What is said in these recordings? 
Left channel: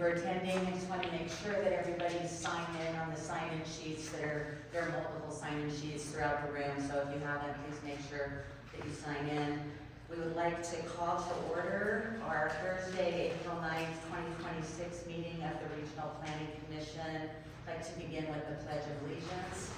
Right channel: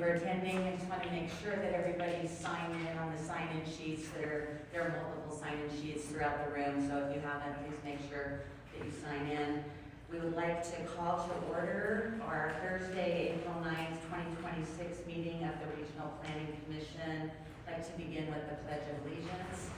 for attending. I just want to make sure that everybody's signed in on the sign-in sheets. There are multiple sign-in sheets throughout the room, so if you haven't, please make sure that you sign in. We would like to call to order our Thursday, April 9th, 2026 meeting of the Regional Planning Commission. I'd like to begin with the Pledge of Allegiance.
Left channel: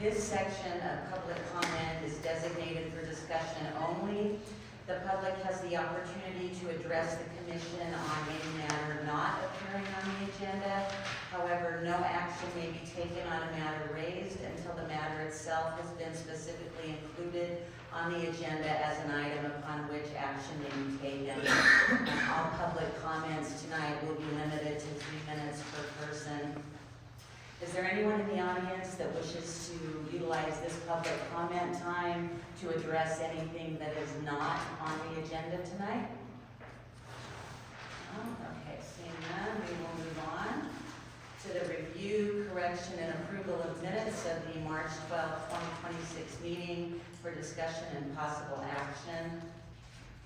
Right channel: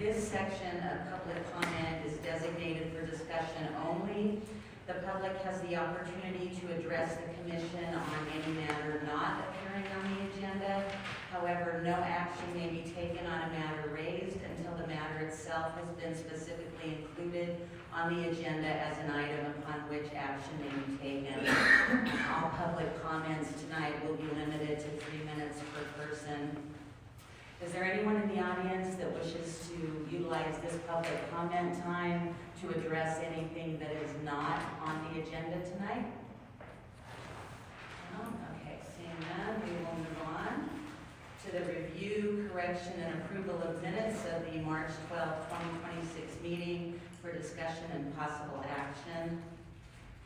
This section of public comment is designated for discussion only. The public has the opportunity to address the commission on any matter not appearing on the agenda. However, no action may be taken on a matter raised until the matter itself has been specifically included on the agenda as an item upon which action may be taken. All public comments tonight will be limited to 3 minutes per person. Is there anyone in the audience that wishes to utilize this public comment time to address anything that is not on the agenda tonight? Okay, seeing none, we will move on to the review, correction, and approval of minutes of the March 12, 2026 meeting for discussion and possible action.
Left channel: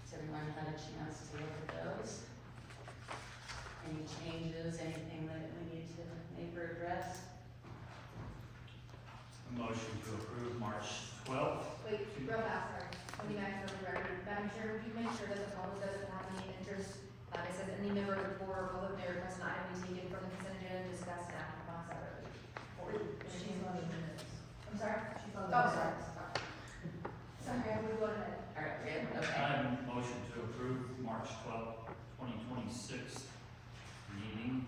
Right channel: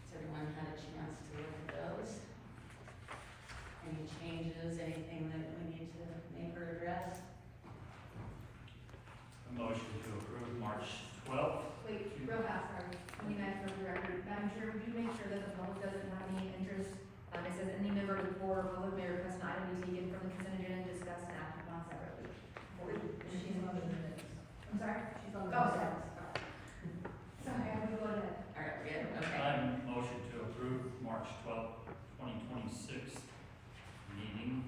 Has everyone had a chance to look at those? Any changes, anything that we need to make or address? A motion to approve March 12th. Wait, real fast, sorry. When you guys go to record, Madam Chair, would you make sure that the public doesn't have any interest? It says any member of the board or public may request an item be taken from the consent agenda and discussed and acted upon separately. She's on the minutes. I'm sorry? She's on the Oh, minutes. sorry. Sorry, I would go ahead. All right, good, okay. I motion to approve March 12th, 2026 meeting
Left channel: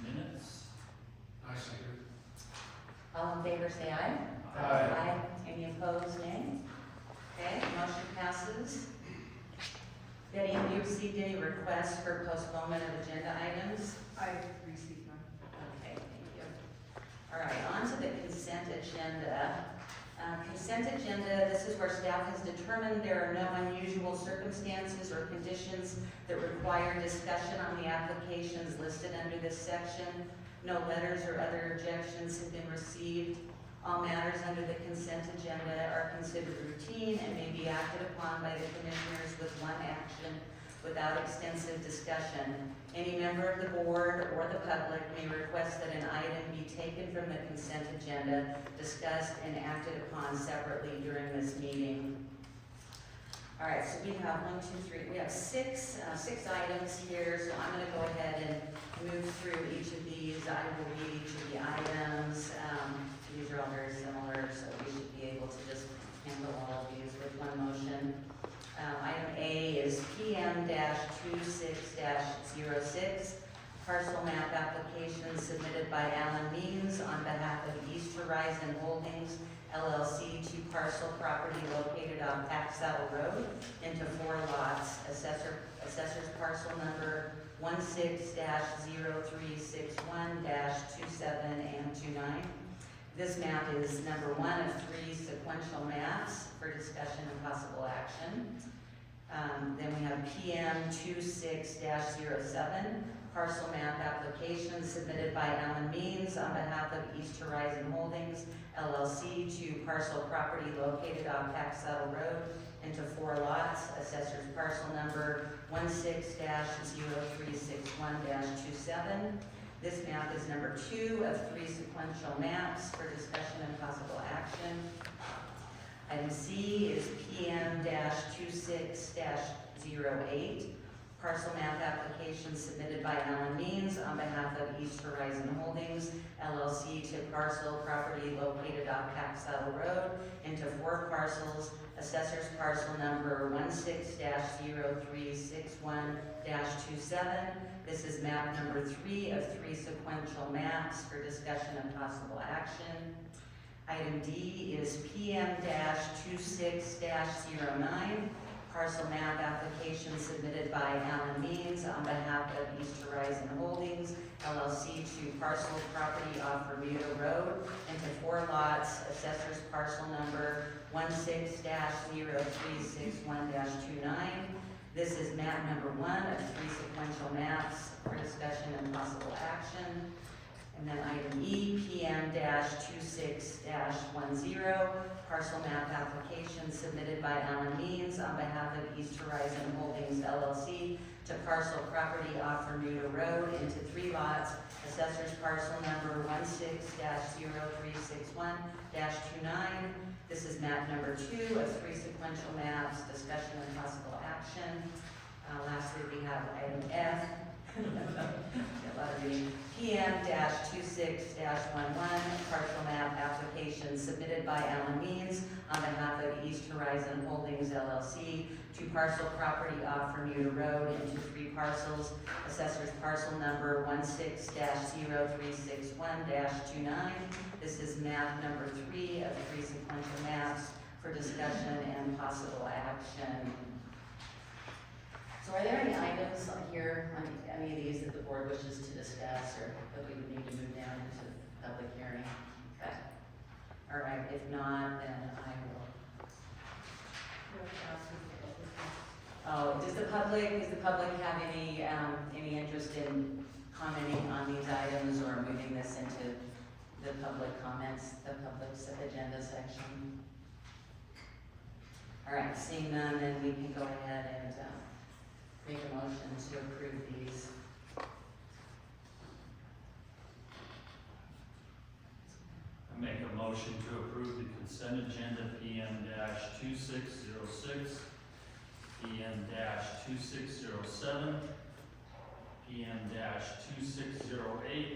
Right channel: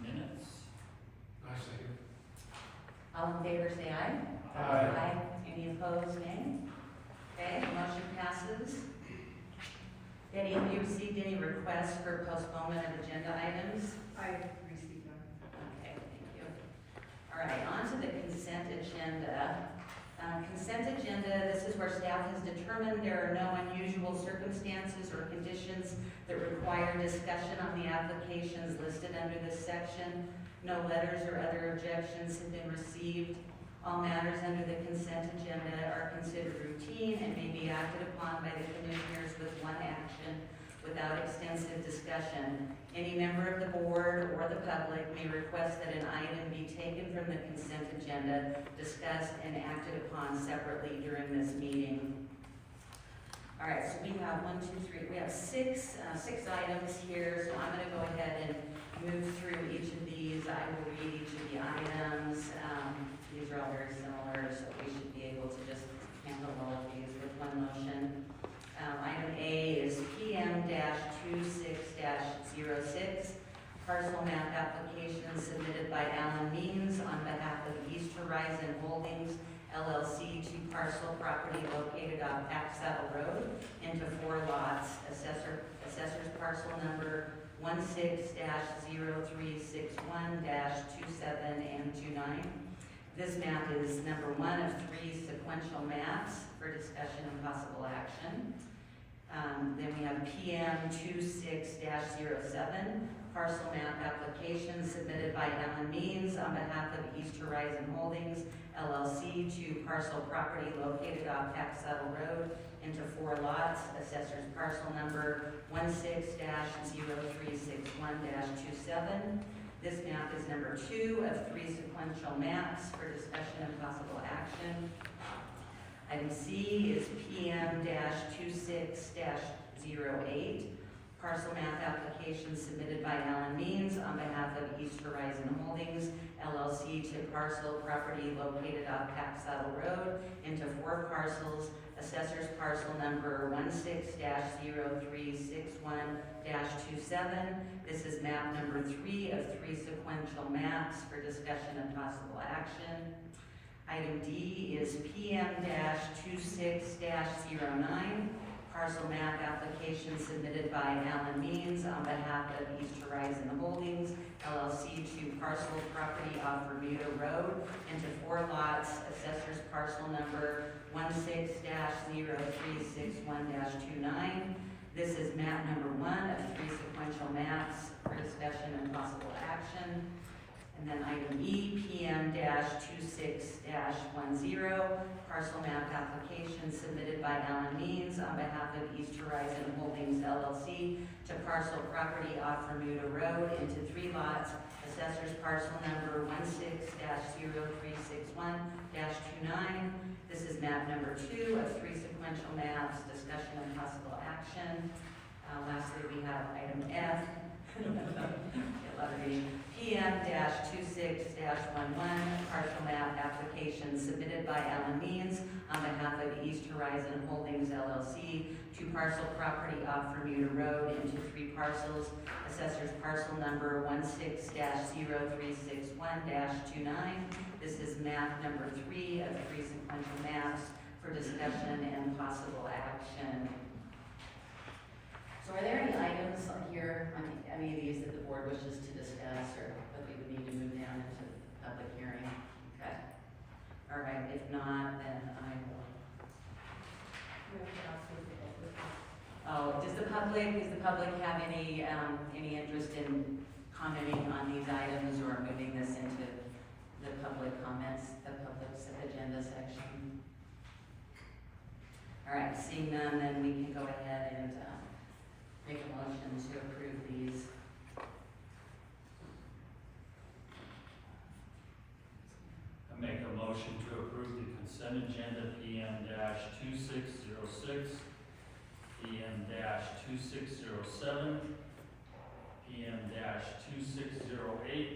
minutes. I second. All in favor, say aye. Aye. Any opposed, nay? Okay, motion passes. Betty, have you received any requests for postponement of agenda items? I received one. Okay, thank you. All right, on to the consent agenda. Consent agenda, this is where staff has determined there are no unusual circumstances or conditions that require discussion on the applications listed under this section. No letters or other objections have been received. All matters under the consent agenda are considered routine and may be acted upon by the commissioners with one action without extensive discussion. Any member of the board or the public may request that an item be taken from the consent agenda, discussed and acted upon separately during this meeting. All right, so we have we have six items here, so I'm gonna go ahead and move through each of these. I will read each of the items. These are all very similar, so we should be able to just handle all of these with one motion. Item A is PM-26-06, parcel map application submitted by Alan Means on behalf of East Horizon Holdings, LLC, to parcel property located on Pack Saddle Road into 4 lots. Assessor's parcel number 16-0361-27 and 29. This map is number 1 of 3 sequential maps for discussion and possible action. Then we have PM-26-07, parcel map application submitted by Alan Means on behalf of East Horizon Holdings, LLC, to parcel property located on Pack Saddle Road into 4 lots. Assessor's parcel number 16-0361-27. This map is number 2 of 3 sequential maps for discussion and possible action. Item C is PM-26-08, parcel map application submitted by Alan Means on behalf of East Horizon Holdings, LLC, to parcel property located on Pack Saddle Road into 4 parcels. Assessor's parcel number 16-0361-27. This is map number 3 of 3 sequential maps for discussion and possible action. Item D is PM-26-09, parcel map application submitted by Alan Means on behalf of East Horizon Holdings LLC to parcel property off Bermuda Road into 4 lots, assessors parcel number 16-0361-29. This is map number 1 of 3 sequential maps for discussion and possible action. And then item E, PM-26-10, parcel map application submitted by Alan Means on behalf of East Horizon Holdings LLC to parcel property off Bermuda Road into 3 lots, assessors parcel number 16-0361-29. This is map number 2 of 3 sequential maps, discussion and possible action. Lastly, we have item F, PM-26-11, partial map application submitted by Alan Means on behalf of East Horizon Holdings LLC to parcel property off Bermuda Road into 3 parcels, assessors parcel number 16-0361-29. This is map number 3 of 3 sequential maps for discussion and possible action. So are there any items on here, on any of these that the board wishes to discuss, or that we would need to move down into public hearing? Okay. All right, if not, then I will. Oh, does the public have any interest in commenting on these items or moving this into the public comments, the public agenda section? All right, seeing none, then we can go ahead and, make a motion to approve these. I make a motion to approve the consent agenda PM-2606, PM-2607, PM-2608,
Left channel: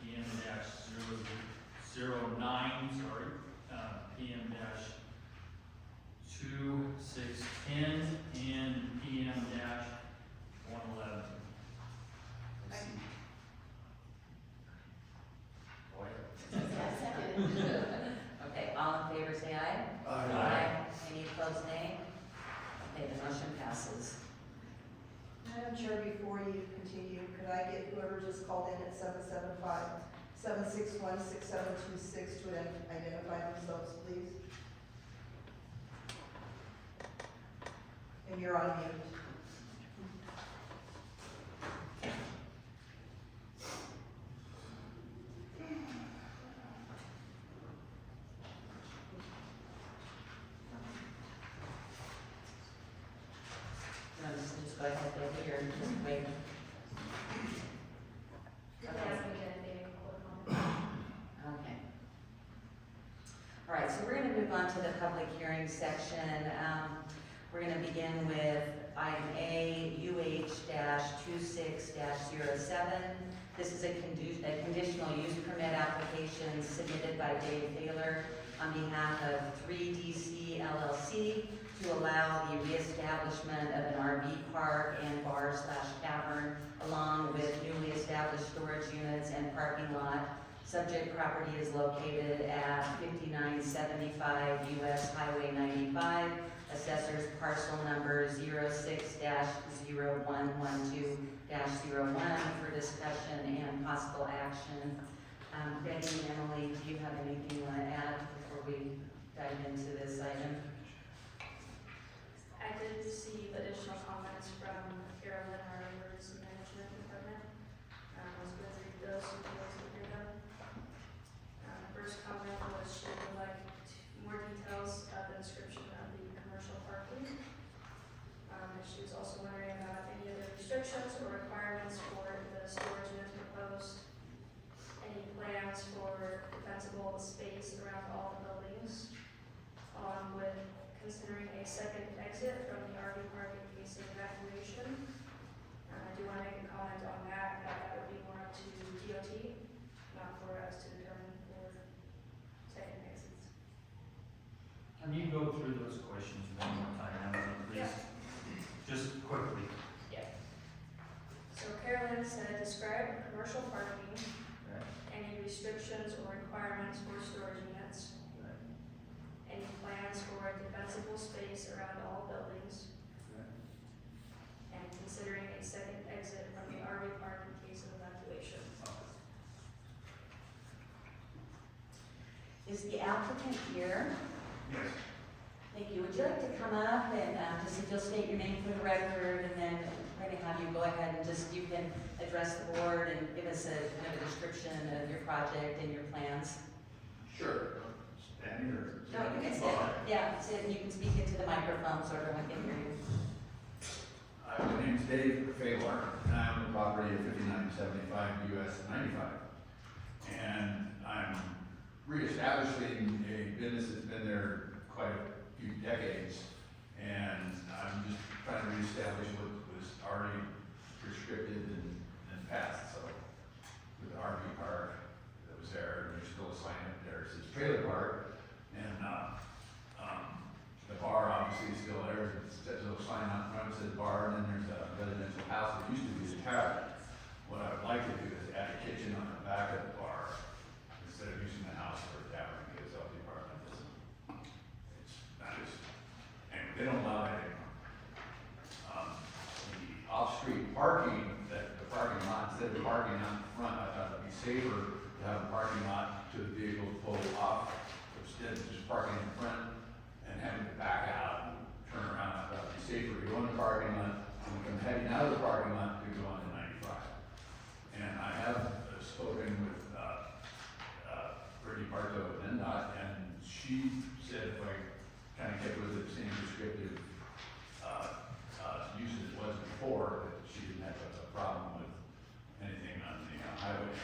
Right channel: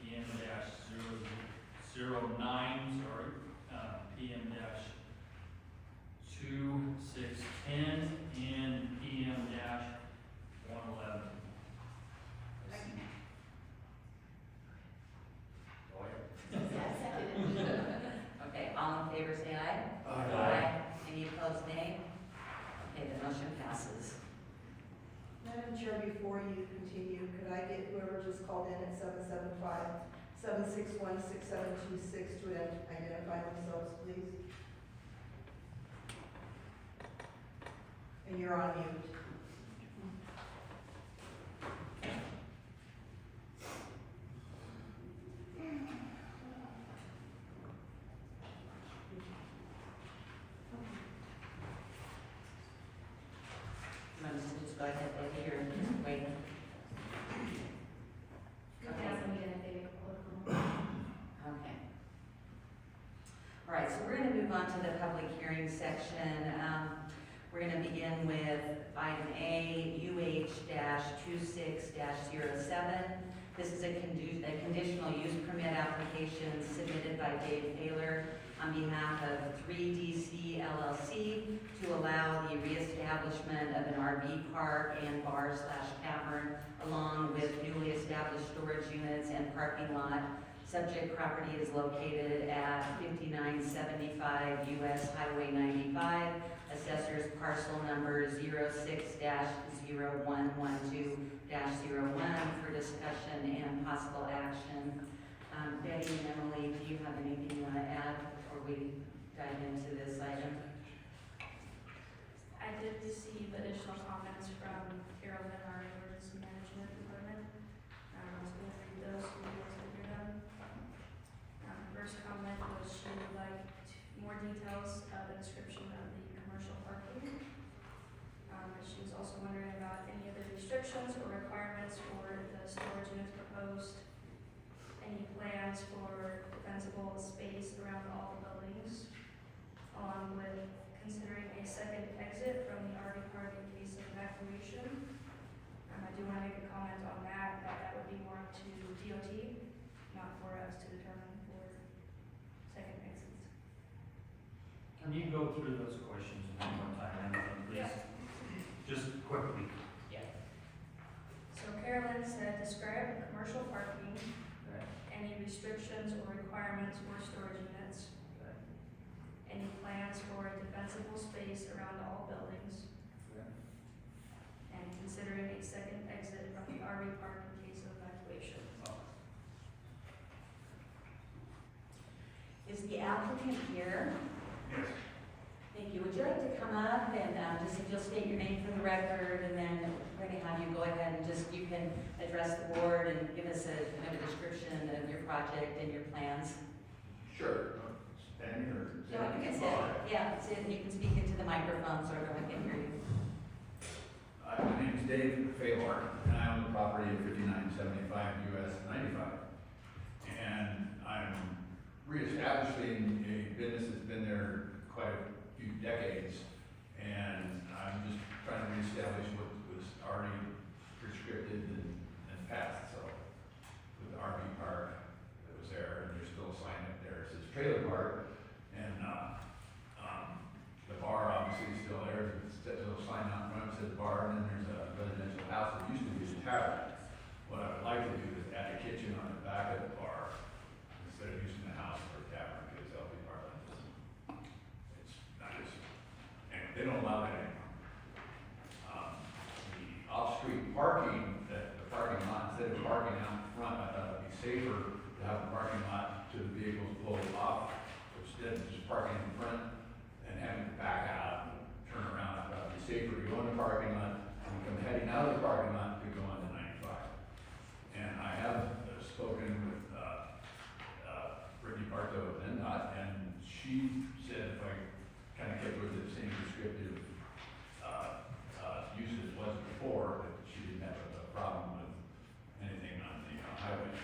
PM-009, PM-2610, and PM-111. Go ahead. Okay, all in favor say aye. Aye. Any opposed, nay? Okay, the motion passes. Madam Chair, before you continue, could I get whoever just called in at 775-761-6726 to identify themselves, please? And you're on mute. You want us to just go ahead, Becky, or just wait? Okay. All right, so we're gonna move on to the public hearing section. We're gonna begin with item A, UH-26-07. This is a conditional use permit application submitted by Dave Taylor on behalf of 3DC LLC to allow the reestablishment of an RV park and bar/cavern along with newly established storage units and parking lot. Subject property is located at 5975 US Highway 95, assessors parcel number 06-0112-01 for discussion and possible action. Betty and Emily, do you have anything you want to add before we dive into this item? I did receive additional comments from Carolyn, our emergency management department. I was going through those, so we'll go through them. First comment was she would like more details of the description of the commercial parking. She was also wondering about any other restrictions or requirements for the storage units proposed. Any plans for defensible space around all the buildings, along with considering a second exit from the RV park in case of evacuation. I do want to make a comment on that would be more up to DOT, not for us to determine for second exits. Can you go through those questions one more time, Emily, please? Just quickly. So Carolyn said, describe commercial parking, any restrictions or requirements for storage units, any plans for defensible space around all buildings, and considering a second the applicant here? Yes. Thank you. Would you like to come up and just if you'll state your name for the record, and then we're going to have you go ahead and just, you can address the board and give us a kind of a description of your project and your plans. Sure. Standing or? No, you can sit. Yeah, sit, and you can speak into the microphone so everyone can hear you. My name's Dave Faylor, and I own the property at 5975 US 95. And I'm reestablishing a business that's been there quite a few decades. And I'm just trying to reestablish what was already restricted and passed. So with the RV park that was there, and there's still a sign up there, it says trailer park. And, the bar obviously is still there, there's a little sign out front that says bar, and then there's a residential house that used to be a tavern. What I would like to do is add a kitchen on the back of the bar, instead of using the house for a tavern, because LP Parkland doesn't, it's not as, and they don't allow that anymore. The off-street parking, the parking lot, instead of parking out in front, I thought it'd be safer to have a parking lot to the vehicles pull off, instead of just parking in front and having to back out and turn around. I thought it'd be safer to go in the parking lot, and come heading out of the parking lot to go on to 95. And I have spoken with, Brittany Bartow of NDOT, and she said if I kind of kept with the same descriptive, use as it was before, that she didn't have a problem with anything on the highway.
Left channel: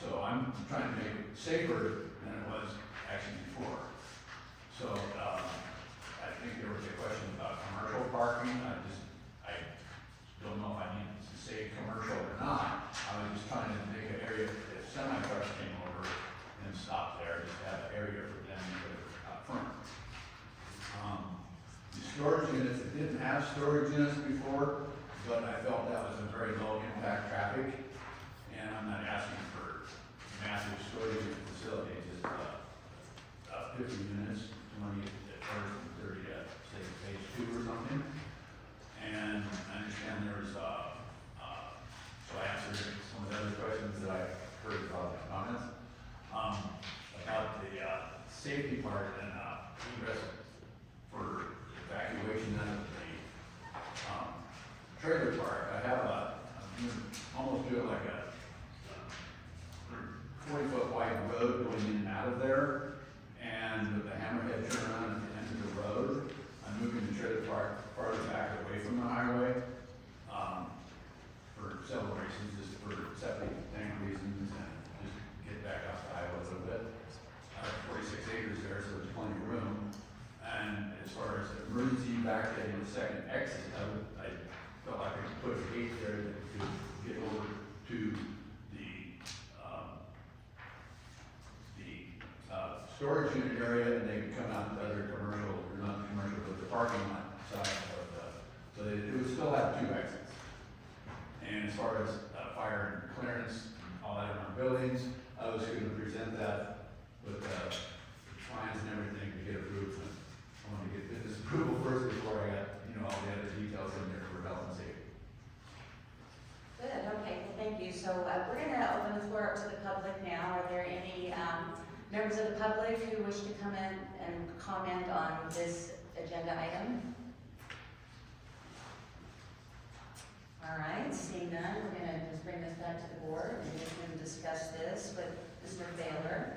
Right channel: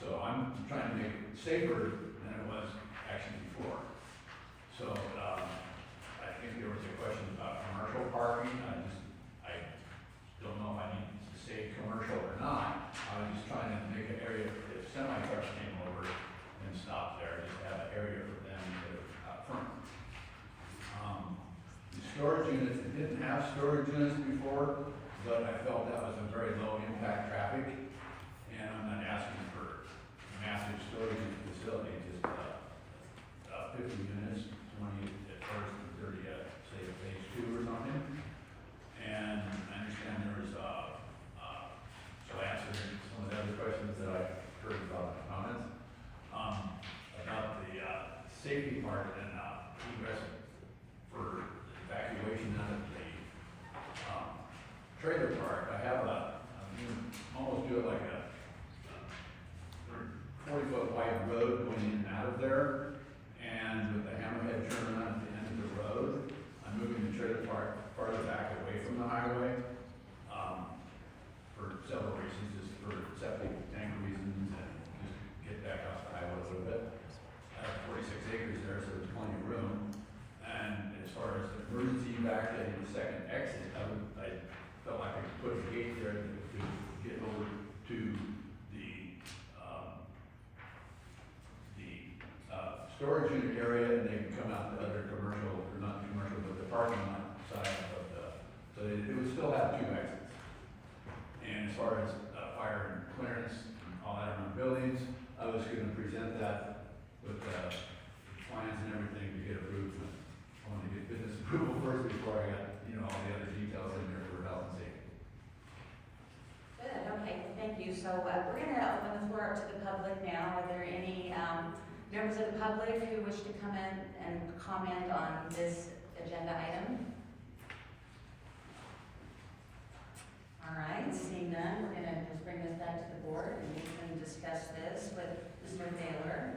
So I'm trying to make it safer than it was actually before. So, I think there was a question about commercial parking. I don't know if I need to say commercial or not. I was just trying to make an area, if semi-trucks came over and stopped there, just to have an area for them to go out front. The storage units, it didn't have storage units before, but I felt that was a very low impact traffic. And I'm not asking for massive storage facility, just, 50 units, 20 at first and 30 at, say, phase 2 or something. And I understand there was, so I answered some of the other questions that I heard about the comments. About the, safety part and, egress for evacuation out of the, trailer park. I have almost do it like a 40-foot wide road going in and out of there. And with the hammerhead turnaround at the end of the road, I'm moving the trailer park farther back away from the highway, for several reasons, just for septic tank reasons, and just get back off the highway a little bit. I have 46 acres there, so there's plenty of room. And as far as emergency evacuating the second exit, I felt like I could put a gate there to get over to the storage unit area, and they can come out to other commercial, or not the commercial, but the parking lot side of the, so it would still have 2 exits. And as far as fire and clearance, and all that around buildings, I was gonna present that with plans and everything to get approved. I wanted to get business approval first before I got, all the other details in there for health and safety. Good, okay, thank you. So we're going to open the floor up to the public now. Are there any members of the public who wish to come in and comment on this agenda item? All right, seeing none, we're going to just bring this back to the board and we can discuss this with Mr. Baylor.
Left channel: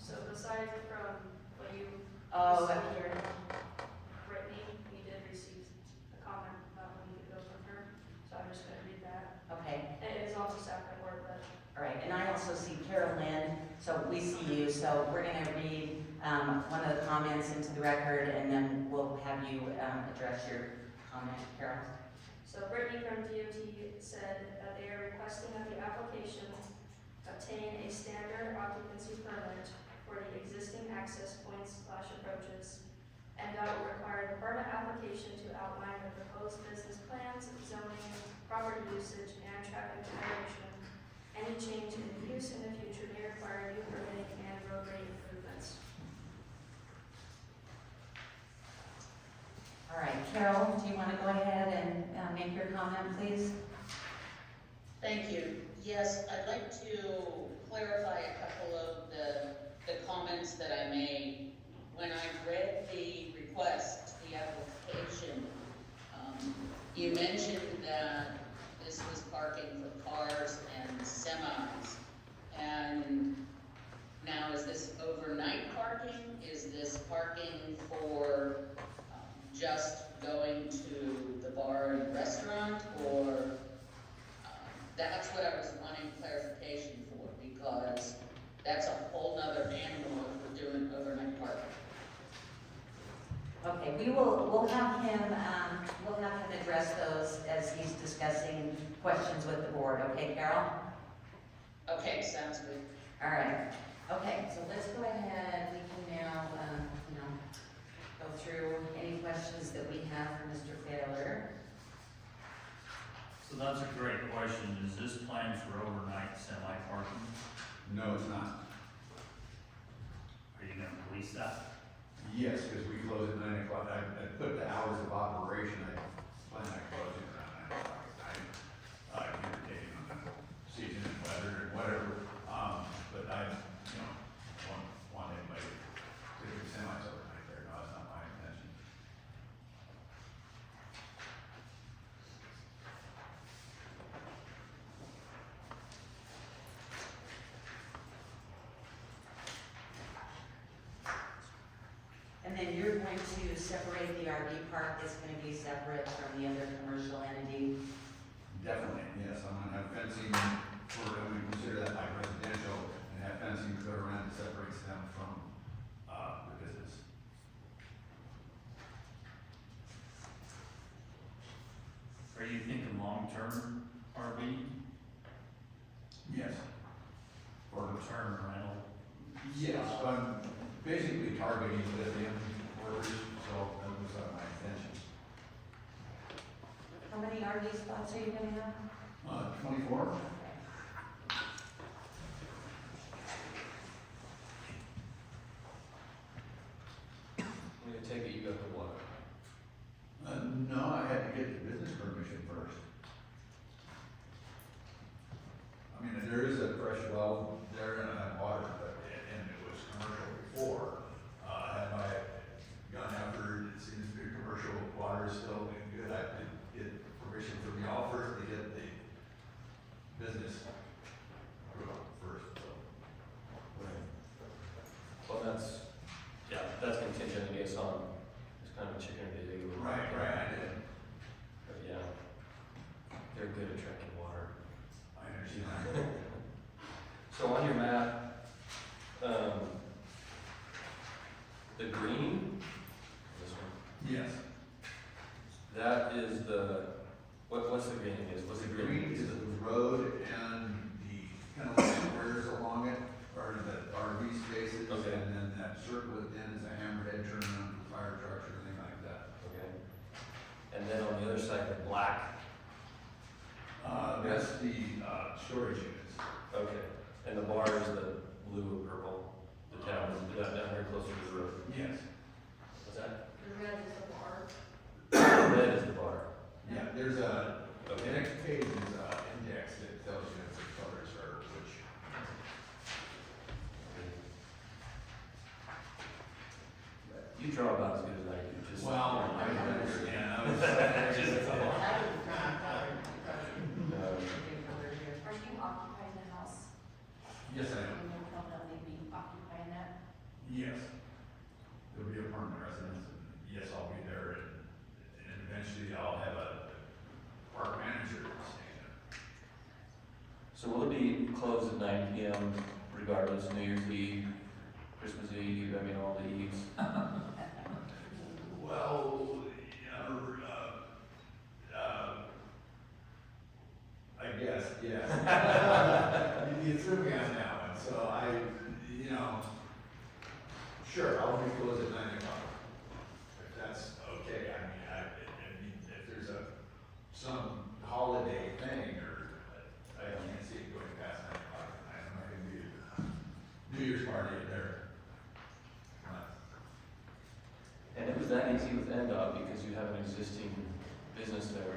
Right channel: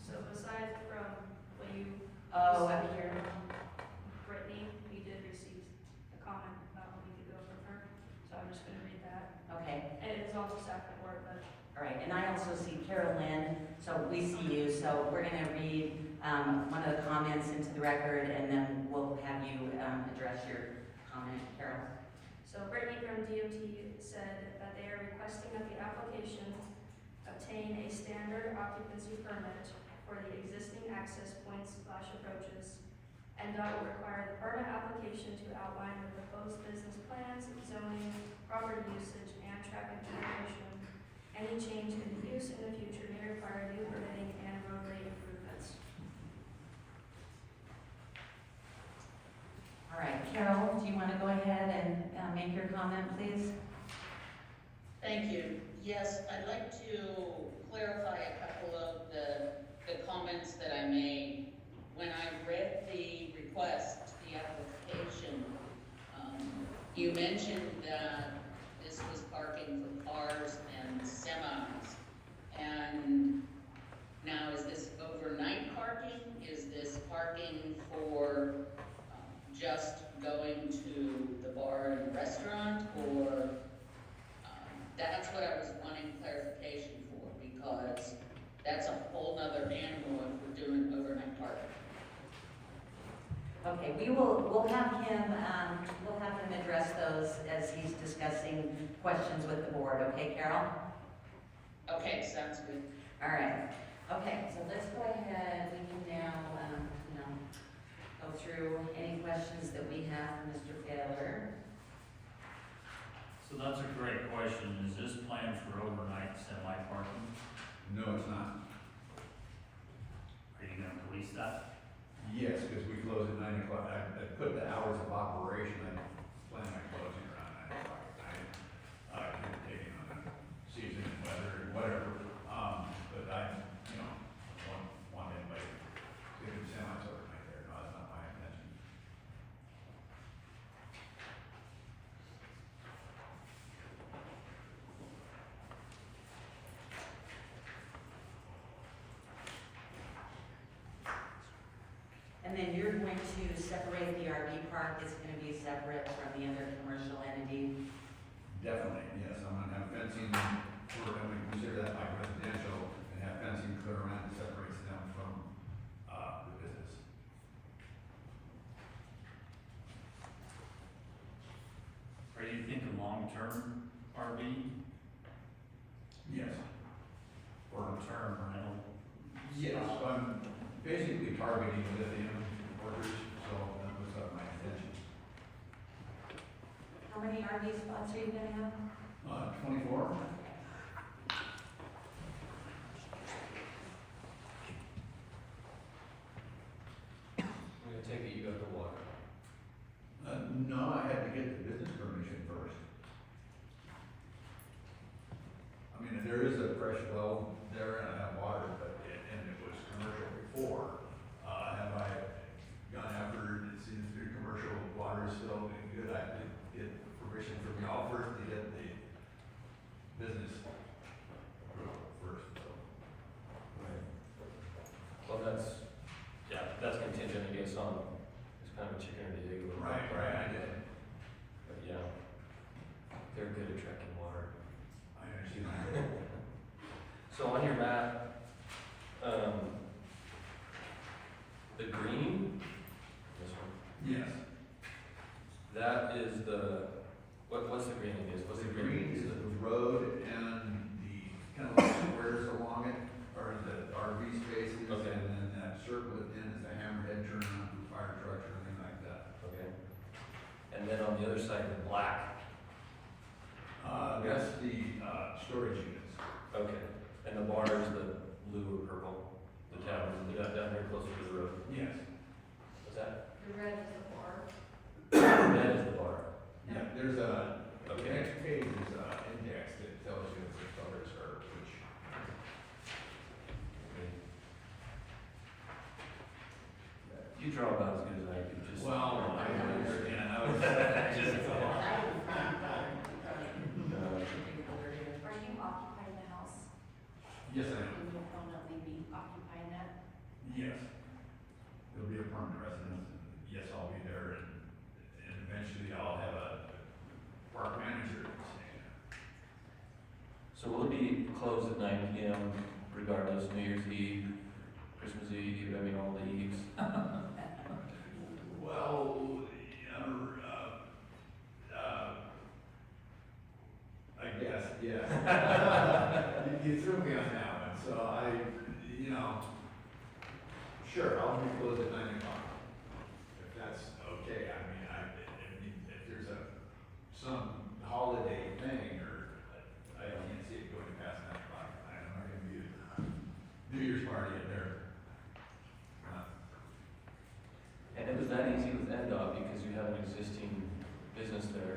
So aside from what you Oh, said up here. Brittany, we did receive a comment about a week ago from her, so I'm just gonna read that. Okay. And it is also staff report, but All right, and I also see Carol Lynn, so we see you, so we're gonna read one of the comments into the record, and then we'll have you address your comment, Carol. So Brittany from DOT said that they are requesting that the application obtain a standard occupancy permit for the existing access points / approaches. NDOT will require the permit application to outline the proposed business plans, zoning, property usage, and traffic generation. Any change in use in the future may require new permitting and roadway improvements. All right, Carol, do you wanna go ahead and make your comment, please? Thank you. Yes, I'd like to clarify a couple of the comments that I made. When I read the request, the application, you mentioned that this was parking for cars and semis. And now, is this overnight parking? Is this parking for just going to the bar and restaurant, or that's what I was wanting clarification for, because that's a whole nother animal if we're doing overnight parking. Okay, we'll have him address those as he's discussing questions with the board, okay, Carol? Okay, sounds good. All right, okay, so let's go ahead, we can now, go through any questions that we have for Mr. Taylor. So that's a great question. Is this planned for overnight semi parking? No, it's not. Are you gonna police that? Yes, because we close at 9 o'clock. I put the hours of operation, I plan on closing around 9 o'clock at night. Communicating on the season and weather and whatever. But I, want anybody to do semis overnight there. No, that's not my intention. And then you're going to separate the RV park, it's gonna be separate from the other commercial entity. Definitely, yes. I'm gonna have fencing for, I would consider that like residential, and have fencing put around that separates them from, the business. Are you thinking long-term RV, Yes. long-term rental? Yes, I'm basically targeting lithium orders, so that was my intention. How many RV spots are you gonna have? 24? Okay. I'm gonna take it you got the water. No, I had to get the business permission first. I mean, there is a fresh well there and I have water, but, and it was commercial before. Had I gone after, it seems to be commercial water is still good, I had to get permission from y'all first to get the business approval first, so. Well, that's contingent, I guess, on, it's kind of a chicken or the egg. Right, I did. But yeah, they're good at tracking water. I understand. So on your map, the green, this one, Yes. that is what's the green is? What's The the green is the road and the kind of like squares along it, or the RV spaces. Okay. And then that circle at the end is a hammerhead turn around for fire trucks or anything like that. Okay. And then on the other side, the black. That's the, storage units. Okay. And the bar is the blue or purple, the town, down here closer to the road. Yes. What's that? The red is the bar. Red is the bar. Yeah, there's the Okay. next page is an index that tells you the colors are which. You draw about as good as I do, just. Well, I understand, I was just. Are you occupying the house? Yes, I am. And you'll permanently be occupying that? Yes. There'll be a permanent residence, and yes, I'll be there, and eventually I'll have a park manager. So will it be closed at 9 PM regardless, New Year's Eve, Christmas Eve, I mean, all the eves? Well, I guess, yeah. You threw me on that one, so sure, I'll be closed at 9 o'clock. If that's okay, I mean, if there's some holiday thing, or I can't see it going past 9 o'clock, I'm not gonna do New Year's party at there. And it was that easy with NDOT because you have an existing business there.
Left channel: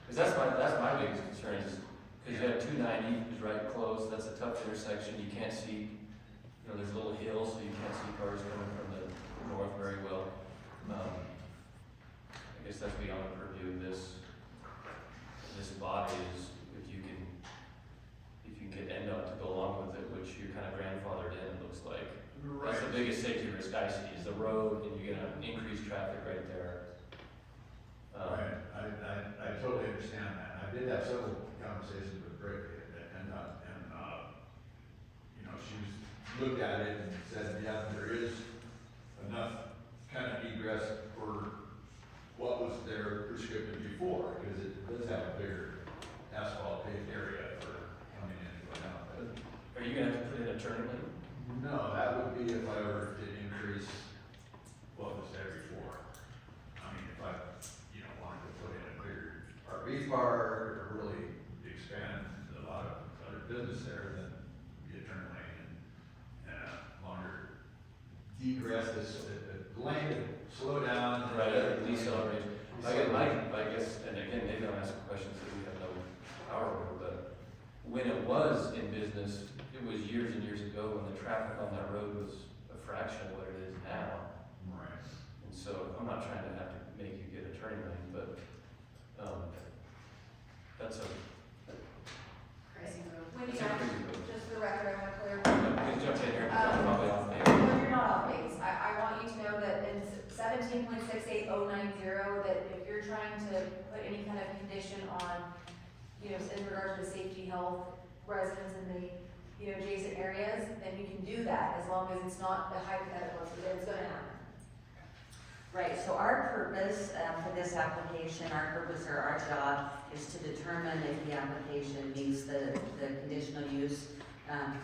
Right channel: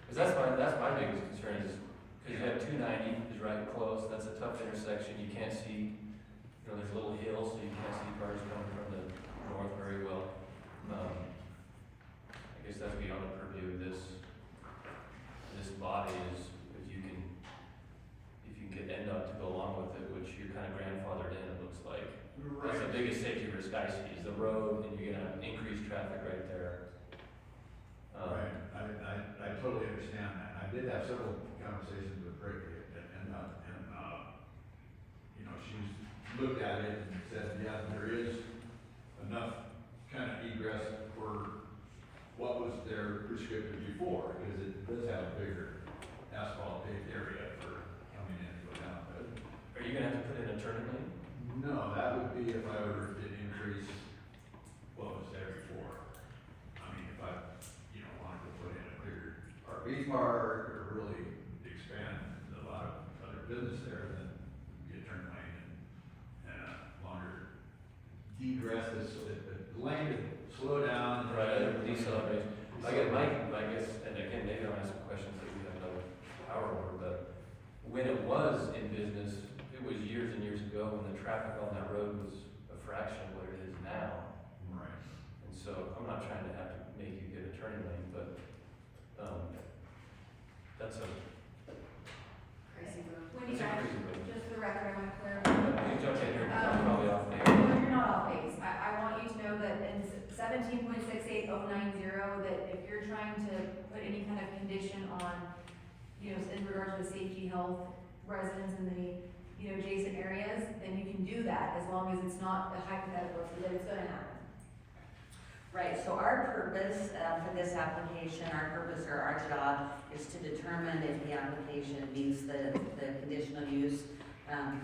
Because that's my biggest concern is Cause you have 290 is right close, that's a tough intersection, you can't see, you know, there's a little hill, so you can't see cars coming from the north very well. I guess that's beyond the purview of this body is, if you can get NDOT to go along with it, which you're kind of grandfathered in, it looks like. That's the biggest safety risk I see, is the road, and you're gonna have increased traffic right there. Right, I totally understand that. I did have several conversations with Brittany you know, she's looked at it and said, yeah, there is enough kind of egress for what was there prescriptive before, because it does have a bigger asphalt paved area for coming in and going out. But Are you gonna have to put in a turning lane? no, that would be if I were to increase what was there before. I mean, if I, you know, wanted to put in a bigger RV park or really expand a lot of other business there, then be a turn lane and a longer degress, the lane would slow down. Decelerate. I guess, and again, maybe I'm asking questions that we have no power over, but when it was in business, it was years and years ago when the traffic on that road was a fraction of what it is now. Right. And so I'm not trying to have to make you get a turning lane, but, that's a, Crazy road. it's Wendy, a I, crazy road. just for the record, I want to clarify. Please jump in here, because I'm probably off base. No, you're not off base. I want you to know that in 17.68090, that if you're trying to put any kind of condition on, you know, in regards to safety, health, residents in the, you know, adjacent areas, then you can do that as long as it's not a hypothetical, that it's gonna happen. Right, so our purpose for this application, our purpose or our job is to determine if the application meets the conditional use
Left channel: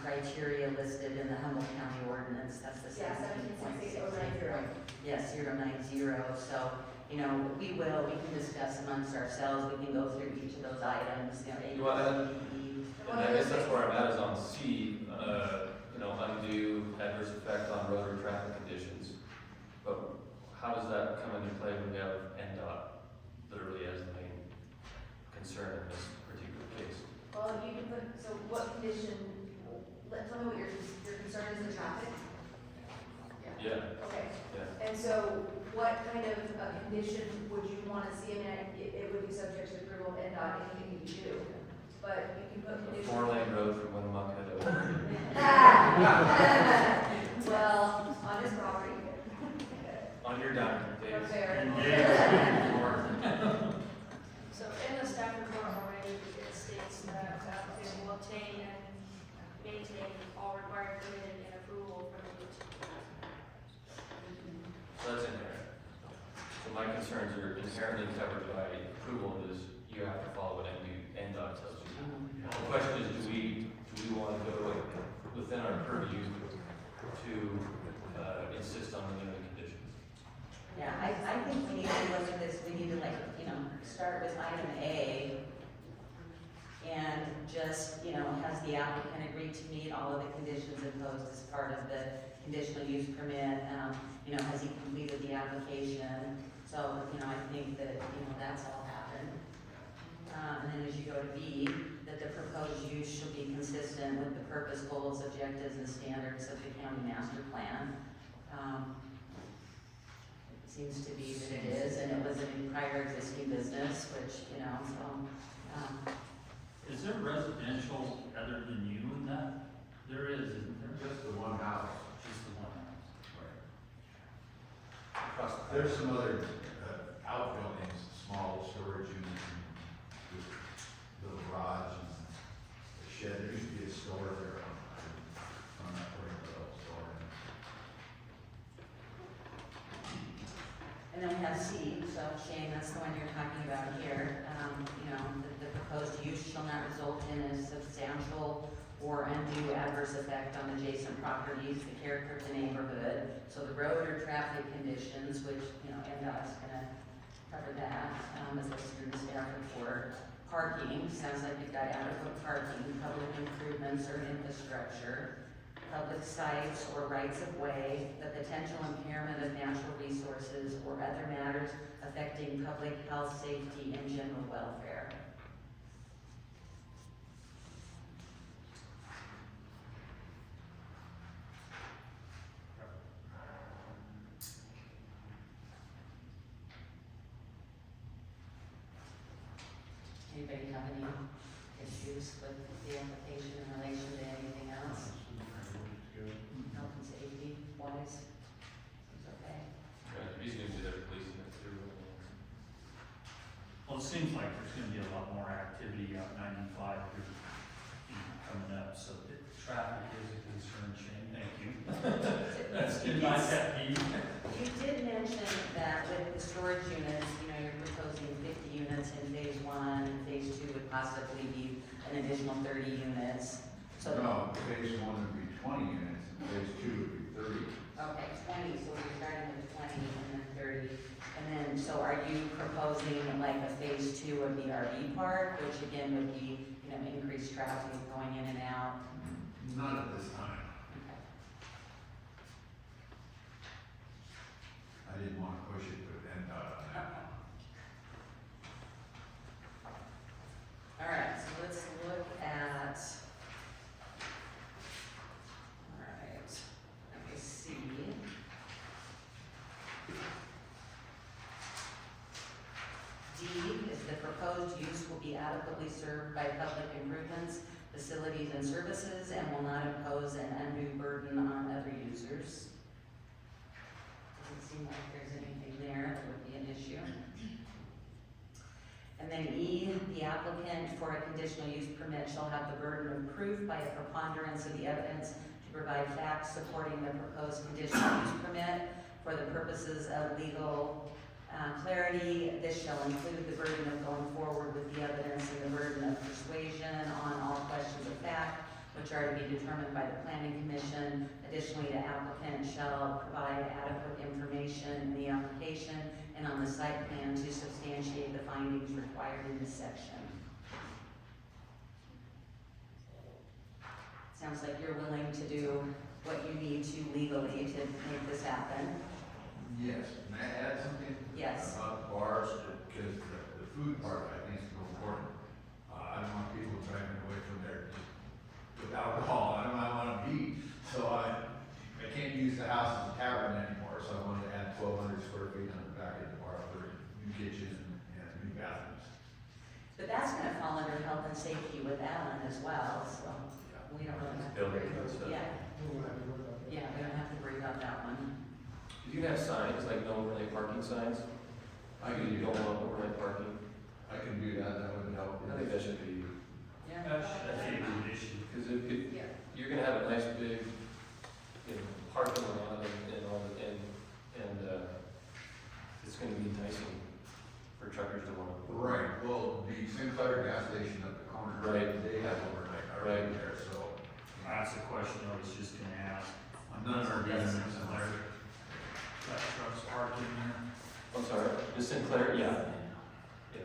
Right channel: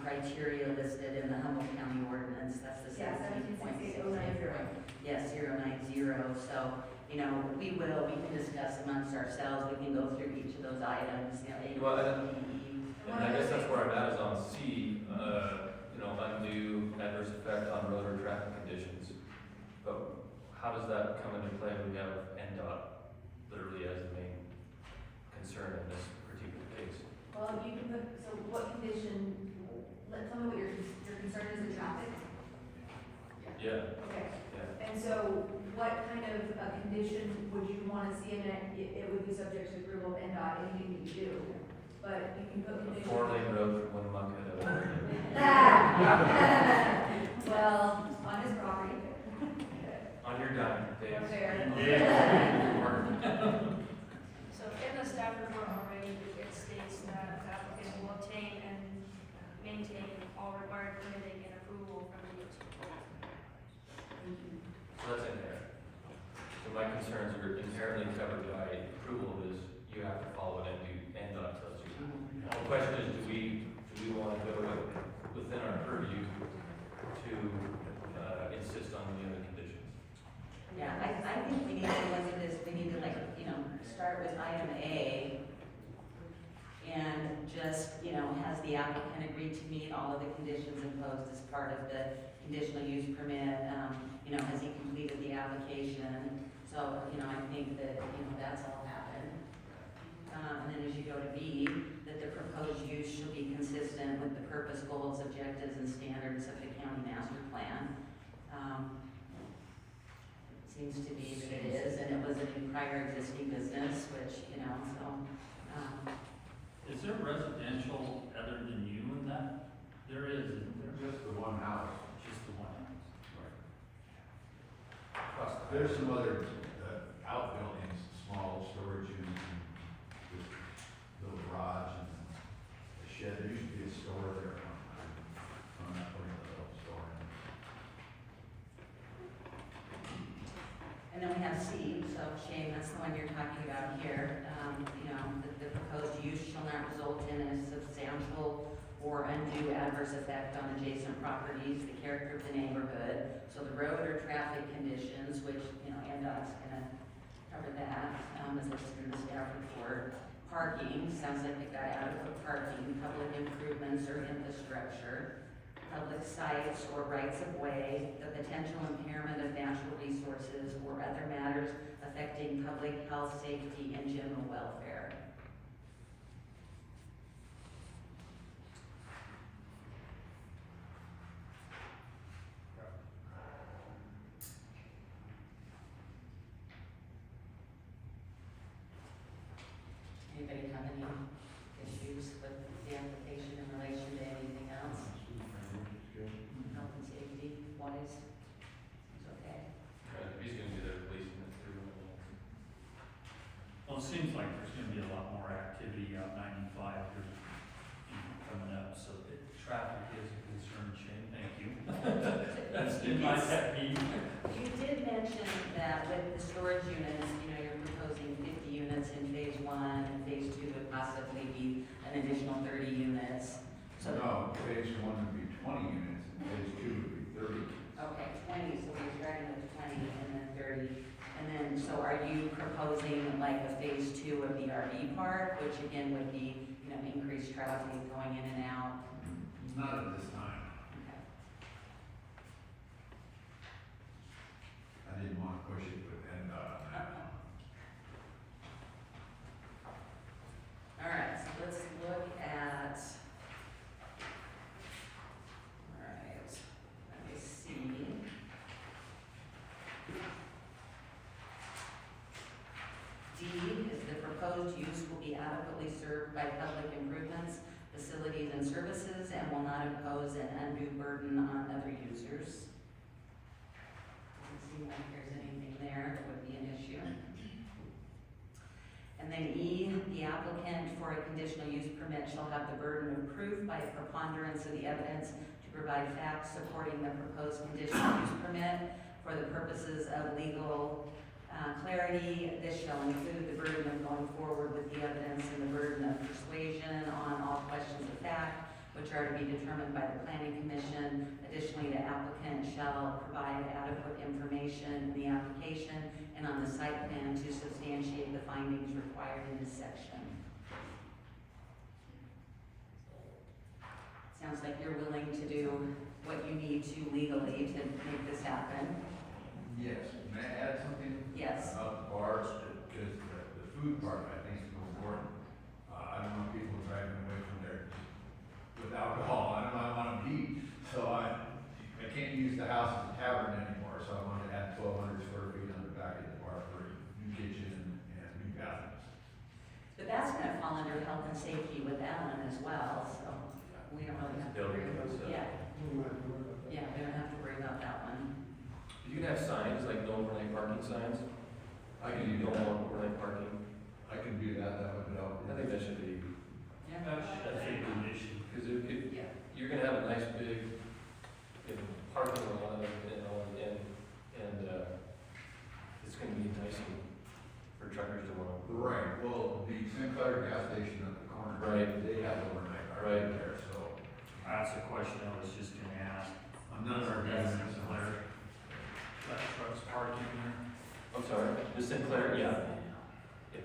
criteria listed in the Humboldt County ordinance, that's the Yeah, 17.680. Yes, 090, so, you know, we can discuss amongst ourselves, we can go through each of those items, you know, A, Well, B, C, D, E. And I guess that's where I'm at is on C, you know, undue adverse effect on road or traffic conditions. But how does that come into play when we have NDOT literally as the main concern in this particular case? Well, you can put, so what condition, tell me what your concern is, the traffic? Yeah, Okay, yeah. and so what kind of a condition would you wanna see in it? It would be subject to approval of NDOT, anything you do, but you can put A conditions. 4-lane road from Winnemucca to Oregon. Well, on his property. On your dime, Dave. Okay. So in the staff report already, it states that the applicant will obtain and maintain all required permitting and approval from the So that's in there. So my concerns are inherently covered by approval is you have to follow what NDOT tells you. The question is, do we want to go within our purview to insist on the limited conditions? Yeah, I think we need to look at this, we need to like, you know, start with item A. And just, you know, has the applicant agreed to meet all of the conditions imposed as part of the conditional use permit? You know, has he completed the application? So, you know, I think that, you know, that's all happened. And then as you go to B, that the proposed use shall be consistent with the purpose, goals, objectives, and standards of the county master plan. It seems to be that it is, and it was a prior existing business, which, you know, so, Is there residential other than you in that? There is, isn't there? Just the one house. Just the one. Across the There's some other outbuildings, small storage units, and just little garage and a shed. There used to be a store there on that part of the store. and then we have C, so Shane, that's the one you're talking about here. You know, the proposed use shall not result in a substantial or undue adverse effect on adjacent properties, the character of the neighborhood. So the road or traffic conditions, which, you know, NDOT's gonna cover that, as listed in the staff report. Parking, sounds like they've got adequate parking, public improvements or infrastructure, public sites or rights of way, the potential impairment of natural resources or other matters affecting public health, safety, and general welfare. Well, it seems like there's gonna be a lot more activity on 95 here, coming up, so traffic is a concern, Shane, thank you. That's in my pet peeve. You did mention that with the storage units, you know, you're proposing 50 units in phase one, and phase two would possibly be an additional 30 units. So, No, phase one would be 20 units, and phase two would be 30. okay, 20, so you're starting with 20 and then 30. And then, so are you proposing like a phase two of the RV park, which again would be, you know, increased traffic going in and out? Not at this time. Okay. I didn't want to push it, but then, All right, so let's look at, all right, let me see. D is the proposed use will be adequately served by public improvements, facilities and services, and will not impose an undue burden on other users. Doesn't seem like there's anything there that would be an issue. And then E, the applicant for a conditional use permit shall have the burden of proof by a preponderance of the evidence to provide facts supporting the proposed conditional use permit for the purposes of legal clarity. This shall include the burden of going forward with the evidence and the burden of persuasion on all questions of fact, which are to be determined by the planning commission. Additionally, the applicant shall provide adequate information in the application and on the site plan to substantiate the findings required in this section. Sounds like you're willing to do what you need to legally to make this happen. yes, may I add something? Yes. About the bars, because the food part, I think is so important. I don't want people driving away from there just with alcohol, I don't want to be, so I can't use the house as a tavern anymore, so I wanted to add 1,200 square feet on the back of the bar for new kitchen and new bathrooms. But that's gonna fall under health and safety with that one as well, so we don't really have to worry Building about, and stuff. yeah. Yeah, we don't have to worry about that one. You can have signs, like no overnight parking signs. I can You do don't that, want overnight parking. I can do that, that would help. I think that should be, Yeah. That should be an issue. because if Yeah. you're gonna have a nice big, you know, parking lot and all, and, it's gonna be enticing for truckers to want to. Right, well, the Sinclair gas station at the corner. Right. They have overnight Right. parking there, so. That's a question I was just gonna ask. None of our Yes, business. Sinclair. That truck's parked in there. I'm sorry, the Sinclair, yeah. Yeah.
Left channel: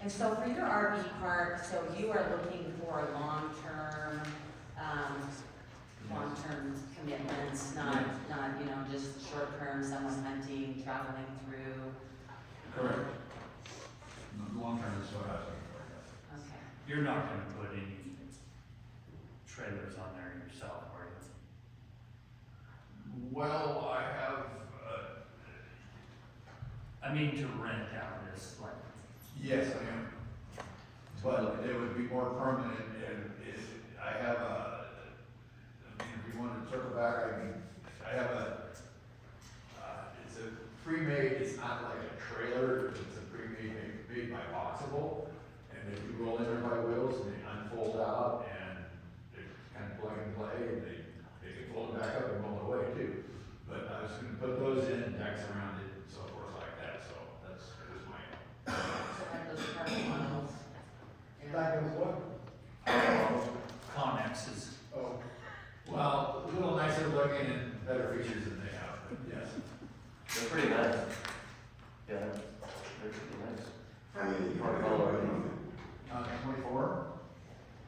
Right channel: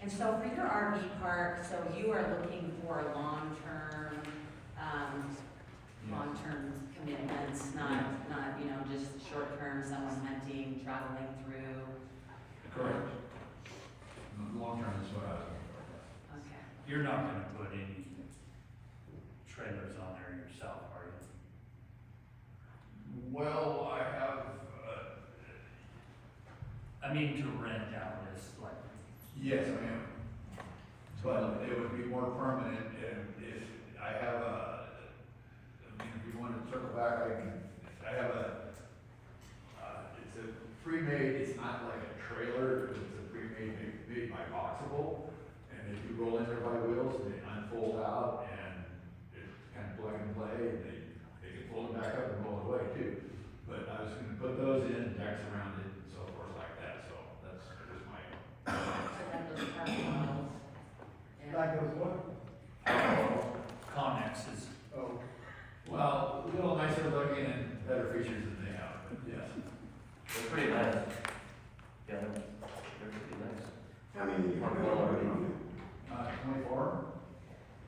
And so for your RV park, so you are looking for long-term, long-term commitments, not, you know, just short-term, someone hunting, traveling through. Correct. Long term is what I was looking for. Okay. You're not gonna put any trailers on there yourself, are you? Well, I have, I mean, to rent out this, like, yes, I am. But it would be more permanent if I have if you want to circle back, I have it's a pre-made, it's not like a trailer, it's a pre-made, made by Boxable. And they do roll in there by wheels and they unfold out and it's kind of plug and play and they can fold it back up and roll it away too. But I was gonna put those in, decks around it and so forth like that, so that's just my. So that those park models. Yeah. Like those what? Connexes. Oh, Well, a little nicer looking and better features than they have, but yes. They're pretty nice. Yeah, they're pretty nice. how many? Park all over. 24?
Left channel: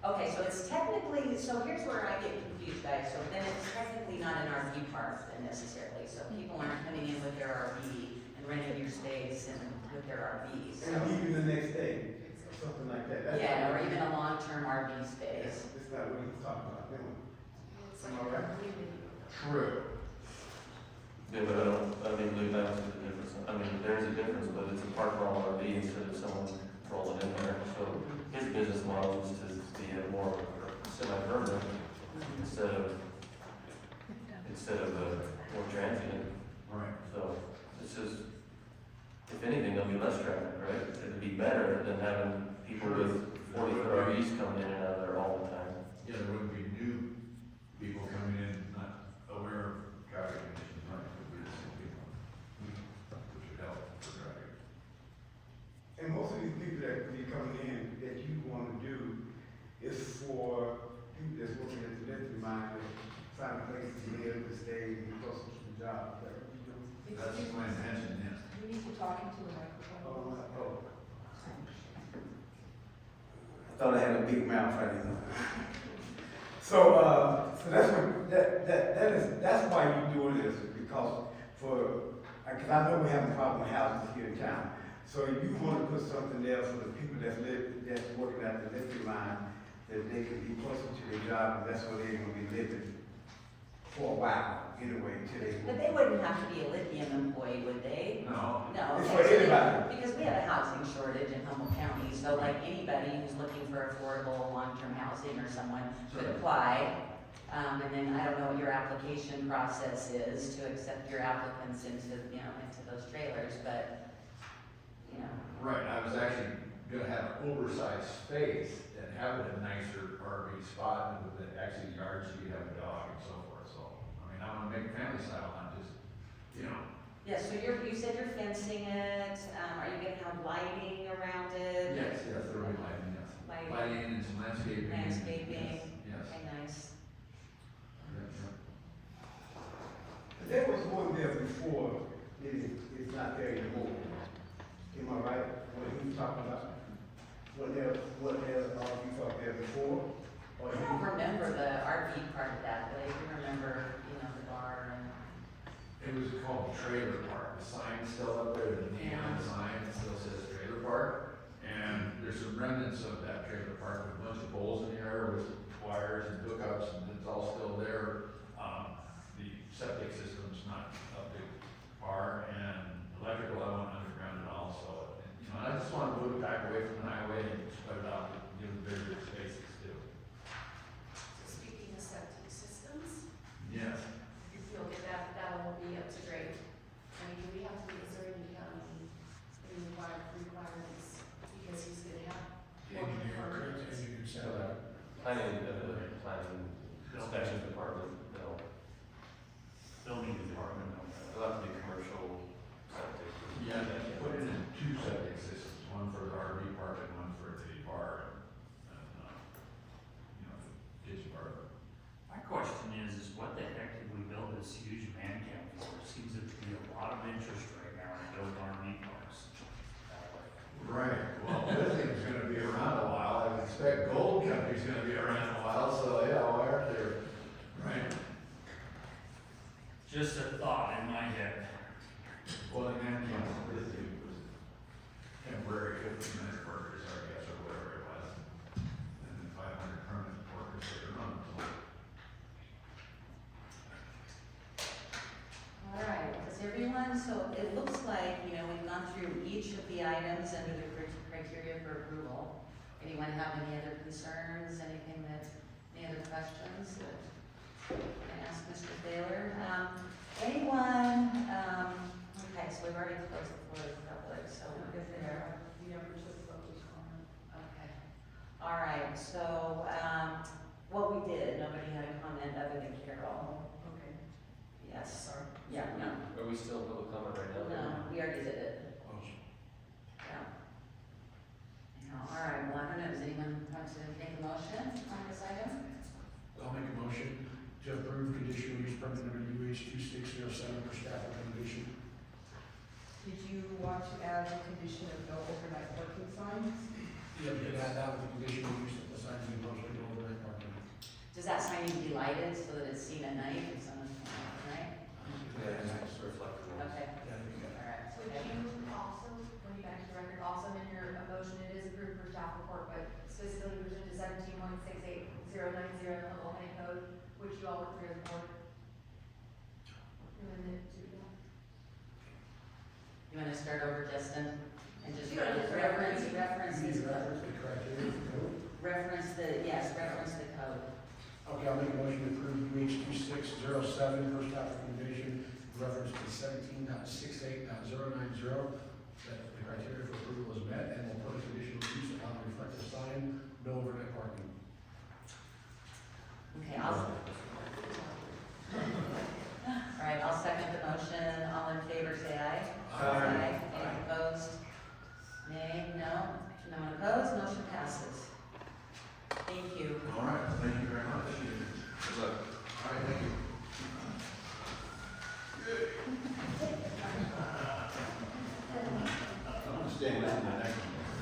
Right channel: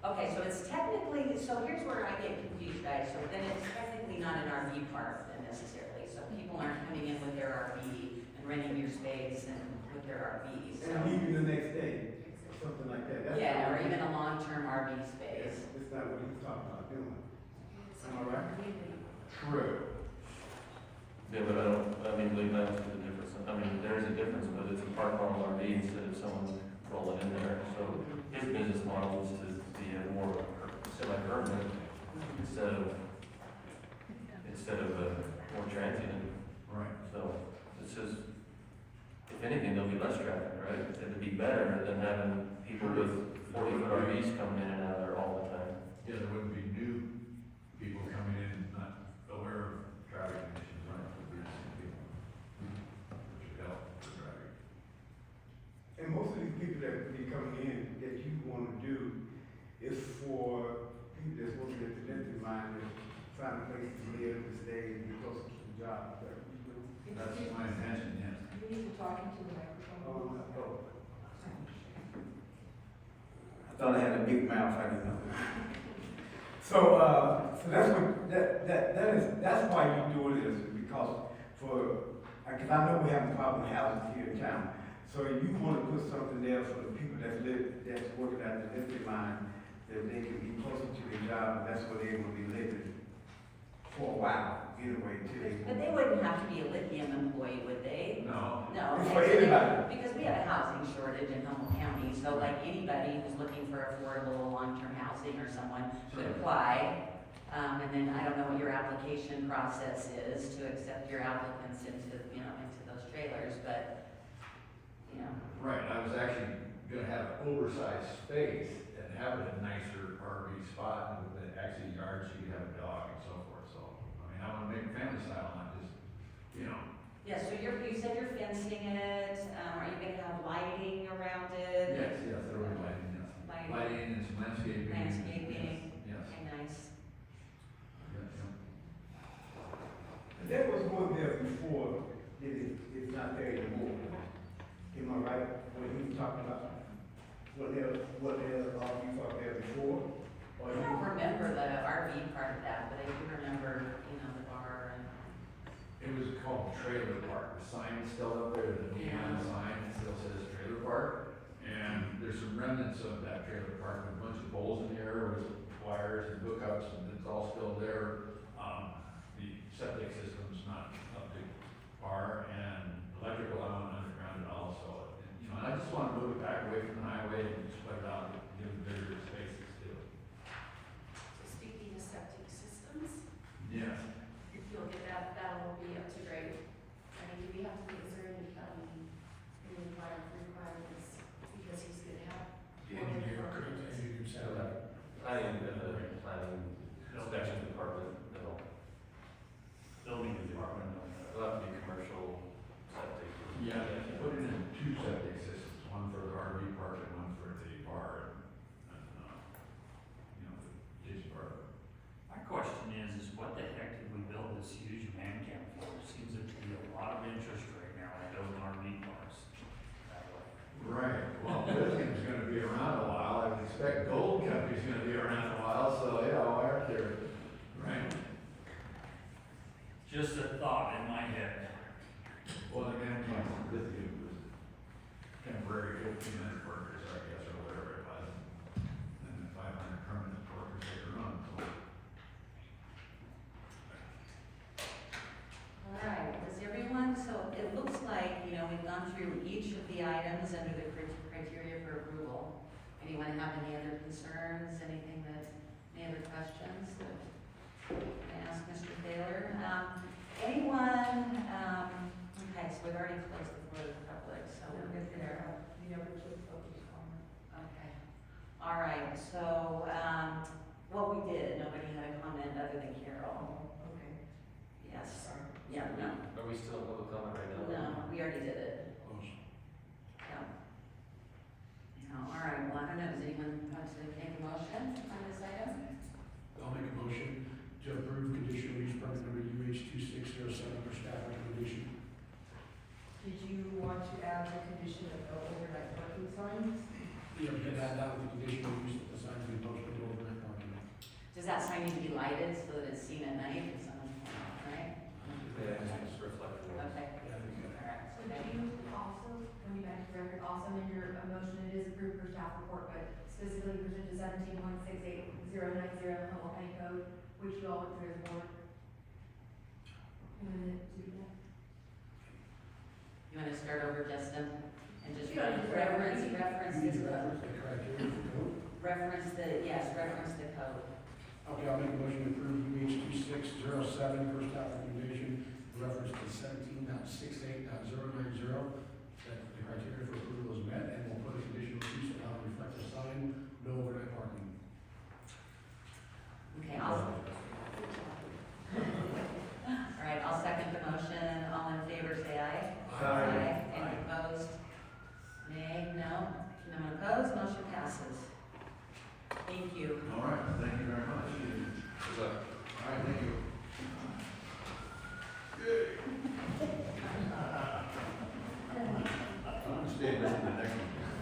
Okay, so it's technically, so here's where I get confused, guys, so then it's technically not an RV park then necessarily, so people aren't coming in with their RV and renting your space and with their RVs, so. And leaving the next day, or something like that. That's Yeah, not- or even a long-term RV space. That's not what he's talking about doing. It's Am like I a right? community. True. Yeah, but I mean, believe that's the difference. I mean, there is a difference, but it's a park on RV instead of someone rolling in there. So his business model is to be a more semi-permanent instead of more transient. Right. So this is, if anything, than having people with 40-foot RVs coming in and out of there all the time. Yeah, there wouldn't be new people coming in, not aware of traffic conditions, right? It would be the same people. Which would help for traffic. And most of these people that be coming in, that you wanna do is for people that's working at the lifting mine, that find a place to live, to stay, and close to the job. Is that what you do? That's my intention, yes. You need to talk into the microphone. Oh. I thought I had a big mouth, I didn't know. So that's what, that's why you do this, because cause I know we have a problem with houses here in town. So you wanna put something there for the people that's working at the lifting line, that they can be closer to the job, and that's where they're gonna be living for a while, anyway, until they. But they wouldn't have to be a lithium employee, would they? No. No. It's okay, for so they- anybody. Because we have a housing shortage in Humboldt County, so like anybody who's looking for affordable, long-term housing or someone could Sure. apply. And then I don't know what your application process is to accept your applicants into those trailers, but, you know. Right, I was actually gonna have an oversized space and have it a nicer RV spot with the actually yard so you have a dog and so forth, so. I mean, I wanna make it family style, not just, Yeah, so you said you're fencing it, are you gonna have lighting around it? Yes, there will be lighting, yes. Lighting. Lighting and some landscaping. Landscaping. Yes, Okay, nice. yes. And there was one there before, it's not there anymore. Am I right? When he was talking about, what there, you talked there before? Or I don't remember the RV part of that, but I do remember, the bar and. It was called Trailer Park, the sign's still up there, the neon sign, it still says Trailer Park. And there's some remnants of that trailer park with a bunch of poles in the air with wires and hookups, and it's all still there. The septic system's not up to par, and electrical, I want underground and all, so, and I just want to move it back away from the highway and spread it out, give them bigger spaces too. So speaking of septic systems, Yes. If you'll get that will be up to grade. I mean, do we have to, is there any, any requirements, because he's gonna have. Planning, planning inspection department, no, Building department, it'll have to be commercial septic. Yeah, they put it in two septic systems, one for the RV park and one for the bar and, the kitchen bar. My question is what the heck did we build this huge man camp for? Seems to be a lot of interest right now in building RV parks that way. Right, well, lithium's gonna be around a while, I expect gold company's gonna be around a while, so yeah, why aren't they, right? Just a thought in my head. Well, the man camp lithium was temporary 1500 workers, I guess, or whatever it was. And the 500 permanent workers they were on, so. All right, does everyone, so it looks like, we've gone through each of the items under the criteria for approval. Anyone have any other concerns, any other questions that I ask Mr. Thaler? Anyone, okay, so we've already closed the floor to the public, so we're good there. You never took focus on it. Okay. All right, so, what we did, nobody had a comment other than Carol. Okay. Yes. Sorry. Yeah, no, Are we still in public comment right now? no, we already did it. Yeah. All right, well, I don't know, does anyone want to make a motion on this item? I'll make a motion to approve conditional use permit number UH 2607 for staff recommendation. Did you want to add the condition of no overnight parking signs? Yeah, we could add that with the conditional use that the signs be posted over at parking. Does that sign need to be lighted so that it's seen at night if someone's playing, right? Yeah, it's reflecting. Okay, Yeah, I think that. all right. So do you also, going back to the record, also in your motion, it is approved for staff report, but specifically pursuant to 17.68090 Humboldt County Code, which you all went through as a board. And then it to that. You want to start over, Justin? And just Yeah, just reference this You need to code? reference the criteria for code. Reference the code. Okay, I'll make a motion to approve UH 2607 for staff recommendation, reference to 17.68.090. That the criteria for approval is met, and we'll put a conditional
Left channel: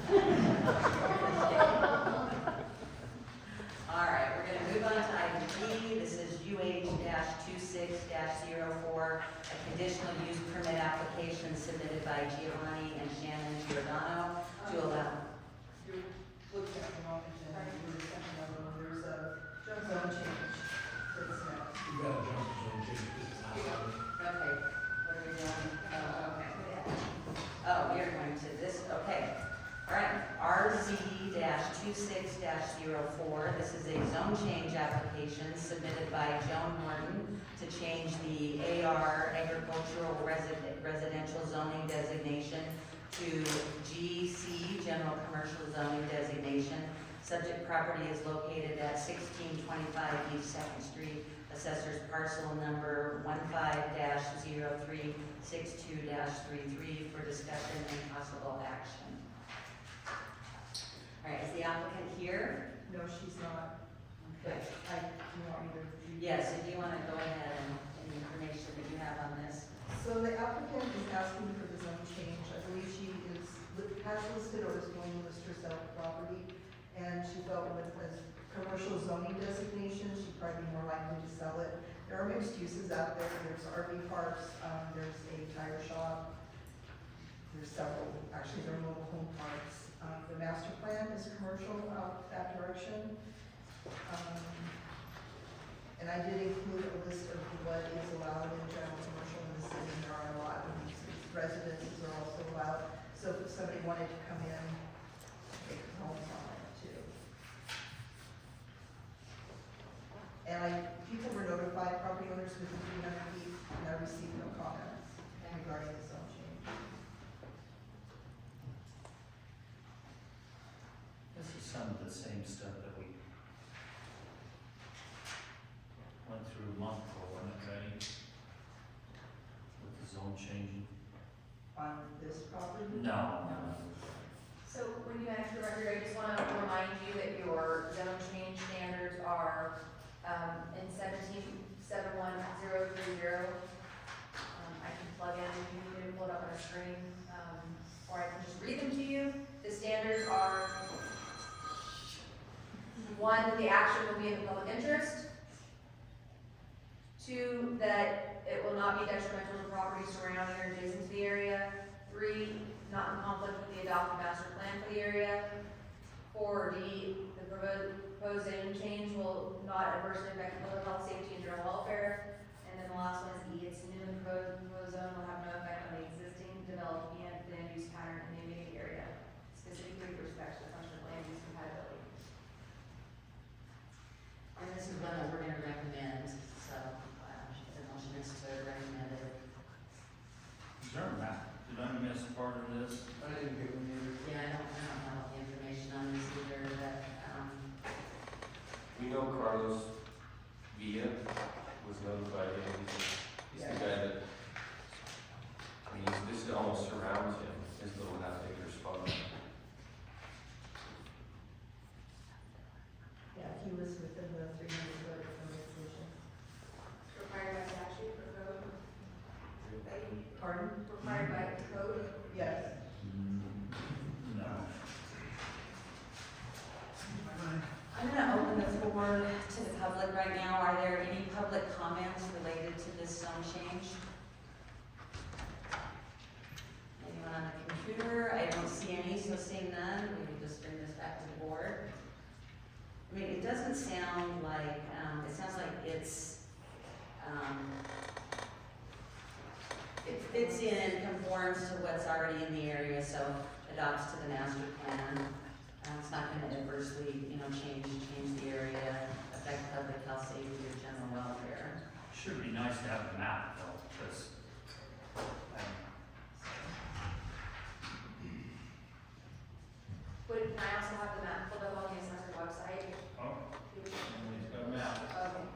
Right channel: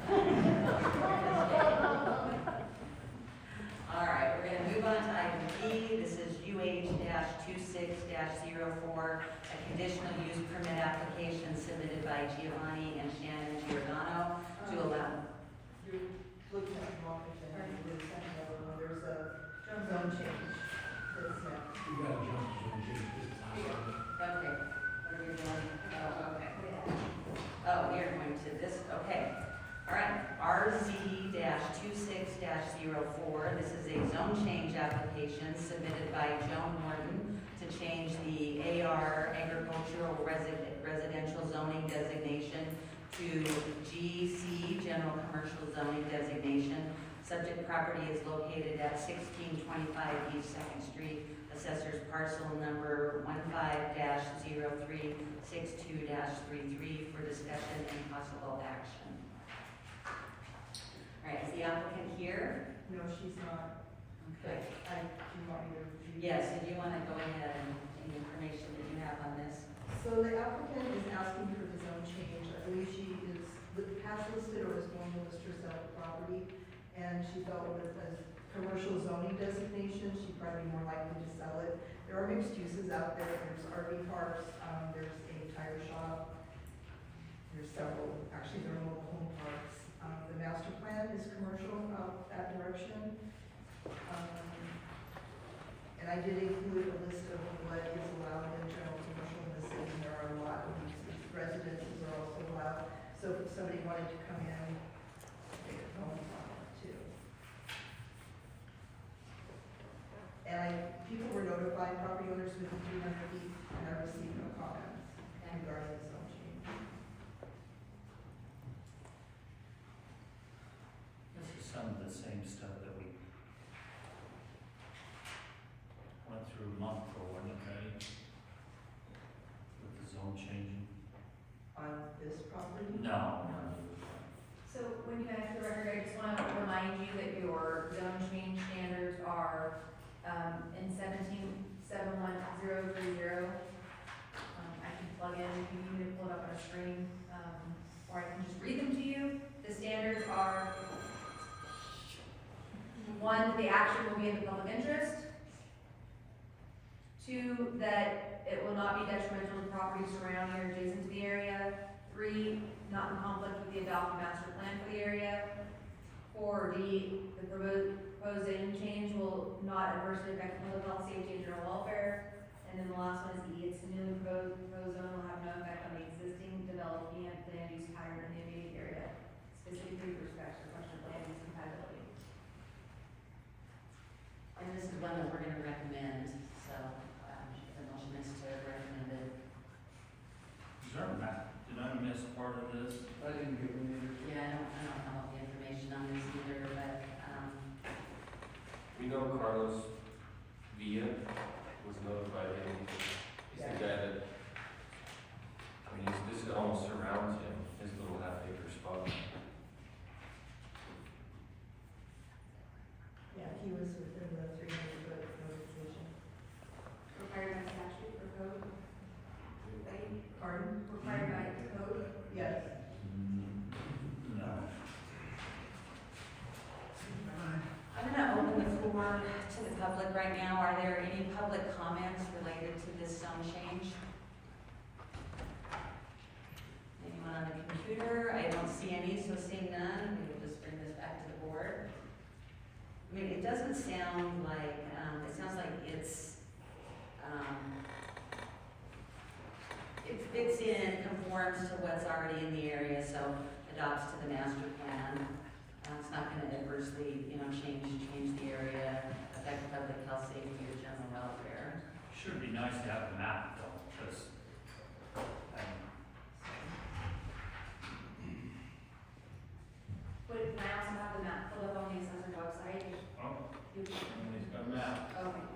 All right, we're gonna move on to item B. This is UH-26-04, a conditional use permit application submitted by Giovanni and Shannon Giordano to allow. You looked at the wrong agenda, you were second level, there's a zone change that's next. You gotta jump to zone change, this is not. Okay, what are we doing? Oh, okay. Oh, we are going to this, okay. All right, RZ-26-04, this is a zone change application submitted by Joan Morton to change the AR agricultural residential zoning designation to GC general commercial zoning designation. Subject property is located at 1625 East Second Street, assessor's parcel number 15-0362-33 for discussion and possible action. All right, is the applicant here? No, she's not. Okay. Do you want me to read? Yes, if you want to go ahead and the information that you have on this. So the applicant is asking for the zone change. I believe she has listed or is going to list herself property, and she felt with a commercial zoning designation, she'd probably be more likely to sell it. There are mixed uses out there. There's RV parks, there's a tire shop, there's several, actually there are mobile home parks. The master plan is commercial out that direction. And I did include a list of what is allowed in general commercial in the city. There are a lot of these residences are also allowed. So if somebody wanted to come in, they could homes on it too. And people were notified, property owners within 300 feet, and I received no comments regarding the zone change. This is some of the same stuff that we went through a month ago, wasn't it, Randy? With the zone changing? On this property? No. So when you enter the record, I just wanna remind you that your zone change standards are, in 17-71030. I can plug in, you can pull it up on a screen, or I can just read them to you. The standards are, one, the action will be in the public interest. Two, that it will not be detrimental to property surrounding or adjacent to the area. Three, not in conflict with the adopted master plan for the area. 4, D, the proposed zone change will not adversely affect public health, safety, and general welfare. And then the last one is E, its newly proposed zone will have no effect on the existing developed land use pattern in the immediate area, specifically with respect to the question of land use compatibility. And this is one that we're gonna recommend, so, the motion is to recommend it. Is there a map? Did I miss a part of this? I didn't get one either. Yeah, I don't have all the information on this either, but, We know Carlos Villa was notified, he's the guy that, I mean, this almost surrounds him, his little half-acre spot. Yeah, he was within the 300-foot notification. Required by statute or code? Pardon? Required by code? Yes. No. I'm gonna open the floor to the public right now. Are there any public comments related to this zone change? Anyone on the computer? I don't see any, so seeing none, we will just bring this back to the board. I mean, it doesn't sound like, it sounds like it's, it fits in, conforms to what's already in the area, so adopts to the master plan. It's not gonna adversely, change the area, affect public health, safety, or general welfare. Sure would be nice to have a map though, because, Can I also have the map pulled up on the assessor's website? oh, he's got a map. Okay.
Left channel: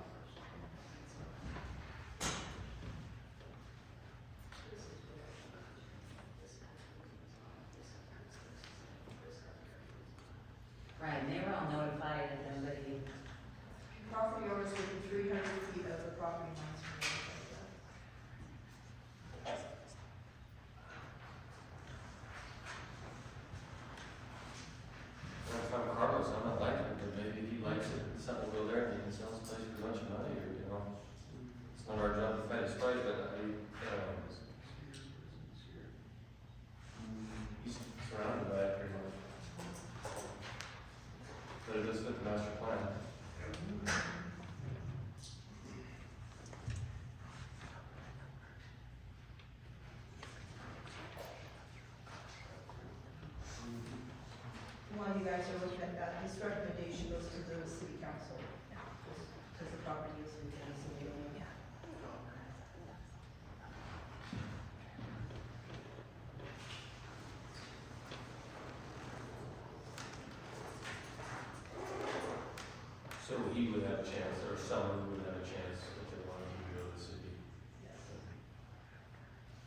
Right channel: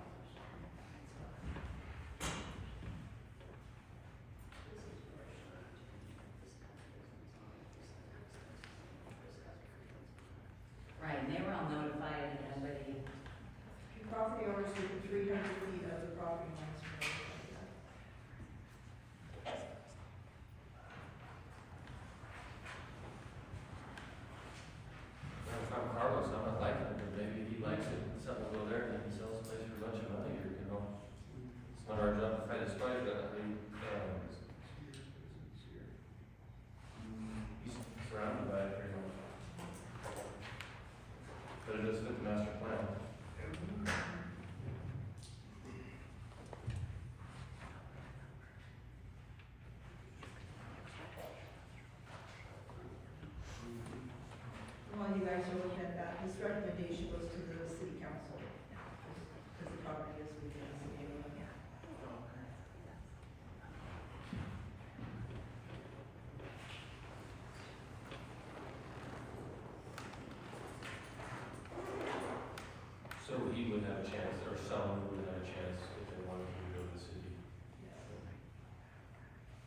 Right, and they were all notified, and nobody, Property owners within 300 feet of the property lines.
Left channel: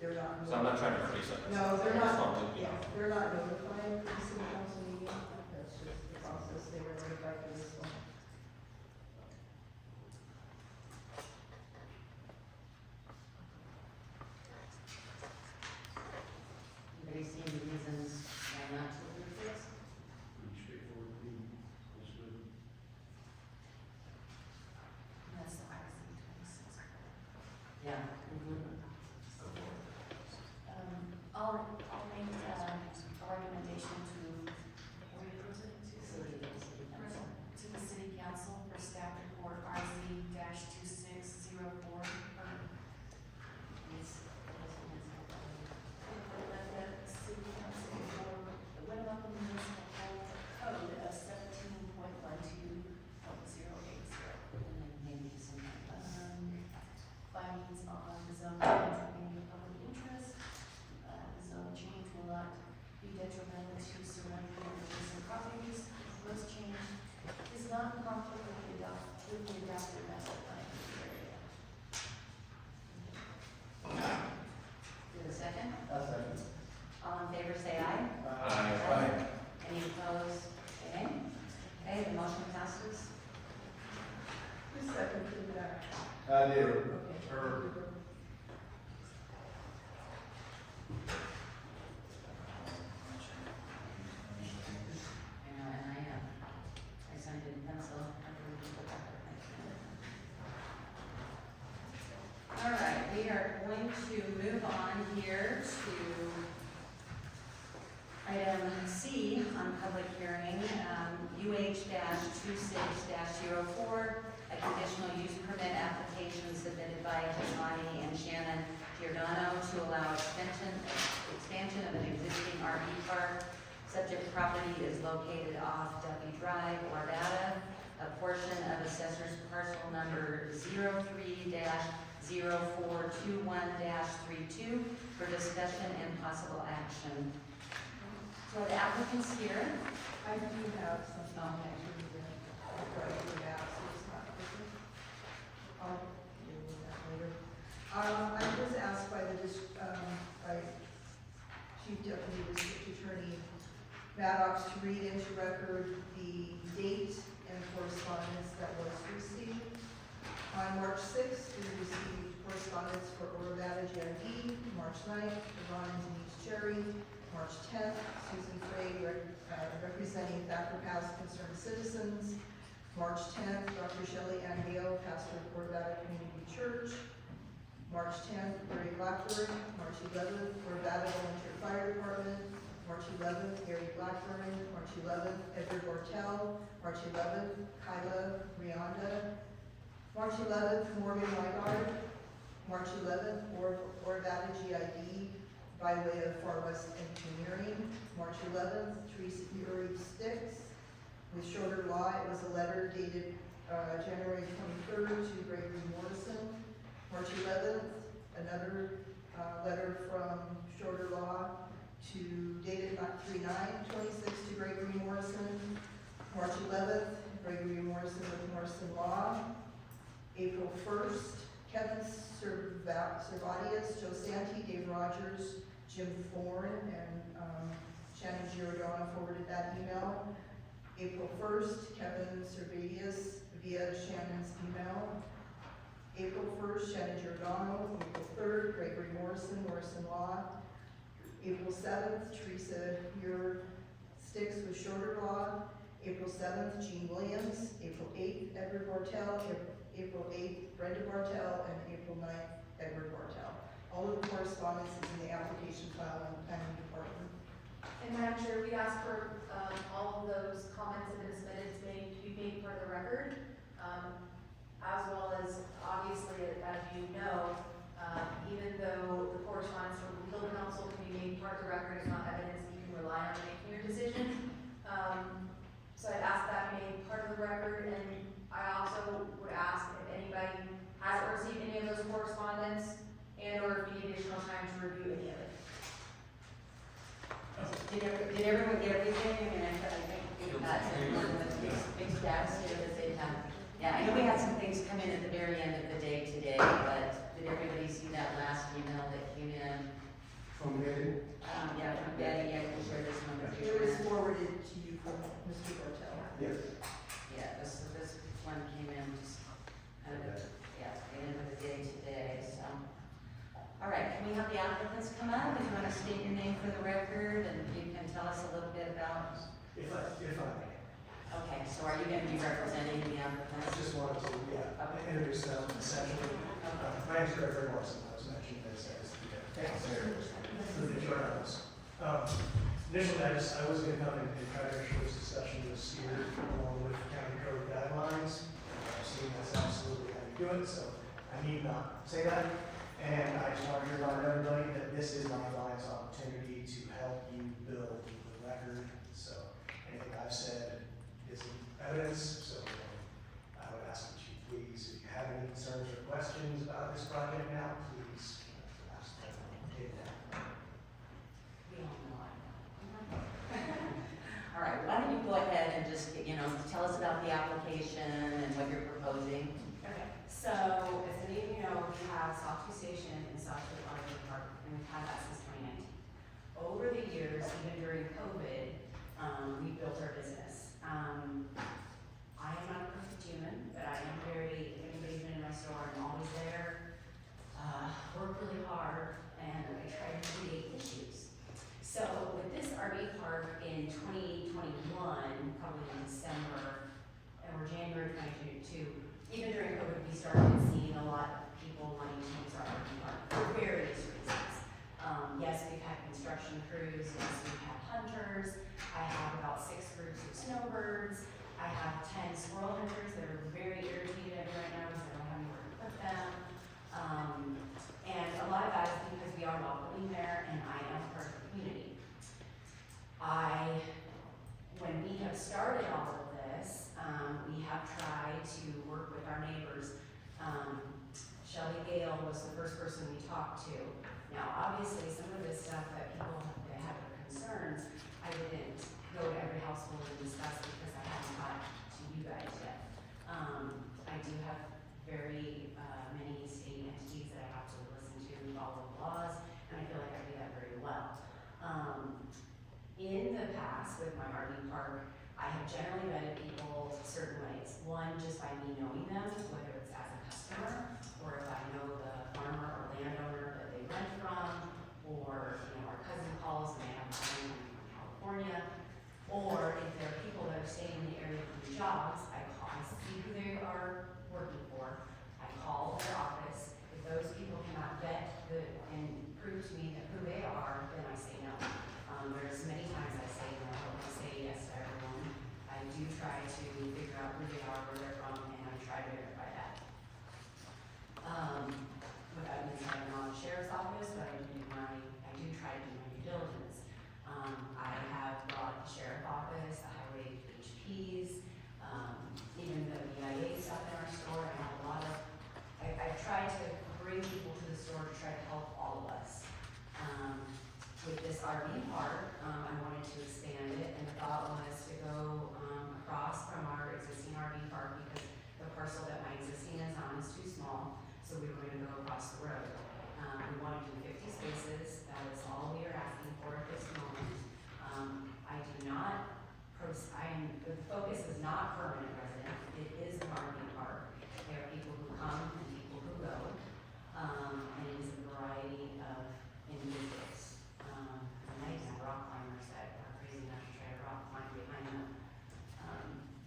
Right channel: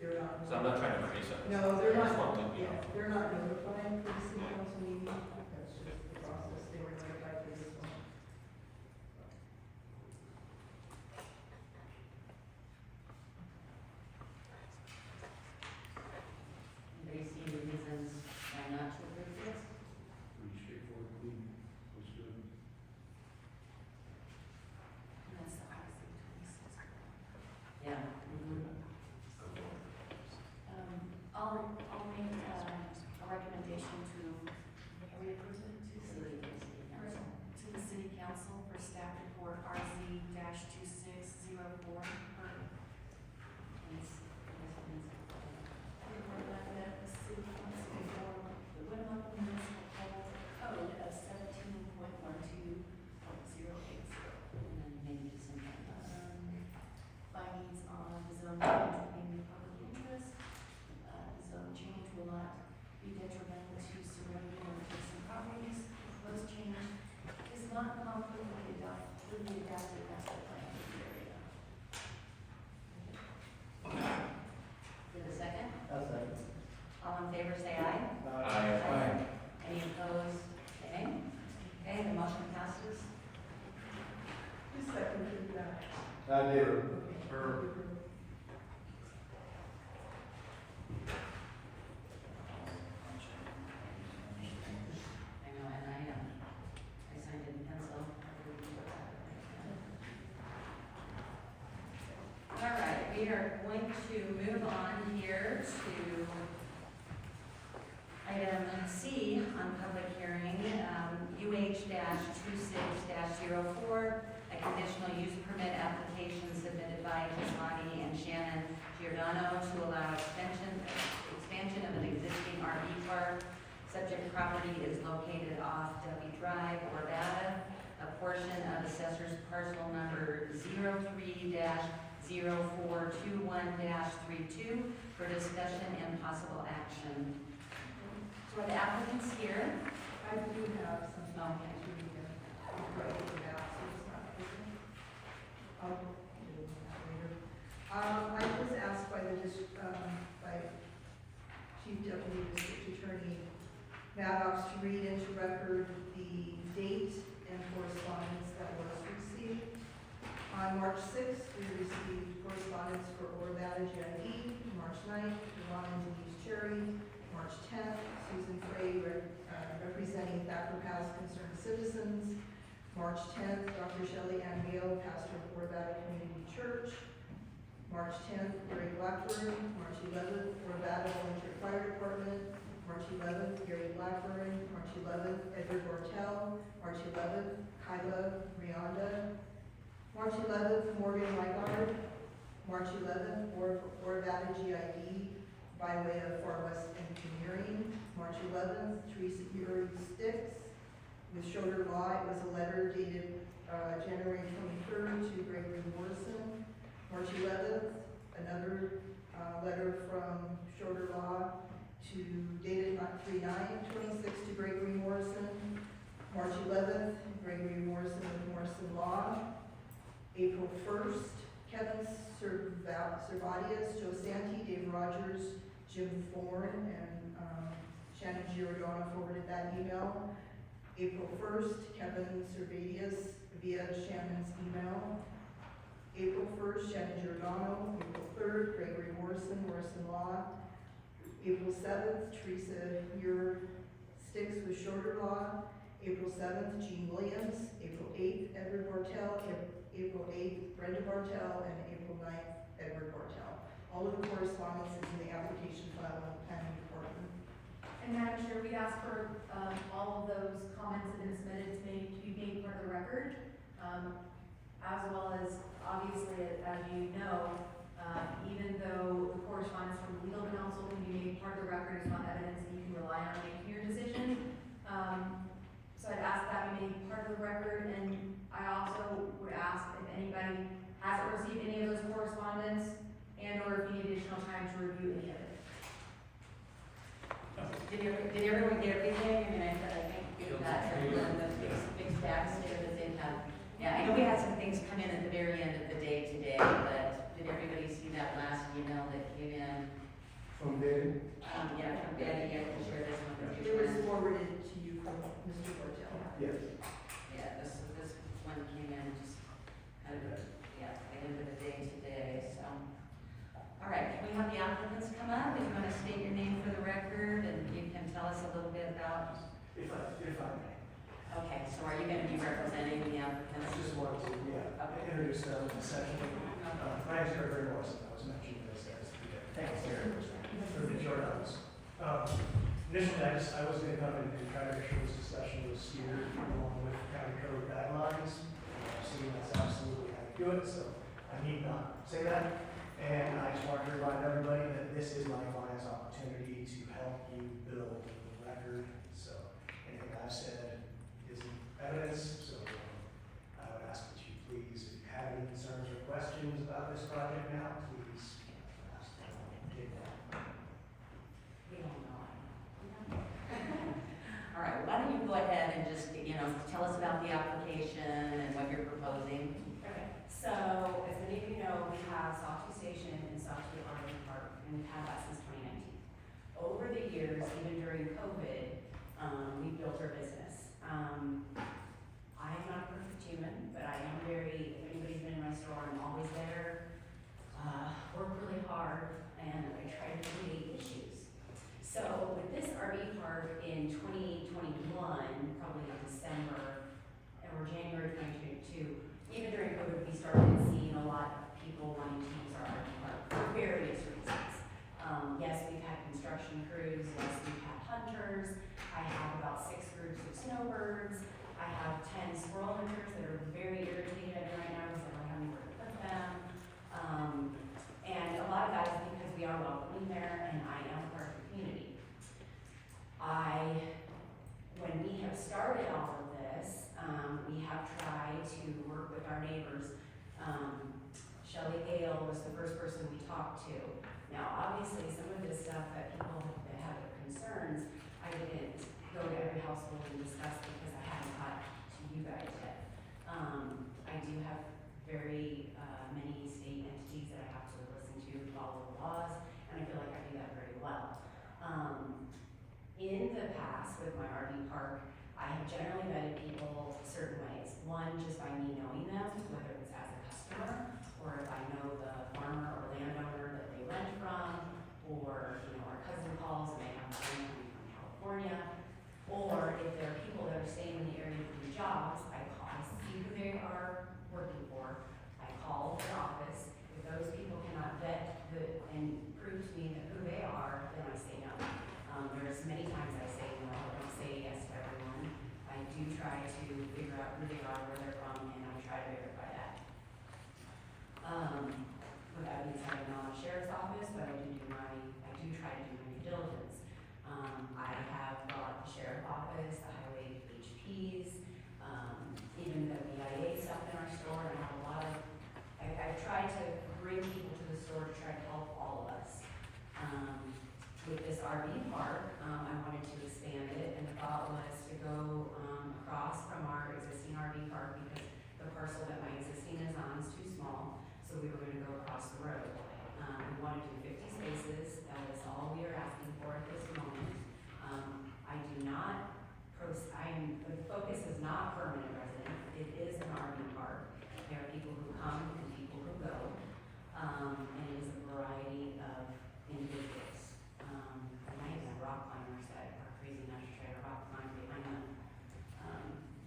They're not. So I'm not trying to raise up. No, they're I just not, want to, you yeah, know, they're not notified for the city council meeting, that's just the process, they were notified for this one. Anybody see any reasons why not to approve this? Pretty straightforward, clean, looks good. That's the RC 26. Yeah. I'll make, a recommendation to, reapprove it to the city council for staff report RZ-2604. What about the municipal code of 17.12.080? And then maybe some, Findings on the zone change being of public interest. The zone change will not be detrimental to surrounding or adjacent properties. Proposed change is not conflict with the adopted master plan of the area. Is it a second? That's it. All in favor, say aye. Aye. Any opposed, say nay. Okay, the motion passes. Who seconded that? I did. I know, and I signed it in pencil. All right, we are going to move on here to item C on public hearing, UH-26-04, a conditional use permit application submitted by Kismani and Shannon Giordano to allow expansion of an existing RV park. Subject property is located off Duffy Drive, Arvada. A portion of assessor's parcel number 03-0421-32 for discussion and possible action. So are the applicants here? I do have some. Okay. Right, the map, so it's not written. I'll deal with that later. I was asked by by Chief Deputy District Attorney Maddox to read into record the date and correspondence that was received. On March 6th, we received correspondence for Arvada JID. March 9th, Ron and Denise Cherry. March 10th, Susan Frey, representing Thacker Pass Concerned Citizens. March 10th, Dr. Shelley Ann Gale, pastor of Arvada Community Church. March 10th, Gary Blackburn. March 11th, Arvada Volunteer Fire Department. March 11th, Gary Blackburn. March 11th, Edward Ortel. March 11th, Kyla Rianda. March 11th, Morgan Weigard. March 11th, Arvada GID by way of Far West Engineering. March 11th, Teresa Erie Sticks. With Schroeder Law, it was a letter dated January 23rd to Gregory Morrison. March 11th, another letter from Schroeder Law dated 3/9/26 to Gregory Morrison. March 11th, Gregory Morrison with Morrison Law. April 1st, Kevin Servatius, Joe Santi, Dave Rogers, Jim Thorne, and Shannon Giordano forwarded that email. April 1st, Kevin Servatius via Shannon's email. April 1st, Shannon Giordano. April 3rd, Gregory Morrison, Morrison Law. April 7th, Teresa Muir Sticks with Shorter Law. April 7th, Gene Williams. April 8th, Edward Bartel. April 8th, Brenda Bartel. And April 9th, Edward Bartel. All of the correspondence is in the application file on the planning department. And Madam Chair, we ask for, all of those comments that have been submitted to be made part of the record, as well as, obviously, as you know, even though the correspondence from legal counsel can be made part of the record, it's not evidence that you can rely on to making your decision. So I'd ask that be made part of the record, and I also would ask if anybody hasn't received any of those correspondence, and/or if you need additional time to review any of it. Did everyone get everything? I mean, I think we've got some big stacks here that they have. Yeah, I know we had some things come in at the very end of the day today, but did everybody see that last email that came in From Betty? Yeah, from Betty, I can share this one with you. It was forwarded to you from Mr. Bartel. Yes. Yeah, this one came in just kind of, yeah, at the end of the day today, so. All right, can we have the applicants come up? If you want to state your name for the record, and you can tell us a little bit about. If I may. Okay, so are you going to be representing the I applicants? just wanted to, introduce them essentially. My name's Gregory Morrison, I was mentioning this, thanks, Mayor, for the journalists. Initially, I was gonna come and try to make sure this discussion was steered along with county code guidelines. I've seen that's absolutely how you do it, so I need not say that. And I just want to remind everybody that this is my client's opportunity to help you build the record. So anything I've said isn't evidence, so I would ask that you please, if you have any concerns or questions about this project now, please ask them. Take that. We don't know. All right, why don't you go ahead and just, tell us about the application and what you're proposing? Okay, so as many of you know, we have Sawtooth Station and Sawtooth RV Park, and we've had that since 2019. Over the years, even during COVID, we built our business. I am not a perfect human, but I am very, if anybody's been in my store, I'm always there. Work really hard, and I try to create issues. So with this RV park in 2021, probably in December, or January 2022, even during COVID, we started seeing a lot of people wanting to use our RV park for various reasons. Yes, we've had construction crews, yes, we've had hunters, I have about 6 groups of snowbirds, I have 10 squirrel hunters that are very irritated at me right now because I don't have anywhere to put them. And a lot of that is because we are welcoming there and I am part of the community. When we have started all of this, we have tried to work with our neighbors. Shelley Gale was the first person we talked to. Now, obviously, some of this stuff that people that have concerns, I didn't go to every household and discuss because I haven't got to you guys yet. I do have very many state entities that I have to listen to, follow the laws, and I feel like I do that very well. In the past, with my RV park, I have generally vetted people certain ways. One, just by me knowing them, whether it's as a customer, or if I know the farmer or landowner that they rent from, or, our cousin calls and they have a family from California, or if there are people that are staying in the area for jobs, I call, I see who they are working for, I call their office. If those people cannot vet and prove to me that who they are, then I say no. There's many times I say no, I don't say yes to everyone. I do try to figure out who they are, where they're from, and I try to verify that. Without even signing on the sheriff's office, but I do try to do my due diligence. I have brought the sheriff's office, the highway HPs, even the VIA stuff in our store. I have a lot of, I try to bring people to the store to try to help all of us. With this RV park, I wanted to expand it, and the thought was to go across from our existing RV park because the parcel that my existing is on is too small, so we were gonna go across the road. We wanted to do 50 spaces, that is all we are asking for at this moment. The focus is not permanent resident, it is an RV park. There are people who come and people who go, and it is a variety of individuals. And I have rock climbers that are crazy enough to try to rock climb behind the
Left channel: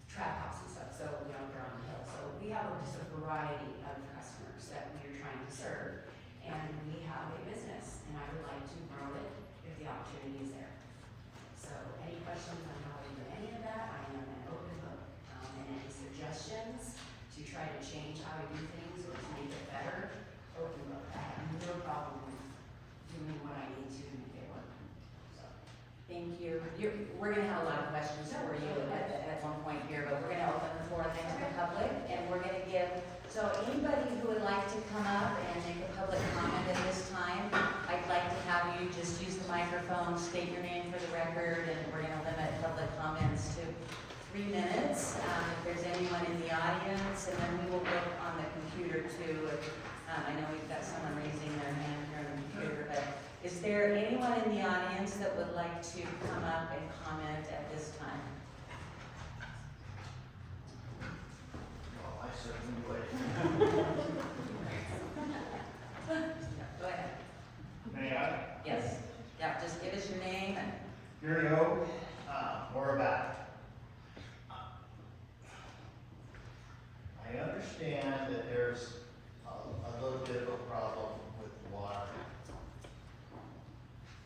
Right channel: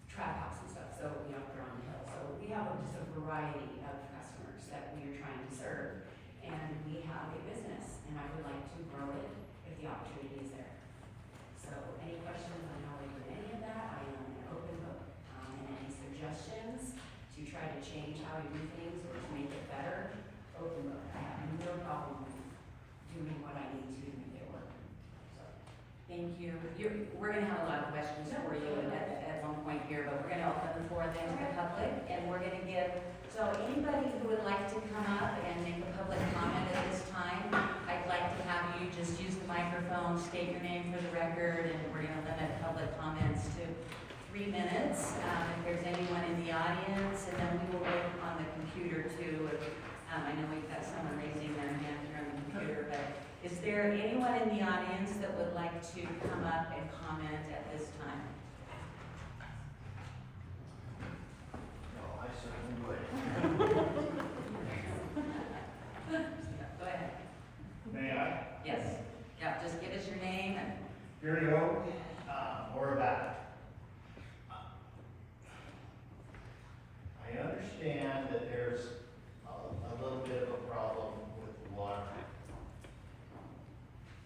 trap house and stuff, so we don't go on the hill. So we have just a variety of customers that we are trying to serve, and we have a business, and I would like to grow it if the opportunity is there. So any questions on how to do any of that, I am an open book, and any suggestions to try to change how I do things or to make it better, open book. I have no problem doing what I need to make it work. So, Thank you. We're gonna have a lot of questions for you at one point here, but we're gonna open the floor then to the public, and we're gonna give, so anybody who would like to come up and make a public comment at this time, I'd like to have you just use the microphone, state your name for the record, and we're gonna limit public comments to 3 minutes. If there's anyone in the audience, and then we will look on the computer too. I know we've got someone raising their hand here on the computer, but Is there anyone in the audience that would like to come up and comment at this time? No, I certainly would. Go ahead. May I? Yes. Yeah, just give us your name and. Here you go, or about. I understand that there's a little bit of a problem with the water.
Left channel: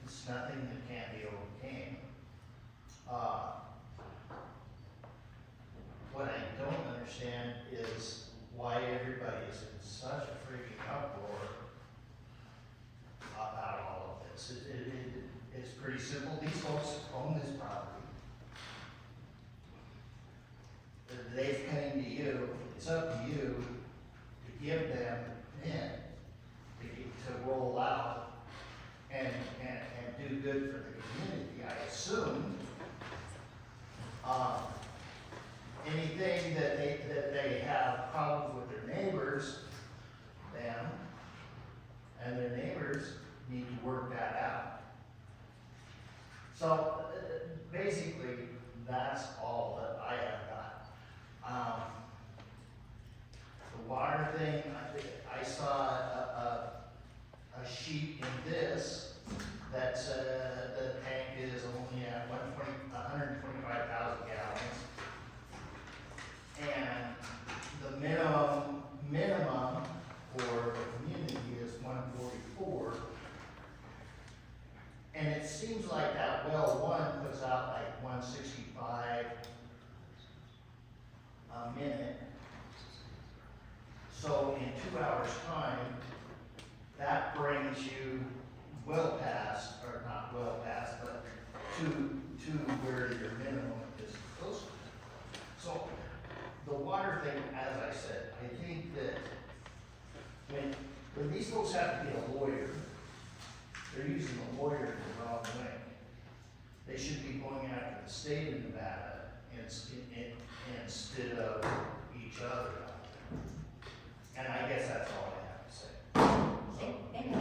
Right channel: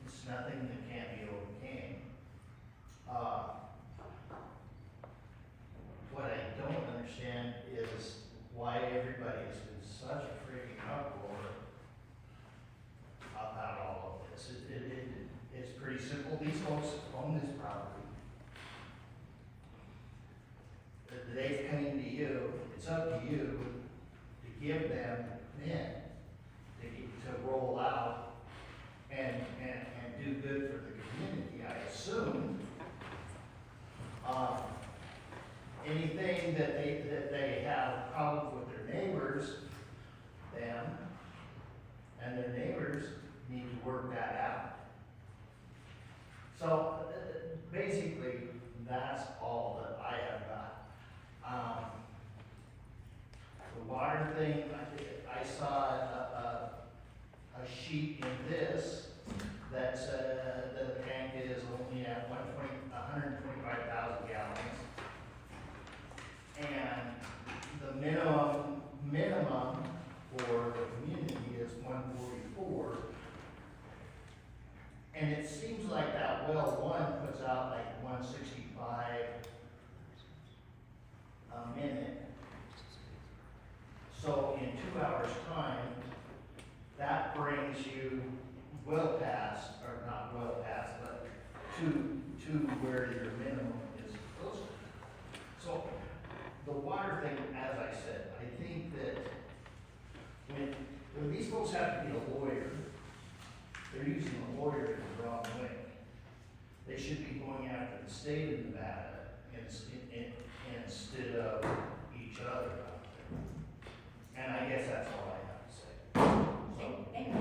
It's nothing that can't be overcame. What I don't understand is why everybody is in such a freaking uproar about all of this. It's pretty simple. These folks own this property. They've come to you, it's up to you to give them in, to roll out and do good for the community, I assume. Anything that they have problems with their neighbors, them, and their neighbors need to work that out. So, basically, that's all that I have got. The water thing, I saw a sheet in this that said the tank is only at 125,000 gallons. And the minimum for the community is 144. And it seems like that well one puts out like 165 a minute. So in 2 hours' time, that brings you well past, or not well past, but to where your minimum is close to. So the water thing, as I said, I think that when these folks have to be a lawyer, they're using a lawyer in the wrong way. They should be going after the state of Nevada instead of each other. And I guess that's all I have to say. So, Thank you.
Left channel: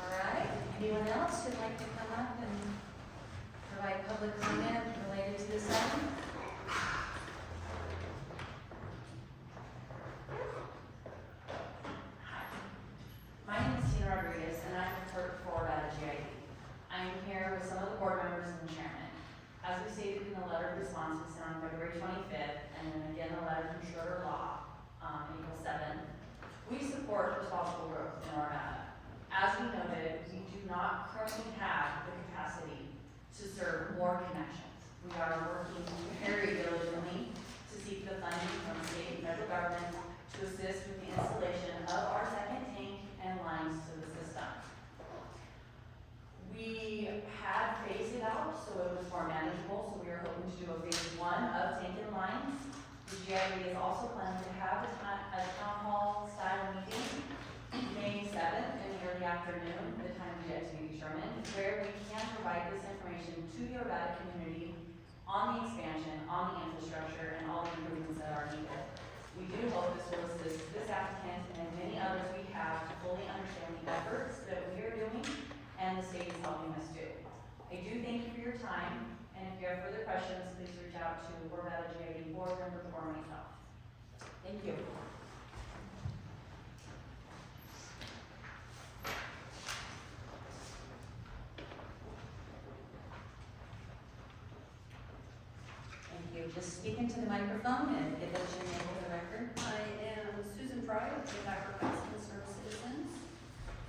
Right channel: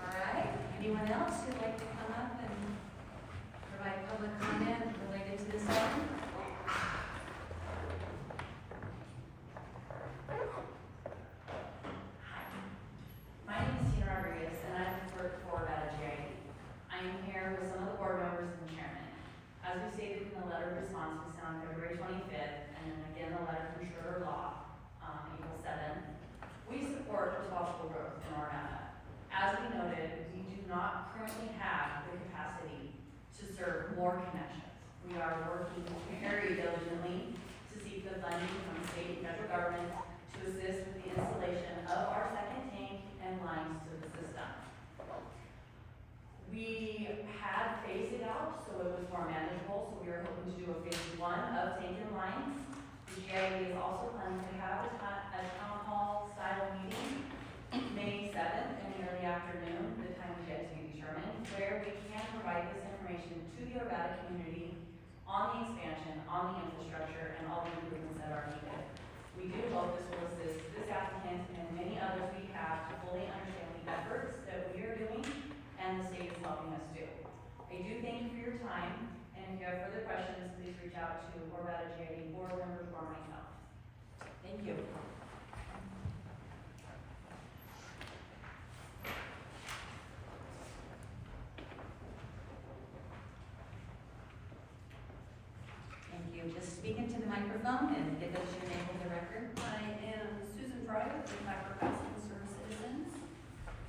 All right, anyone else who'd like to come up and provide public comment related to this item? My name is Tina Rodriguez, and I'm the clerk for GID. I'm here with some of the board members and the chairman. As we stated in the letter of response we sent on February 25th, and then again the letter from Schroeder Law, April 7th, we support responsible growth in Orvada. As we noted, we do not currently have the capacity to serve more connections. We are working very diligently to seek the funding from state and federal government to assist with the installation of our second tank and lines to the system. We had phased it out so it was more manageable, so we were hoping to do a phase 1 of tank and lines. The GID is also planning to have a town hall style meeting May 7th in the early afternoon, the time is yet to be determined, where we can provide this information to the Orvada community on the expansion, on the infrastructure, and all the improvements that are needed. We do hope this will assist this applicant and many others we have to fully understand the efforts that we are doing and the state is helping us do. I do thank you for your time, and if you have further questions, please reach out to Orvada GID board members or myself. Thank you. Thank you. Just speak into the microphone and give us your name for the record. I am Susan Fry with Dr. Bass Concerned Citizens.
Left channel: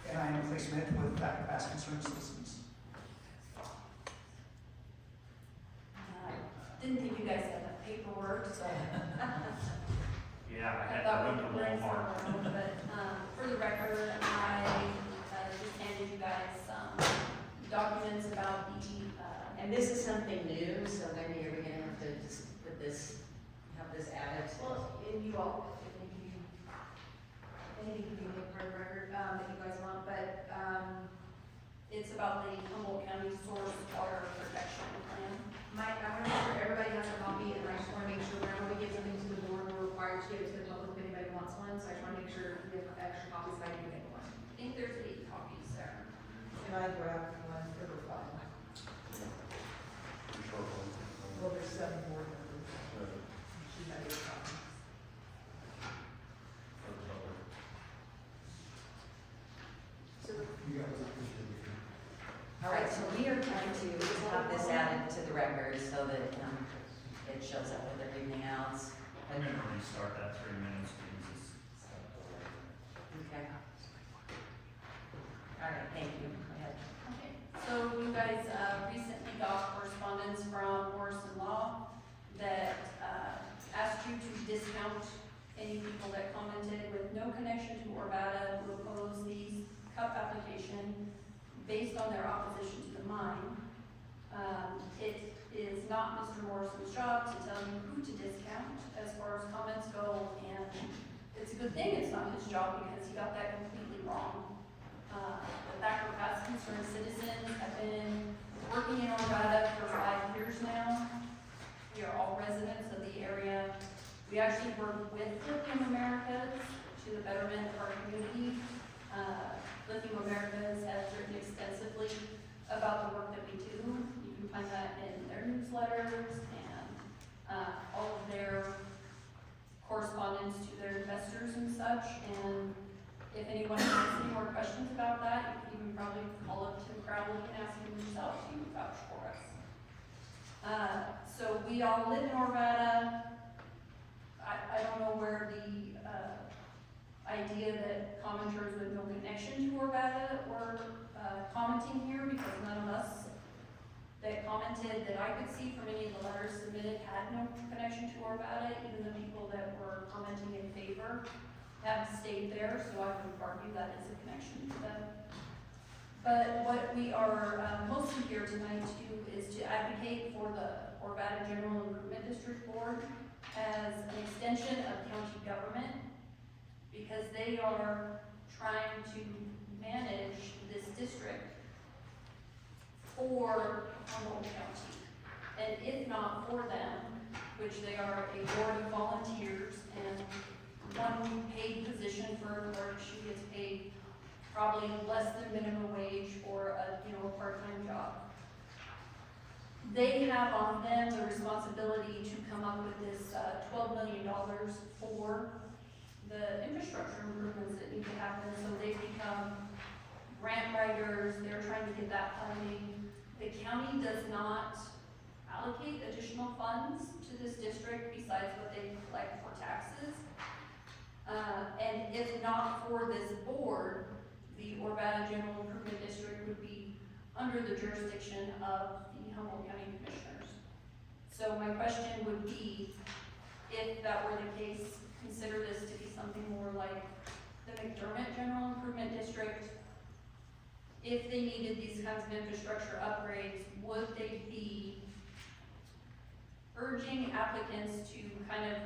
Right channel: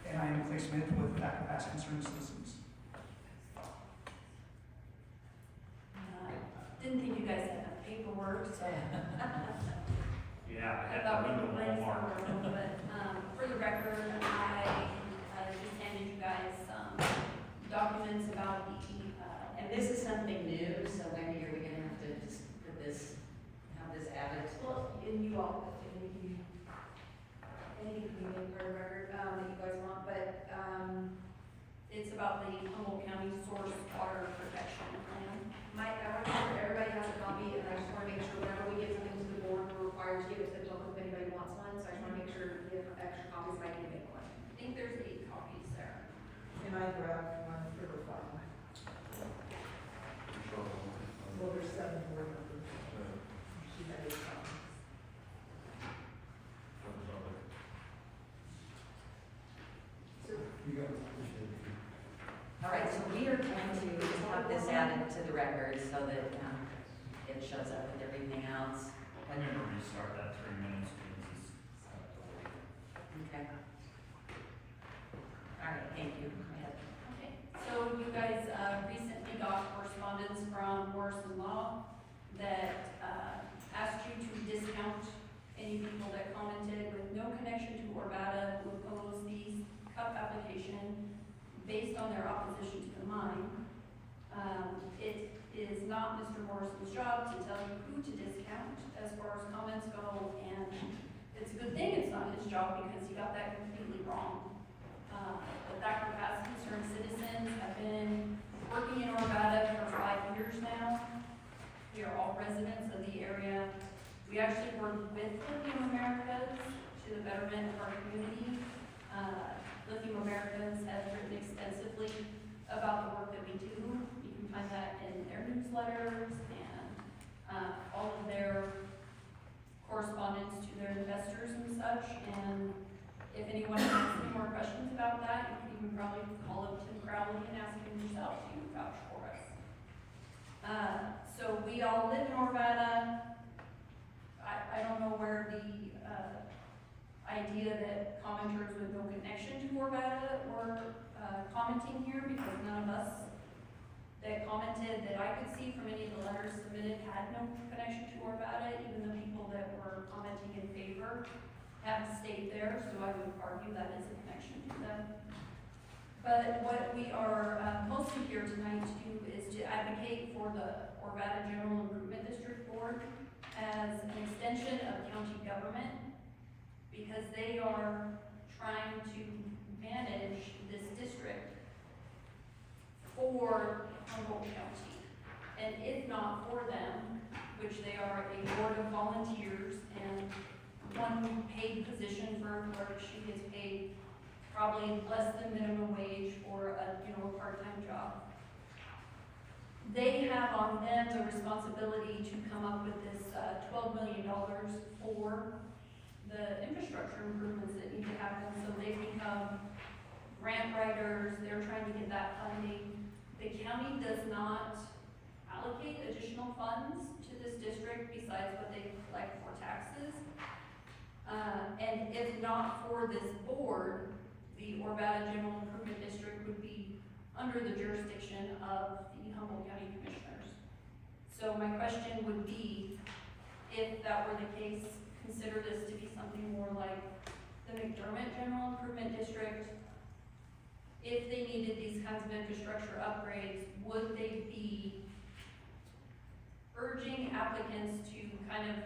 And I am Clay Smith with Dr. Bass Concerned Citizens. Didn't think you guys had enough paperwork, so. Yeah, I had thought to we run could to bring Walmart. some, but, for the record, I, just handed you guys some documents about the, And this is something new, so maybe are we gonna have to just put this, have this added? Well, and you all, anything could be made for the record, that you guys want, but, it's about the Humboldt County Source Water Protection Plan. Mike, I want to make sure everybody has a copy, and I just want to make sure whenever we give something to the board, we're required to give it to the public if anybody wants one, so I just want to make sure we have extra copies if I can make one. think there's 8 copies there. And I grabbed one for the file. Well, there's 7 board members. She had 8 copies. You got it. All right, so we are going to have this added to the record so that, it shows up with everything else. I'm gonna restart that 3 minutes because it's. Okay. All right, thank you. Go ahead. Okay, so you guys, recently got correspondence from Morrison Law that, asked you to discount any people that commented with no connection to Orvada who oppose the CUP application based on their opposition to the mine. It is not Mr. Morrison's job to tell you who to discount as far as comments go, and it's a good thing it's not his job because he got that completely wrong. The Thacker Pass Concerned Citizens have been working in Orvada for 5 years now. We are all residents of the area. We actually work with Lithium Americas to the betterment of our community. Lithium Americas has written extensively about the work that we do. You can find that in their newsletters and all of their correspondence to their investors and such. And if anyone has any more questions about that, you can even probably call up Tim Crowley and ask him yourself to vouch for us. So we all live in Orvada. I don't know where the idea that commenters with no connection to Orvada were commenting here, because none of us that commented that I could see from any of the letters submitted had no connection to Orvada. Even the people that were commenting in favor have stayed there, so I would argue that is a connection to them. But what we are mostly here tonight to do is to advocate for the Orvada General Improvement District Board as an extension of county government, because they are trying to manage this district for Humboldt County. And if not for them, which they are a board of volunteers and one paid position for a clerk, she is paid probably less than minimum wage for a, part-time job. They have on them the responsibility to come up with this $12 million for the infrastructure improvements that need to happen, so they become grant writers. They're trying to get that funding. The county does not allocate additional funds to this district besides what they collect for taxes. And if not for this board, the Orvada General Improvement District would be under the jurisdiction of the Humboldt County Commissioners. So my question would be, if that were the case, consider this to be something more like the McDermott General Improvement District. If they needed these kinds of infrastructure upgrades, would they be urging applicants to kind of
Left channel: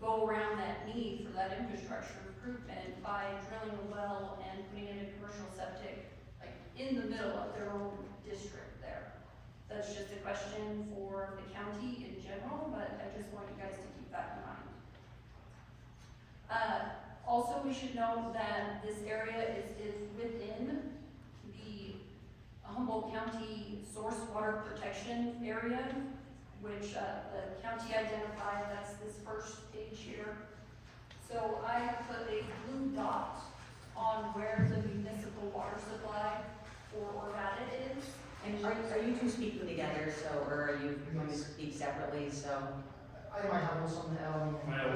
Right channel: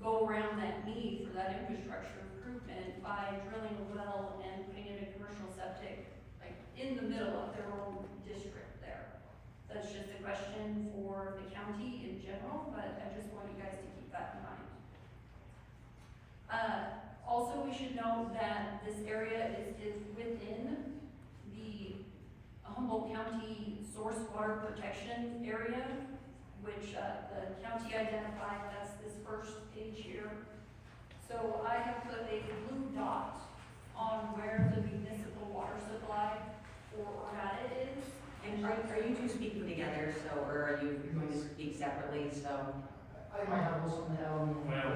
go around that need for that infrastructure improvement by drilling a well and putting in a commercial septic, like in the middle of their own district there? That's just a question for the county in general, but I just want you guys to keep that in mind. Also, we should note that this area is within the Humboldt County Source Water Protection Area, which the county identified. That's this first page here. So I have put a blue dot on where the municipal water supply for Orvada is. And are you two speaking together, so, or are you going to speak separately, so? I might have this on the L. Well,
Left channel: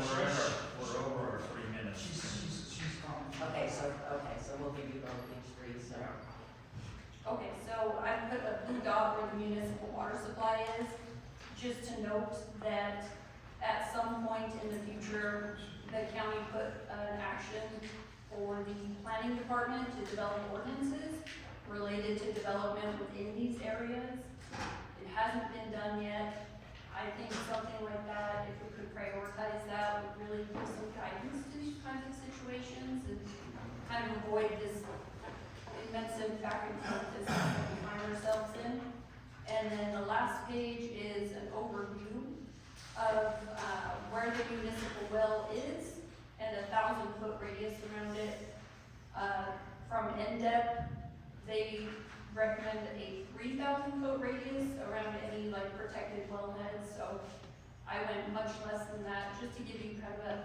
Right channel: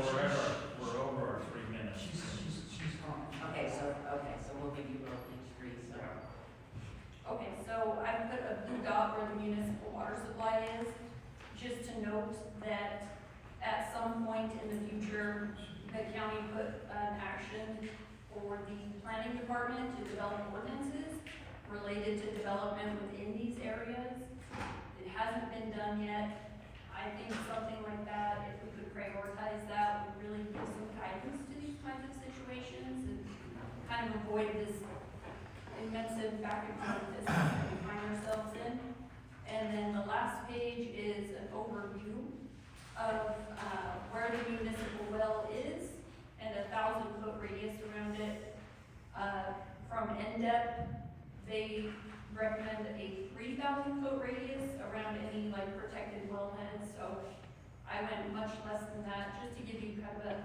we're over our 3 minutes. She's gone. Okay, so we'll give you both each 3, so. Okay, so I put a blue dot where the municipal water supply is, just to note that at some point in the future, the county put an action for the planning department to develop ordinances related to development within these areas. It hasn't been done yet. I think something like that, if we could prioritize that, would really give some guidance to these kinds of situations and kind of avoid this immense back and forth business that we find ourselves in. And then the last page is an overview of where the municipal well is and a 1,000-foot radius around it. from NDEP, they recommend a 3,000 foot radius around any like protected wellheads, so I went much less than that, just to give you kind of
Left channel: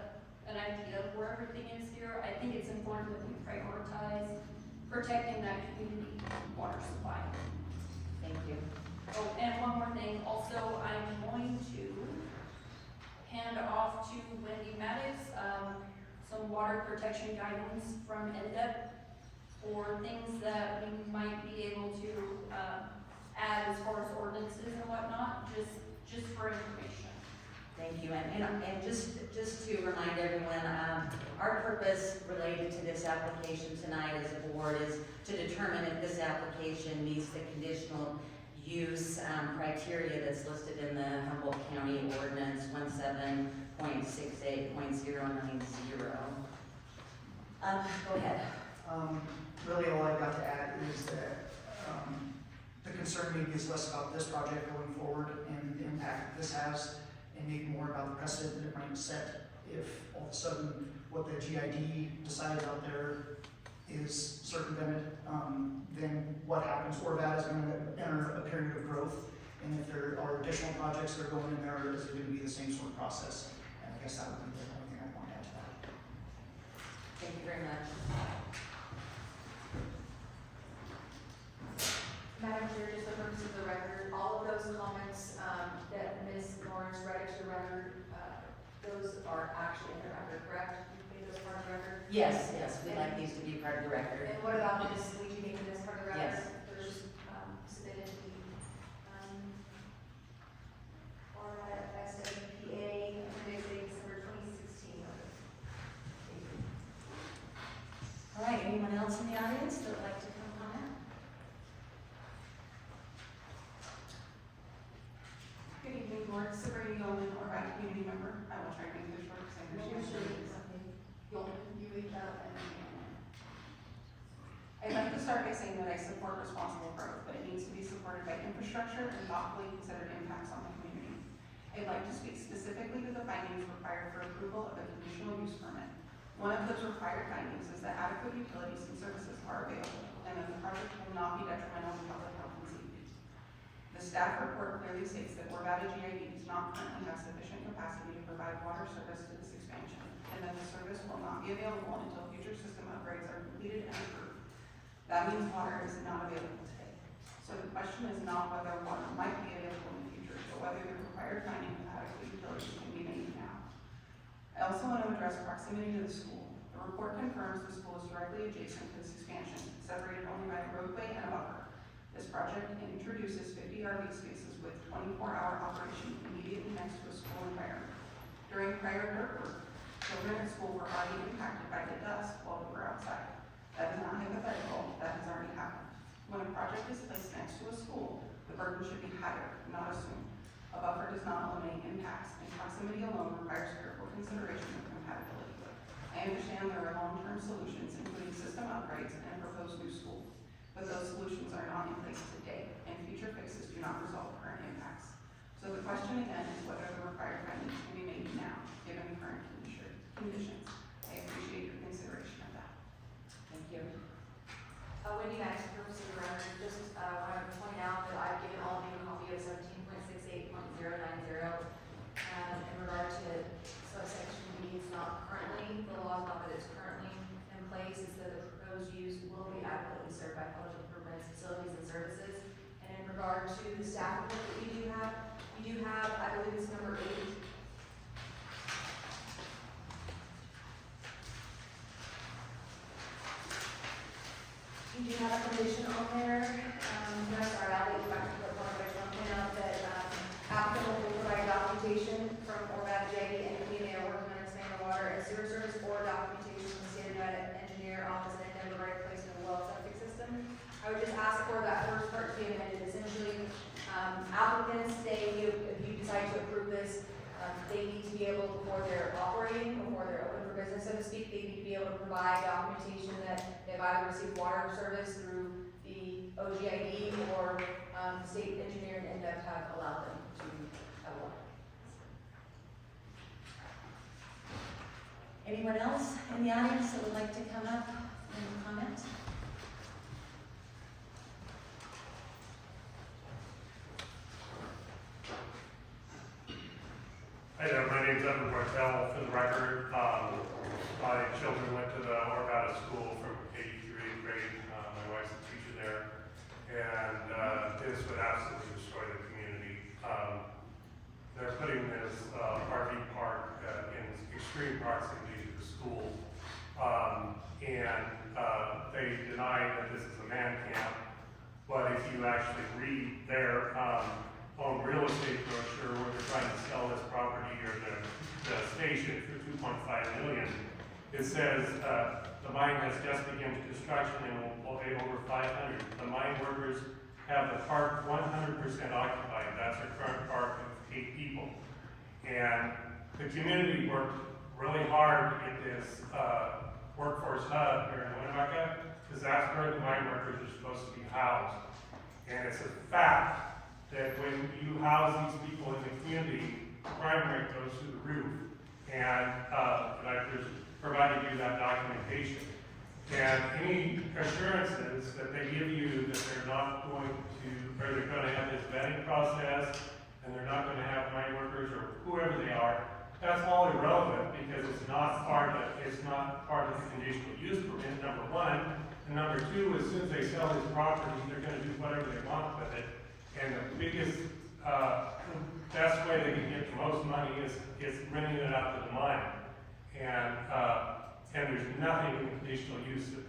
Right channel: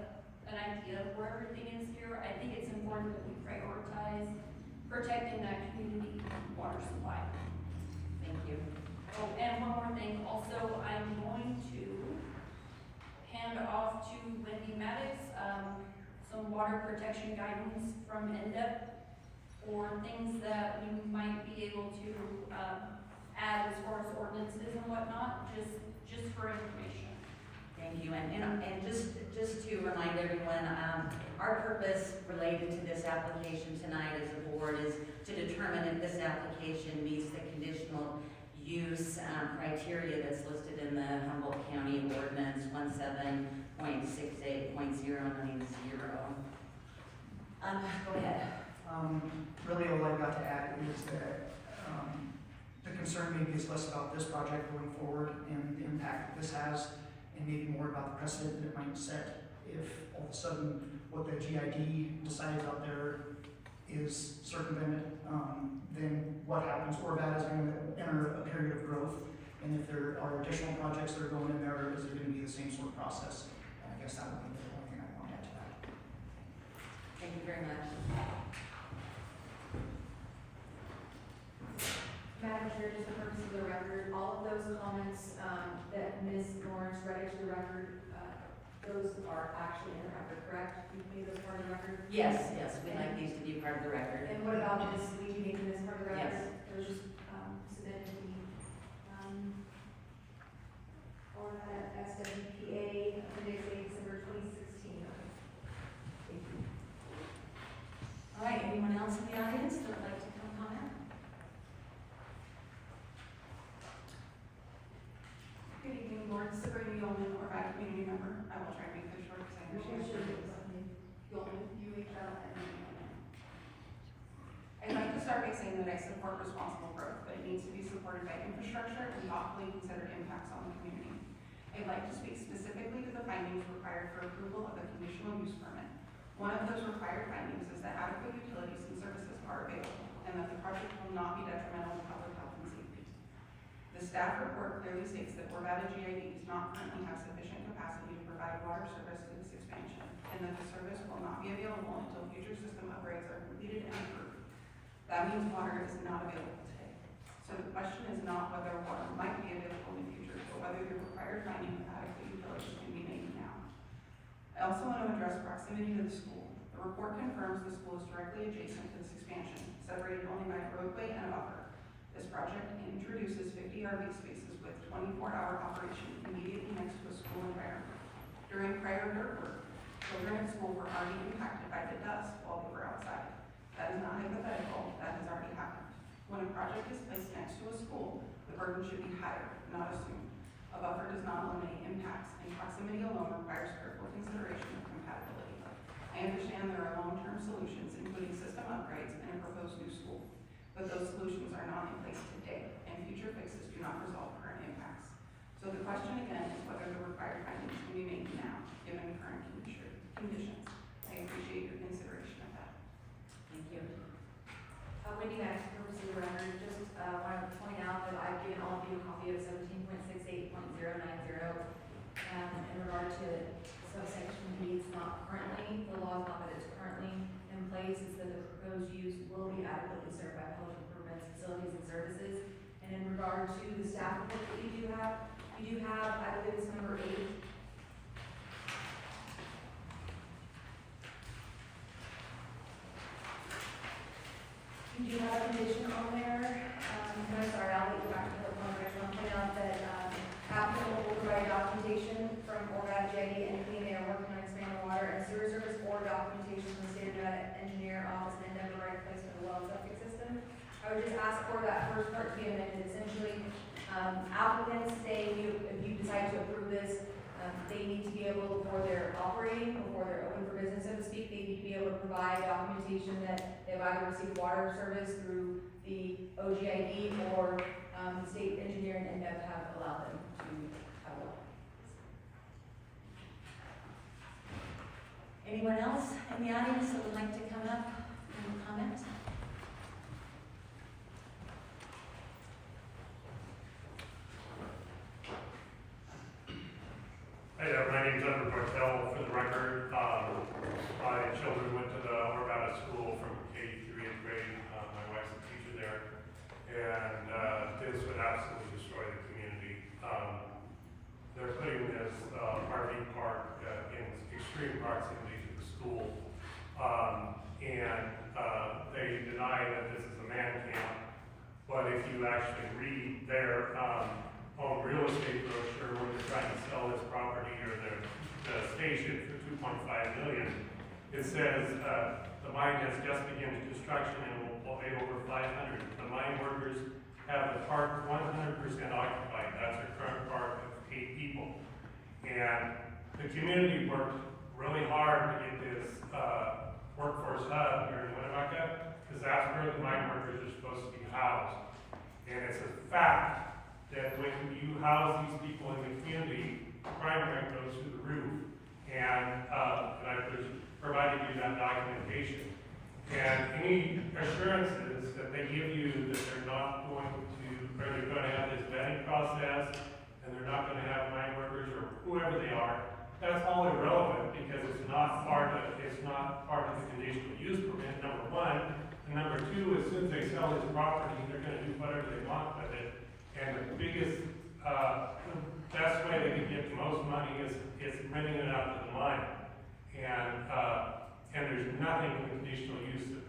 an idea of where everything is here. I think it's important that we prioritize protecting that community water supply. Thank you. Oh, and one more thing, also, I'm going to hand off to Wendy Maddox, some water protection guidance from NDEP for things that we might be able to, add as far as ordinances and whatnot, just for information. Thank you, and just to remind everyone, our purpose related to this application tonight as a board is to determine if this application meets the conditional use criteria that's listed in the Humboldt County Ordinance 17.68.090. Go ahead. Really, all I've got to add is that, the concern maybe is less about this project going forward and the impact that this has, and maybe more about the precedent that it might set if all of a sudden what the GID decides out there is circumvented, then what happens, or that is going to enter a period of growth, and if there are additional projects that are going in there, is it going to be the same sort of process? And I guess that would be the only thing I want to add to that. Thank you very much. Madam Chair, just for purposes of the record, all of those comments, that Ms. Lawrence read into the record, those are actually in the record, correct? You made those part of the record? Yes, we like these to be part of the record. And what about Ms. Leachy making this part of the record? Yes. Those, submitted to the, or at SWPA, appendix A, December 2016. All right, anyone else in the audience that would like to come comment? Good evening, board. Sabrina Yeoman, or community member. I will try to make this short because I understand. Yeoman, UHL. I'd like to start by saying that I support responsible growth, but it needs to be supported by infrastructure and thoughtfully considered impacts on the community. I'd like to speak specifically to the findings required for approval of a conditional use permit. One of those required findings is that adequate utilities and services are available, and that the project will not be detrimental to public health and safety. The staff report clearly states that Orvada GID does not currently have sufficient capacity to provide water service to this expansion, and that the service will not be available until future system upgrades are completed and approved. That means water is not available today. So the question is not whether water might be available in the future, but whether the required finding of adequate utilities can be made now. I also want to address proximity to the school. The report confirms the school is directly adjacent to this expansion, separated only by a roadway and a buffer. This project introduces 50 RV spaces with 24-hour operation immediately next to a school environment. During prior dirt work, children at school were already impacted by the dust while they were outside. That is not hypothetical, that has already happened. When a project is placed next to a school, the burden should be higher, not assumed. A buffer does not eliminate impacts, and proximity alone requires careful consideration of compatibility. I understand there are long-term solutions, including system upgrades and a proposed new school, but those solutions are not in place today, and future fixes do not resolve current impacts. So the question again is whether the required findings can be made now, given current conditions. I appreciate your consideration of that. Thank you. Wendy Maddox, purpose of the record, just, want to point out that I've given all of you a copy of 17.68.090. In regard to subsection B, it's not currently, the law is not that it's currently in place, it's that the proposed use will be adequately served by public improvements, facilities, and services. And in regard to the staff report that we do have, I believe it's number 8. We do have a condition on there, no, sorry, I'll let you back to the one, I just want to point out that, applicant will provide documentation from Orvada JD and PMA are working on expanding water and sewer service, or documentation from the state of Nevada engineer office and the right placement of well septic system. I would just ask for that first part to be amended, essentially, applicants, if you decide to approve this, they need to be able, before they're operating, before they're open for business, so to speak, they need to be able to provide documentation that they've either received water service through the OGID or, the state engineer and NDEP have allowed them to have water. Anyone else in the audience that would like to come up and comment? actually read their, own real estate brochure where they're trying to sell this property or the station for $2.5 million. It says, the mine has just begun construction and will be over 500. The mine workers have the park 100% occupied. That's a current park of 8 people. And the community worked really hard to get this, workforce hub here in Winnemucca, because that's where the mine workers are supposed to be housed. And it's a fact that when you house these people in the community, crime rate goes through the roof. And, there's provided you that documentation. And any assurances that they give you that they're not going to, or they're gonna have this vetting process, and they're not gonna have mine workers or whoever they are, that's all irrelevant, because it's not part of the conditional use permit, number one. And number two, as soon as they sell this property, they're gonna do whatever they want with it. And the biggest, best way they can get the most money is renting it out to the mine. And there's nothing in the conditional use that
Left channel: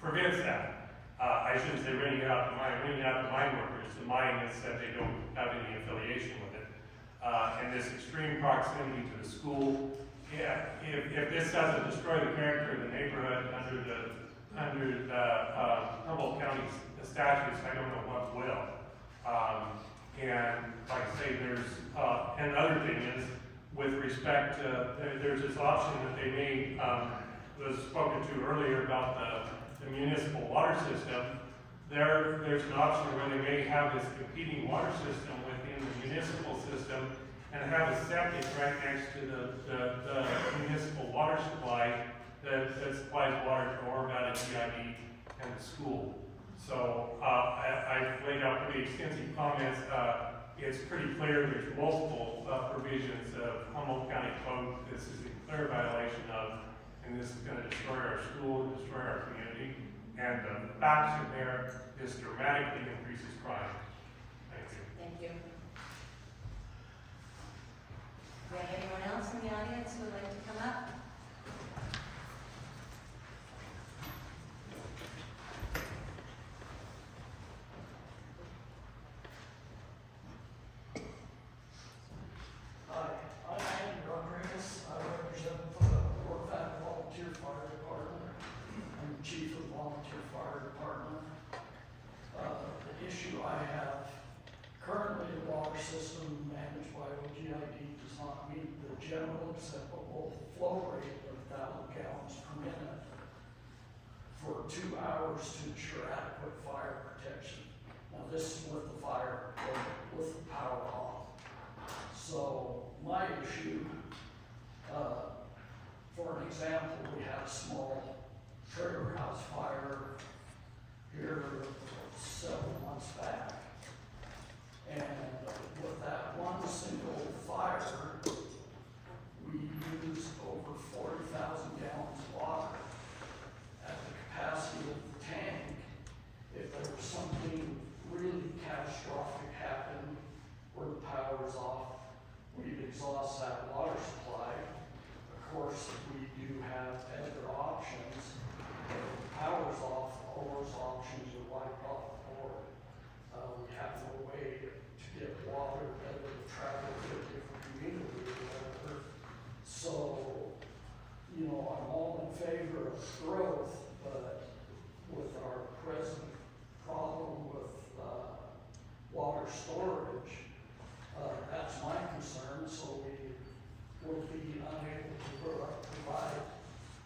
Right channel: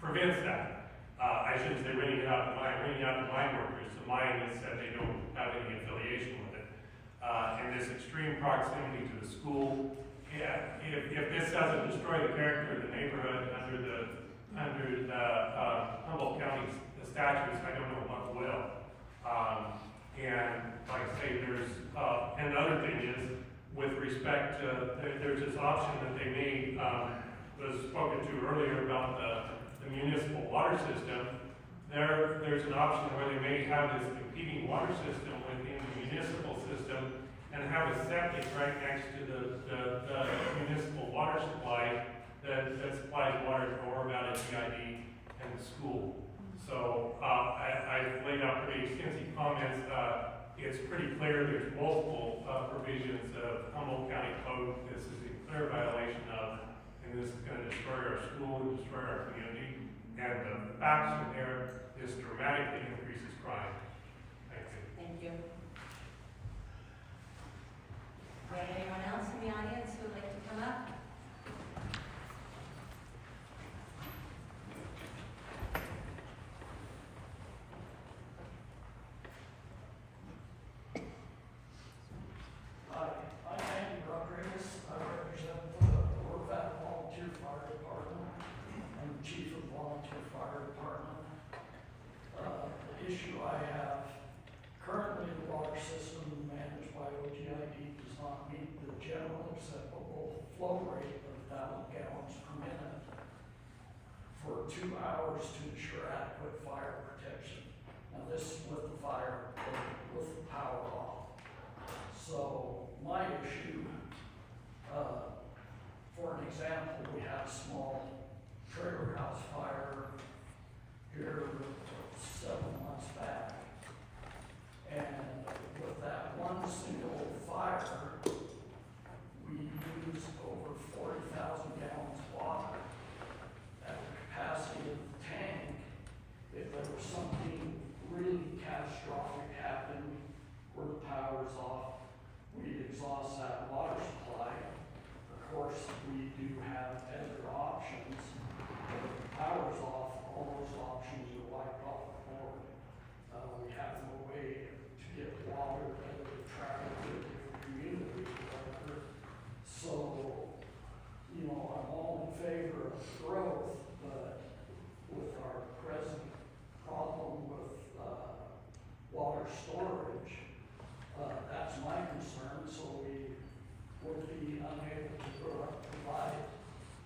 prevents that. I shouldn't say renting it out to mine, renting it out to mine workers. The mine has said they don't have any affiliation with it. And this extreme proximity to the school, yeah, if this doesn't destroy the character of the neighborhood under the Humboldt County statutes, I don't know what will. And like I say, there's, and the other thing is, with respect to, there's this option that they made, was spoken to earlier about the municipal water system. There's an option where they may have this competing water system within the municipal system and have a septic right next to the municipal water supply that supplies water to Oroville, GID, and the school. So I've laid out pretty extensive comments. It's pretty clear there's multiple provisions of Humboldt County Code this is in clear violation of, and this is going to destroy our school, destroy our community. And the facts in there, this dramatically increases crime. Thank you. Thank you. Do we have anyone else in the audience who would like to come up? General acceptable flow rate of 1,000 gallons per minute for 2 hours to ensure adequate fire protection. Now this is with the fire, with the power off. So my issue, for an example, we had a small trailer house fire here 7 months back. And with that one single fire, we used over 40,000 gallons of water at the capacity of the tank. If there was something really catastrophic happen where the power's off, we'd exhaust that water supply. Of course, we do have other options. If the power's off, all those options are wiped off the board. We have no way to get water better to travel to a different community or whatever. So, I'm all in favor of growth, but with our present problem with water storage, that's my concern. So we will be unable to provide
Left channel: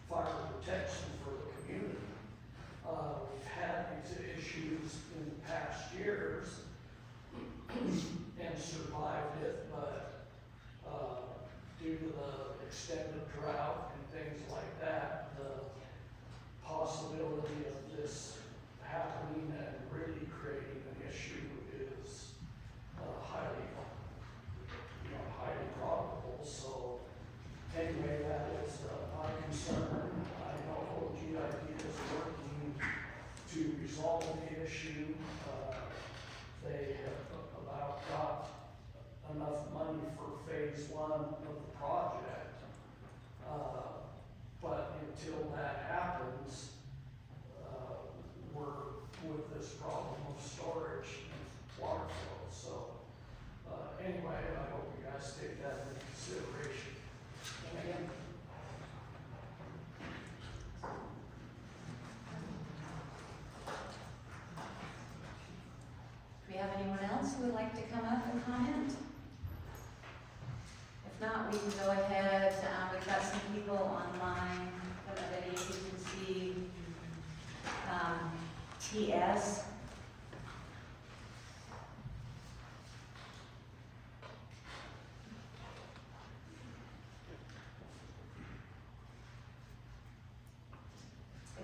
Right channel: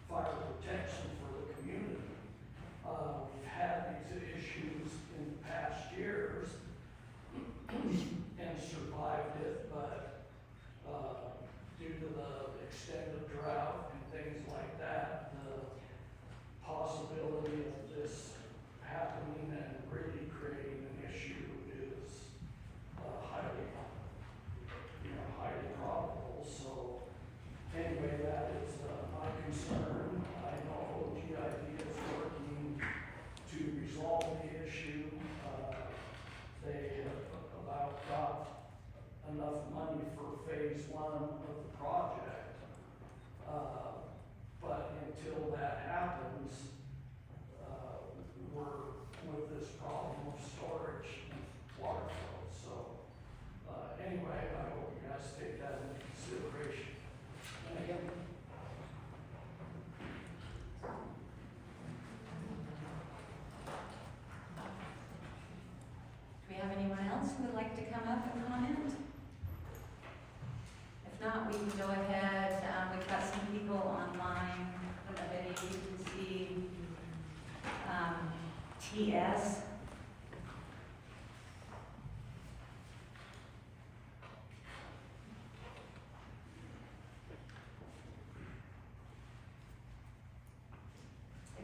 fire protection for the community. We've had these issues in the past years and survived it, but due to the extended drought and things like that, who would like to come up and comment? If not, we can go ahead, we've got some people online, I don't know, maybe you can see, TS.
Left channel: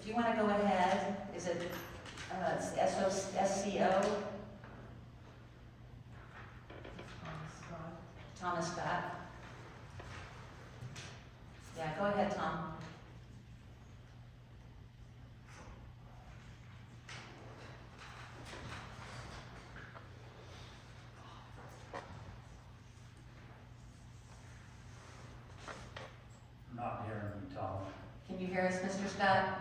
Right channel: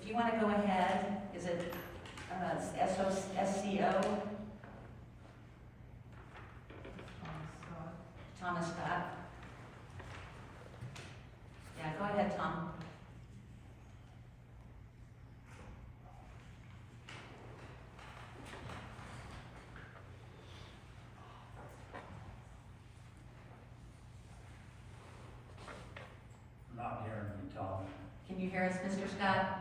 If you want to go ahead, is it, SCO? Thomas Scott. Yeah, go ahead, Tom. Not hearing you, Tom. Can you hear us, Mr. Scott?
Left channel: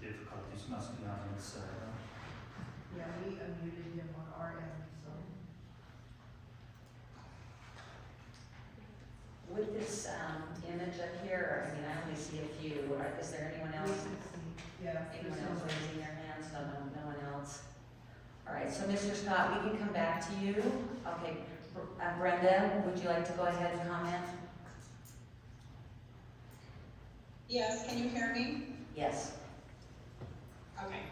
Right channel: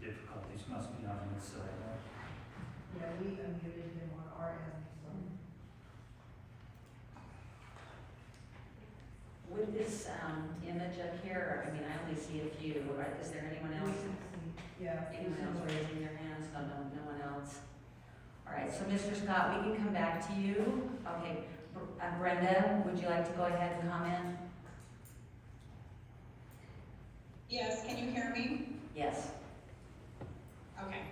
The difficulties must be on his side. Yeah, we unmuted him on our end, so. With this, image up here, I mean, I only see a few, right? Is there anyone else? Yeah. Anyone else raising their hands? No one else. All right, so Mr. Scott, we can come back to you. Okay, Brenda, would you like to go ahead and comment? Yes, can you hear me? Yes. Okay.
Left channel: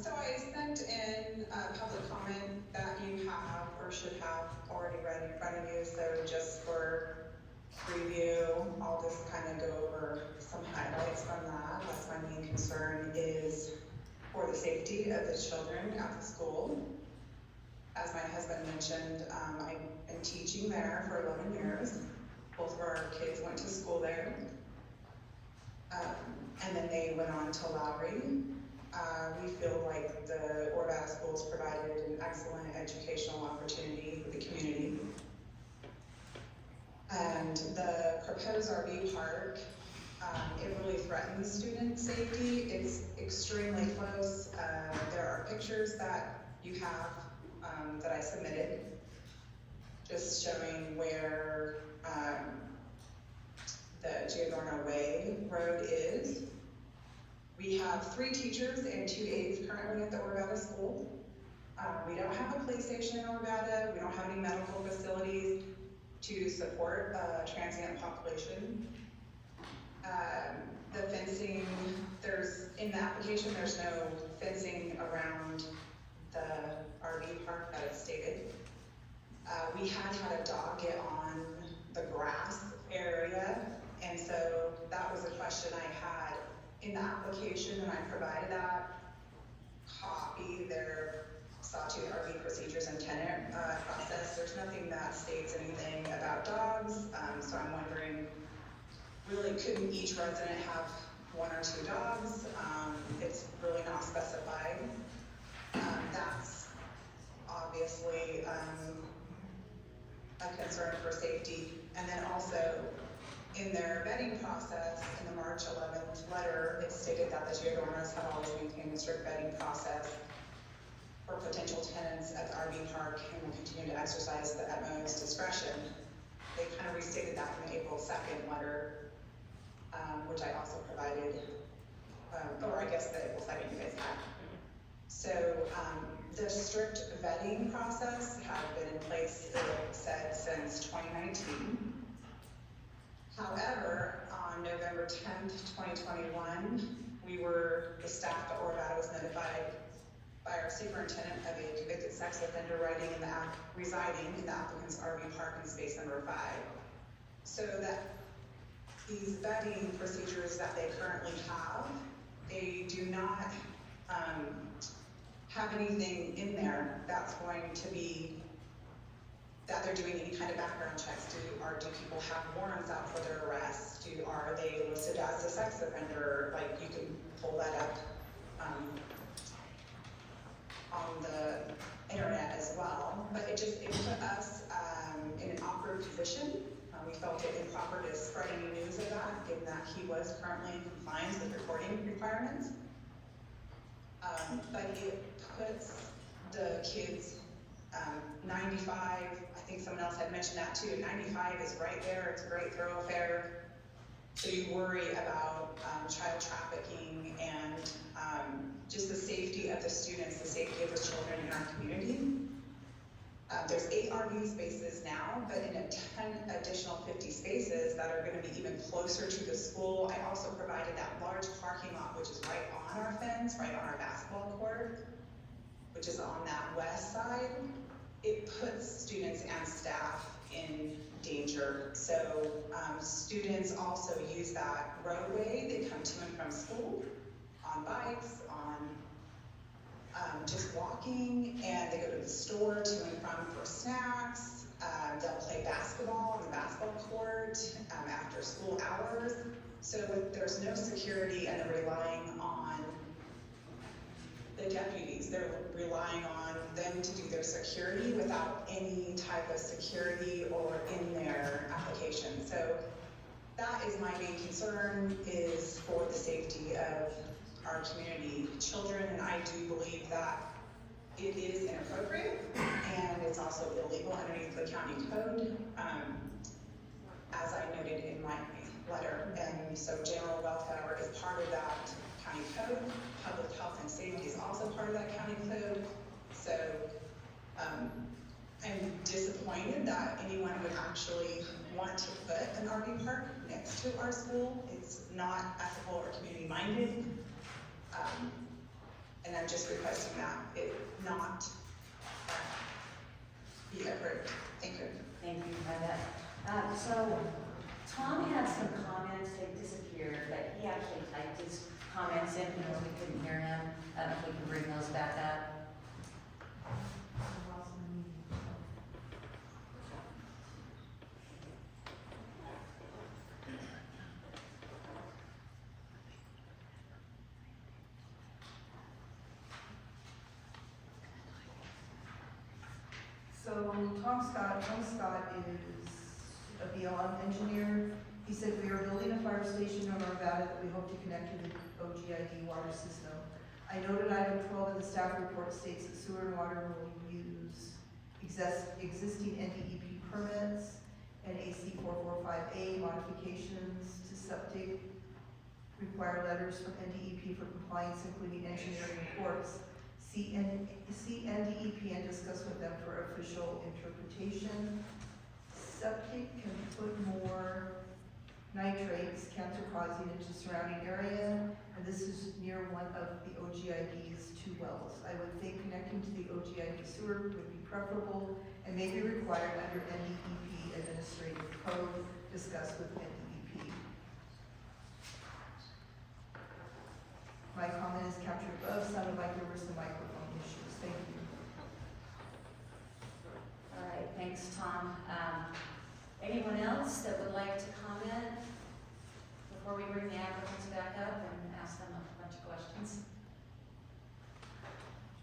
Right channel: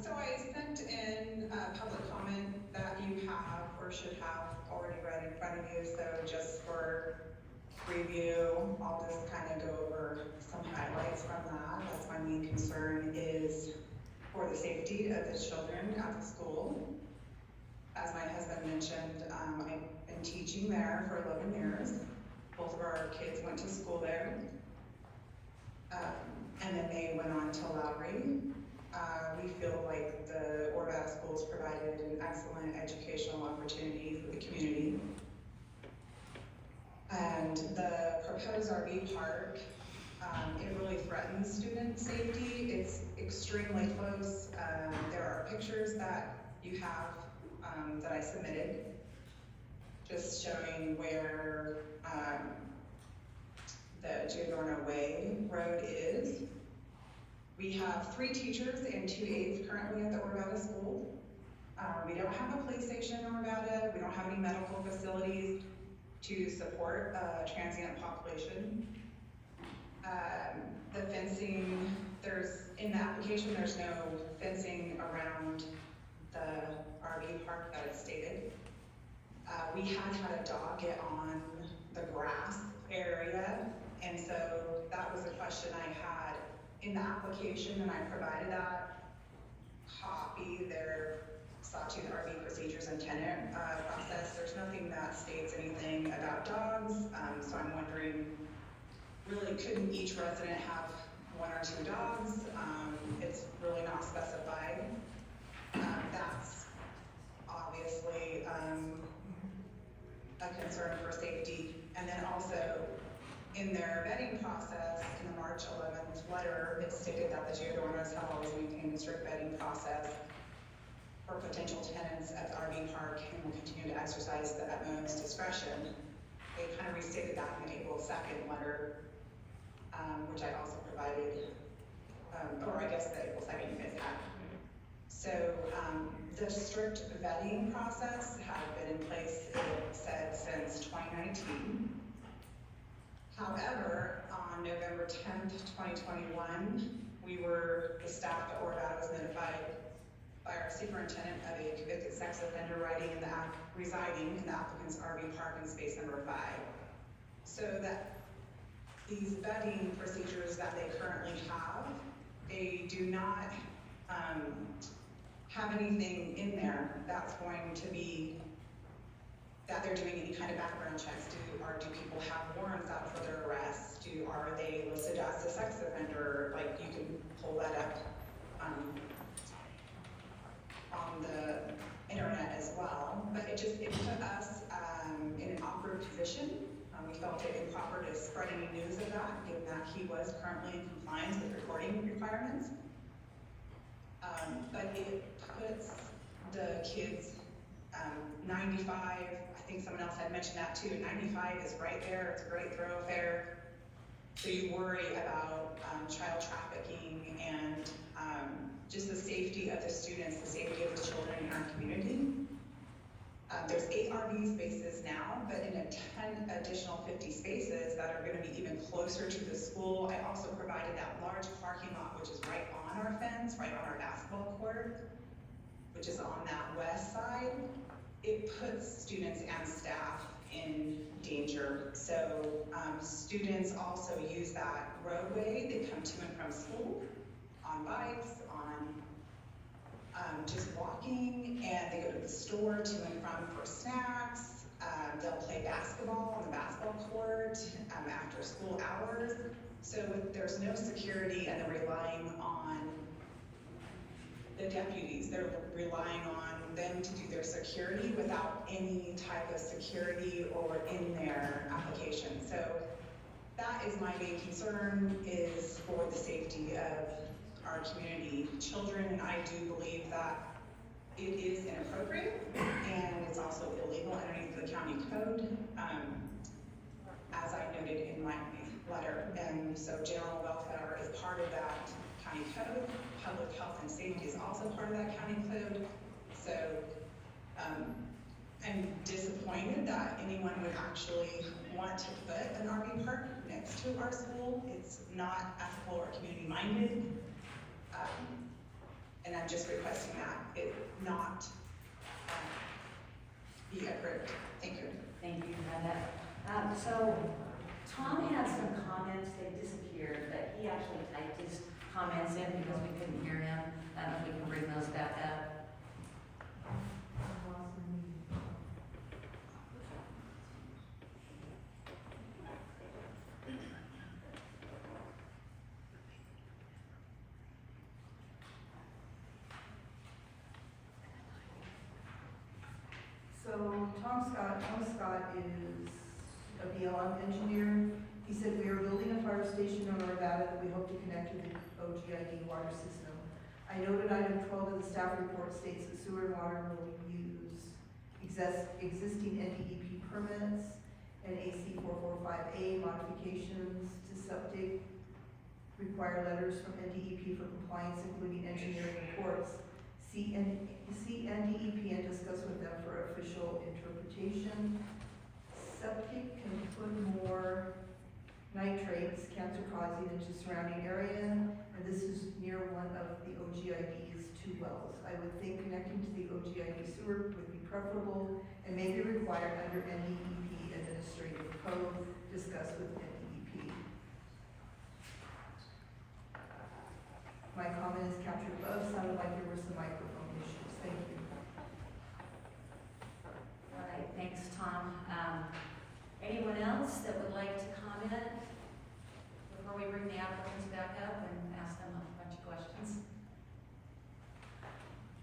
So I sent in a public comment that you have or should have already read in front of you, so just for review, I'll just kind of go over some highlights from that. That's my main concern is for the safety of the children at the school. As my husband mentioned, I've been teaching there for 11 years. Both of our kids went to school there. And then they went on to Lowry. We feel like the Orvada schools provided an excellent educational opportunity for the community. And the proposed RV park, it really threatens student safety. It's extremely close. There are pictures that you have that I submitted, just showing where the Giordano Way Road is. We have 3 teachers and 2 aides currently at the Orvada school. We don't have a police station in Orvada. We don't have any medical facilities to support a transient population. The fencing, in the application, there's no fencing around the RV park that is stated. We had a dog get on the grass area, and so that was a question I had in the application, and I provided that copy, their Sawtooth RV procedures and tenant process. There's nothing that states anything about dogs, so I'm wondering, really, couldn't each resident have 1 or 2 dogs? It's really not specified. That's obviously a concern for safety. And then also, in their vetting process, in the March 11th letter, it stated that the Giordano's had always maintained a strict vetting process for potential tenants at the RV park and will continue to exercise the utmost discretion. They kind of restated that in the April 2nd letter, which I also provided, or I guess the April 2nd you guys had. So the strict vetting process had been in place, it said, since 2019. However, on November 10th, 2021, the staff at Orvada was notified by our superintendent of a convicted sex offender residing in the applicant's RV park in space number 5. So that these vetting procedures that they currently have, they do not have anything in there that's going to be, that they're doing any kind of background checks. Do people have warrants out for their arrests? Are they listed as a sex offender? Like, you can pull that up on the internet as well, but it it put us, in an awkward position. We felt it improper to spread any news of that, given that he was currently in compliance with recording requirements. But it puts the kids, 95, I think someone else had mentioned that too, 95 is right there, it's a great thoroughfare. So you worry about child trafficking and just the safety of the students, the safety of the children in our community. There's 8 RV spaces now, but in a 10 additional 50 spaces that are gonna be even closer to the school. I also provided that large parking lot, which is right on our fence, right on our basketball court, which is on that west side. It puts students and staff in danger. So students also use that roadway. They come to and from school on bikes, on just walking, and they go to the store to and from for snacks. They'll play basketball on the basketball court after school hours. So there's no security, and they're relying on the deputies. They're relying on them to do their security without any type of security or in their application. So that is my main concern, is for the safety of our community children, and I do believe that it is inappropriate and it's also illegal underneath the county code, as I noted in my letter. And so general welfare is part of that county code. Public health and safety is also part of that county code. So I'm disappointed that anyone would actually want to put an RV park next to our school. It's not ethical or community minded. And I'm just requesting that it not be approved. Thank you. Thank you, Brenda. So Tom had some comments that disappeared, but he actually typed his comments in because we couldn't hear him. If we can bring those back up. So Tom Scott is a BLM engineer. He said, we are building a fire station on Arvada that we hope to connect to the OGID water system. I noted item 12 of the staff report states that sewer and water will use existing NDEP permits and AC 445A modifications to septic, require letters from NDEP for compliance, including engineering reports. See NDEP and discuss with them for official interpretation. Septic can put more nitrates, cancer causing, into surrounding area, and this is near one of the OGID's 2 wells. I would think connecting to the OGID sewer would be preferable and may be required under NDEP administrative code. Discuss with NDEP. My comment is captured above. Sounded like there were some microphone issues. Thank you. All right, thanks, Tom. Anyone else that would like to comment before we bring the applicants back up and ask them a bunch of questions?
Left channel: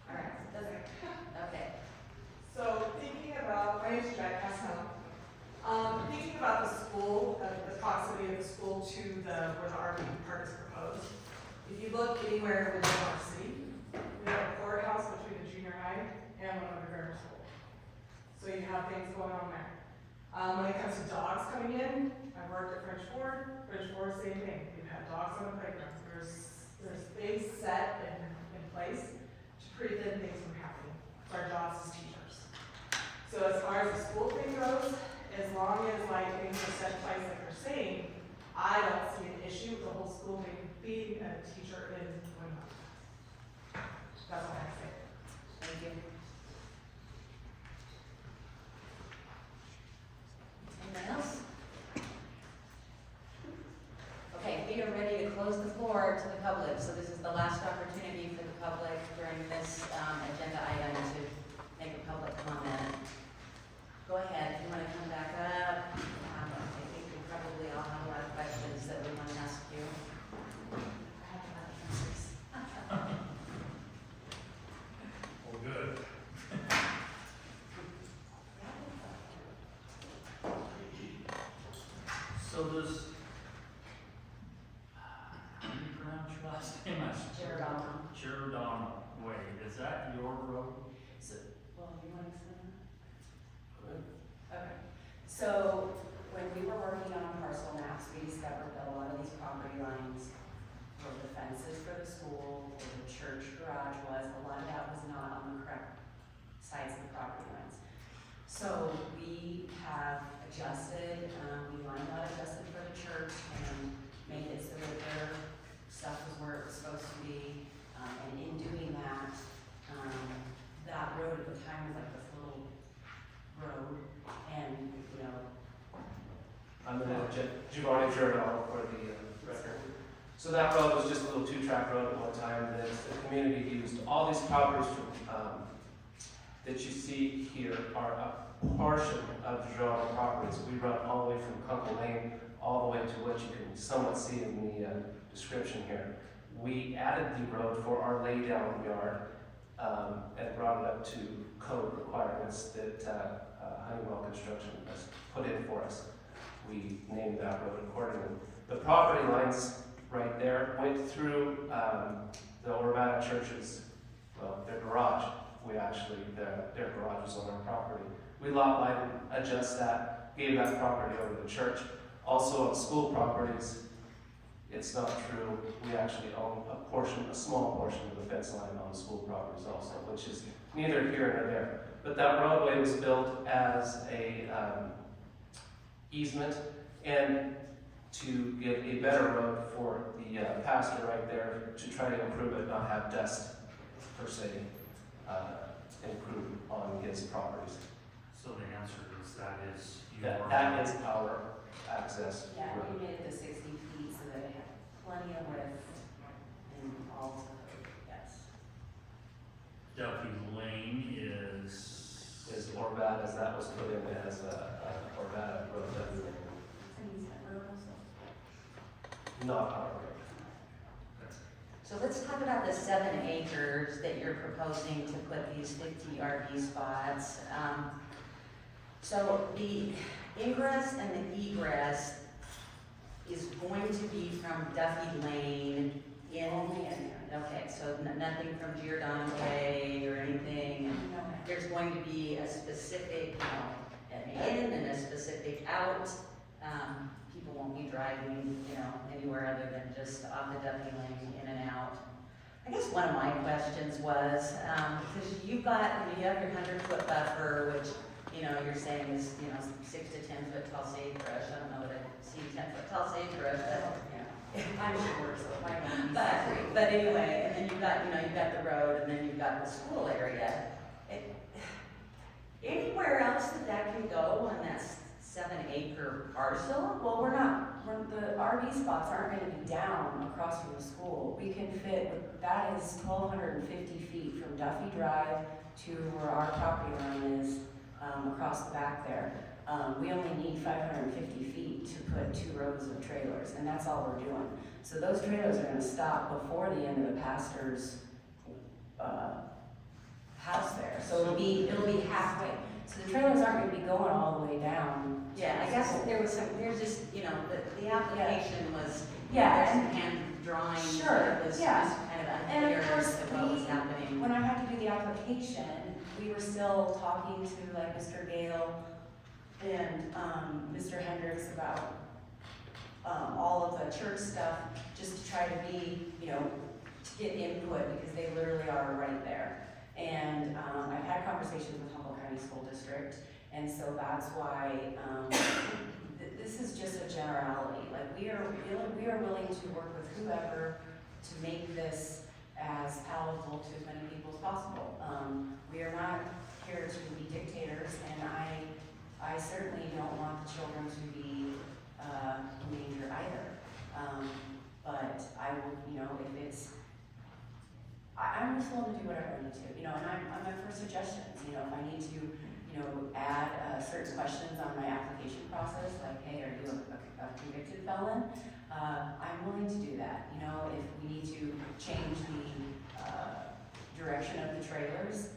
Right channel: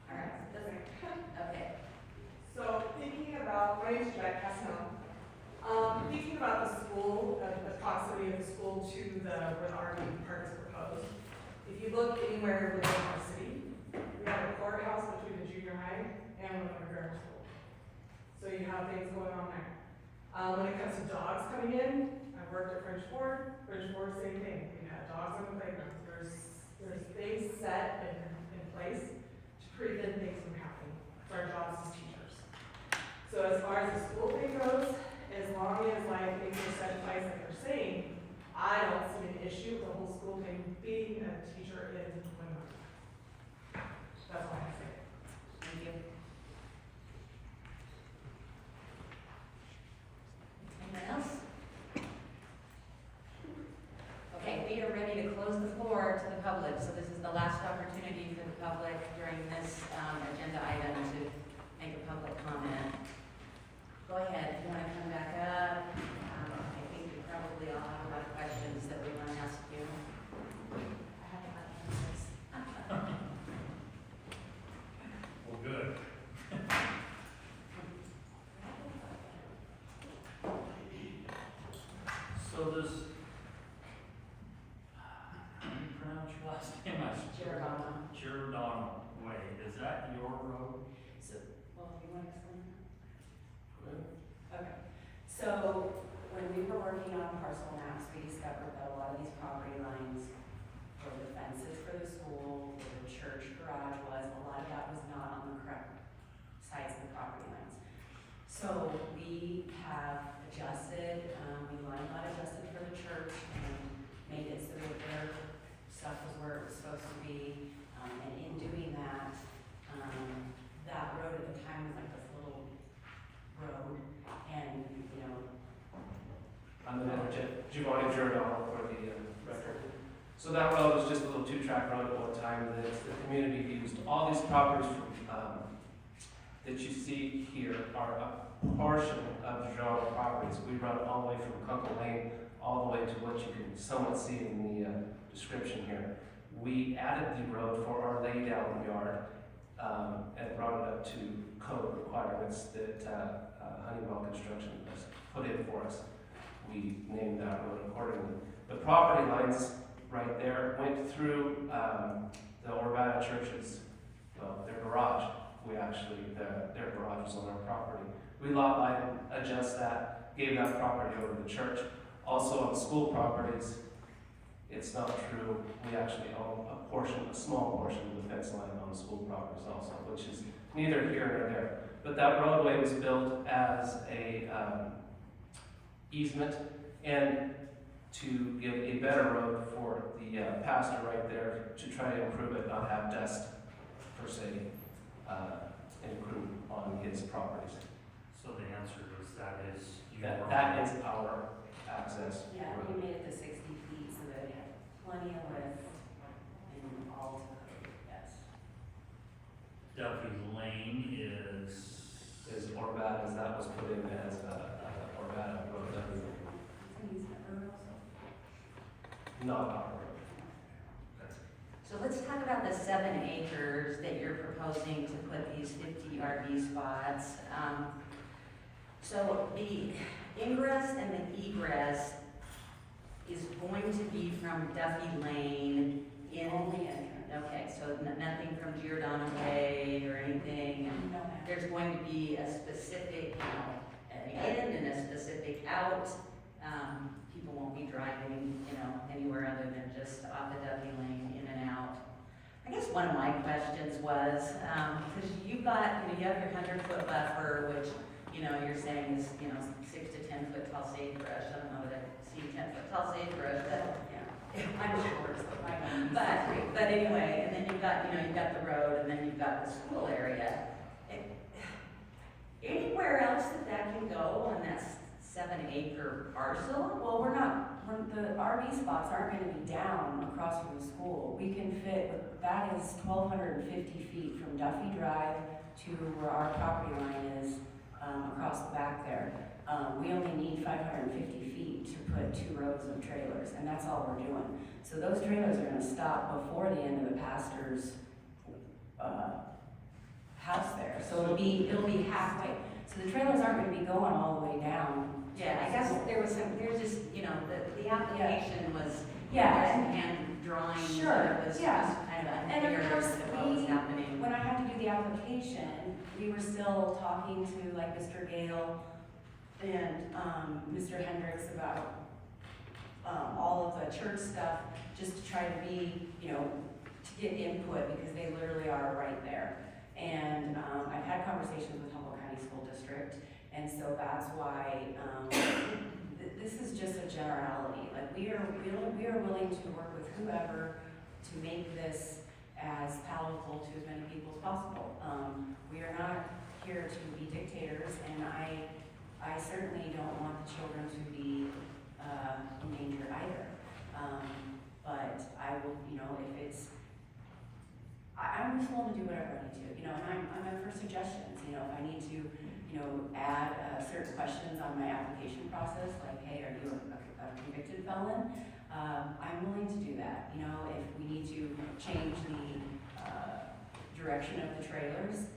All right, okay. So thinking about, my name is Jack Castel. Thinking about the school, the proximity of the school to where the RV park is proposed. If you look anywhere within our city, we have a courthouse between the junior high and one of the grammar school. So you have things going on there. When it comes to dogs coming in, I've worked at French Ford, same thing. We've had dogs on the playground. There's things set in place to prevent things from happening. It's our jobs as teachers. So as far as the school thing goes, as long as like things are set in place like you're saying, I don't see an issue with the whole school thing being a teacher in Winwood. That's all I say. Thank you. Anyone else? Okay, we are ready to close the floor to the public, so this is the last opportunity for the public during this agenda item to make a public comment. Go ahead, if you want to come back up. I think we probably all have a lot of questions that we want to ask you. I have a lot of answers. Well, good. was, how do you pronounce your last name? Giordano Way, is that your road? So, well, you want to explain that? Okay, so when we were working on parcel maps, we discovered that a lot of these property lines were the fences for the school, where the church garage was, a lot of that was not on the correct sides of the property lines. So we have adjusted, we line lot adjusted for the church and made it so that their stuff was where it was supposed to be. And in doing that, that road at the time was like this little road, and, you know. I'm the Giovanni Giordano for the record. So that road was just a little two-track road at one time that the community used. All these properties that you see here are a portion of Giordano properties. We run all the way from Kunkel Lane all the way to what you can somewhat see in the description here. We added the road for our laydown yard and brought it up to code requirements that Honeywell Construction has put in for us. We named that road accordingly. The property lines right there went through the Urbana Church's, well, their garage. Their garage is on our property. We lot line adjust that, gave that property over to the church. Also on school properties, it's not true. We actually own a small portion of the fence line on school properties also, which is neither here nor there. But that roadway was built as a easement and to give a better road for the pastor right there to try to improve it, not have dust per se improve on his properties. So the answer is that is your. That is our access. Yeah, road. we made it to 60 feet so that it had plenty of width and all to code, yes. Duffy Lane is. Is Orvada, as that was put in as Orvada Road, Duffy Lane. And he's got road also. Not our road. So let's talk about the 7 acres that you're proposing to put these 50 RV spots. So the ingress and the egress is going to be from Duffy Lane in. Okay, so nothing from Giordano Way or anything. No. There's going to be a specific, an in and a specific out. People won't be driving, anywhere other than just off the Duffy Lane, in and out. I guess one of my questions was, because you have your 100-foot buffer, which, you're saying is, 6 to 10 foot tall sagebrush. I don't know that I've seen 10 foot tall sagebrush, but, I'm sure, so I don't. but anyway, and then you've got the road, and then you've got the school area. Anywhere else that can go on that 7-acre parcel? Well, the RV spots aren't gonna be down across from the school. We can fit, that is 1,250 feet from Duffy Drive to where our property line is, across the back there. We only need 550 feet to put 2 rows of trailers, and that's all we're doing. So those trailers are gonna stop before the end of the pastor's, house there. So it'll be halfway. So the trailers aren't gonna be going all the way down. Yeah, I guess there's just, the application was, Yeah, hand drawing, Sure, it was yeah. just kind of And unclear of as course, to what was happening. when I had to do the application, we were still talking to like Mr. Gale and, Mr. Hendricks about, all of the church stuff, just to try to be, to get input, because they literally are right there. And, I've had conversations with Humboldt County School District, and so that's why, this is just a generality. Like, we are willing to work with whoever to make this as palatable to as many people as possible. We are not here to be dictators, and I certainly don't want the children to be endangered either. But I would, if it's, I'm just willing to do whatever I need to, and I'm up for suggestions. If I need to, add certain questions on my application process, like, hey, are you a convicted felon? I'm willing to do that. If we need to change the direction of the trailers,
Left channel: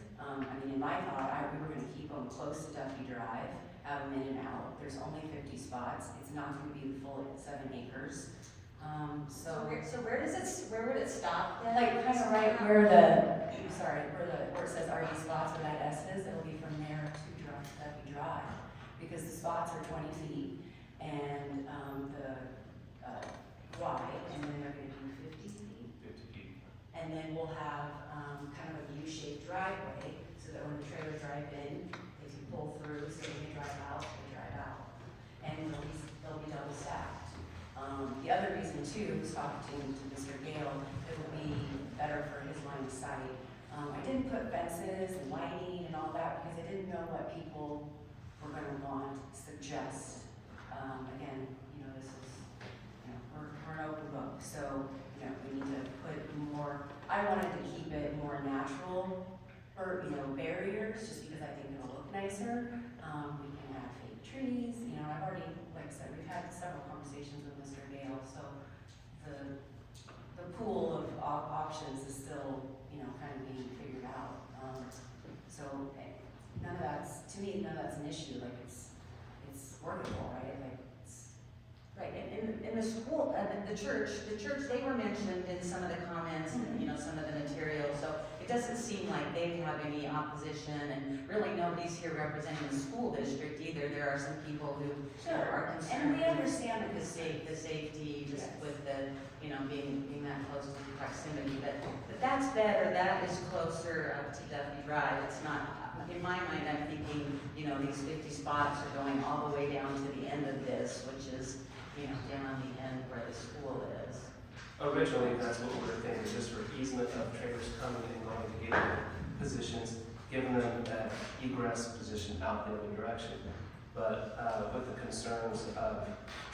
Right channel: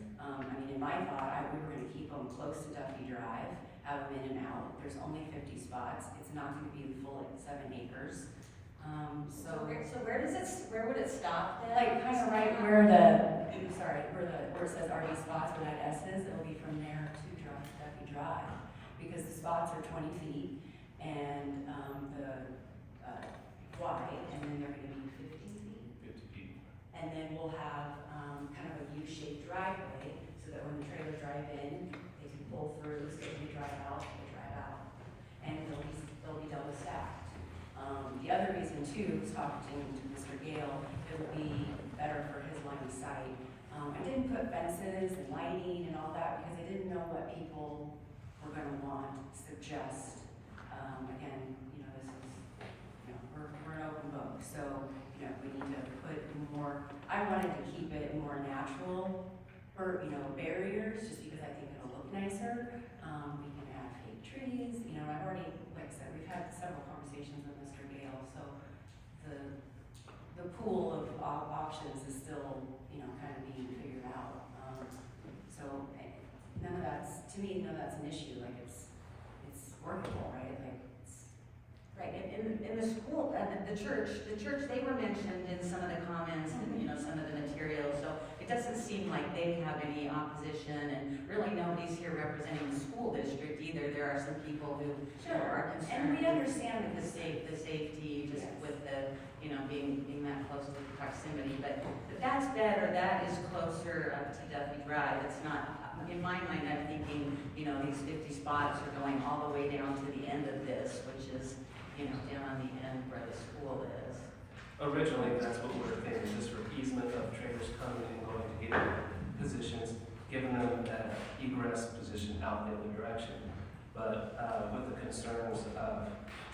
in my thought, we were going to keep them close to Duffy Drive have them in and out. There's only 50 spots. It's not gonna be the full 7 acres. So where would it stop then? like kind of right where where it says RV spots, where that S is, it'll be from there to Duffy Drive. Because the spots are 20 feet and, wide, and then they're gonna be 50 feet. 50 feet. And then we'll have, kind of a U-shaped driveway, so that when the trailers drive in, they can pull through, so when they drive out, they drive out. And they'll be double stacked. The other reason too, was talking to Mr. Gale, it would be better for his line of sight. I didn't put fences and lighting and all that, because I didn't know what people were gonna suggest. Again, you know, this is, you know, we're an open book, so, you know, we need to put more, I wanted to keep it more natural, or, you know, barriers, just because I think it'll look nicer. We can have fake trees, you know, I've already, like I said, we've had several conversations with Mr. Gale, so the pool of options is still, you know, kind of being figured out. So none of that's, to me, none of that's an issue, like it's workable, right? Like it's, Right, in the school, the church, they were mentioned in some of the comments and, you know, some of the materials, so it doesn't seem like they have any opposition, and really nobody's here representing the school district either. There are some people who are concerned. and we understand the safety, just with the, you know, being that close to the proximity, but that's better, that is closer up to Duffy Drive. It's not, in my mind, I'm thinking, you know, these 50 spots are going all the way down to the end of this, which is, you know, down on the end where the school is. Originally, that's what we were thinking, just for easement of trailers coming and going to either positions, giving them that egress position out the other direction. But with the concerns of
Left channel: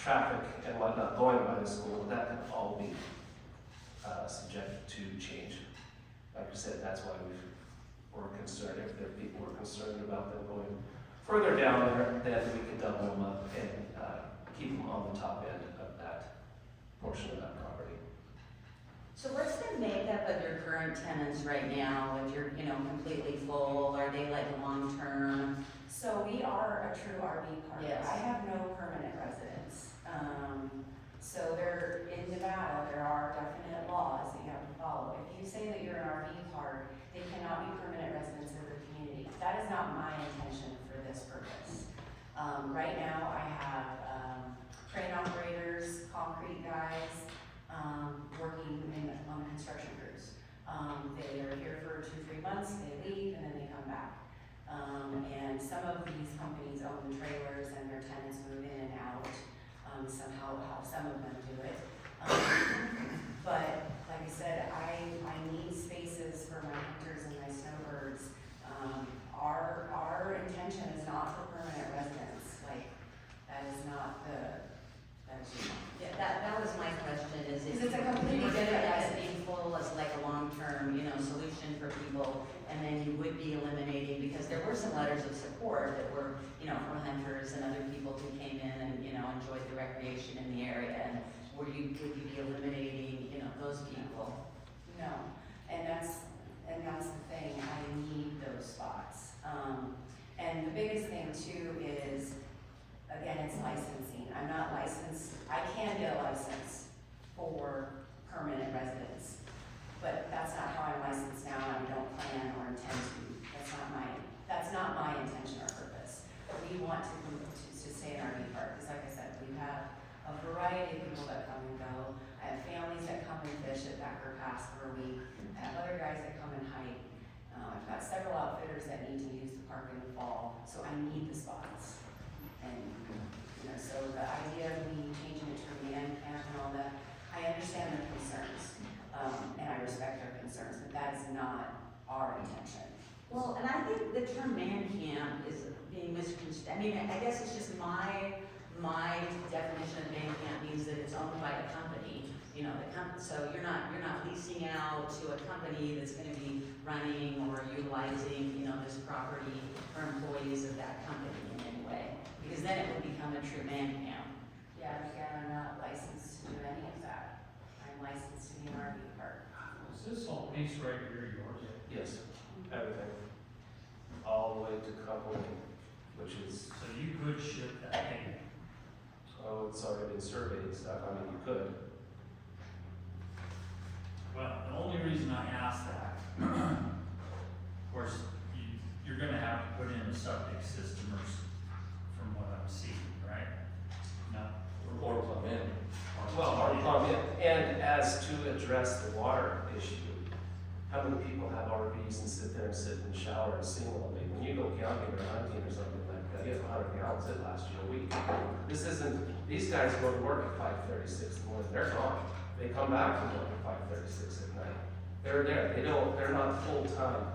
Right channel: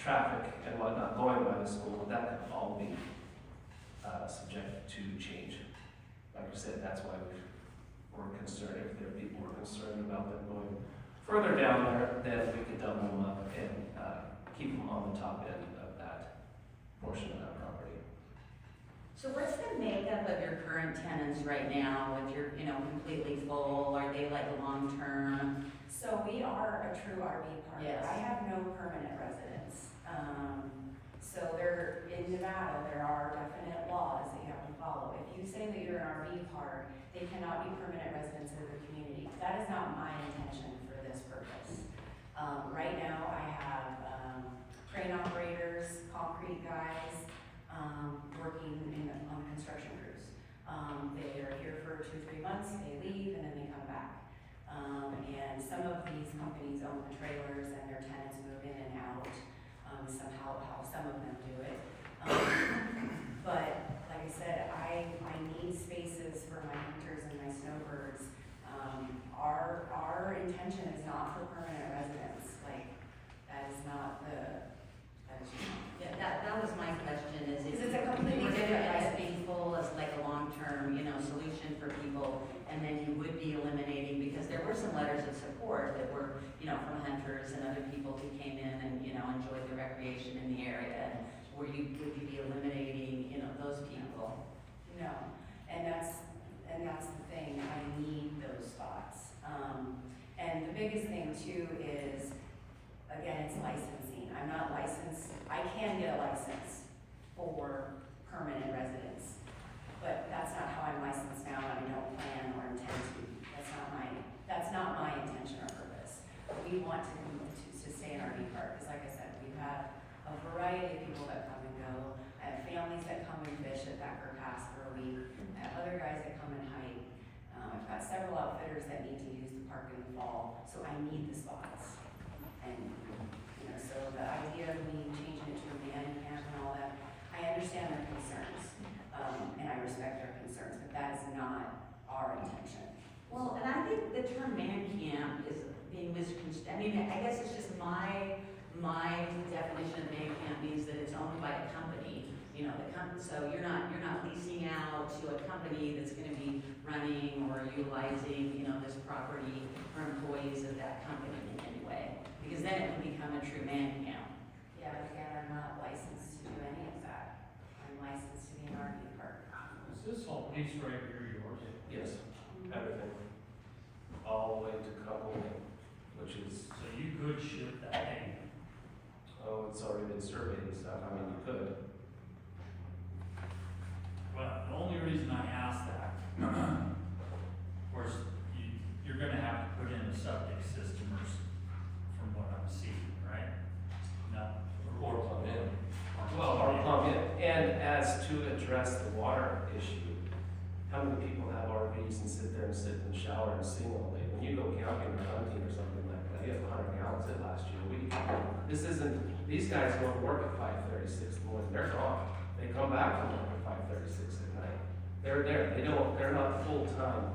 traffic and whatnot going by the school, that could all be subject to change. Like I said, that's why we're concerned, if the people were concerned about them going further down there, then we could double them up and keep them on the top end of that portion of that property. So what's the makeup of your current tenants right now? If you're, you know, completely full, are they like long-term? So we are a true RV park. Yes. I have no permanent residents. So there, in Nevada, there are definite laws that you have to follow. If you say that you're an RV park, they cannot be permanent residents of the community. That is not my intention for this purpose. Right now, I have crane operators, concrete guys, working on construction crews. They are here for 2-3 months, they leave, and then they come back. And some of these companies own trailers and their tenants move in and out, somehow, how some of them do it. But like I said, I need spaces for my hunters and my snowbirds. Our intention is not for permanent residents, like, that is not Yeah, that was my question, is Because if it's a you completely were gonna different as item. being full as like a long-term, you know, solution for people, and then you would be eliminating, because there were some letters of support that were, you know, from hunters and other people who came in and, you know, enjoyed the recreation in the area, and would you be eliminating, you know, those people? No, and that's the thing, I need those spots. And the biggest thing too is, again, it's licensing. I'm not licensed, I can get a license for permanent residents, but that's not how I'm licensed now, and I don't plan or intend to. That's not my intention or purpose. We want to stay in RV park, because like I said, we have a variety of people that come and go. I have families that come and fish at Thacker Pass for a week. I have other guys that come and hike. I've got several outfitters that need to use the park in the fall, so I need the spots. And, you know, so the idea of me changing it to a man camp and all that, I understand their concerns, and I respect their concerns, but that is not our intention. Well, and I think the term man camp is being misconstrued. I mean, I guess it's just my definition of man camp means that it's owned by a company, you know, so you're not leasing out to a company that's gonna be running or utilizing, you know, this property for employees of that company in any way, because then it would become a true man camp. Yeah, but again, I'm not licensed to do any of that. I'm licensed to be an RV park. Is this whole piece right here yours? Yes, everything, all the way to coupling. which is, So you could ship that hay. oh, it's already been surveyed and stuff, I mean, you could. Well, the only reason I asked that, of course, you're gonna have to put in a septic system or, from what I'm seeing, right? No. Or plumb in. Well, or plumb in, and as to address the water issue, how many people have RVs and sit there and sit in the shower and sing all day? When you go camping or hunting or something like that, you have 100 gallons, it lasts you a week. This isn't, these guys go to work at 5:36 in the morning, they're gone. They come back from work at 5:36 at night. They're there, they're not full-time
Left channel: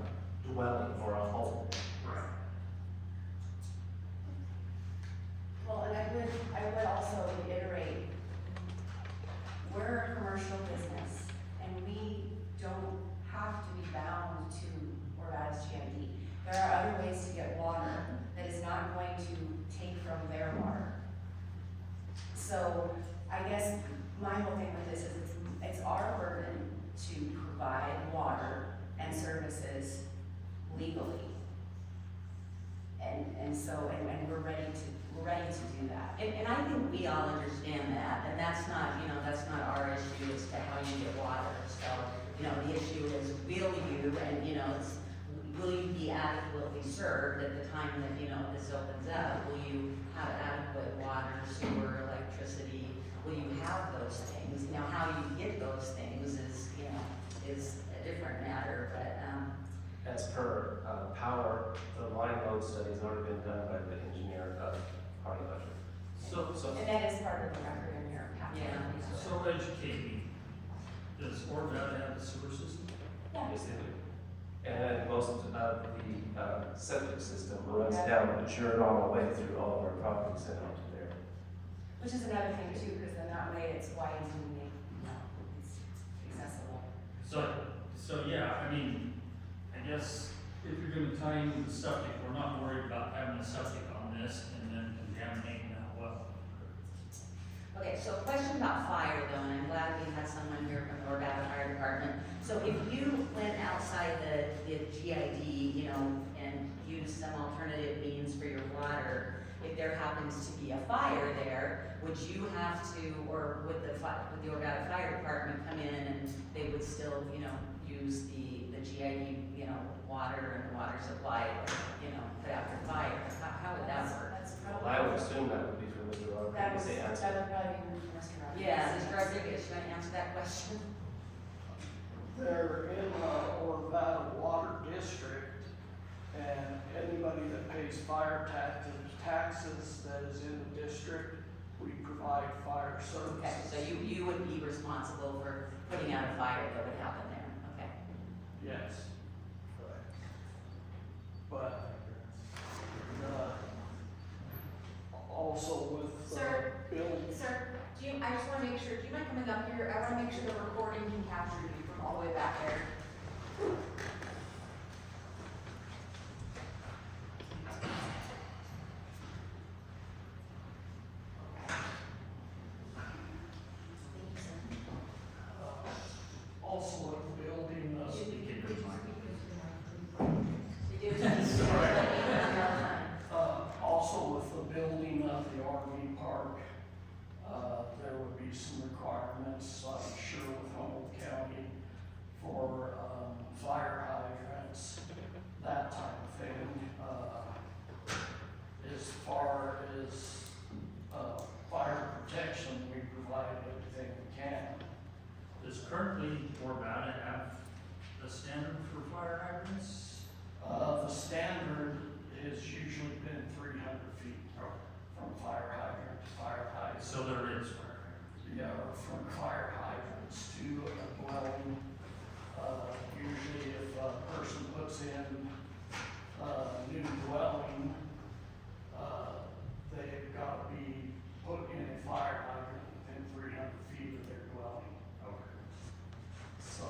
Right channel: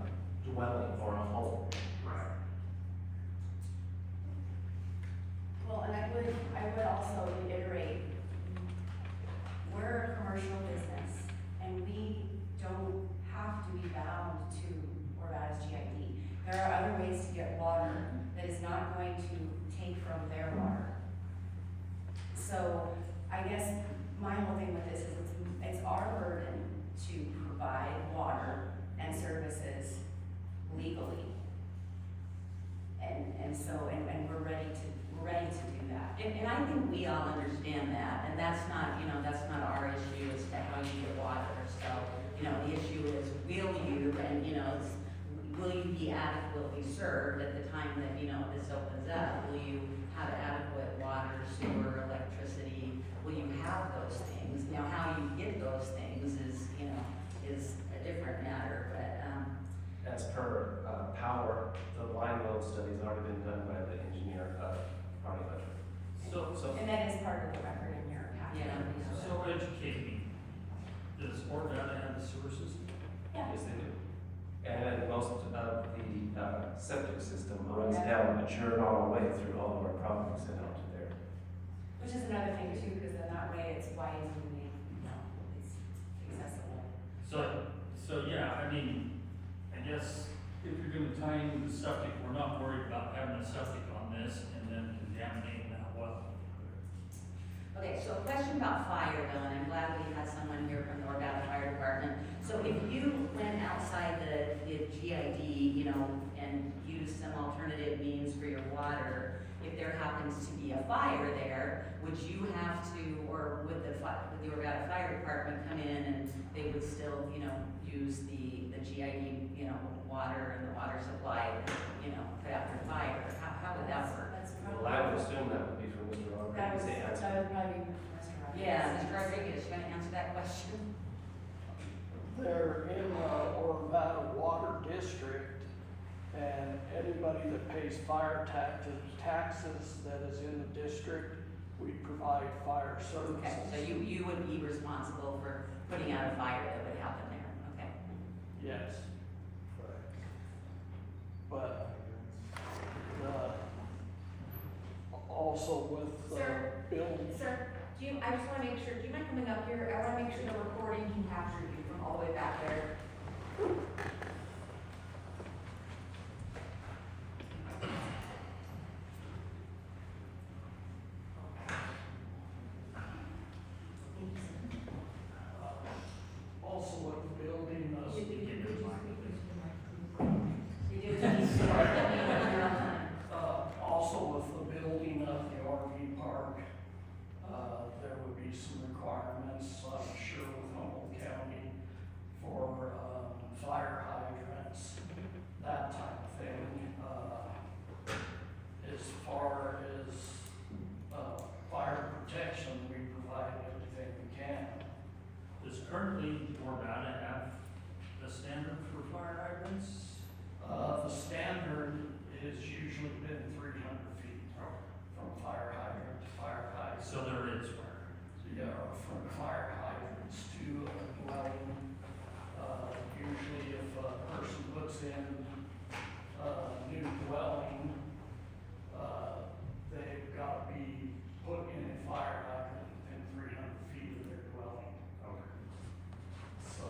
dwelling or a home. Right. Well, and I would also reiterate, we're a commercial business, and we don't have to be bound to Orvada's GID. There are other ways to get water that is not going to take from their water. So, I guess my whole thing with this is it's our burden to provide water and services legally. And so, and we're ready to do that. And I think we all understand that, and that's not, that's not our issue as to how you get water. So, the issue is, will you, and, will you be adequately served at the time that, this opens up? Will you have adequate water, sewer, electricity? Will you have those things? How you get those things is a different matter, but, As per power, the line load study's already been done by the engineer of Hardy Electric. So, And that is part of the record in your packet. Yeah. So educate me, does Orvada have a sewer system? yes, they do. And then most of the septic system runs down Mature all the way through all of our properties and out to there. Which is another thing too, because then that way it's wide and, it's accessible. So yeah, I mean, I guess if you're gonna tie into the septic, we're not worried about having a septic on this and then contaminating that well. okay, so a question about fire though, and I'm glad we had someone here from the Orvada Fire Department. So if you went outside the GID, and used some alternative means for your water, if there happens to be a fire there, would you have to, or would the Orvada Fire Department come in and they would still, use the GID, water and the water supply, put out the fire? How would that work? That's Well, probably. I would assume that would be for Mr. That Rodriguez to answer. would probably be Mr. Rodriguez. Yeah, Mr. Rodriguez, you want to answer that question? They're in Orvada Water District, and anybody that pays fire taxes that is in the district, we provide fire services. Okay, so you would be responsible for putting out a fire that would happen there, okay? Yes. But, also with. Sir? Bill. Sir, I just wanna make sure, do you mind coming up here? I wanna make sure the recording can capture you from all the way back there. Also with the building of. Also with the building of the RV park, there would be some requirements, I'm sure with Humboldt County for, fire hydrants, that type of thing. As far as, fire protection, we provide everything we can. Does currently Orvada have a standard for fire hydrants? The standard has usually been 300 feet from fire hydrant to fire hydrant. So there is fire. Yeah, or from fire hydrants to a dwelling. Usually if a person puts in a new dwelling, they've got to be put in a fire hydrant within 300 feet of their dwelling. Okay. So,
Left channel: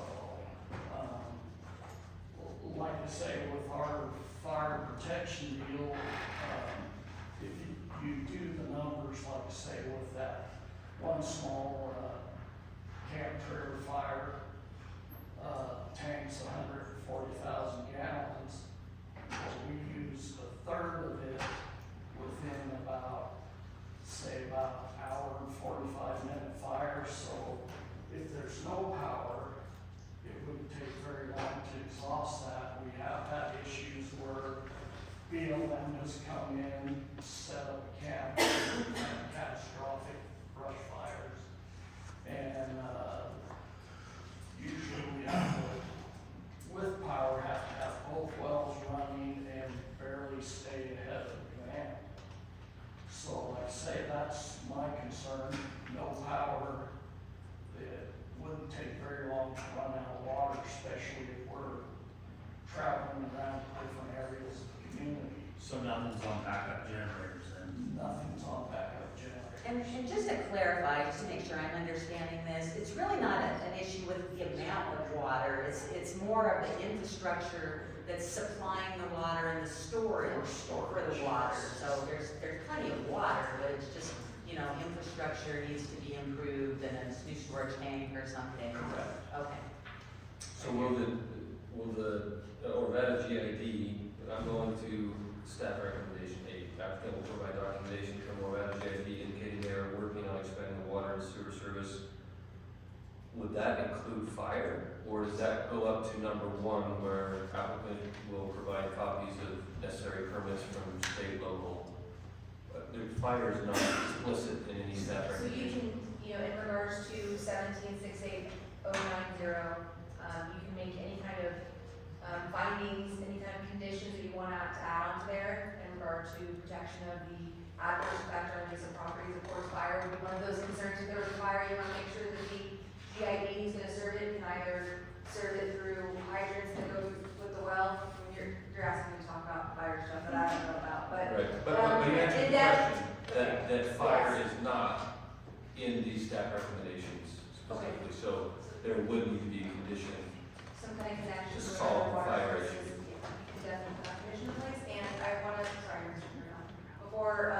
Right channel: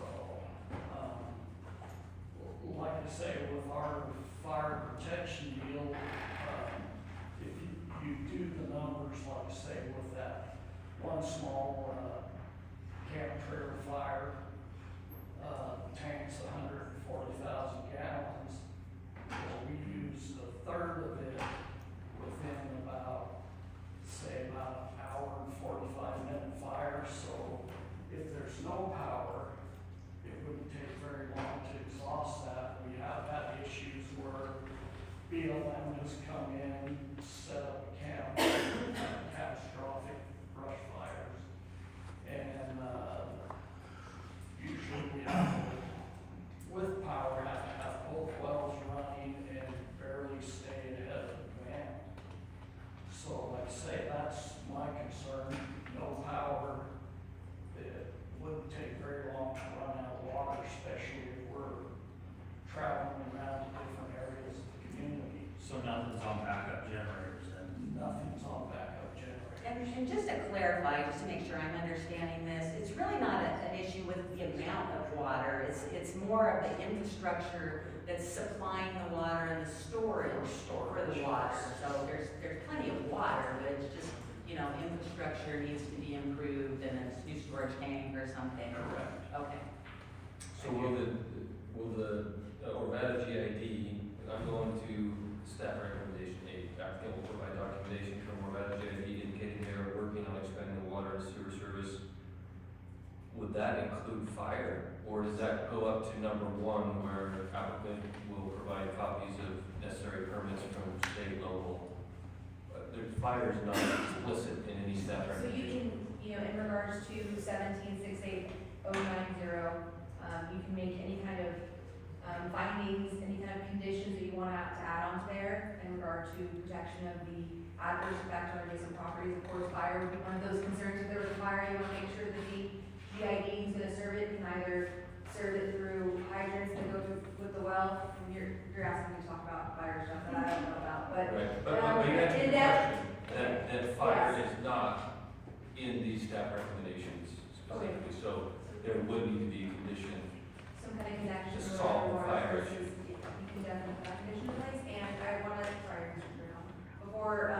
like I say, with our fire protection deal, if you do the numbers, like I say, with that one small, camp trailer fire, tanks 140,000 gallons, we use a third of it within about, say, about an hour and 45-minute fire. So if there's no power, it wouldn't take very long to exhaust that. We have had issues where BLM has come in, set up camp, catastrophic brush fires. And usually we have to, with power, have to have both wells running and barely stay ahead of the demand. So like I say, that's my concern, no power. It wouldn't take very long to run out of water, especially if we're traveling around to different areas of the community. So nothing's on backup generators and? Nothing's on backup generators. And just to clarify, just to make sure I'm understanding this, it's really not an issue with the amount of water. It's more of the infrastructure that's supplying the water and the storage for the water. So there's plenty of water, but it's just, you know, infrastructure needs to be improved and a new storage tank or something. Correct. Okay. So will the Orvada GID, I'm going to staff recommendation 8, applicant will provide documentation from Orvada GID indicating they are working on expanding the water and sewer service. Would that include fire, or does that go up to number 1 where applicant will provide copies of necessary permits from state, local? Fire is not explicit in any staff So you recommendation. can, you know, in regards to 1768090, you can make any kind of findings, any kind of conditions that you want to add on to there in regard to protection of the adverse effect on adjacent properties. Of course, fire would be one of those concerns. If there was fire, you want to make sure that the GID is going to serve it, can either serve it through hydrants that go with the well. You're asking me to talk about fire stuff that I don't know about, but Right, but you answered in the that- question, that fire is not in these staff recommendations specifically, so there would need to be a condition. some kind of connection To with solve the water fire sources, issue. you can definitely put that condition in place. And I want to, sorry, Mr. Bruno, before,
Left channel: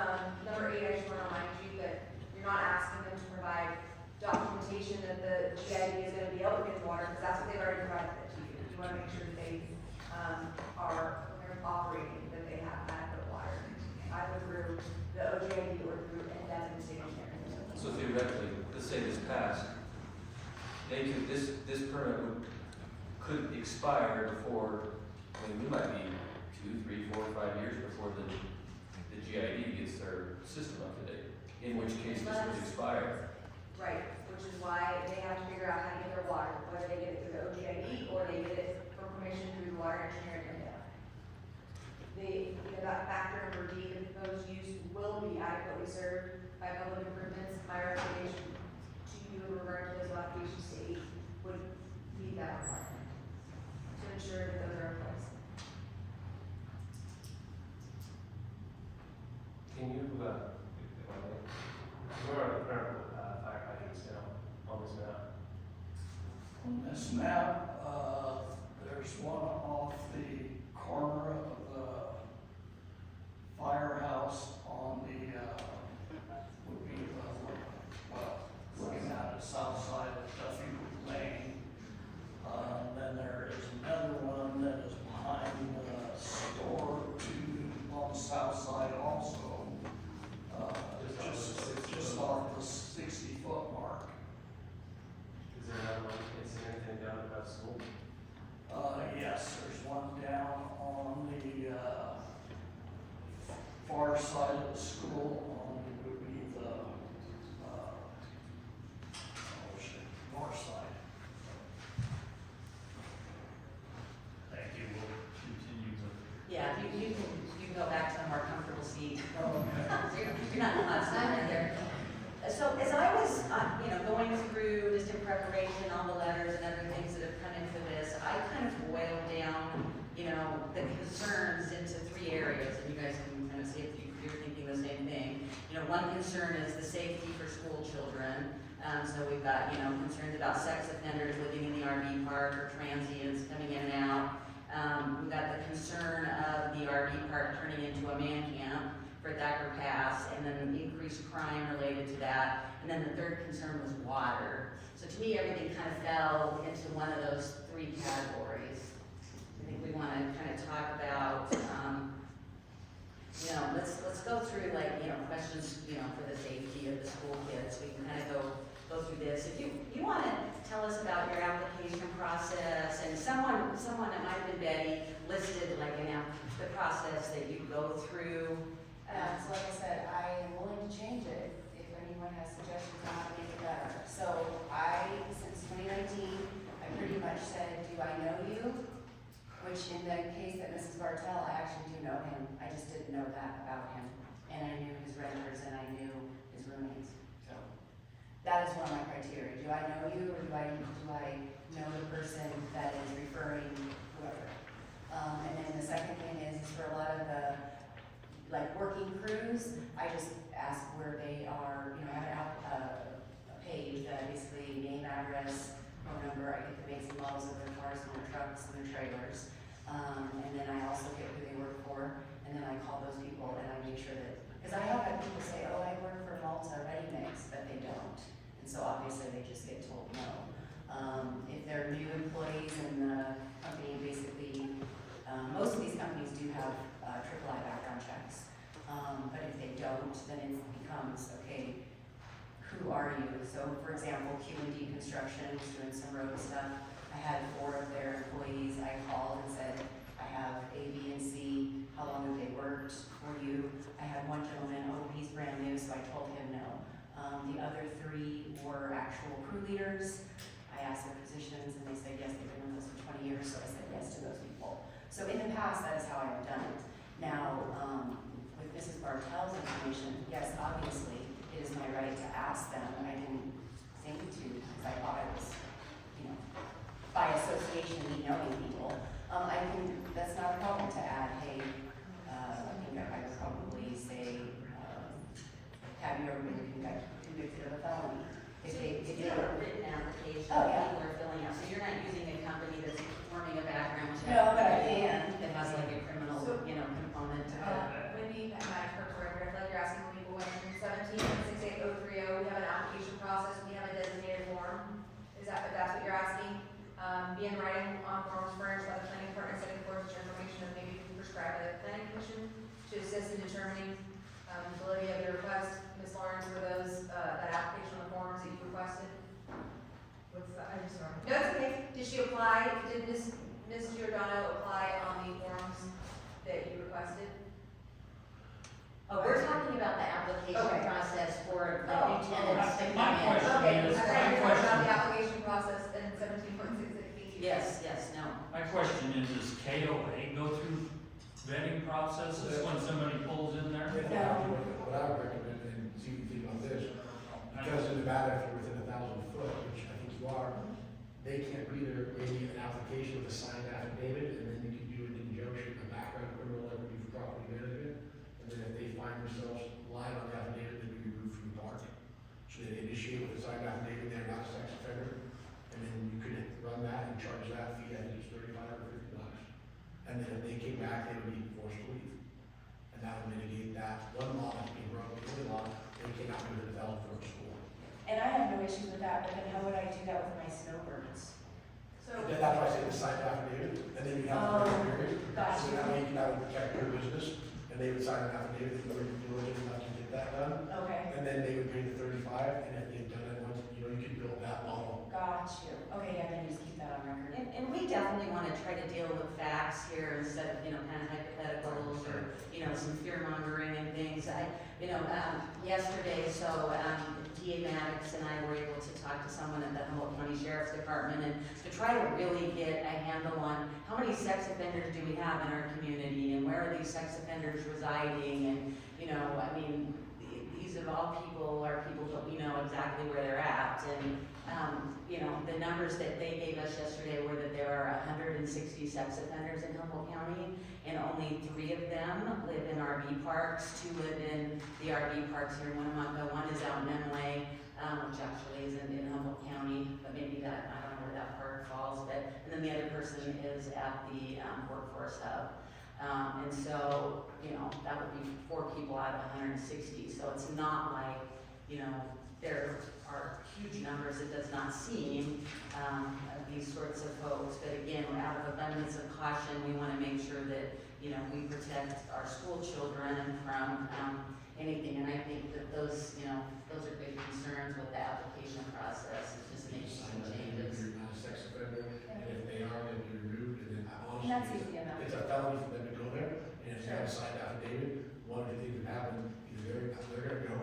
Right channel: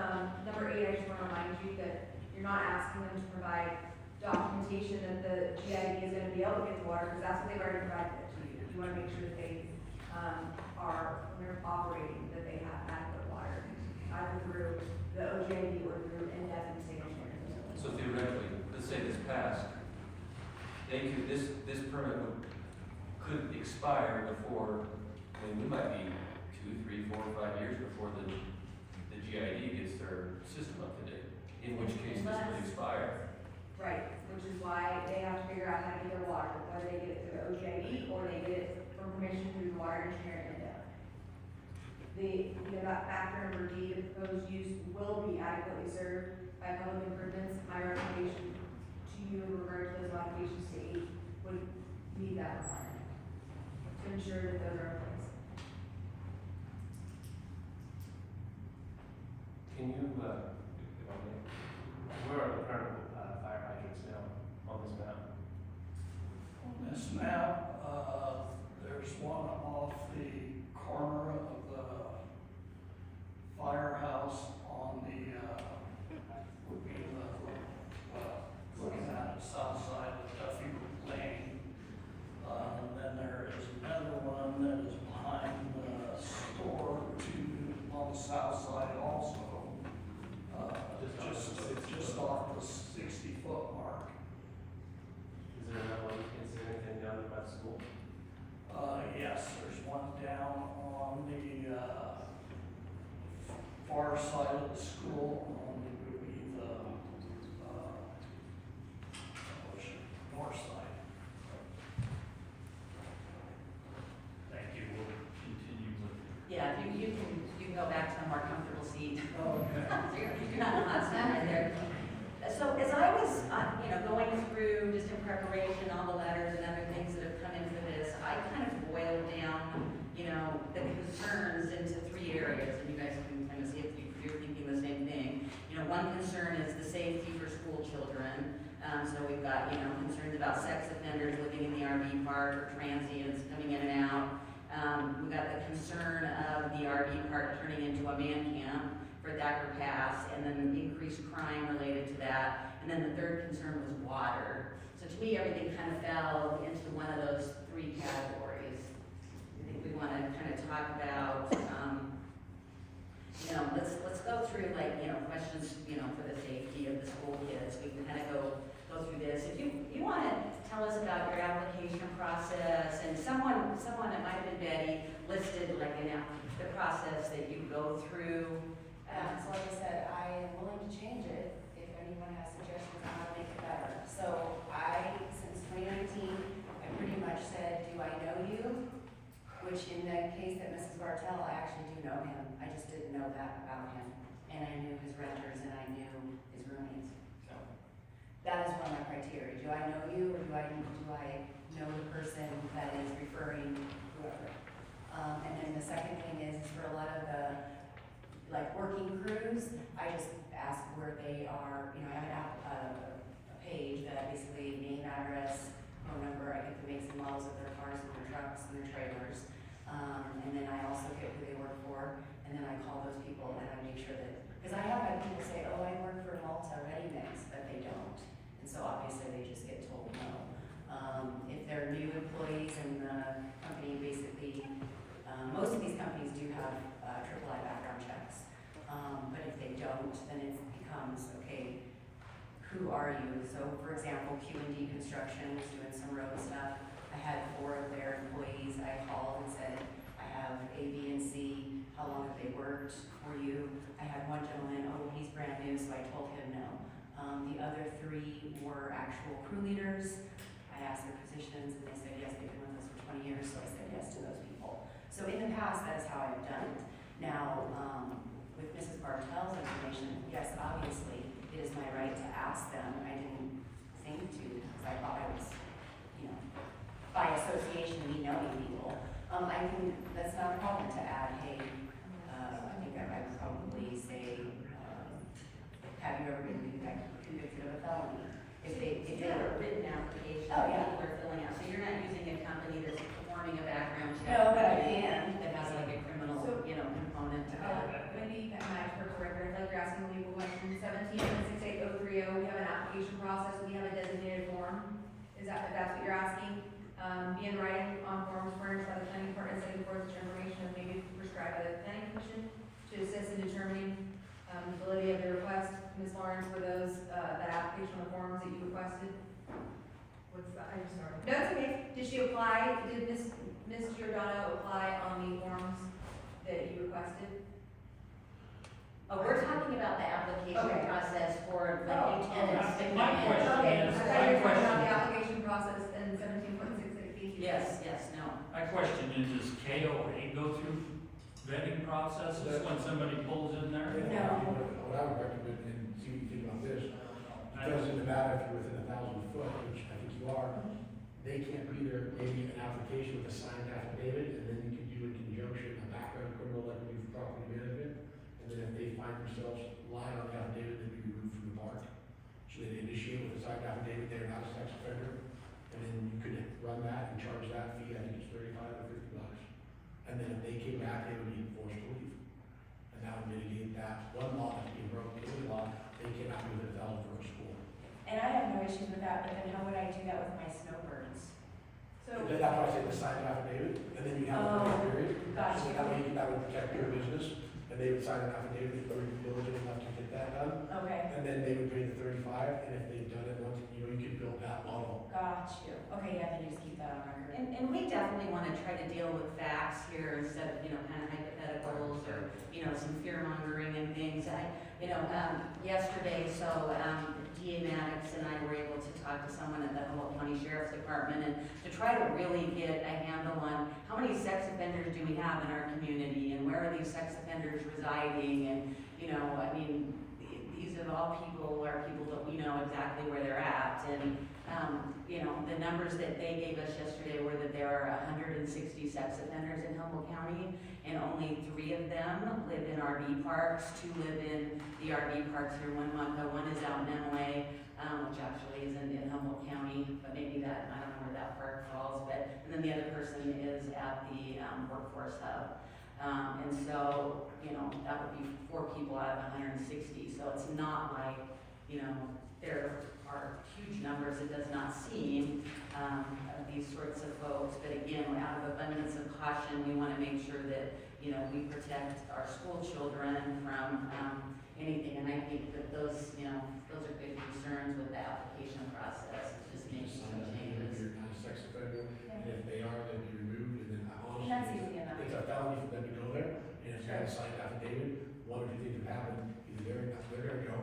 number 8, I just want to remind you that you're not asking them to provide documentation that the GID is going to be able to get the water, because that's what they've already provided it to you. You want to make sure that they, when they're operating, that they have adequate water, either through the OGID or through NDES and state engineering. So theoretically, let's say this passed, they could, this permit could expire before, I mean, we might be 2, 3, 4, 5 years before the GID gets their system up to date, in which case this would expire. Right, which is why they have to figure out how to get their water, whether they get it through the OGID or they get it from permission through the water engineer and that factor number D, the proposed use will be adequately served by public improvements. My recommendation to you in regard to those applications to 8 would meet that requirement to ensure that those are in place. Can you, where are the current fire hydrants now on this map? On this map, there's one off the corner of the firehouse on the, would be looking at the south side of Duffy Lane. And then there is another one that is behind the store on the south side also. Just off the 60-foot mark. Is there another one, is there anything down about school? Yes, there's one down on the, far side of the school, on the, would be the, north side. Thank you, we'll continue with. Yeah, you can go back to a more comfortable seat. Okay. You're not constant right there. So as I was, going through just in preparation, all the letters and other things that have come into this, I kind of boiled down, the concerns into 3 areas, and you guys can kind of see if you're thinking the same thing. One concern is the safety for school children. So we've got, concerns about sex offenders living in the RV park, or transients coming in and out. We've got the concern of the RV park turning into a man camp for Thacker Pass, and then increased crime related to that. And then the third concern was water. So to me, everything kind of fell into one of those 3 categories. I think we want to kind of talk about, let's go through listed like the process that you go through. So like I said, I am willing to change it if anyone has suggestions on how to make it better. So since 2019, I pretty much said, do I know you? Which in the case that Mrs. Bartel, I actually do know him. I just didn't know that about him. And I knew his renters and I knew his roommates. So that is one of my criteria. Do I know you or do I know the person that is referring whoever? And then the second thing is for a lot of the working crews, I just ask where they are. You know, I have a page that basically name, address, phone number. I get the makes and models of their cars and their trucks and their trailers. And then I also get who they work for, and then I call those people and I make sure that, because I have had people say, oh, I work for Malta Ready Mix, but they don't. And so obviously they just get told no. If they're new employees in the company, basically, most of these companies do have AAA background checks. But if they don't, then it becomes, okay, who are you? So for example, Q&D Construction was doing some road stuff. I had 4 of their employees. I called and said, I have A, B, and C. How long have they worked for you? I had one gentleman, oh, he's brand new, so I told him no. The other 3 were actual crew leaders. I asked their positions and they said yes, they've been with us for 20 years, so I said yes to those people. So in the past, that is how I've done it. Now, with Mrs. Bartel's information, yes, obviously, it is my right to ask them. I didn't think to, because I thought I was, by association, me knowing people. That's not a problem to add, hey, I think I would probably say, have you ever been convicted of a felony? If It's they a written application Oh, that yeah. people are filling out, so you're not using a company that's performing a background check. No, but I can. That has like a criminal, So- component to that. Wendy, my first record, I feel like you're asking when people went from 17.68030, we have an application process, we have a designated form. That's what you're asking? Be in writing on forms furnished by the planning department, setting forth such information as may be prescribed by the planning commission to assist in determining the validity of the request. Ms. Lawrence, were those, that application on the forms that you requested? What's that? I'm sorry. No, it's okay. Did she apply, did Ms. Giordano apply on the forms that you requested? Oh, we're talking about the application Okay. process for Oh. like new tenants to My come in. question Okay, is- I thought you were talking about the application process in 17.660. Yes, no. My question is, does KOA go through vetting processes when somebody pulls in there? What I would recommend, and see if you think about this, because in Nevada, if you're within 1,000 foot, which I think you are, they can't be there, maybe an application with a signed affidavit, and then you can do it in conjunction, a background criminal, like we do for property management. And then if they find themselves lying on the affidavit, they be removed from the park. So they initiate with a signed affidavit, they're not a sex offender, and then you could run that and charge that fee, I think it's $35 or $50. And then if they came back, they would be forced to leave. And that would mitigate that one law that's being broken, the other law, they cannot be within 1,000 foot of school. And I have no issues with that, but then how would I do that with my snowbirds? So, Then that's why I say the signed affidavit, and then you have the grace period. Gotcha. So that way that would protect your business, and they would sign an affidavit, that they're diligent enough to get that done. Okay, And then they would pay the 35, and if they had done it once, you could build that model. got you. Okay, yeah, then just keep that on record. And we definitely want to try to deal with facts here instead of, kind of hypotheticals or, some fear mongering and things. Yesterday, DA Maddox and I were able to talk to someone at the Humboldt County Sheriff's Department and to try to really get a handle on how many sex offenders do we have in our community and where are these sex offenders residing and, these of all people are people that we know exactly where they're at and, the numbers that they gave us yesterday were that there are 160 sex offenders in Humboldt County and only 3 of them live in RV parks. 2 live in the RV parks here in Winnemucca. 1 is out in MMA, which actually is in Humboldt County, but maybe that, I don't know where that park falls, and then the other person is at the workforce hub. And so, that would be 4 people out of 160, so it's not like, there are huge numbers. It does not seem, these sorts of folks, but again, out of abundance of caution, we want to make sure that, we protect our school children from anything, and I think that those are big concerns with the application process, is just making some changes. You're not a sex offender, and if they are, they'll be removed, and then And that's easy enough. it's a felony for them to go there, and if you have a signed affidavit, one of the things that happen, either they're gonna go,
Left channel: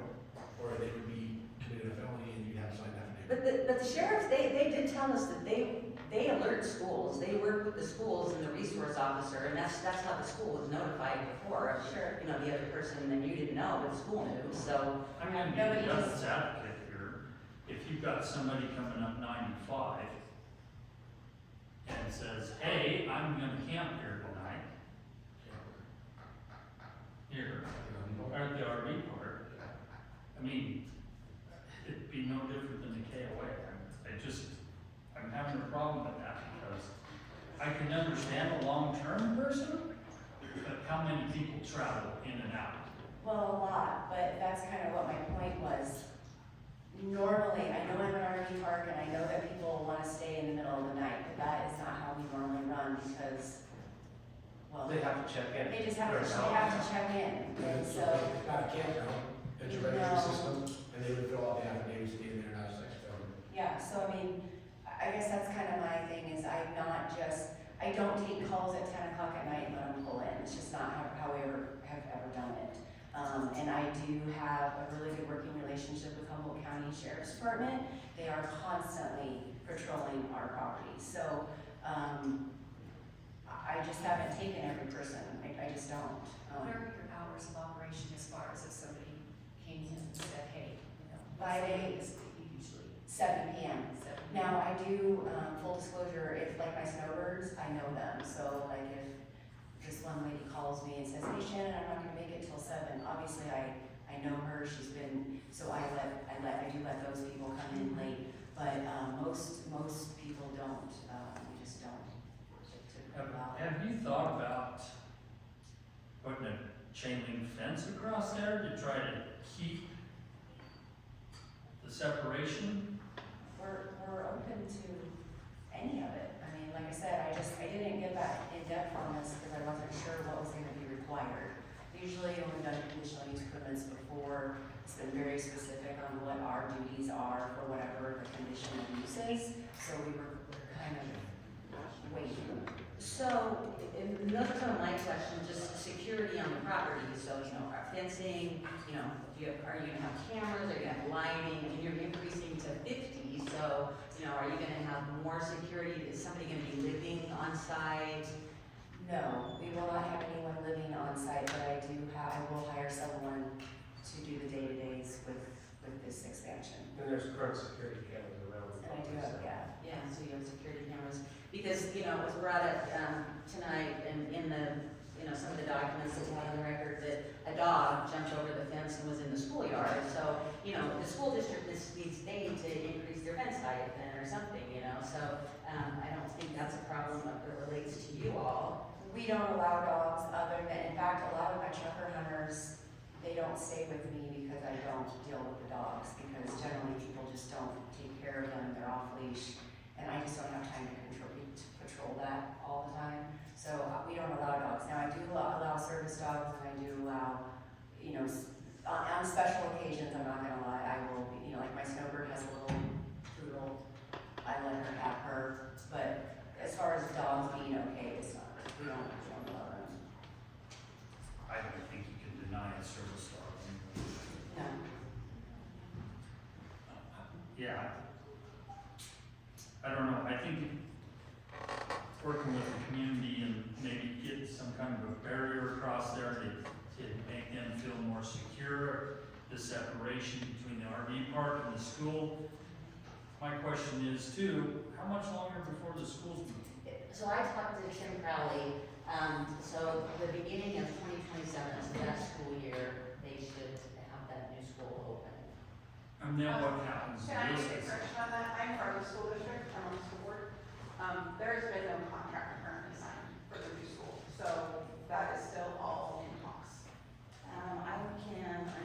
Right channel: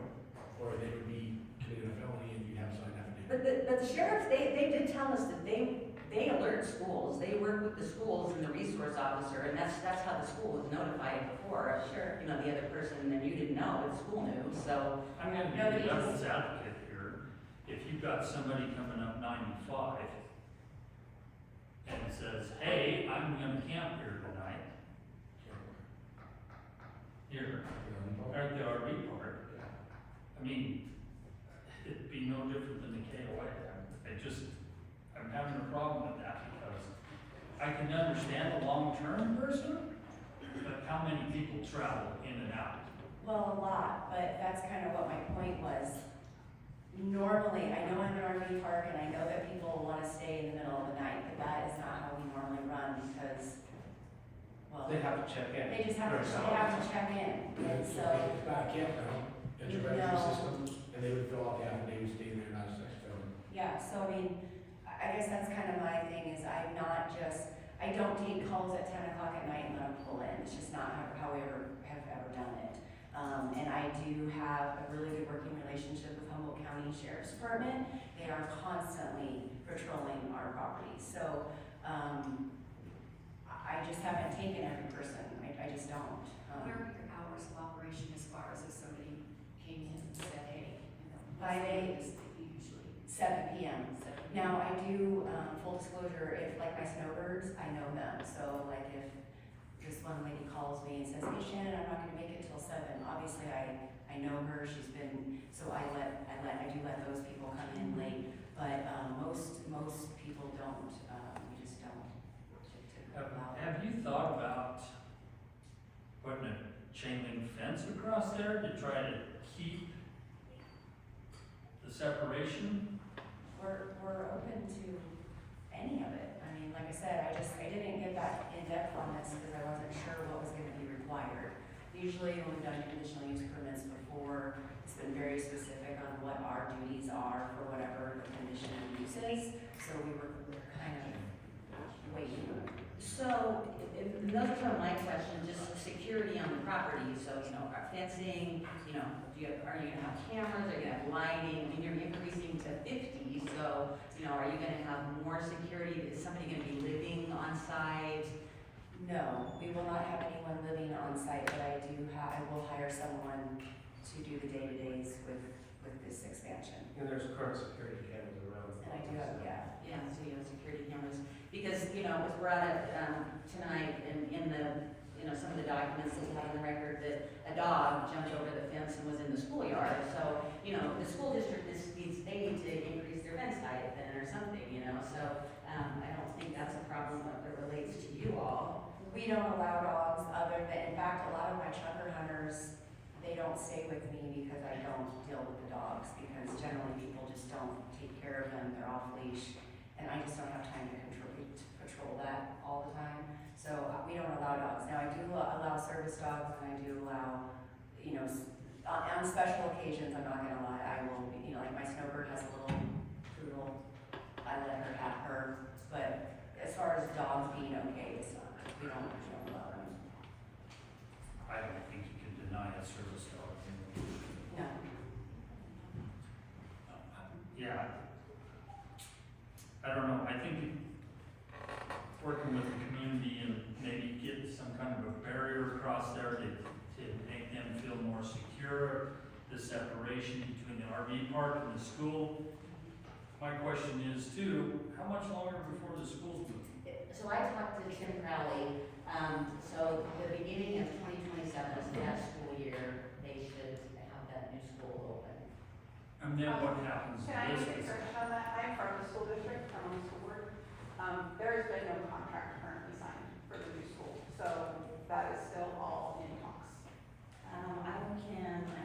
or they could be committed a felony and you have a signed affidavit. But the sheriff, they did tell us that they alert schools, they work with the schools and the resource officer, and that's how the school was notified before. Sure. You know, the other person, and you didn't know, but the school knew, so. I'm gonna be the devil's advocate here. If you've got somebody coming up 95 and says, hey, I'm gonna camp here tonight. Here, or the RV park. I mean, it'd be no different than the KOA. I'm having a problem with that because I can understand a long-term person, but how many people travel in and out? Well, a lot, but that's kind of what my point was. Normally, I know I'm an RV park and I know that people want to stay in the middle of the night, but that is not how we normally run because, well. They have to check in. They just have to check in, And so so. it's not a campground, it's a registry system, and they would fill out the affidavit, stay there, not a sex felony. Yeah, so I mean, I guess that's kind of my thing is I don't take calls at 10 o'clock at night and let them pull in. It's just not how we have ever done it. And I do have a really good working relationship with Humboldt County Sheriff's Department. They are constantly patrolling our property. So, I just haven't taken every person. I just don't. What are your hours of operation as far as if somebody came in and said, hey, you know, By day, is usually 7 p.m. Now, I do, full disclosure, if like my snowbirds, I know them, so like if this one lady calls me and says, hey Shannon, I'm not gonna make it till 7, obviously I know her, she's been, so I do let those people come in late, but, most people don't, we just don't. Have you thought about putting a chain link fence across there to try to keep the separation? We're open to any of it. I mean, like I said, I didn't get back in depth on this because I wasn't sure what was gonna be required. Usually when we've done conditional use permits before, it's been very specific on what our duties are for whatever the conditional use is. So we're kind of waiting. So, another part of my question, just security on the property, so, you know, fencing, you know, are you gonna have cameras, are you gonna have lighting, and you're increasing to 50, so, you know, are you gonna have more security, is somebody gonna be living on site? No, we will not have anyone living on site, but I will hire someone to do the day-to-days with this expansion. And there's current security cameras around the And I do have, yeah. Yeah, so you have security cameras, because, you know, it was brought up, tonight in the, you know, some of the documents that we have on the record that a dog jumped over the fence and was in the schoolyard, so, you know, the school district needs to increase their fence height then or something, you know, so, I don't think that's a problem that relates to you all. We don't allow dogs other than, in fact, a lot of my trucker hunters, they don't stay with me because I don't deal with the dogs, because generally people just don't take care of them, they're off leash, and I just don't have time to patrol that all the time. So we don't allow dogs. Now I do allow service dogs, and I do allow, you know, on special occasions, I'm not gonna lie, I will, you know, like my snowbird has a little poodle, I let her have her, but as far as dogs being okay, it's not, we don't allow them. I don't think you can deny a service dog. No. Yeah. I don't know, I think working with the community and maybe get some kind of a barrier across there to make them feel more secure, the separation between the RV park and the school. My question is too, how much longer before the schools move? So I talked to Tim Crowley, so the beginning of 2027, so that school year, they should have that new school open. And then what happens to Can I this? get a correction on that? I'm from the school district, I'm on the school board. There's been no contract currently signed for the new school, so that is still all in talks. I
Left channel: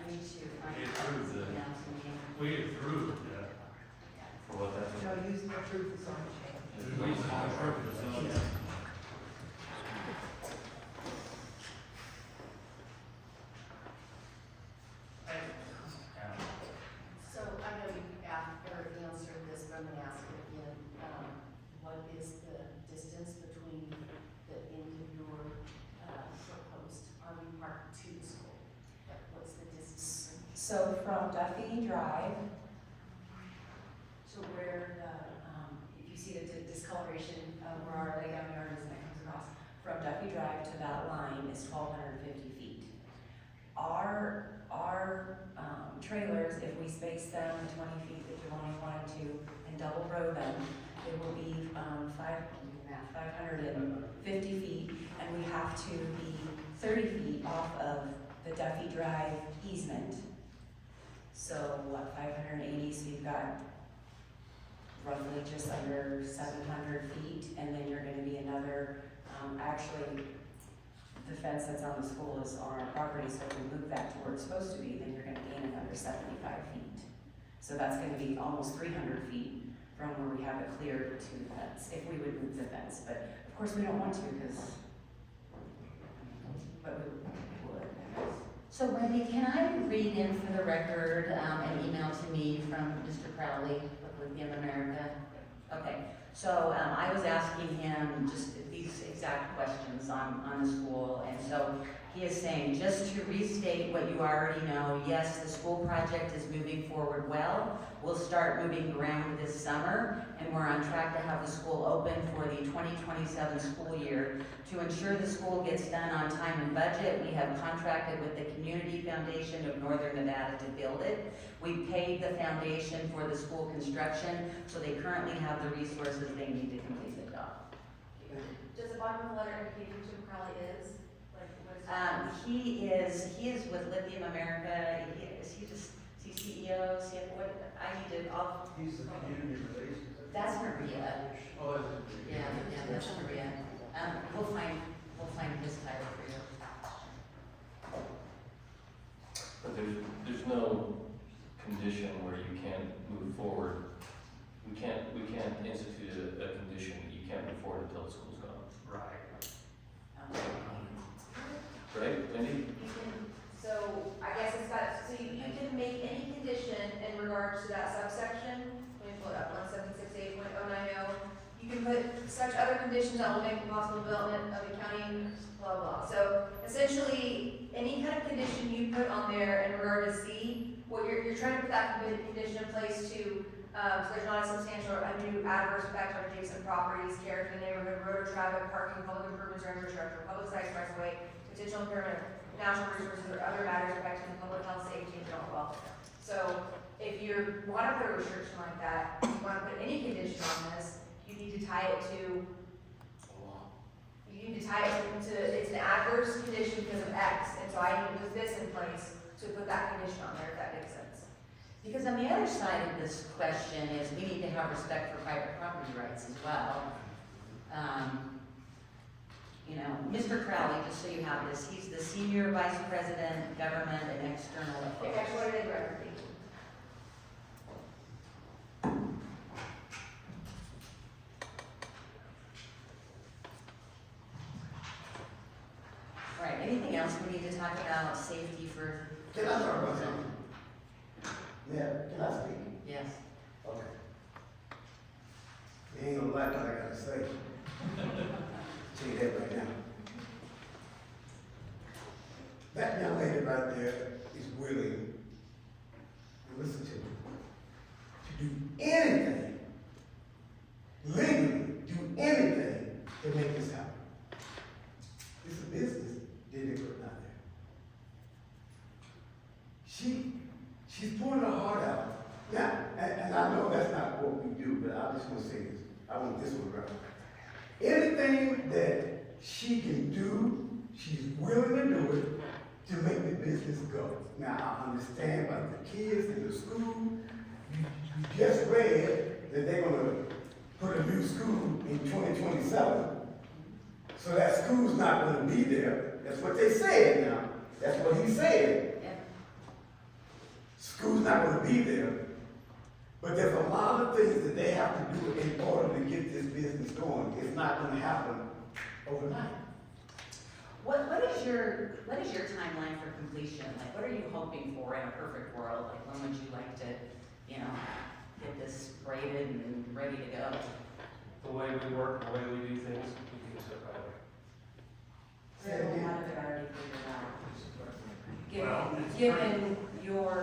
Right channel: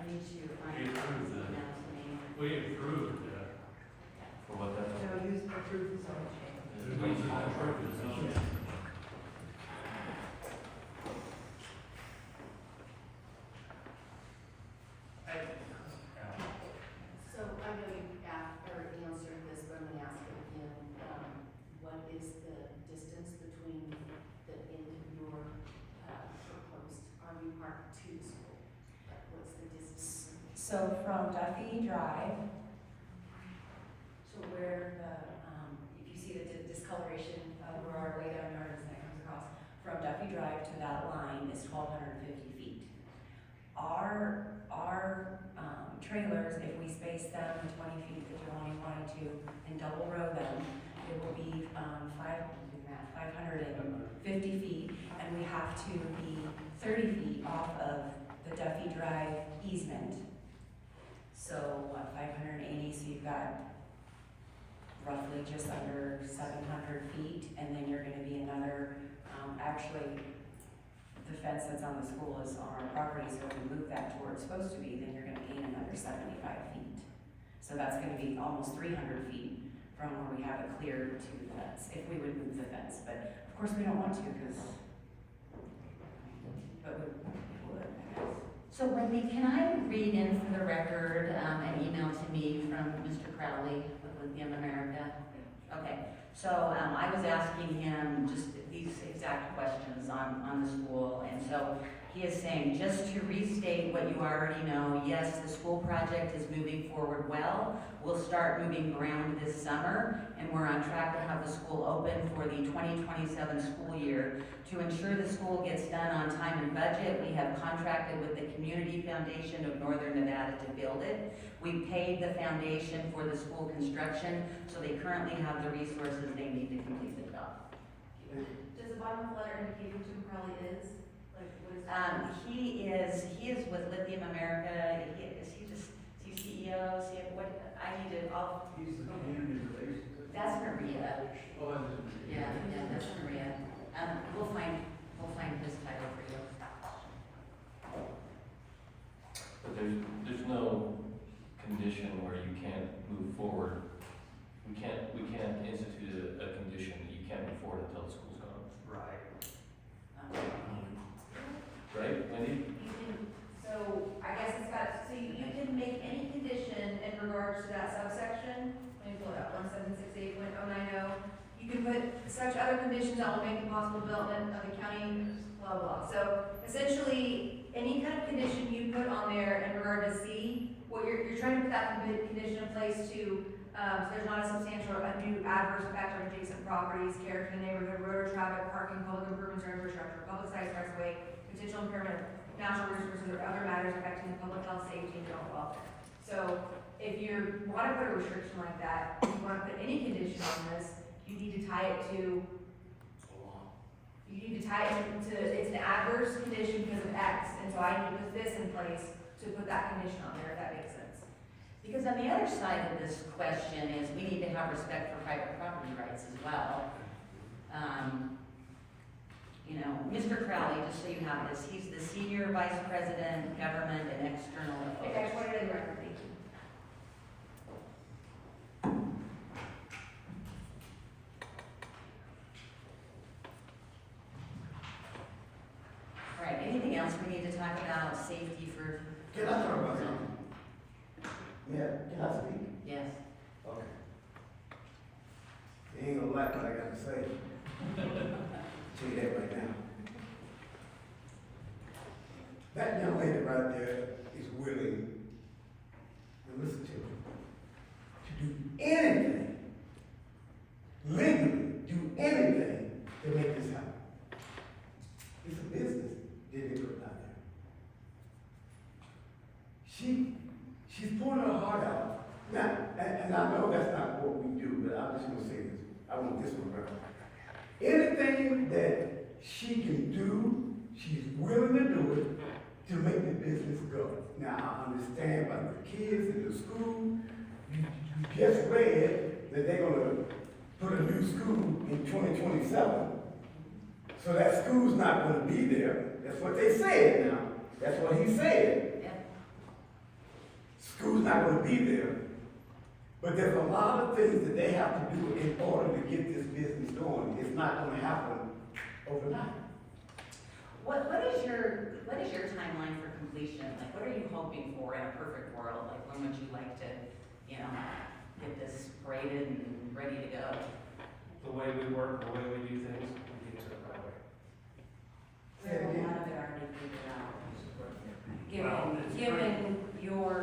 need to find We out approved what's the- down to me. We approved For what that's. No, use the truth is on change. We approved the zone. So I know you asked or answered this, but I'm gonna ask it again. What is the distance So from Duffy Drive, so where the, if you see the discoloration of where our layout yard is, and it comes across, from Duffy Drive to that line is 1,250 feet. Our trailers, if we space them the 20 feet that you only wanted to and double row them, it will be 550 feet, and we have to be 30 feet off of the Duffy Drive easement. So what, 580, so you've got roughly just under 700 feet, and then you're gonna be another, actually, the fence that's on the school is on our property, so if we move that to where it's supposed to be, then you're gonna gain another 75 feet. So that's gonna be almost 300 feet from where we have it cleared to the fence, if we would move the fence, but of course we don't want to, but we would, I guess. So Wendy, can I read in for the record, an email to me from Mr. Crowley of Lithium America? Okay, so, I was asking him just these exact questions on the school, and so he is saying, just to restate what you already know, yes, the school project is moving forward well. We'll start moving ground this summer, and we're on track to have the school open for the 2027 school year. To ensure the school gets done on time and budget, we have contracted with the Community Foundation of Northern Nevada to build it. We paid the foundation for the school construction, so they currently have the resources they need to complete the job. Does the bottom of the letter indicate who Tim Crowley is? Like, what is? He is with Lithium America. Is he just CEO? What, I need to, He's the community relations. that's Maria. Oh, is it? Yeah, that's Maria. We'll find his title for you. But there's no condition where you can't move forward. We can't institute a condition that you can't move forward until the school's gone. Right. Right, Wendy? You can, so I guess it's got, so you can make any condition in regards to that subsection. Let me pull it up, 1768.090. You can put such other conditions that will make the possible development of the county, blah, blah. So essentially, any kind of condition you put on there in regard to C, what you're trying to put that condition in place to, so there's not a substantial, undue adverse effect on adjacent properties, character of the neighborhood, road or traffic, parking, public improvements or infrastructure, public sites, rights of way, potential impairment of natural resources or other matters affecting the public health, safety, and general welfare. So if you want to put a restriction like that, if you want to put any condition on this, you need to tie it to, it's an adverse condition because of X, and so I need to put this in place to put that condition on there, if that makes sense. Because on the other side of this question is we need to have respect for private property rights as well. You know, Mr. Crowley, just so you have this, he's the Senior Vice President, Government and External Okay, I Affairs. just wanted it in record, thank you. All right, anything else we need to talk about safety for? Can I talk about something? Yeah, can I speak? Yes. Okay. You ain't gonna like what I gotta say. Tell you that right now. That young lady right there is willing, to listen to me, to do anything, legally, do anything to make this happen. It's a business that they put out there. She's pouring her heart out. Now, and I know that's not what we do, but I just want to say this. I want this one right. Anything that she can do, she's willing to do it to make the business go. Now, I understand about the kids in the school. You just read that they're gonna put a new school in 2027. So that school's not gonna be there. That's what they said now. That's what he said. Yeah. School's not gonna be there. But there's a lot of things that they have to do in order to get this business going. It's not gonna happen overnight. What is your timeline for completion? Like, what are you hoping for in a perfect world? Like, when would you like to, get this graded and ready to go? The way we work, the way we do things, we get to it right away. Say it again. How did it already figured out? Well, it's Given your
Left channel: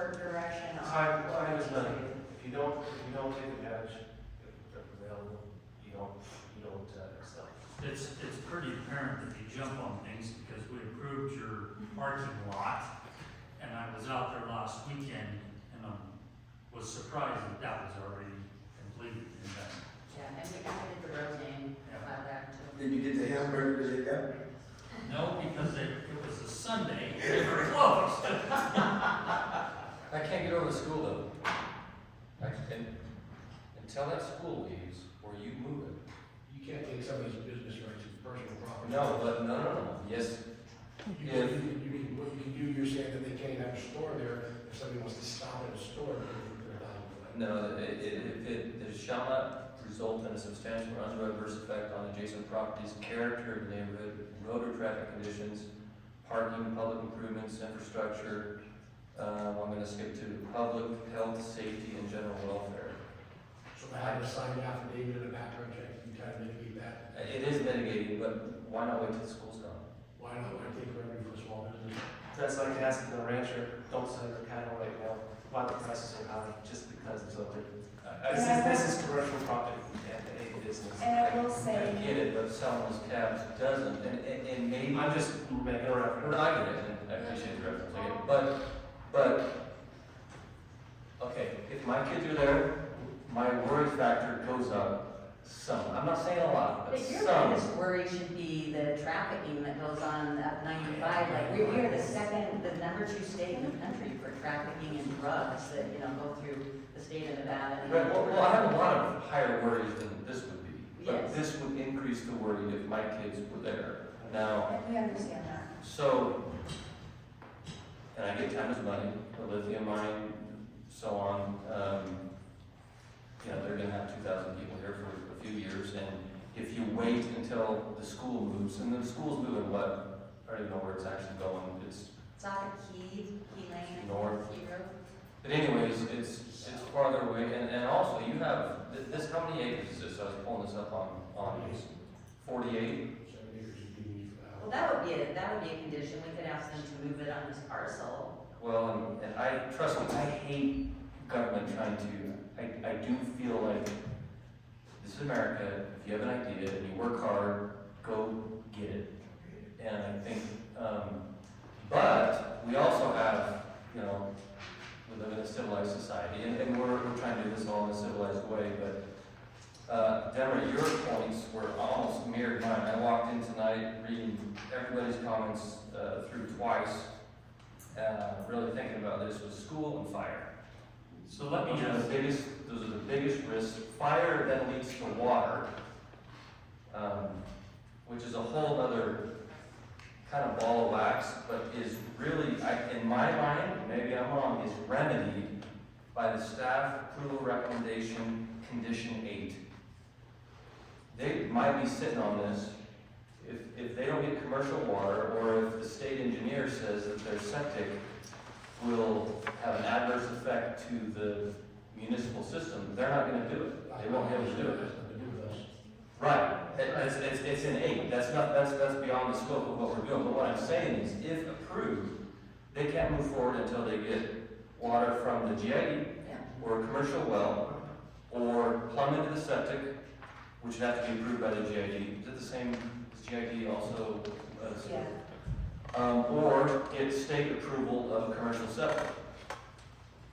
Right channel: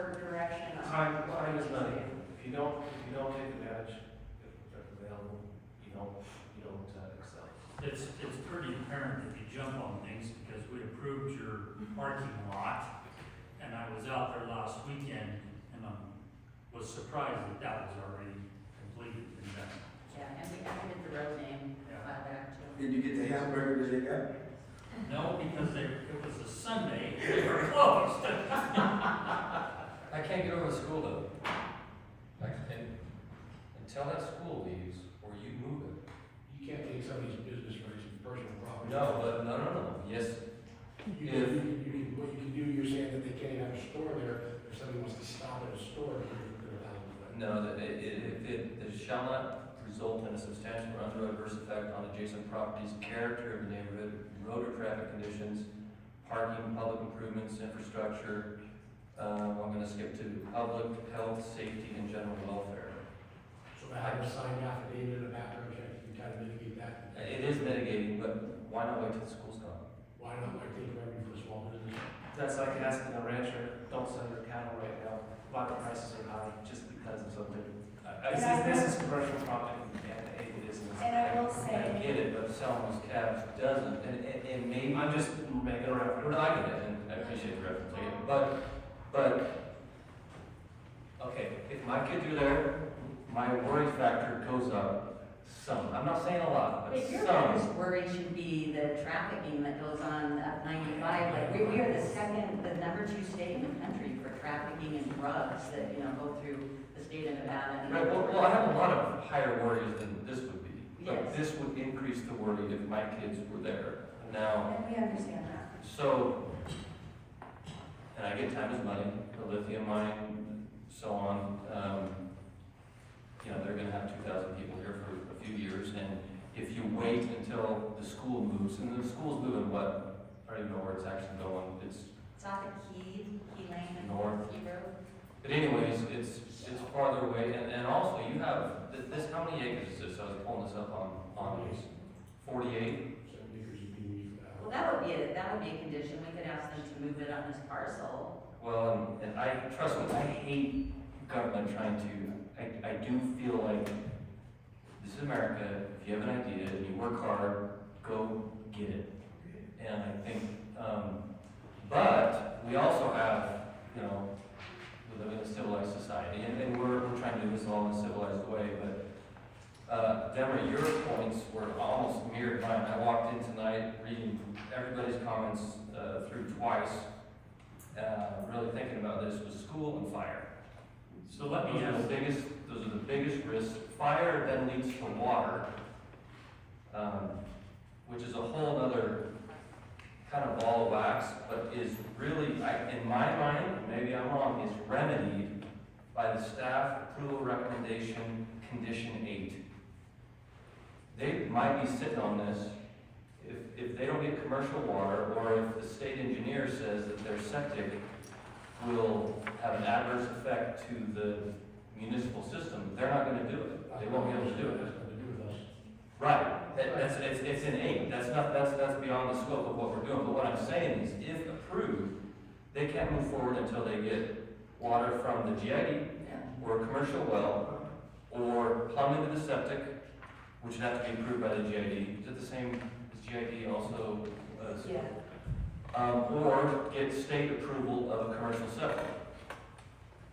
parent that you jump on things because we approved your parking lot. And I was out there last weekend and was surprised that that was already completed and done. Yeah, and we added the road name by that too. Did you get the hamburger that they got? No, because it was a Sunday, they were closed. I can't get over the school though. Until that school leaves, or you move it. You can't take somebody's business rights as personal property. No, yes. What you can do, you're saying that they can't have a store there, if somebody wants to stop at a store, they can put it out. No, it shall not result in a substantial or undue adverse effect on adjacent properties, character of the neighborhood, road or traffic conditions, parking, public improvements, infrastructure. I'm gonna skip to public health, safety, and general welfare. So by having a signed affidavit and a background check, you can kind of mitigate that. It is mitigating, but why not wait till the school's gone? Why not, why take revenue for a small business? That's like asking a rancher, don't sell your cattle right now, why the prices are high, just because it's open. This is commercial property and a business. And I will say. I get it, but selling those calves doesn't, and maybe. I'm just making a reference. No, I get it, and I appreciate the reference, I get it. But, okay, if my kids are there, my worry factor goes up some. I'm not saying a lot, but But your some. biggest worry should be the trafficking that goes on up 95. Like, we are the number 2 state in the country for trafficking and drugs that, go through the state of Nevada. Right, well, I have a lot of higher worries than this would be. But Yes. this would increase the worry if my kids were there. Now, And we understand that. so, and I get time is money, the lithium mine, so on. They're gonna have 2,000 people here for a few years, and if you wait until the school moves, and the school's moving what? I don't even know where it's actually going, it's It's out of Key Lane. North. Key Road. But anyways, it's farther away, and also you have, this, how many acres is this? I was pulling this up on these. 48? 7 acres you can use for that. Well, that would be a condition. We could ask them to move it on this parcel. Well, and trust me, I hate government trying to, I do feel like this is America. If you have an idea and you work hard, go get it. And I think, but we also have, we live in a civilized society, and we're trying to do this all in a civilized way, but Deborah, your points were almost mirrored mine. I walked in tonight reading everybody's comments through twice, really thinking about this was school and fire. So let me Those are the biggest risks. Fire then leads to water, which is a whole other kind of ball of wax, but is really, in my mind, maybe I'm wrong, is remedied by the staff approval recommendation, condition 8. They might be sitting on this if they don't get commercial water, or if the state engineer says that their septic will have an adverse effect to the municipal system, they're not gonna do it. They won't be able to do it. Right, it's an 8, that's beyond the scope of what we're doing, but what I'm saying is, if approved, they can't move forward until they get water from the GID, or a commercial well, or plumb into the septic, which would have to be approved by the GID. Is it the same, is GID also? Yeah. Or get state approval of a commercial septic.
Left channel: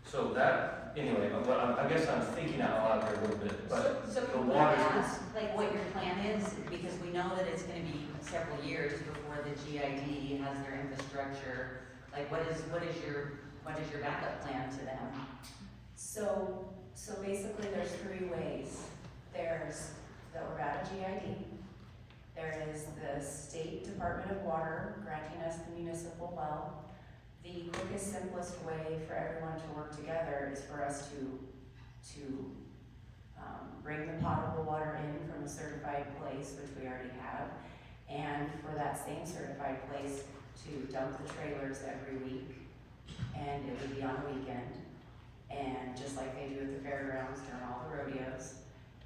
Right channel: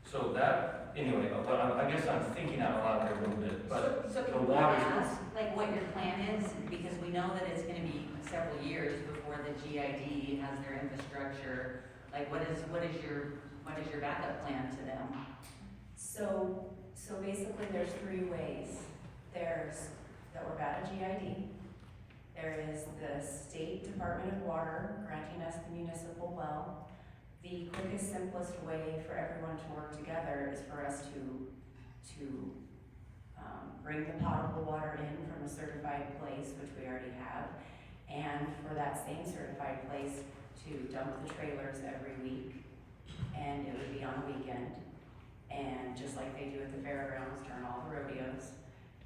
So that, anyway, I guess I'm thinking out loud here a little bit, but So the can we water. ask, what your plan is? Because we know that it's gonna be several years before the GID has their infrastructure. Like, what is your backup plan to them? So basically, there's 3 ways. There's the Orvada GID. There is the State Department of Water granting us the municipal well. The quickest, simplest way for everyone to work together is for us to bring the potable water in from a certified place, which we already have, and for that same certified place to dump the trailers every week, and it would be on a weekend, and just like they do at the fairgrounds during all the rodeos,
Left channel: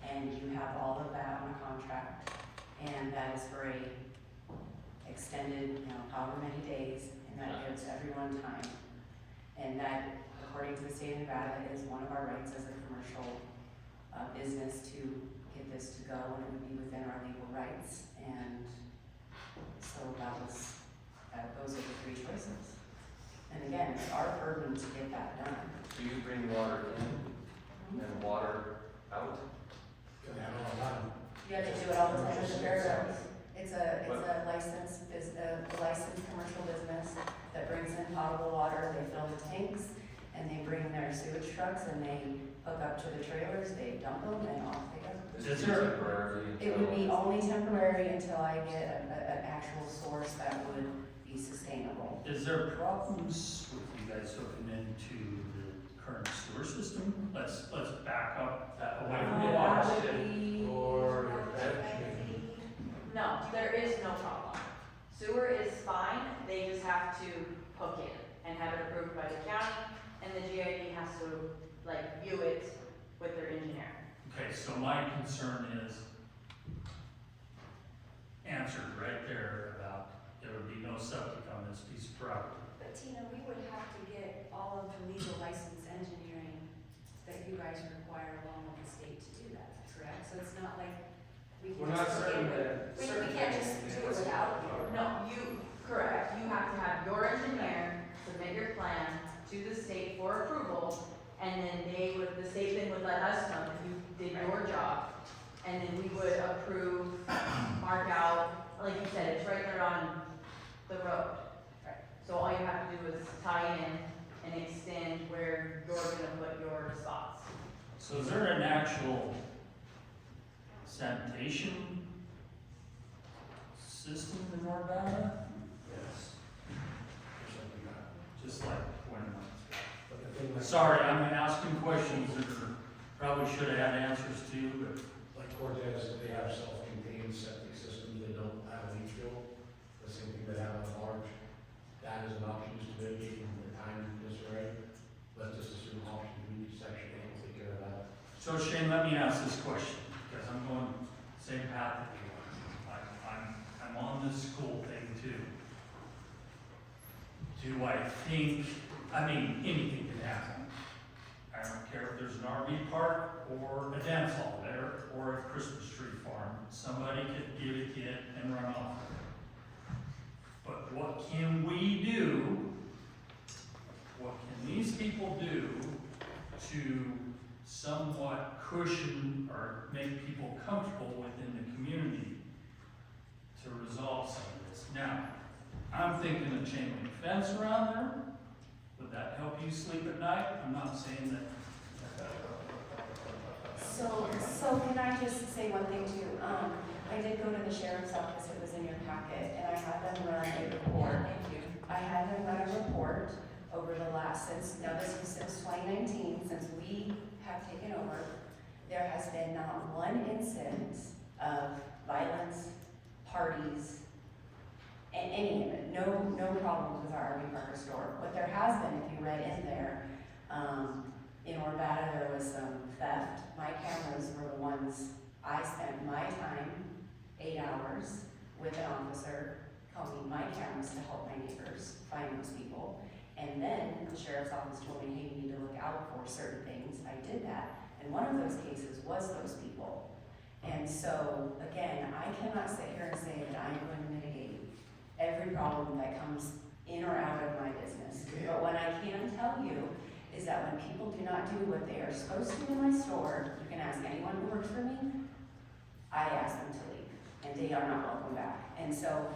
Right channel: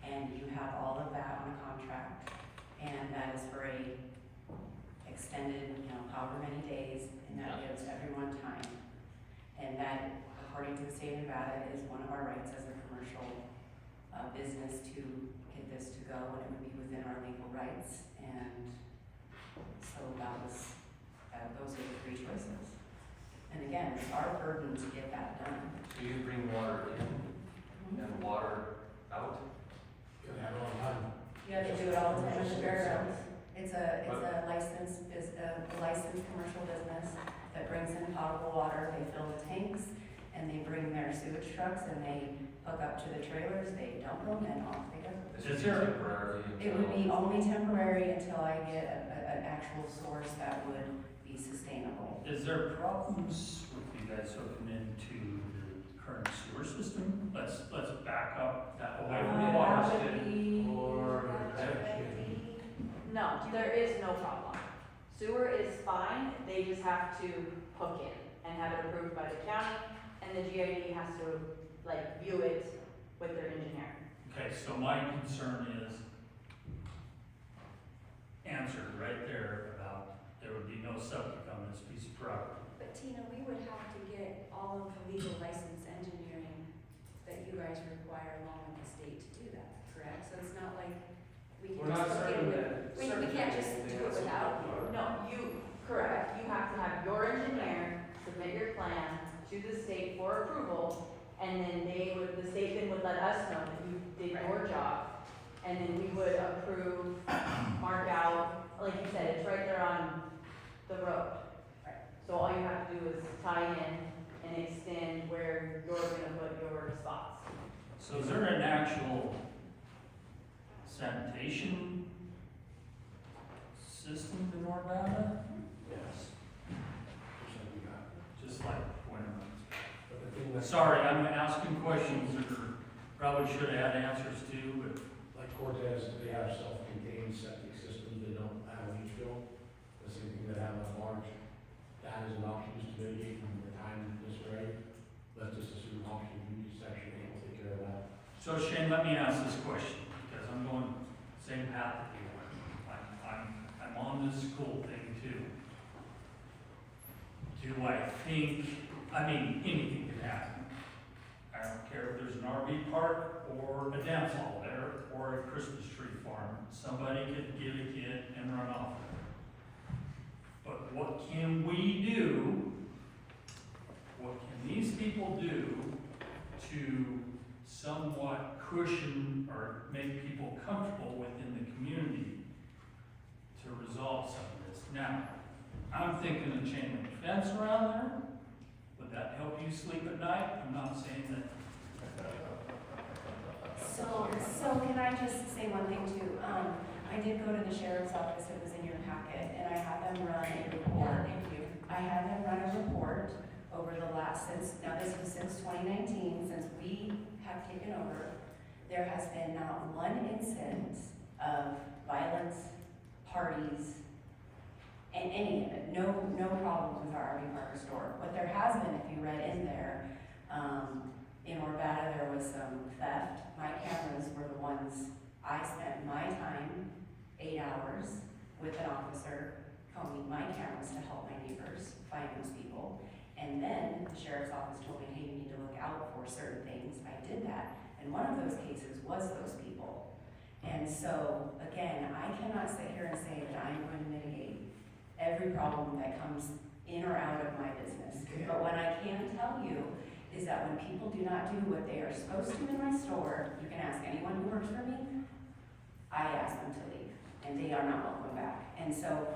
and you have all of that on a contract, and that is for a extended, however many days, and that gives everyone time. And that, according to the state of Nevada, is one of our rights as a commercial business to get this to go, and it would be within our legal rights. And it's our burden to get that done. Do you bring water in and water out? Can they have it all the time? Yeah, they do it all the time at the fairgrounds. It's a licensed, a licensed commercial business that brings in potable water, they fill the tanks, and they bring their sewage trucks and they hook up to the trailers, they dump them, and off they go. Is it temporary? It would be only temporary until I get an actual source that would be sustainable. Is there problems with you guys hooking into the current sewer system? Let's back up that away from the water. No, there is no problem. Sewer is fine, they just have to hook it and have it approved by the county, and the GID has to, like, view it with their engineer. Okay, so my concern is answered right there about there would be no septic on this piece of property. But Tina, we would have to get all of the legal license engineering that you guys require along with the state to do that, correct? So it's not like we can We're not just certain get that. it. We can't just do it without you. No, correct, you have to have your engineer submit your plan to the state for approval, and then the state then would let us know that you did your job, and then we would approve, mark out, like you said, it's right there on the road. So all you have to do is tie in and extend where you're gonna put your spots. So is there an actual sanitation system in Urbana? Yes. Percent we got. Just like when, But the thing like. sorry, I'm asking questions that probably should have had answers to, but Like Cortez, they have self-contained septic systems, they don't have a leach field. The same thing that have a large, that is an option, just to mitigate the time necessary. Let's just assume option B, section A will take care of that. so Shane, let me ask this question, because I'm going same path that you are. I'm on this school thing too. Do I think, anything can happen. I don't care if there's an RV park or a dance hall there or a Christmas tree farm. Somebody could get a kid and run off. But what can we do? What can these people do to somewhat cushion or make people comfortable within the community to resolve some of this? Now, I'm thinking of chain link fence around there. Would that help you sleep at night? I'm not saying that. So can I just say one thing too? I did go to the sheriff's office, it was in your packet, and I had them run a report. I had them run a report over the last, now this was since 2019, since we have taken over. There has been not one instance of violence, parties, and any of it, no problems with our RV park or store. What there has been, if you read in there, in Urbana, there was some theft. My cameras were the ones, I spent my time, 8 hours, with an officer, combing my cameras to help my neighbors find those people. And then the sheriff's office told me, hey, you need to look out for certain things. I did that, and one of those cases was those people. And so, again, I cannot sit here and say that I'm going to mitigate every problem that comes in or out of my business. But what I can tell you is that when people do not do what they are supposed to in my store, you can ask anyone who works for me, I ask them to leave, and they are not welcome back. And so,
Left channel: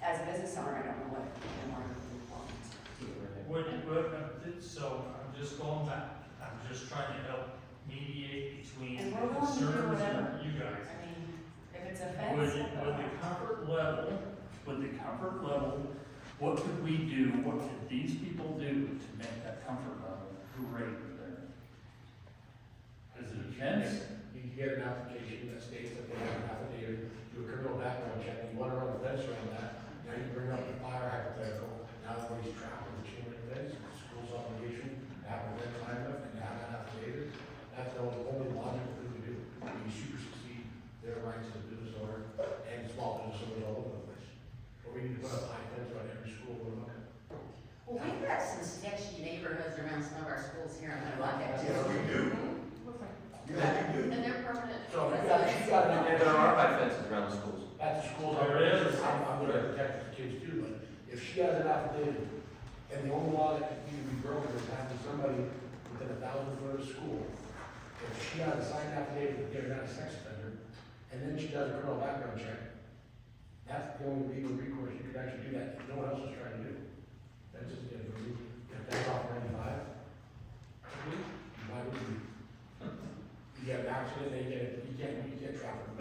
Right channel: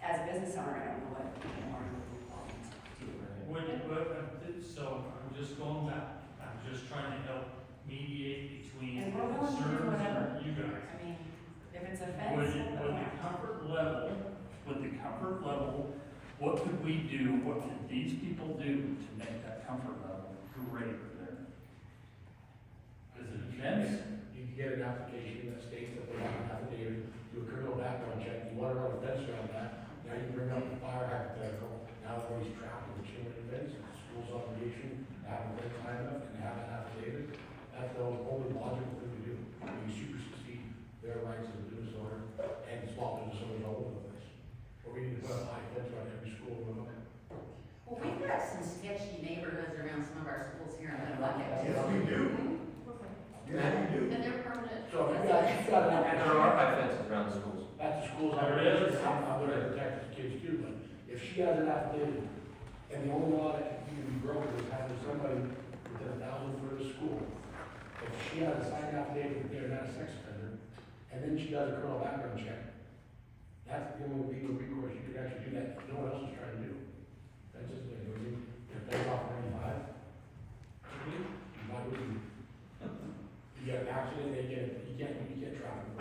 as a business owner, I don't know what more you want to do. So I'm just going back. I'm just trying to help mediate between And the we're willing to do concerns whatever. of you guys. I mean, if it's a fence. With the comfort level, what could we do, what could these people do to make that comfort level greater there? Is it a fence? You can get an application that states that they have an affidavit, do a criminal background check, you wanna run a fence around that, now you bring up the fire hypothetical, now everybody's trapped in the chain link fence, it's the school's obligation to have a fence high enough and have that affidavit, that's the only logical thing to do. You supersede their rights as a business owner and small business owners all over the place. Or we need to put up high fence around every school we're looking at. Well, we've got some sketchy neighborhoods around some of our schools here in Buckeye. Yeah, we do. Yeah, we do. And they're permanent. So if you got an And there are high fences around the schools. At the schools, There it is. I'm gonna protect the kids too, but if she has an affidavit And the only law that can be broken is having somebody within 1,000 foot of school. If she has a signed affidavit that they're not a sex offender, and then she does a criminal background check, that's the only legal recourse you could actually do that, no one else is trying to do. That's just, if they off 95, why would you? You get an accident, you get traffic.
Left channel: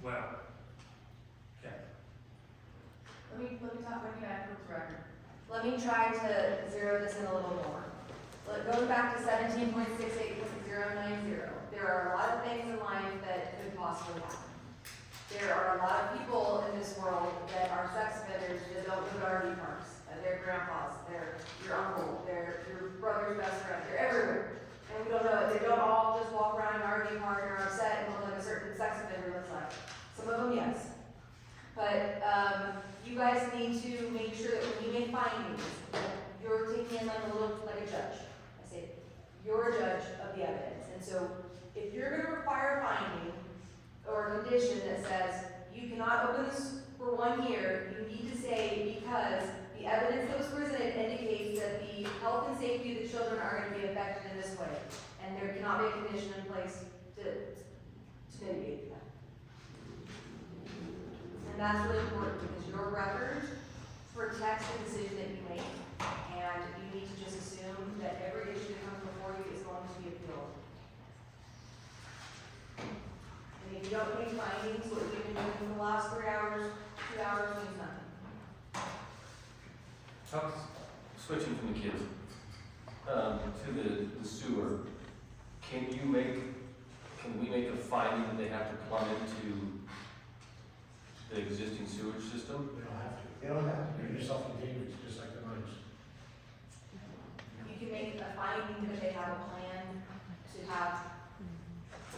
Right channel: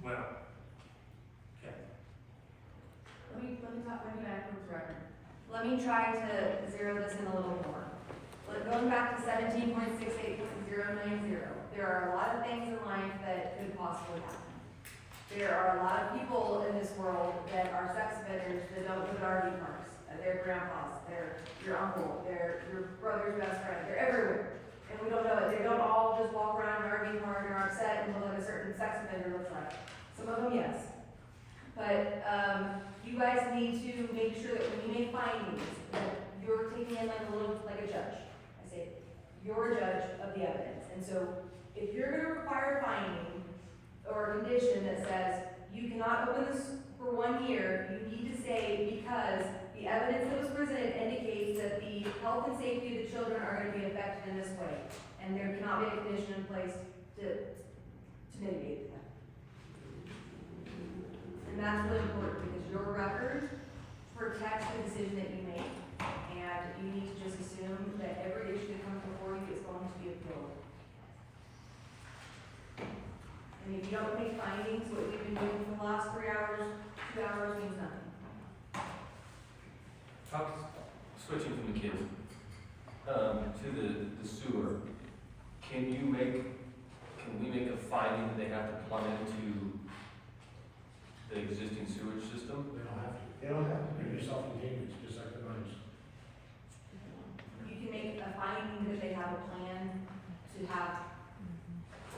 Well, okay. Let me talk, let me get back to the record. Let me try to zero this in a little more. Going back to 17.68.090, there are a lot of things in life that could possibly happen. There are a lot of people in this world that are sex offenders that don't live at RV parks. They're grandpas, they're your uncle, they're your brother's best friend, they're everywhere. And we don't know it. They don't all just walk around an RV park and are upset and look like a certain sex offender looks like. Some of them, yes. But you guys need to make sure that when you make findings, that you're taking them a little like a judge. I say, you're a judge of the evidence. And so if you're going to require finding or a condition that says you cannot open this for 1 year, you need to say because the evidence that was presented indicates that the health and safety of the children are going to be affected in this way. And there cannot be a condition in place to mitigate that. And that's really important because your record protects the decision that you make. And you need to just assume that every issue that comes before you is going to be appealed. And if you don't make findings, what you've been doing for the last 3 hours, 2 hours means nothing. Switching from the kids, to the sewer, can we make a finding that they have to plumb into the existing sewage system? They don't have to. They don't have to. They're self-contained, it's just like the mines. You can make a finding that they have a plan to have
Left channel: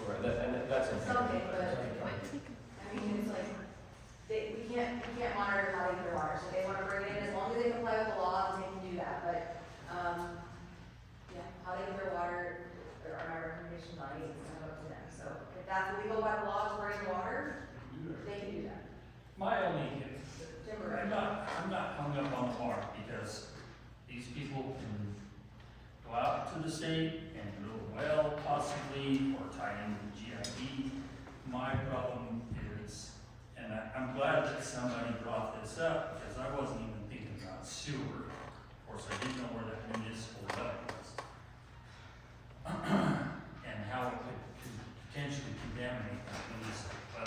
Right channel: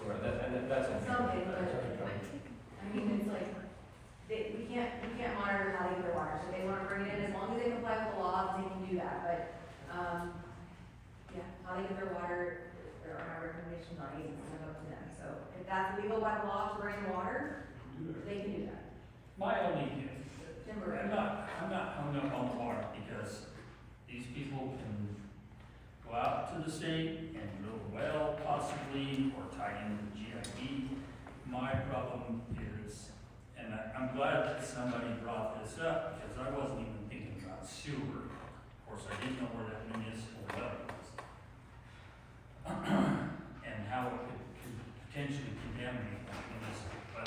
Or that's a. something, but, I mean, it's like, we can't monitor how they get their water, so they wanna bring it in, as long as they comply with the law, they can do that, but, yeah, how they get their water, are my recommendations on it, it's up to them, so if that's legal by law to bring water, they can do that. My only, Timber. I'm not hung up on the water because these people can go out to the state and drill a well possibly, or tie into the GID. My problem is, and I'm glad that somebody brought this up, because I wasn't even thinking about sewer. Of course, I didn't know where that municipal well was. And how it could potentially contaminate that municipal well.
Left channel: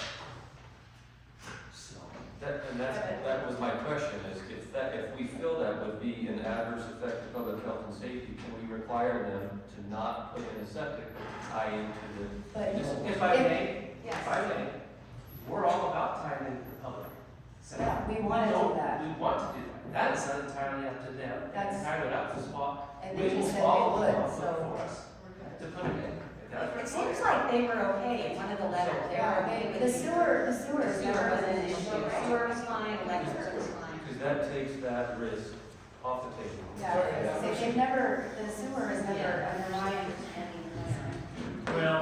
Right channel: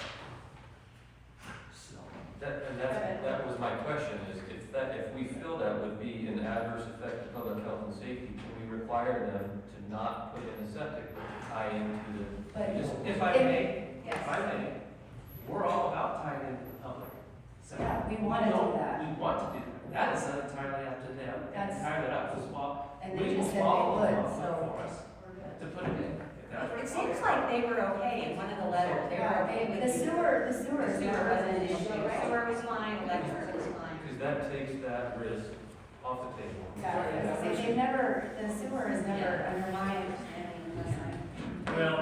So, That was my question, is if we feel that would be an adverse effect to public health and safety, can we require them to not put in a septic to tie into the? If I may, Yes. if I may, we're all about tying into the public. sector. Yeah, we wanna do don't- that. We want to do that. That is not entirely up to them. That's- Entirely up to small. And they just said they would, so For us we're good. to put it in. It seems like they were okay in one of the letters, they were okay with The sewer is The sewer never wasn't an been issue, right? sewer was fine, electric was fine. Because that takes that risk off the table. Yeah, they've never, the sewer is never under my understanding unless I'm. well,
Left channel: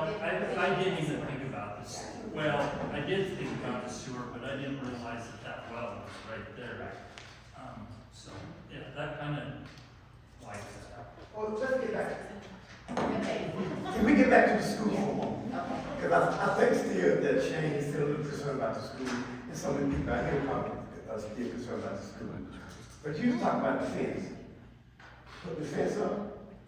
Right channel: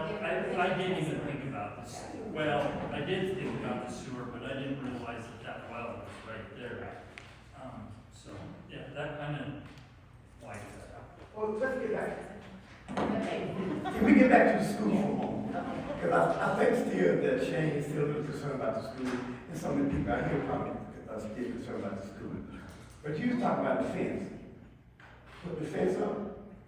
I didn't even think about this. Well, I did think about the sewer, but I didn't realize that well was right there. So, yeah, that kind of wipes that out. Well, let's get back. Okay. Can we get back to the school for a moment? Because I think still that Shane is still a little concerned about the school, and some of the people out here probably are still concerned about the school. But you was talking about the fence. Put the fence up.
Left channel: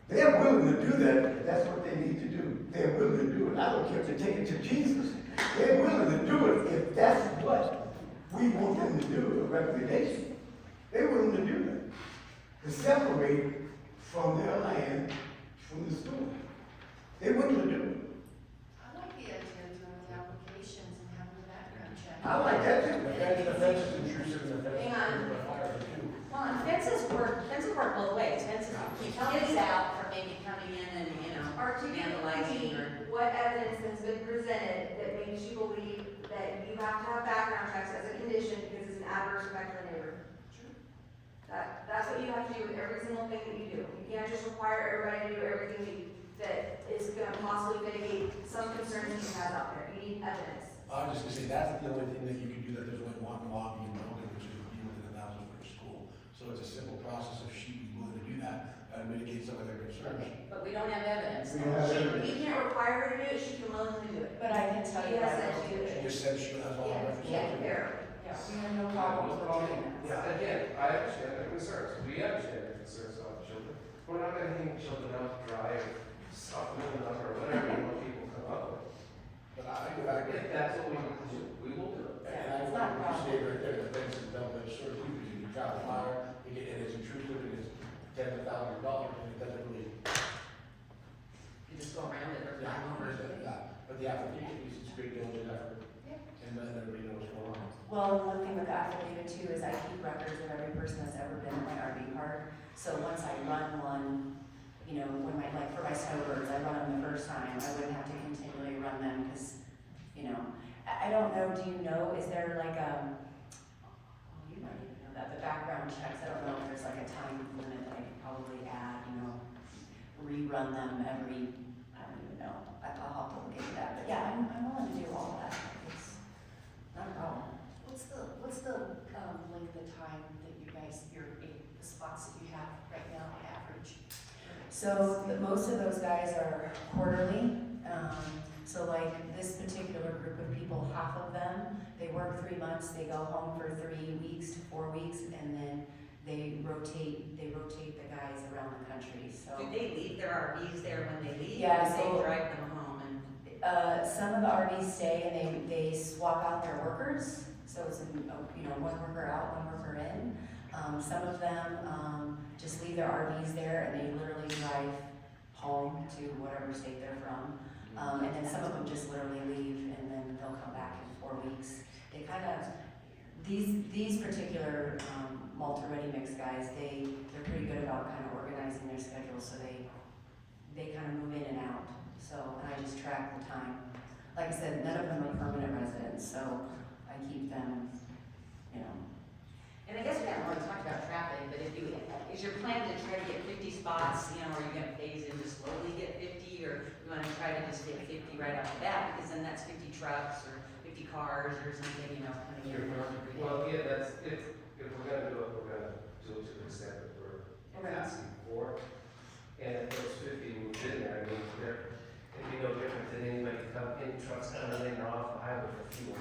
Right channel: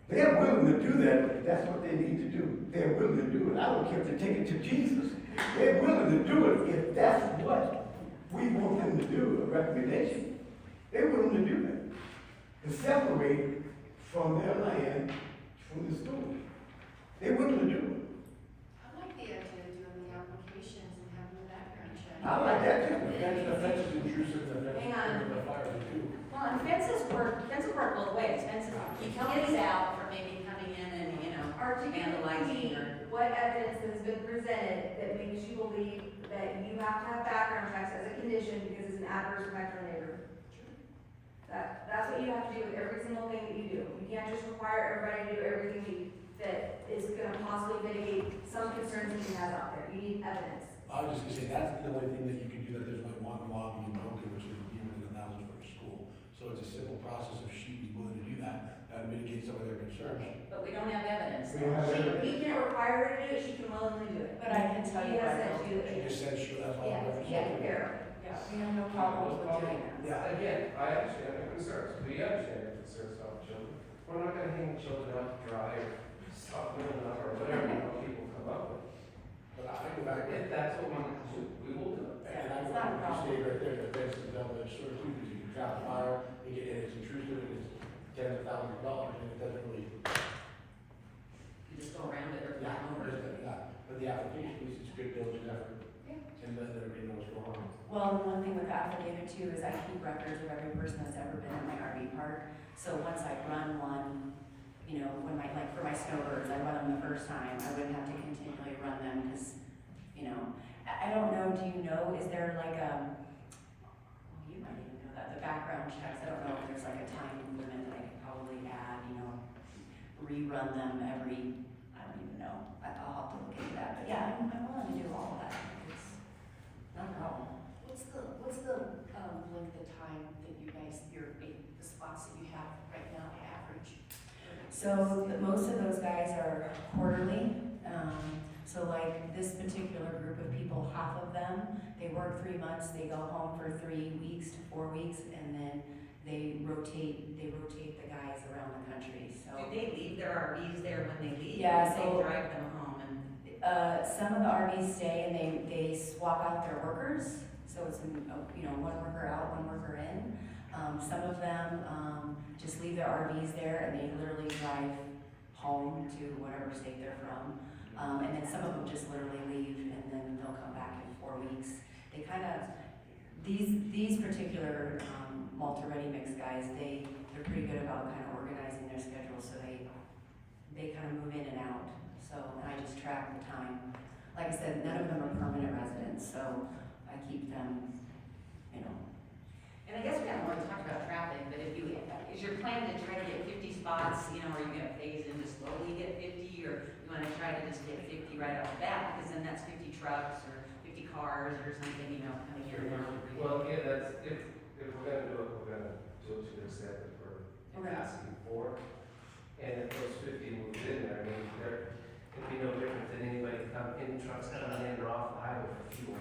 They're willing to do that if that's what they need to do. They're willing to do it. I don't care if they take it to Jesus. They're willing to do it if that's what we want them to do, a recommendation. They're willing to do that. To separate from their land from the school. They're willing to do it. I like the idea of doing the applications and having the background check. I like that too. The fence is intrusive, and the fence Hang on. is the fire too. Well, and fences work both ways, fences keep kids out from maybe coming in and, Or to be vandalizing or. what evidence has been presented that makes you believe that you have to have background checks as a condition because it's an adverse effect on the neighbor? That's what you have to do with every single thing that you do. You can't just require everybody to do everything that is gonna possibly mitigate some concerns that you have out there. You need evidence. I was just gonna say, that's the only thing that you can do, that there's only one lobby in Mountain, which is be within 1,000 foot of school. So it's a simple process of shooting it, she can willingly do it. But I can tell you. He has I that will she do She it. just said she'll have all Yeah, records. yeah, fair. Yeah, we have no problems with doing that. Yeah. Again, I understand their concerns, we understand their concerns about children. We're not gonna hang children out to dry, or stop them up, or whatever, people come up with. But I go back, If that's what we need to do, we will do it. and I go back to say right there, the fence is double-edged sword, because you can trap fire, and it's intrusive, and it's $10,000, and it doesn't really. You just go around it or Yeah, back over it. but the application is it's a great diligent effort, and then everybody knows what's going on. Well, and one thing with the affidavit too is I keep records of every person that's ever been in my RV park. So once I run one, you know, when I, like for my snowbirds, I run them the first time, I wouldn't have to continually run them because, you know, I don't know, do you know, is there like you might even know that, the background checks, I don't know if there's like a time limit that I could probably add, you know, rerun them every, I don't even know, I'll have to look into that, but yeah, I'm willing to do all of that, it's not a problem. What's the length of time that you guys, the spots that you have right now on average? So most of those guys are quarterly. So like this particular group of people, half of them, they work 3 months, they go home for 3 weeks to 4 weeks, and then they rotate the guys around the country, so. Do they leave their RVs there when they leave? Yeah, Or do so- they drive them home and? Some of the RVs stay and they swap out their workers, so it's, you know, one worker out, one worker in. Some of them, just leave their RVs there and they literally drive home to whatever state they're from. And then some of them just literally leave and then they'll come back in 4 weeks. They kind of, these particular, multi-ready mix guys, they're pretty good about kind of organizing their schedule, so they kind of move in and out. So, and I just track the time. Like I said, none of them are permanent residents, so I keep them, you know. And I guess we haven't really talked about traffic, but is your plan to try to get 50 spots, you know, or are you gonna phase in to slowly get 50, or you wanna try to just get 50 right off the bat, because then that's 50 trucks or 50 cars or something, you know, coming here. Well, yeah, that's, if we're gonna do it, we're gonna do it to the extent that we're asking for. And if those 50 move in there, I mean, it'd be no different than anybody in trucks coming in or off the highway for fuel.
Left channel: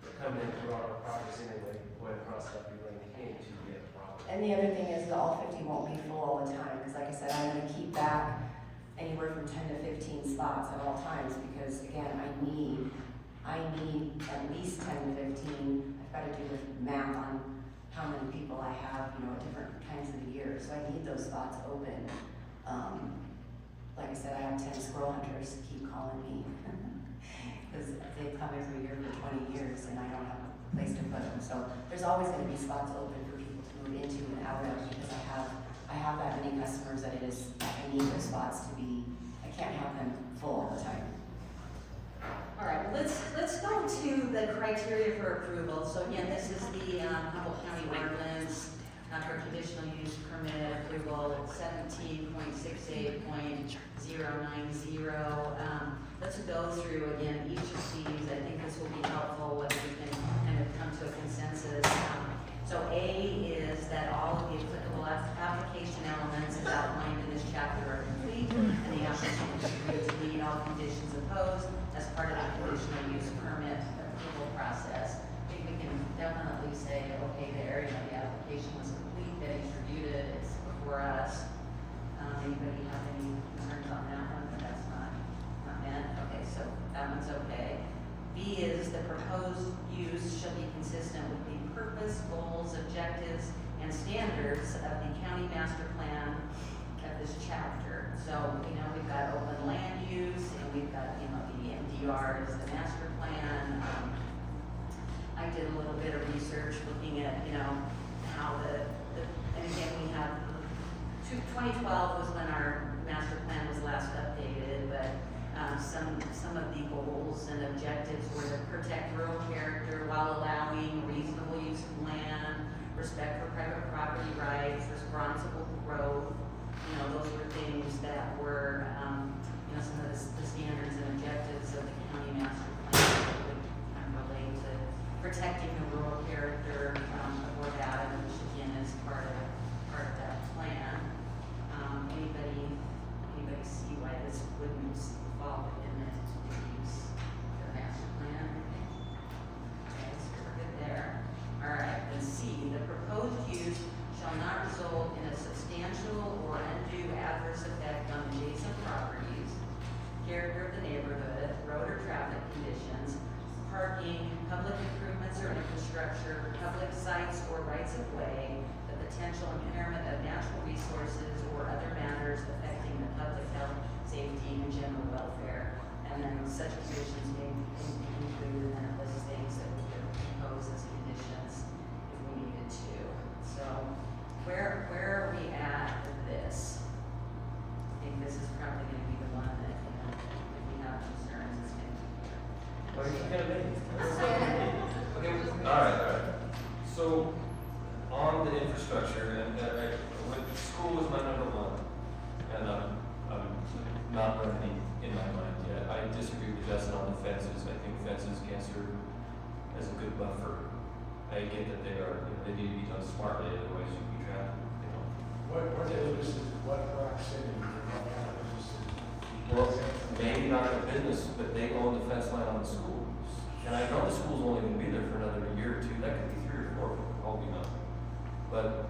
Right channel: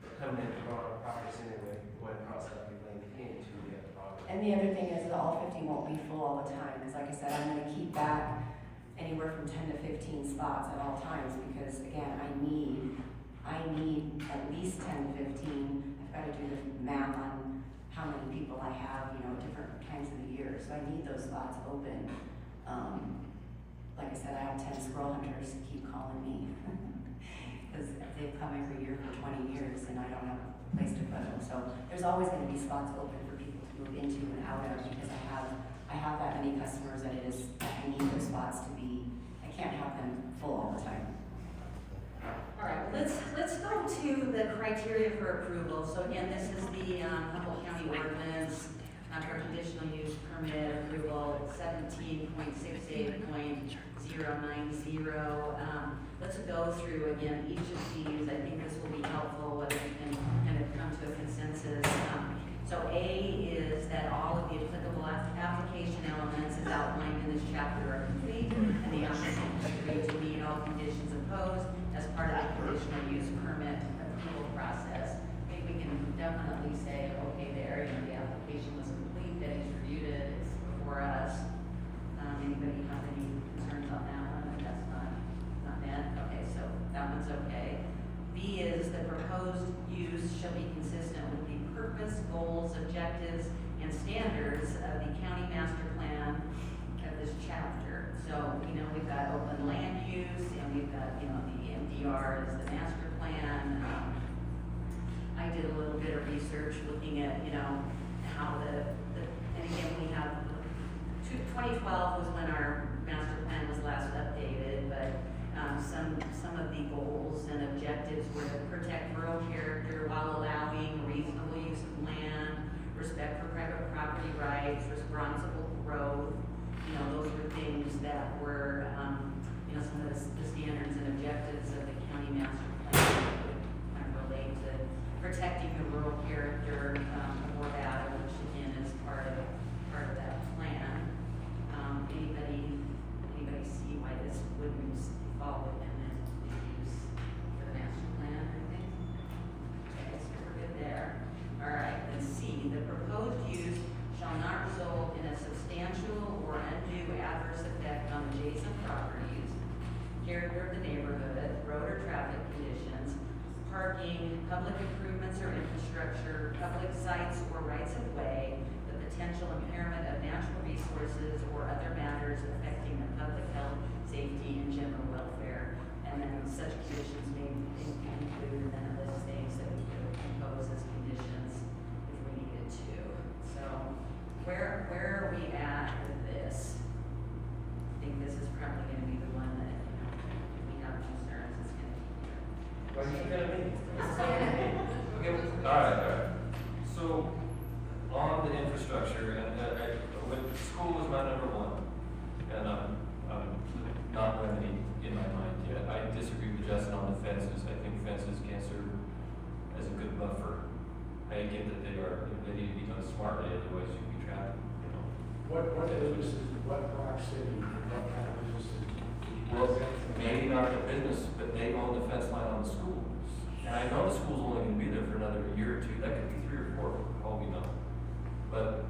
They're coming in to our properties anyway, going across that big lane into the other property. And the other thing is that all 50 won't be full all the time, because like I said, I'm gonna keep back anywhere from 10 to 15 spots at all times, because again, I need at least 10 to 15. I've gotta do the math on how many people I have, you know, at different times of the year, so I need those spots open. Like I said, I have 10 squirrel hunters keep calling me, because they've come every year for 20 years and I don't have a place to put them. So there's always gonna be spots open for people to move into and out of, because I have that many customers that I need those spots to be, I can't have them full all the time. All right, let's go to the criteria for approval. So again, this is the Humboldt County ordinance for conditional use permit approval, 17.68.090. Let's go through again each of these. I think this will be helpful if we can kind of come to a consensus. So A is that all of the applicable application elements as outlined in this chapter are complete, and the applicant has agreed to meet all conditions imposed as part of the conditional use permit approval process. I think we can definitely say, okay, there, you know, the application was complete, that he's reviewed it, it's before us. Anybody have any concerns on that one? That's not met. Okay, so that one's okay. B is the proposed use shall be consistent with the purpose, goals, objectives, and standards of the county master plan of this chapter. So, you know, we've got open land use, and we've got, you know, the MDR is the master plan. I did a little bit of research looking at, you know, how and again, we have, 2012 was when our master plan was last updated, but some of the goals and objectives were to protect rural character while allowing reasonable use of land, respect for private property rights, responsible growth. You know, those were things that were, you know, some of the standards and objectives of the county master plan that would kind of relate to protecting the rural character of Fort Adams, which again is part of that plan. Anybody see why this wouldn't fall within it? conditions, parking, public improvements or infrastructure, public sites or rights of way, the potential impairment of natural resources or other matters affecting the public health, safety, and general welfare. And then such conditions may include, and then it lists things that we could impose as conditions if we needed to. So where are we at with this? I think this is probably gonna be the one that, you know, if we have concerns, it's gonna be. What are you gonna be? Okay, all right. So, on the infrastructure, and school was my number one, and I'm not running in my mind yet. I disagree with Justin on the fences. I think fences can serve as a good buffer. I get that they need to be done smartly, otherwise you'd be trapped, you know. What businesses, what Rock City, and what kind of businesses? Well, maybe not the business, but they own the fence line on the schools. And I know the school's only gonna be there for another year or two, that could be 3 or 4, for all we know. But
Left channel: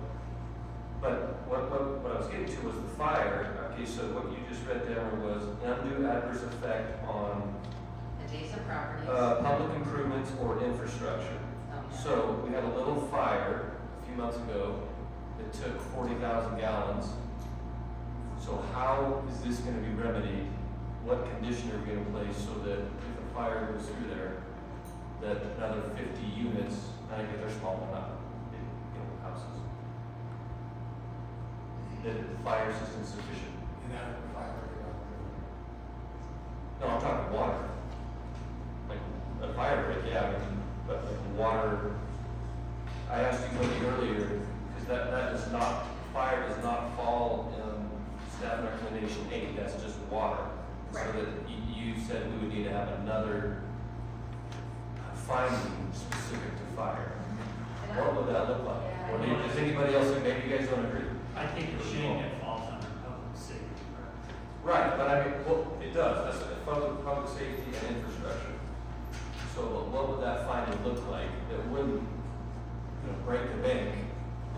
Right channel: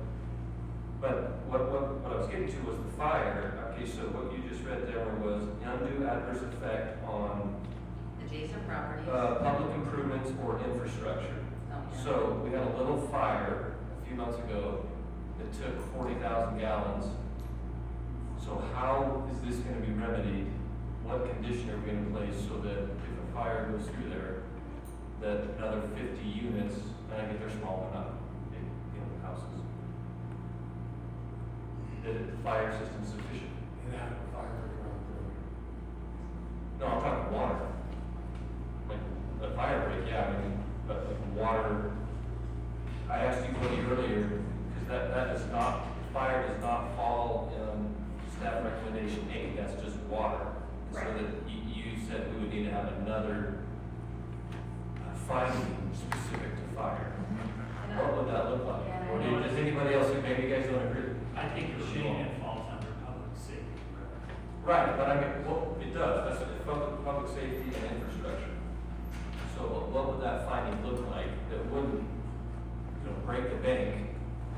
what I was getting to was the fire. Okay, so what you just read there was undue adverse effect on Adjacent properties. public improvements or infrastructure. Okay. So we had a little fire a few months ago that took 40,000 gallons. So how is this gonna be remedied? What condition are we in place so that if a fire goes through there, that another 50 units, and I get they're small, they're not big, you know, houses, that the fire system's sufficient? And that would fire around there. No, I'm talking water. Like, a fire break, yeah, I mean, but like water, I asked you earlier, because that does not, fire does not fall in staff recommendation 8, that's just water. So that you said we would need to have another finding specific to fire. What would that look like? Or does anybody else, maybe you guys don't agree? I think the shade it falls under public safety, correct? Right, but I mean, well, it does, that's what public safety and infrastructure. So what would that finding look like that wouldn't, you know, break the bank?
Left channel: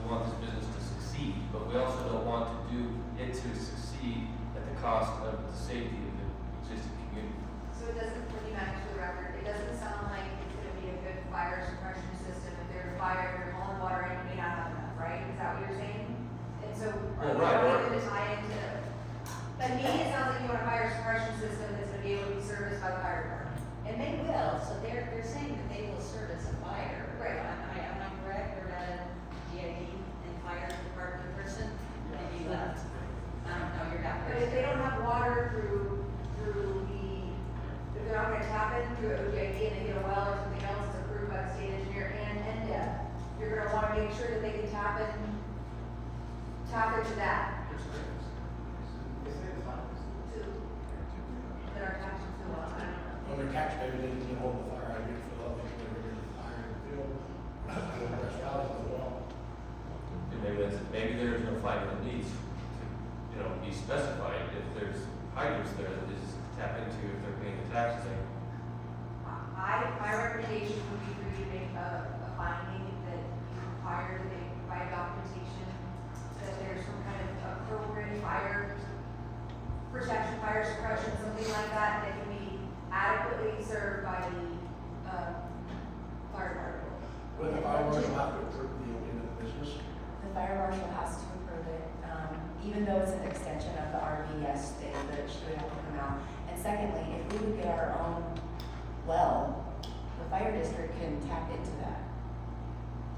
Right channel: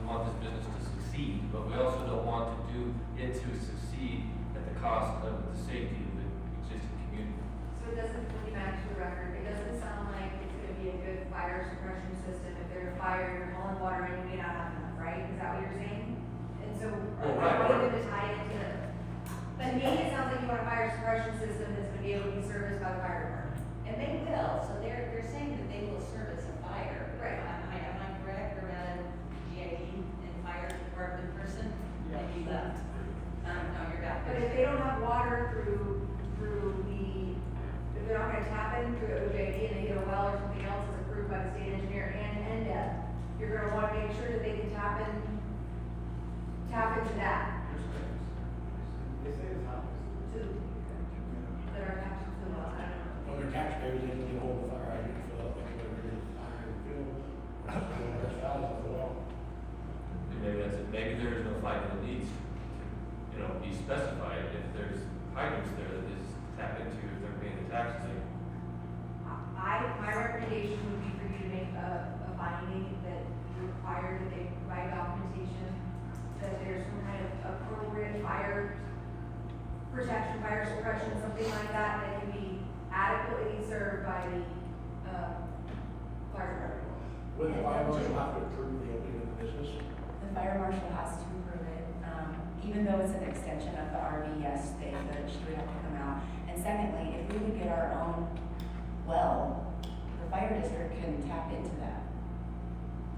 We want this business to succeed, but we also don't want to do it to succeed at the cost of the safety of the existing community. So it doesn't, when you match the record, it doesn't sound like it's gonna be a good fire suppression system. If there's a fire, you're hauling water in, you may not have enough, right? Is that what you're saying? And so, Well, are right, you or- wanting to tie into, but to me, it sounds like you want a fire suppression system that's gonna be able to be serviced by the fire department. And they will, so they're saying that they will service a fire. Right. Am I correct, or a GID and fire department person? Maybe left. I don't know, you're back But there. if they don't have water through if they're not gonna tap in through OJD and they get a well or something else that's approved by the state engineer and NDEP, you're gonna wanna make sure that they can tap into that. To, that our tax bill, I don't know. Well, their taxpayers didn't get a hold of the fire hydrant, fill up, they could have the fire in the field. That's valuable as well. Maybe there is no finding that needs to, you know, be specified if there's hydrants there that is tap into if they're paying the taxes. My recommendation would be for you to make a finding that you require that they provide documentation, that there's some kind of appropriate fire protection, fire suppression, something like that, that can be adequately served by the, fire department. Would the fire marshal have to approve the opening of the business? The fire marshal has to approve it, even though it's an extension of the RV, yes, she would have to come out. And secondly, if we would get our own well, the fire district can tap into that.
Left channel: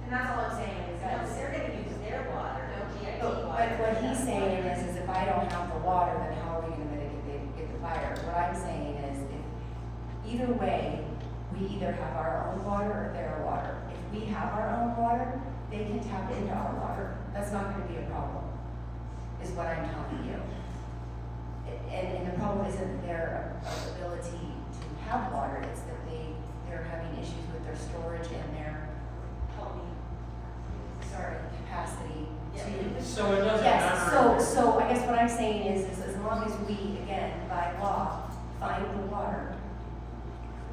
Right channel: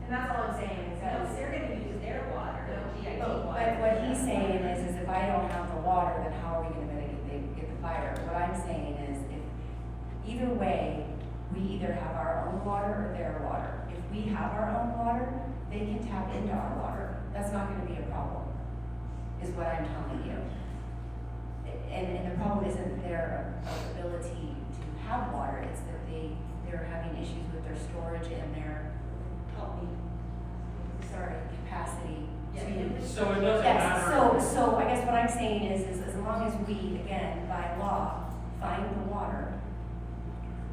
And that's all I'm saying, is that They're gonna use their water, their GID water. But what he's saying is if I don't have the water, then how are we gonna mitigate the fire? What I'm saying is, if, either way, we either have our own water or their water. If we have our own water, they can tap into our water. That's not gonna be a problem, is what I'm telling you. And the problem isn't their ability to have water, it's that they're having issues with their storage and their, capacity. to- So it doesn't Yes, matter. so I guess what I'm saying is as long as we, again, by law, find the water,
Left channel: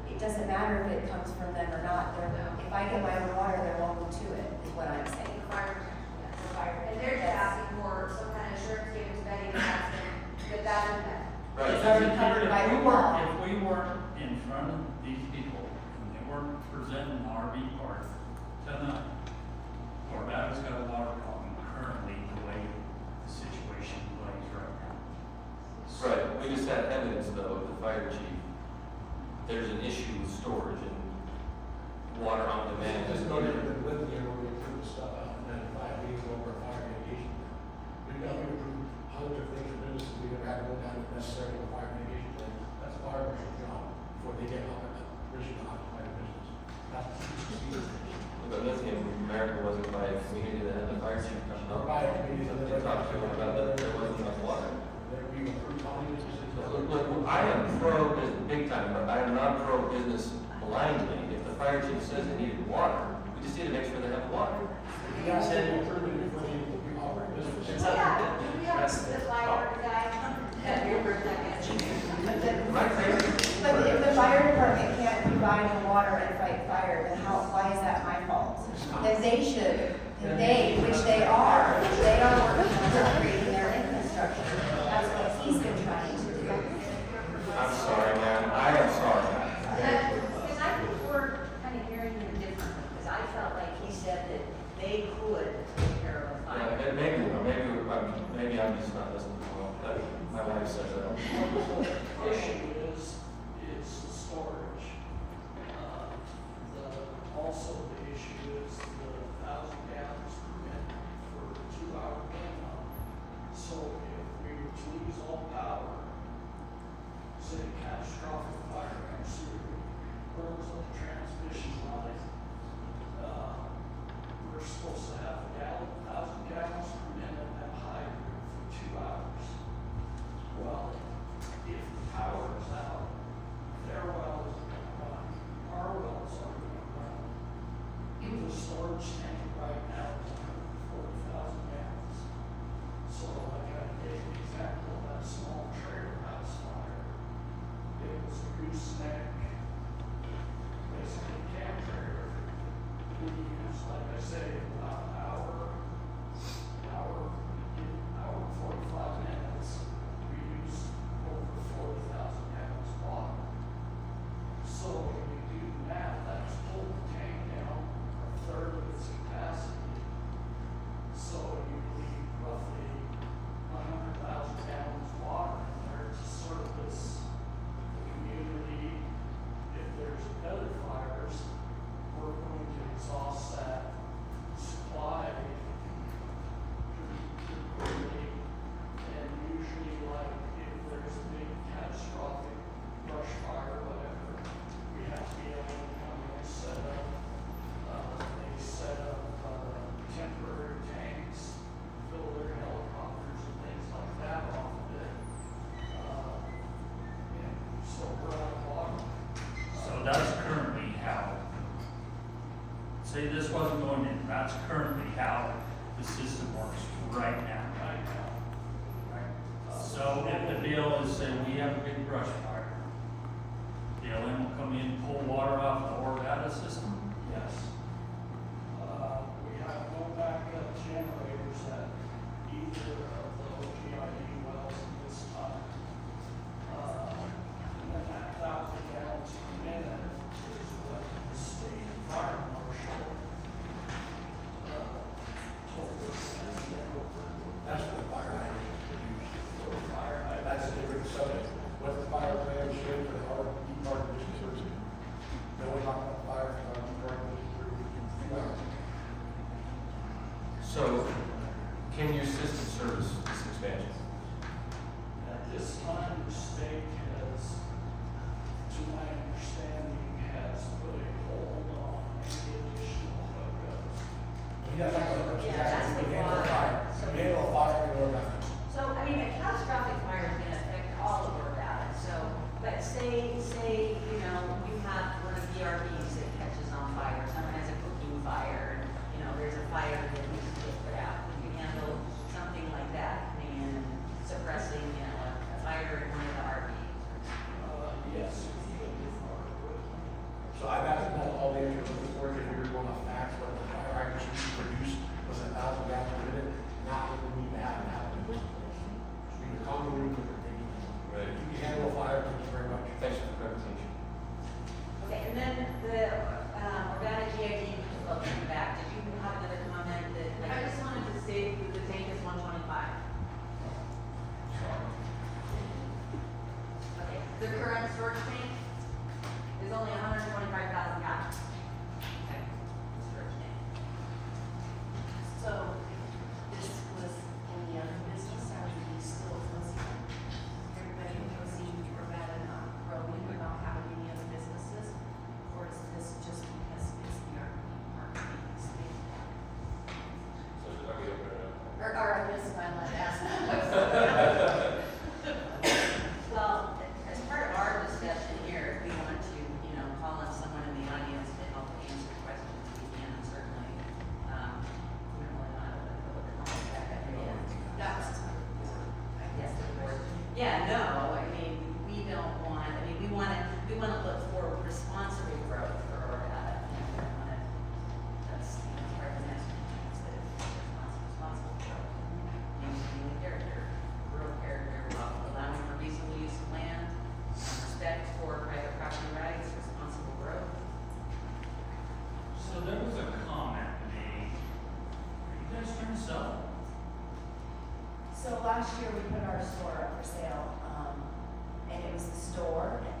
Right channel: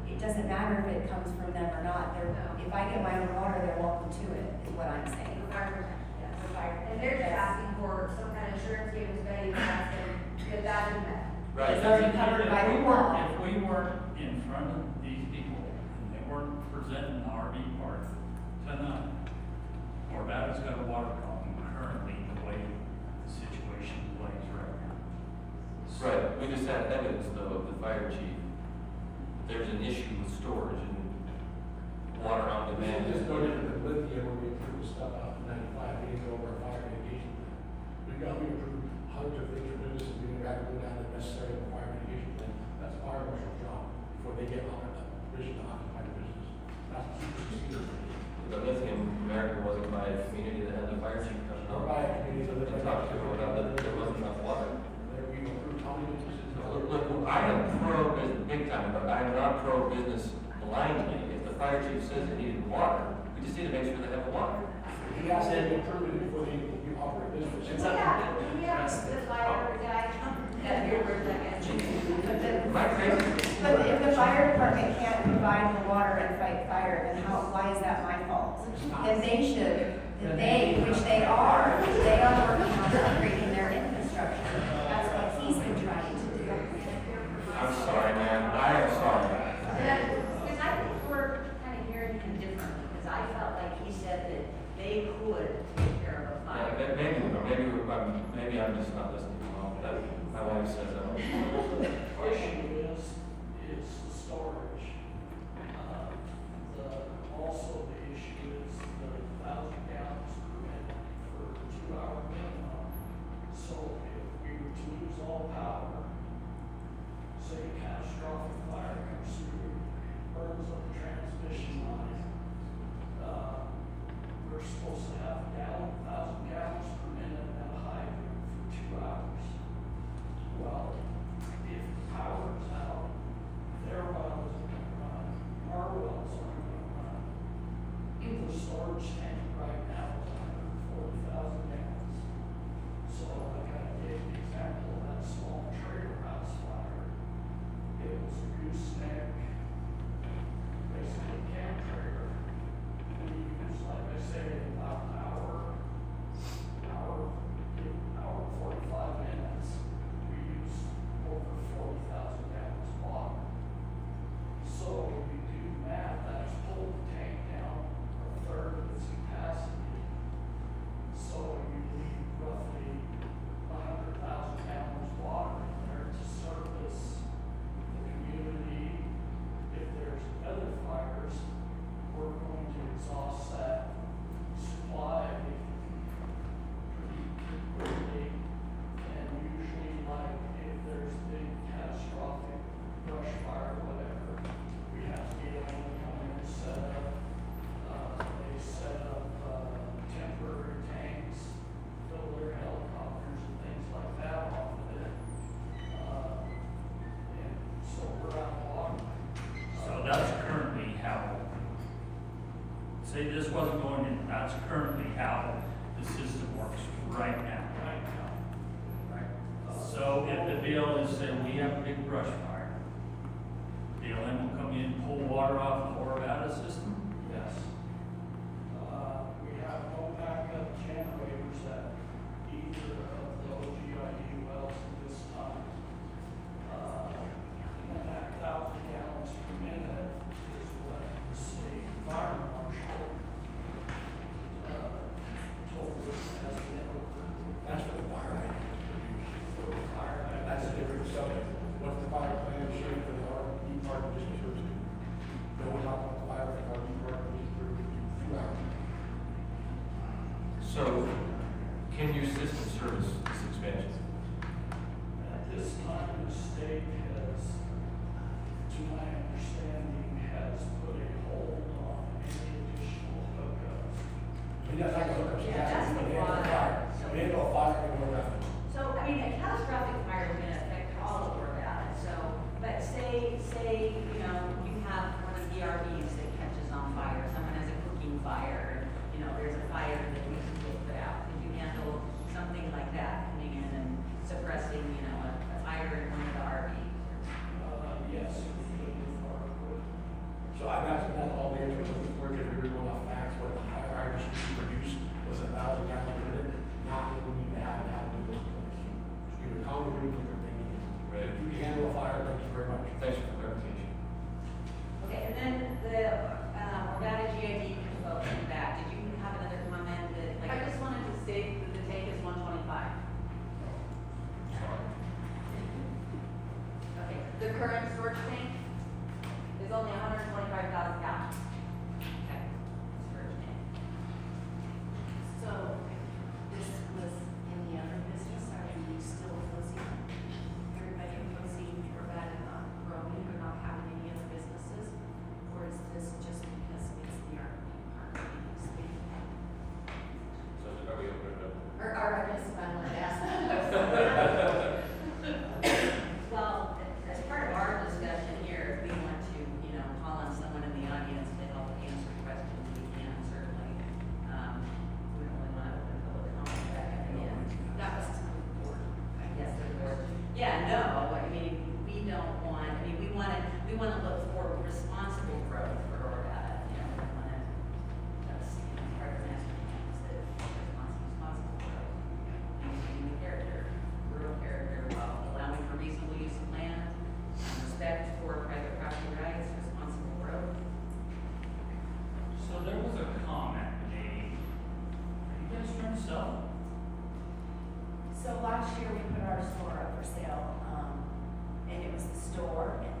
it doesn't matter if it comes from them or not, if I get my own water, they're welcome to it, is what I'm saying. The fire protection, yes, the fire, and they're just asking for some kind of assurance given to Betty that that is met. Right. It's already covered by If we the law. weren't in front of these representing the RV park tonight. Corbata's got a water problem currently, the way the situation plays right now. Right, we just had evidence though, of the fire chief, there's an issue with storage and water on demand. It's no different than with the, where we approved the stuff out in 95, we go over a fire mitigation plan. We approved hundreds of things for businesses, we never had to go down the necessary fire mitigation plan. That's a fire marshal's job before they get on the permission to occupy the business. That's the procedure. The lithium America wasn't by a community that had the fire chief come Or out. by a community that To talk to them about that there wasn't enough water. we approved how many businesses. Look, I am pro business big time, but I am not pro business blindly. If the fire chief says they needed water, we just need to make sure they have water. You gotta say they approved it before they operate business. We have the fire guy. Yeah, you're Am I crazy? But if the fire department can't provide the water and fight fire, then why is that my fault? Then they should, which they are working on upgrading their infrastructure. That's what he's been trying to do. I'm sorry, man. I am sorry. Because I think we're kind of hearing him differently, because I felt like he said that they could take care of a fire. Maybe I'm just not listening well. My wife says it all. The issue is the storage. Also the issue is the 1,000 gallons per minute for 2 hour minimum. So if we were to lose all power, say catastrophic fire comes through, burns up the transmission line, we're supposed to have 1,000 gallons per minute at a hydrant for 2 hours. Well, if the power is out, their well isn't gonna run, our wells aren't gonna run. The storage tank right now is 140,000 gallons. So I kind of gave the example of that small trailer house fire. It was a gooseneck, basically camp trailer. We used, like I say, about an hour and 45 minutes. We used over 40,000 gallons of water. So if you do math, that's pulled the tank down a third of its capacity. So you need roughly 100,000 gallons of water in there to service the community. If there's other fires, we're going to exhaust that supply pretty quickly. And usually, like, if there's a big catastrophic brush fire or whatever, we have to be able to come in and set up temporary tanks, fill their helicopters and things like that off of it. And so we're out of water. So that's currently how, say this wasn't going in, that's currently how the system works right now. Right now. Right. So if the BLM said, we have a big brush fire, BLM will come in, pull water off the Orvada system? Yes. We have no backup generators at either of the OGIE wells at this time. And then that 1,000 gallons per minute is what the state fire marshal told us at the end of That's what the fire hydrant is. the fire. That's a different subject. What's the fire plan shared for the RV park district? No one talked about the fire for the RV park district for 2 hours. So, can your system service this expansion? At this time, the state has, to my understanding, has put a hold on any additional hookups. We got like a hookup. Yeah, that's the water. We handle a fire in Orvada. So, I mean, a catastrophic fire is gonna affect all of Orvada, so, but say, you know, you have one of the RVs that catches on fire, someone has a cooking fire, and, you know, there's a fire that needs to get put out. Can you handle something like that, coming in and suppressing, you know, a fire in one of the RVs? Yes, we could do more with. So I've asked them all the answers before, because we were going off facts, what the fire hydrant should be produced The current storage tank is only 125,000 gallons. Okay, storage tank. So, this was in the other business, are we still closing? Everybody closing for bad and not growing, but not having any other businesses? Or is this just because it's the RV park thing? So should I open it up? Or I guess I might ask. Well, as part of our discussion here, if we want to, you know, call on someone in the audience to help answer questions, we can certainly. We don't really want to open public comment back up again. That was I guess the board. Yeah, no, I mean, we don't want, I mean, we want to look for responsible growth for, you know, we want to, that's, you know, part of the master plan, is that responsible growth. Maintaining the character, rural character, while allowing for reasonable use of land, respect for private property rights, responsible growth. So there was a comment made, are you guys trying to sell? So last year, we put our store up for sale, and it was the store, and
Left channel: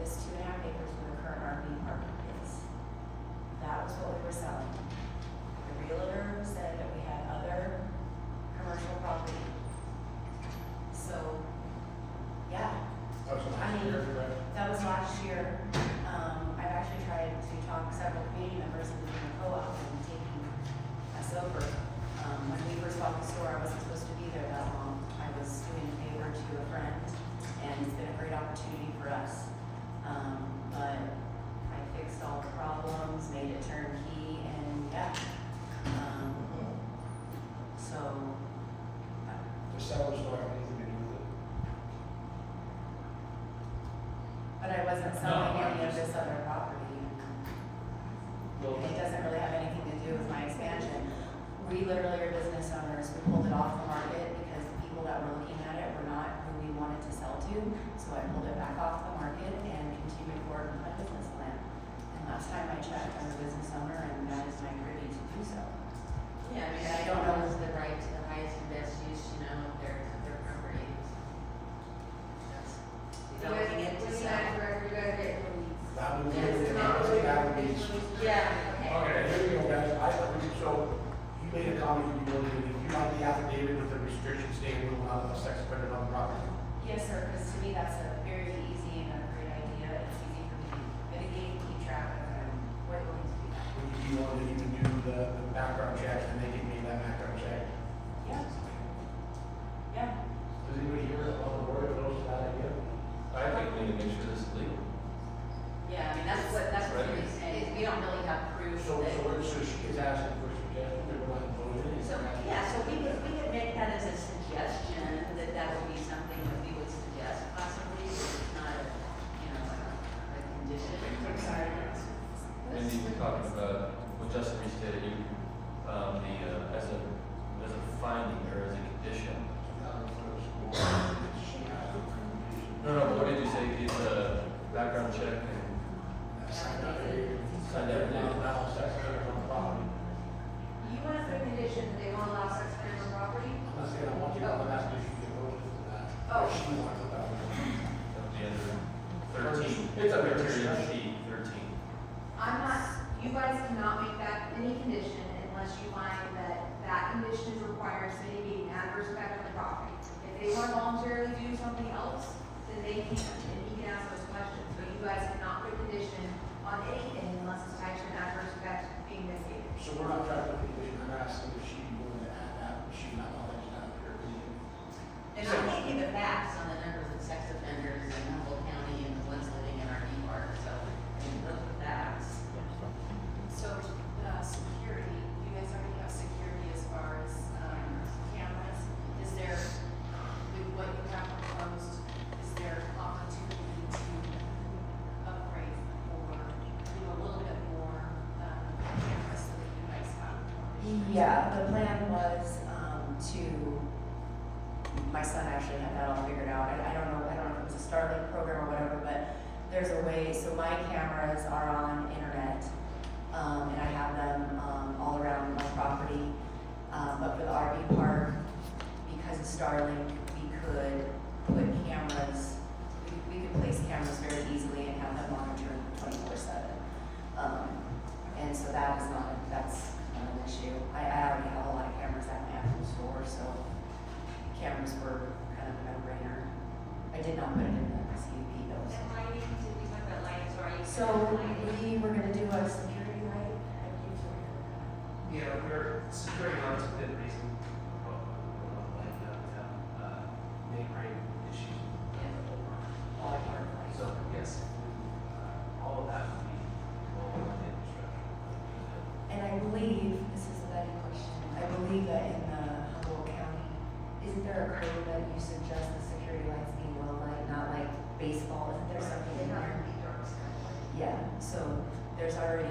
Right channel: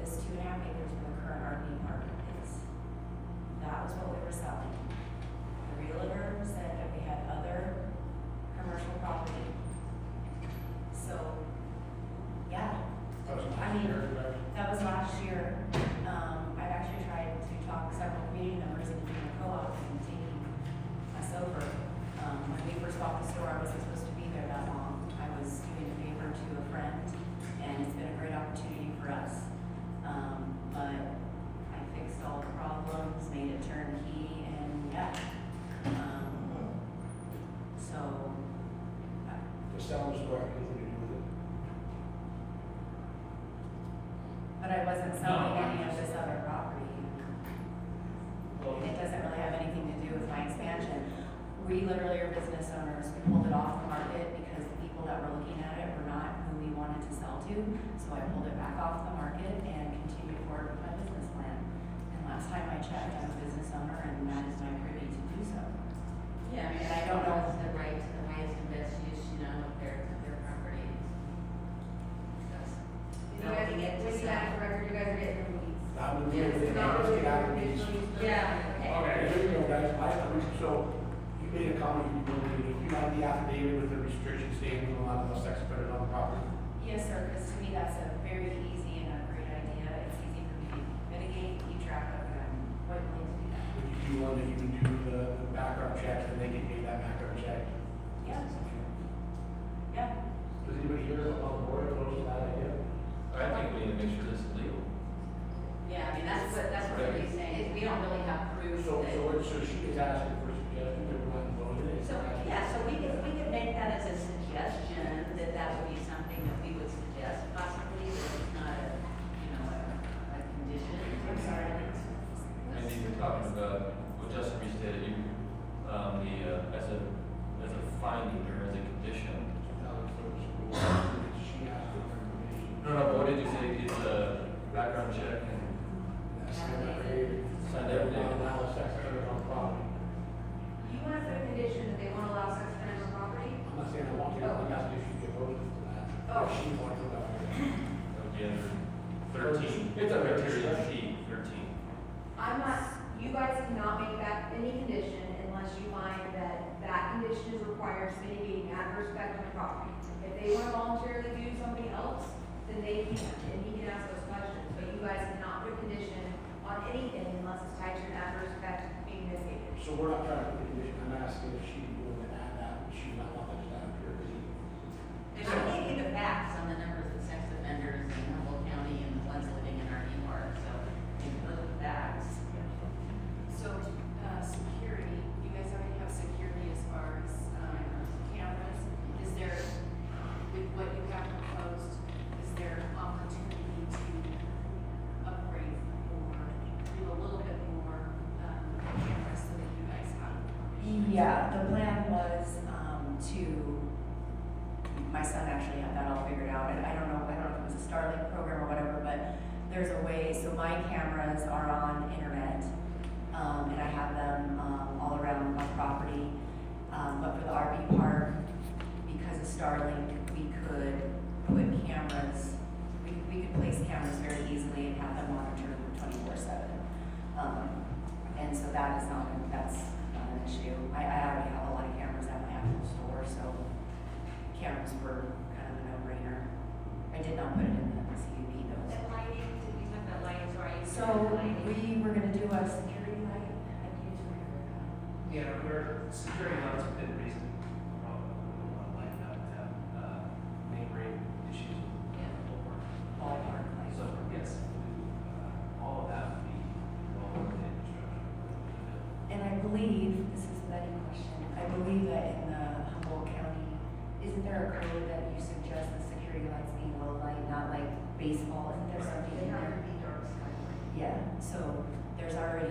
this 2.5 acres where the current RV park is. That was what we were selling. The realtor said that we had other commercial property. So, yeah, That's I last mean, year, right? that was last year. I've actually tried to talk several community members into doing a co-op and taking us over. When we first bought the store, I wasn't supposed to be there that long. I was doing a favor to a friend, and it's been a great opportunity for us. But I fixed all the problems, made it turnkey, and yeah. So, The seller's store have anything to do with it? but I wasn't selling any of this other property. It doesn't really have anything to do with my expansion. We literally are business owners. We pulled it off the market because the people that were looking at it were not who we wanted to sell to. So I pulled it back off the market and continued forward with my business plan. And last time I checked, I'm a business owner and that is my privy to do so. Yeah, I mean, I don't know if the right to the highest and best use, you know, of their property. Just developing it to sell. You guys are getting the weeds. Not with Yes, you, not it's really. got to be. Yeah, okay. Okay, here we go, guys, so, you made a comment, you like the affidavit with the restriction statement on the sex offender on the property? Yes, sir, because to me, that's a very easy and a great idea. It's easy for me to mitigate, keep track of, and we're willing to do that. Would you be willing to even do the background checks and they get paid that background check? Yeah. Yeah. Does anybody here on the board oppose that idea? I think we need to make sure this is legal. Yeah, I mean, that's what we're really saying, is we don't really have proof So that. she is asking for a suggestion, they're not voting in. So, yeah, so we could make that as a suggestion, that would be something that we would suggest possibly, if it's not a, you know, a condition. I'm sorry. And you were talking about what Justin restated, you, as a finding or as a condition. No, but what did you say, it's a background check and Signed affidavit. Signed affidavit. Not allow sex offenders on the property. You want to put a condition that they won't allow sex offenders on property? I'm not saying I want you, I'm asking if you can vote for that. Oh. If she wants to put that on. that would be under 13. It's under Criteria discretion. C, 13. I'm not, you guys cannot make that any condition unless you find that that condition is required to mitigating adverse effect on the property. If they want to voluntarily do something else, then they can, and he can ask those questions. But you guys cannot put a condition on anything unless it's tied to an adverse effect being mitigated. So we're not trying to put the condition, I'm asking if she'd be willing to add that, would she not want that to happen here? And I gave you the facts on the numbers of sex offenders in Humboldt County and the ones living in our park, so you can look at the facts. So, security, you guys already have security as far as, cameras. Is there, with what you have proposed, is there opportunity to upgrade or do a little bit more, cameras so that you guys have more? Yeah, the plan was, my son actually had that all figured out, and I don't know if it was a Starlink program or whatever, but there's a way, so my cameras are on internet, and I have them, all around my property. But for the RV park, because of Starlink, we could put cameras, we we could place cameras very easily and have them monitored 24/7. And so that's not an issue. I already have a lot of cameras at my actual store, so cameras were kind of a no-brainer. I did not put it in the CUP though. And lighting, did we talk about lighting, so are you? So we were gonna do a security light. Yeah, we're, security lights within reason, like, neighboring issues. Ballpark light. So, yes, all of that would be involved in infrastructure. And I believe, this is a betting question, I believe that in Humboldt County, isn't there a code that you suggest the security lights being low light, not like baseball? Isn't there something in there? Yeah, so there's already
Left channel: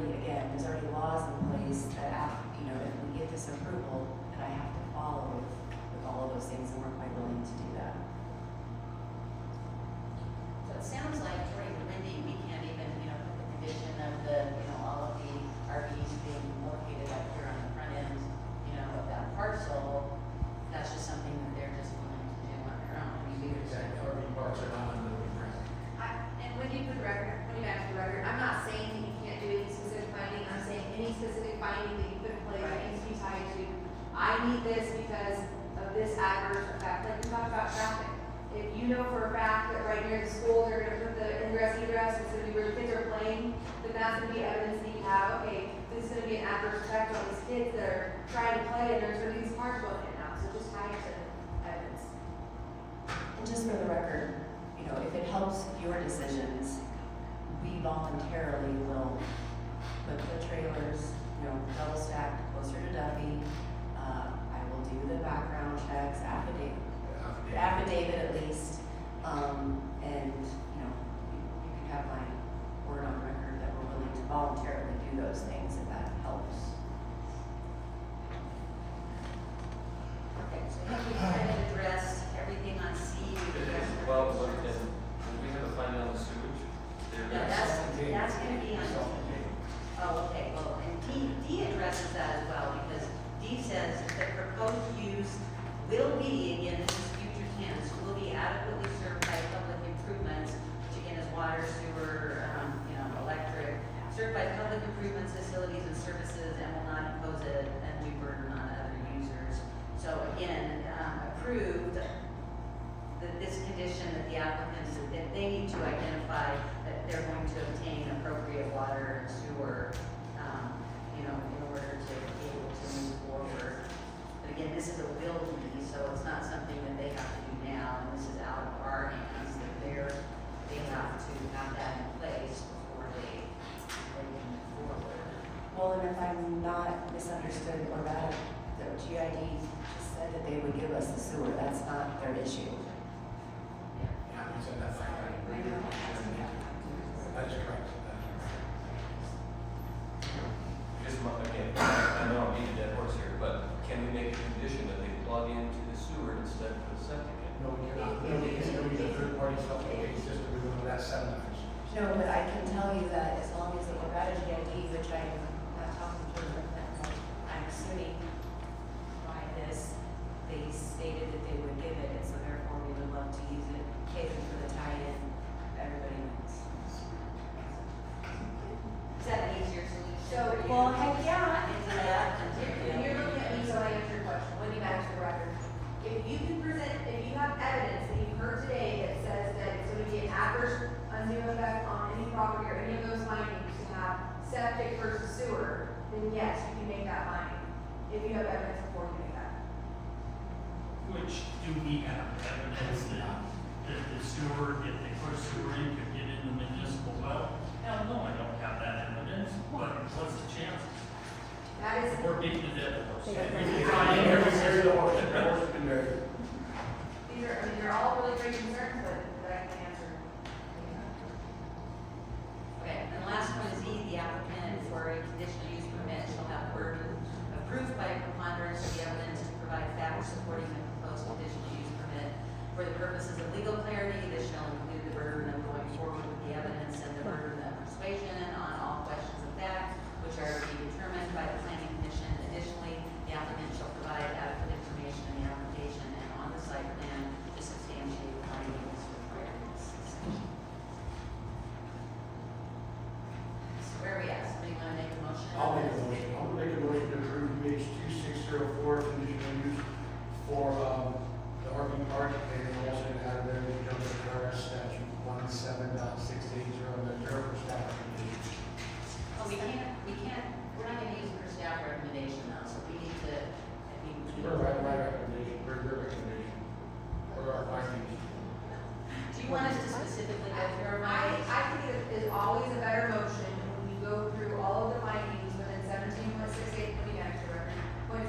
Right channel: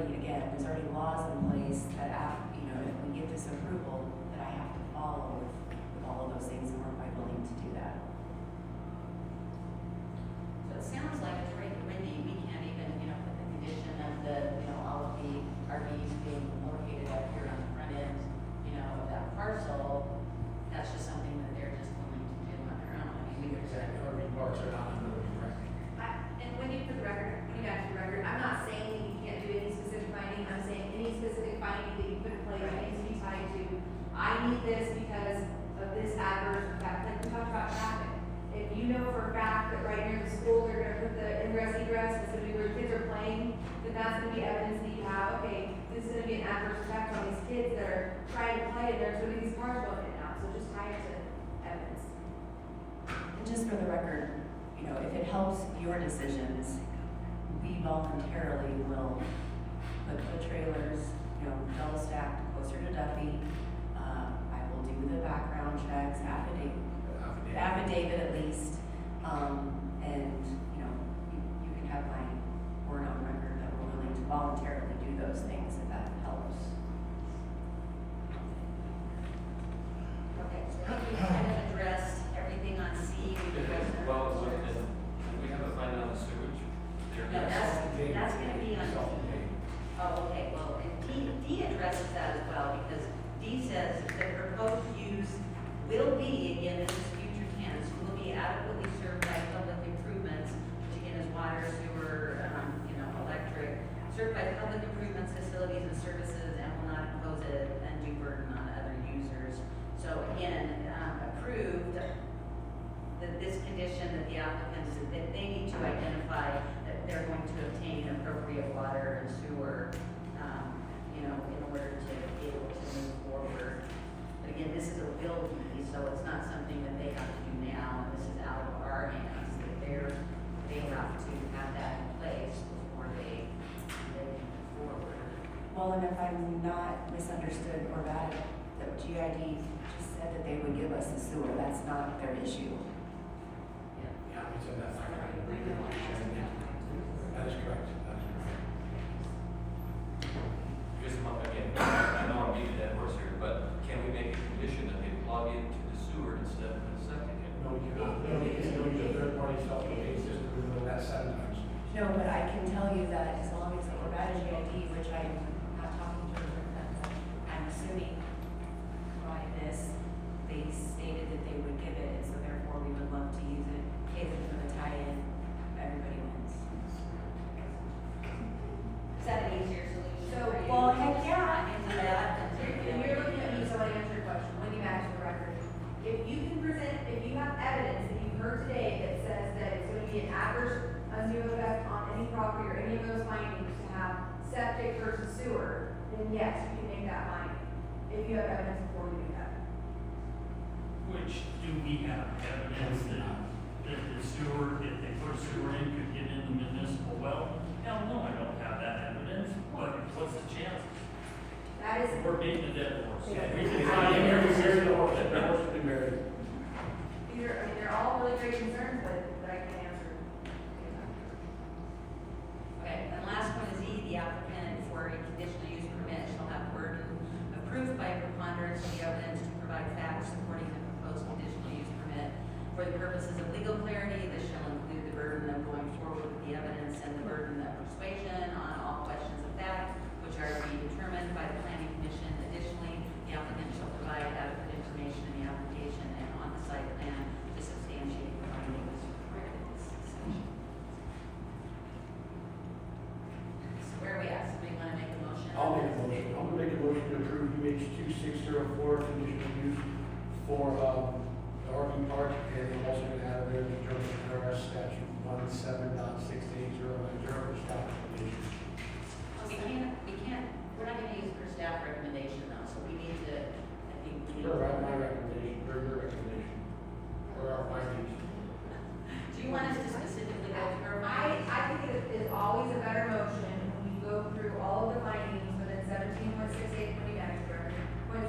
laws in place that, if we get this approval, that I have to follow with all of those things, and we're quite willing to do that. So it sounds like, according to Wendy, we can't even, put the condition of all of the RVs being located up here on the front end, of that parcel. That's just something that they're just willing to do on their own. I mean, we could. Exactly, RV parks are not under the traffic. And Wendy, for the record, I'm not saying that you can't do any specific finding, I'm saying any specific finding that you put in place needs to be tied to, I need this because of this adverse effect, like we talked about traffic. If you know for a fact that right near the school, they're gonna put the ingress egress, it's gonna be where the kids are playing, then that's gonna be evidence that you have, okay, this is gonna be an adverse effect on these kids that are trying to play and there's where these cars going in and out, so just tie it to evidence. And just for the record, if it helps your decisions, we voluntarily will put the trailers, double stacked closer to Duffy. I will do the background checks, affidavit at least. And, you can have my word on record that we're willing to voluntarily do those things if that helps. Okay, so I think we kind of addressed everything on C, we addressed. Well, we have a finding on the sewage. No, that's gonna be on. Oh, okay, well, and D addresses that as well, because D says the proposed use will be, again, this is future tense, will be adequately served by public improvements, which again is water, sewer, electric, served by public improvements, facilities and services, and will not impose an undue burden on other users. So again, approved that this condition that the applicants, that they need to identify that they're going to obtain appropriate water and sewer, in order to be able to move forward. But again, this is a will be, so it's not something that they have to do now, and this is out of our hands, that they have to have that in place before they move forward. Well, and if I'm not misunderstood or bad, the GID just said that they would give us the sewer, that's not their issue. Yeah, we said that back. I know. That is correct. Just, again, I know I'm beating that horse here, but can we make a condition that they plug into the sewer instead of the septic? No, we cannot, no, because no, use a third party self-contained system, we know that 7 times. No, but I can tell you that as long as the Nevada GID, which I'm not talking to them, I'm assuming by this, they stated that they would give it, and so therefore we would love to use it, cater for the tie-in, everybody wins. Is that an easier solution? So, for you? well, heck yeah. I can do that. When you're looking at me, so I answer your question, when you match the record. If you can present, if you have evidence that you've heard today that says that it's gonna be an adverse undue effect on any property or any of those findings to have septic versus sewer, then yes, you can make that finding. If you have evidence before you make that. Which, do we have evidence that the sewer, if they put sewer in, could get in the municipal well? Hell no, I don't have that evidence, but what's the chance? That is, We're beating the dead horse. Yeah, We we can can try find every every. area, the horse has been married. they're all really great concerns, but I can answer. Okay, and the last one is E, the applicant for a conditional use permit shall have the burden approved by a preponderance of the evidence to provide facts supporting the proposed conditional use permit. For the purposes of legal clarity, this shall include the burden of going forward with the evidence and the burden of persuasion on all questions of fact, which are to be determined by the planning commission. Additionally, the applicant shall provide adequate information in the application and on the site plan to substantiate the findings required in this section. conditional use for, the RV park, and we're also gonna add in the terms of IRS statute 17.680, and then for staff recommendation. Oh, we're not gonna use per staff recommendation though, so we need to, I think we need. My recommendation, your recommendation, or our findings. Do you want us to specifically go through our findings? I think it is always a better motion when you go through all of the findings within 17.68 for the next record,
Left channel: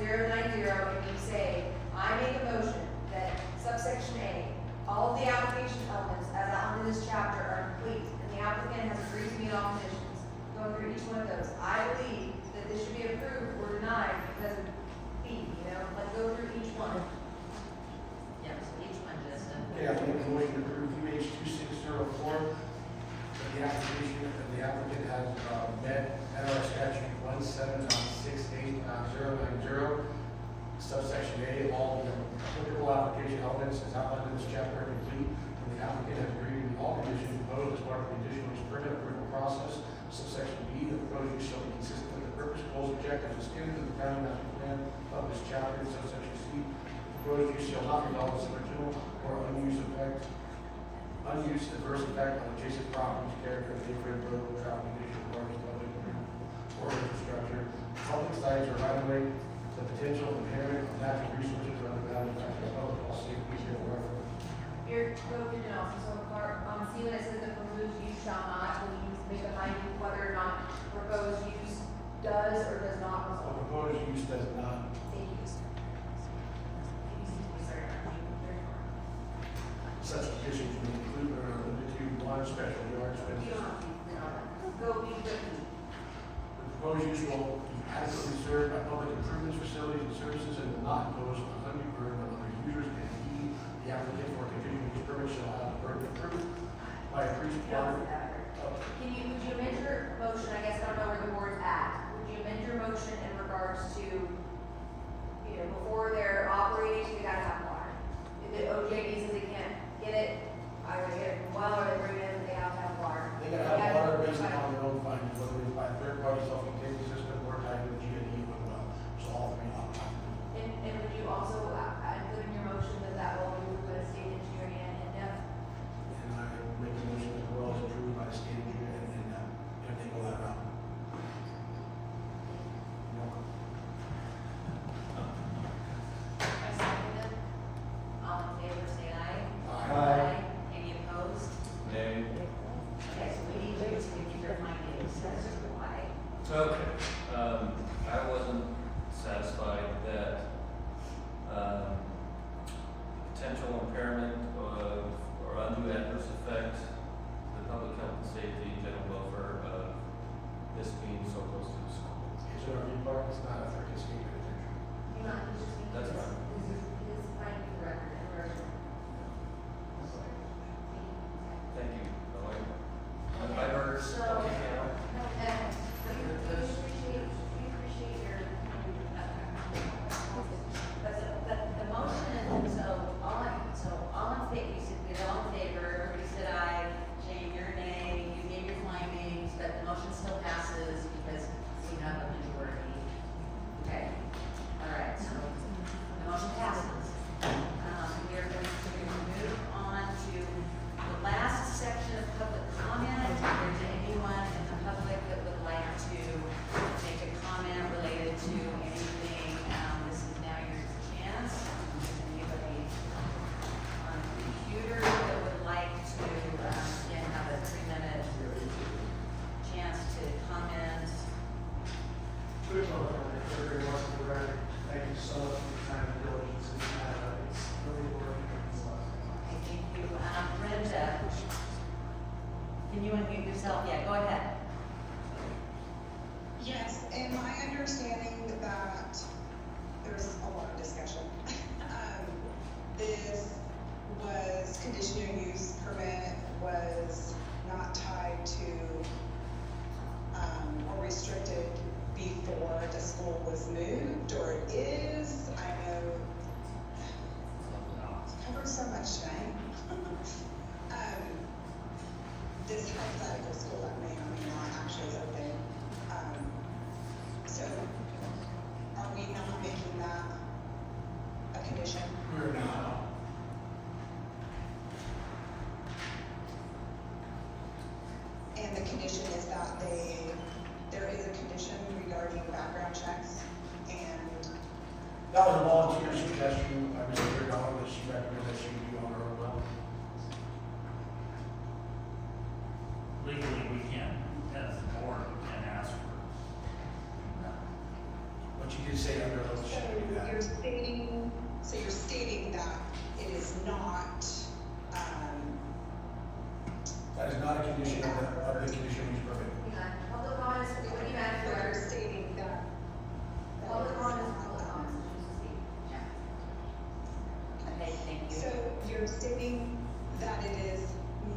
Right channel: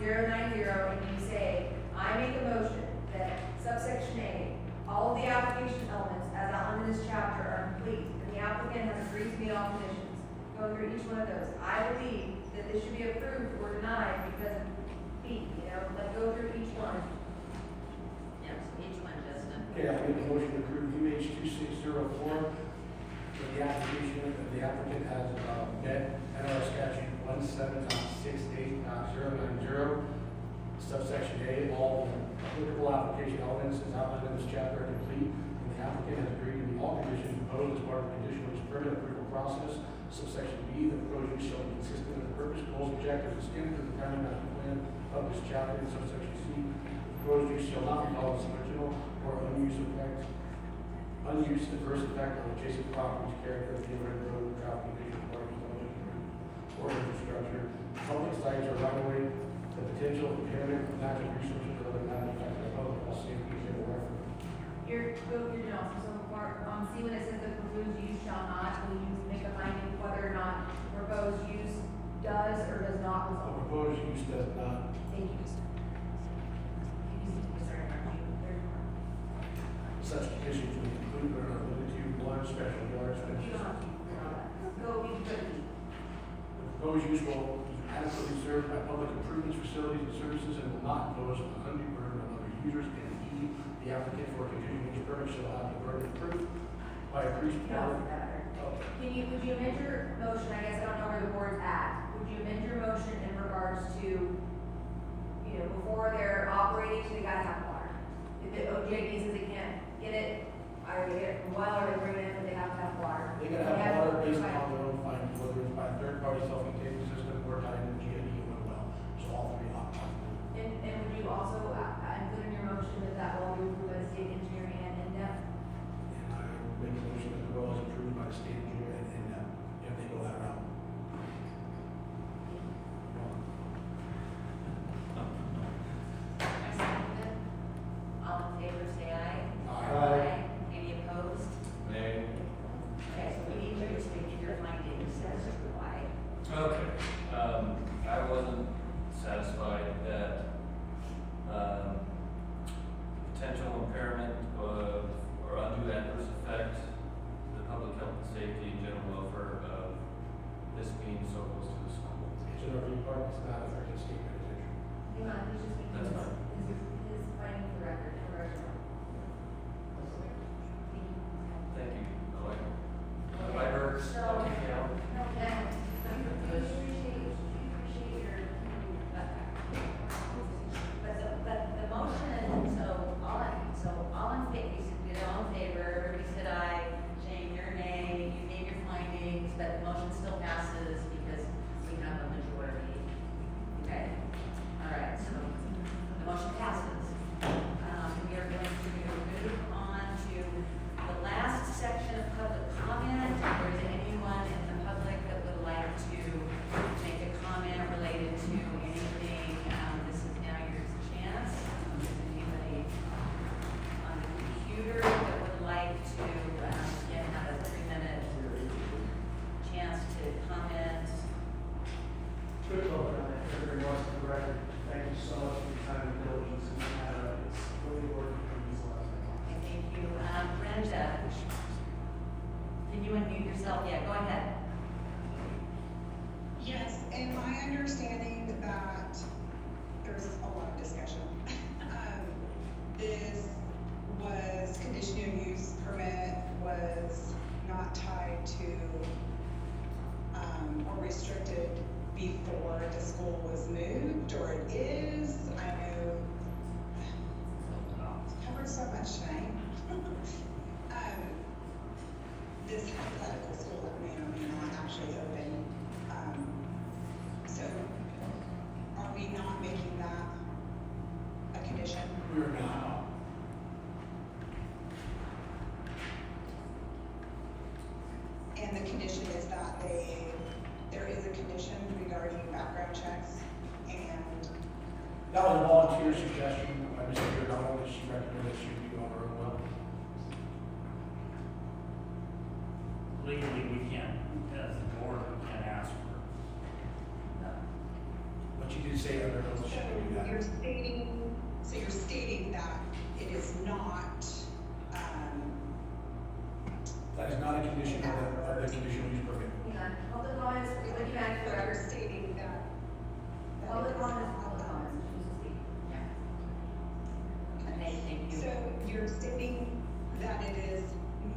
.090, and you say, I make a motion that subsection A, all of the application elements as outlined in this chapter are complete, and the applicant has agreed to meet all conditions. Go through each one of those. I believe that this should be approved or denied because of B, like go through each one. Yeah, so each one, Justin. Okay, I make a motion to approve UH 2604, that the application, that the applicant has, met NR statute 17.68.090, subsection A, all the applicable application elements as outlined in this chapter are complete, and the applicant has agreed to meet all conditions imposed as part of the conditional use permit approval process. Subsection B, the proposed use shall be consistent with the purpose, goals, objectives, and standards of the county master plan of this chapter. And subsection C, the proposed use shall not cause original or unused adverse effect on adjacent properties, character, neighborhood, building, traffic conditions, parking, public, or infrastructure, public sites or right of way, the potential impairment of natural resources or other matters affecting the public health, safety, and welfare. So for, see when it says the proposed use shall not, when you make a finding whether or not proposed use does or does not The result. proposed use does not. Thank you. Such conditions will include but are not limited to one, special yard You space. don't have to put all that. Go, you go. The proposed use will be adequately served by public improvements, facilities, and services, and will not impose on undue burden on other users. And E, the applicant for a conditional use permit shall have the burden of proof by a priest or. Would you amend your motion, I guess I don't know where the board's at, would you amend your motion in regards to, before they're operating, they gotta have water? If the OJB says they can't get it, either they get it from well or they bring it in, they have to have water. They gotta have water based on their own findings, whether it's by a third-party self-contained system or tied to the GID or well. So all three on top of it. And would you also, include in your motion that will be approved by the state engineering and in-depth? And I make a motion that the well is approved by the state engineer and if they go that route. I second it. All in favor, say aye. Aye. Any opposed? Nay. Okay, so we need to just make your findings as to why. Okay, I wasn't satisfied that, potential impairment of, or undue adverse effect to the public health and safety and general welfare of this being so close to the school. It's an RV park, it's not a freaking state penitentiary. Hang on, he's just. That's fine. His finding for the record, or. Thank you. I heard. So, The motion, so all in favor, you said you're all in favor, everybody said aye, Jane, you're a nay, you gave your findings, but the motion still passes because you have a majority. Okay, all right, so the motion passes. We are going to move on to the last section of public comment. If there's anyone in the public that would like to make a comment related to anything, this is now your chance. If there's anybody on the computer that would like to, again, have a 3-minute chance to comment. Quick comment, everybody wants to write, thank you so much for your time and diligence, and it's really working for these last. Thank you. Brenda, can you unmute yourself? Yeah, go ahead. Yes, and my understanding that there was a lot of discussion. This was conditional use permit was not tied to, or restricted before the school was moved, or it is. I know it covers so much tonight. This hypothetical school that may or may not actually open. So are we not making that did say under oath she would do that. So you're stating that it is not, That is not a condition of the conditional use permit. Public comments, what do you add for but you're record? stating that. Public comments, public comments, choose to speak. Okay, thank you. So you're stating that it is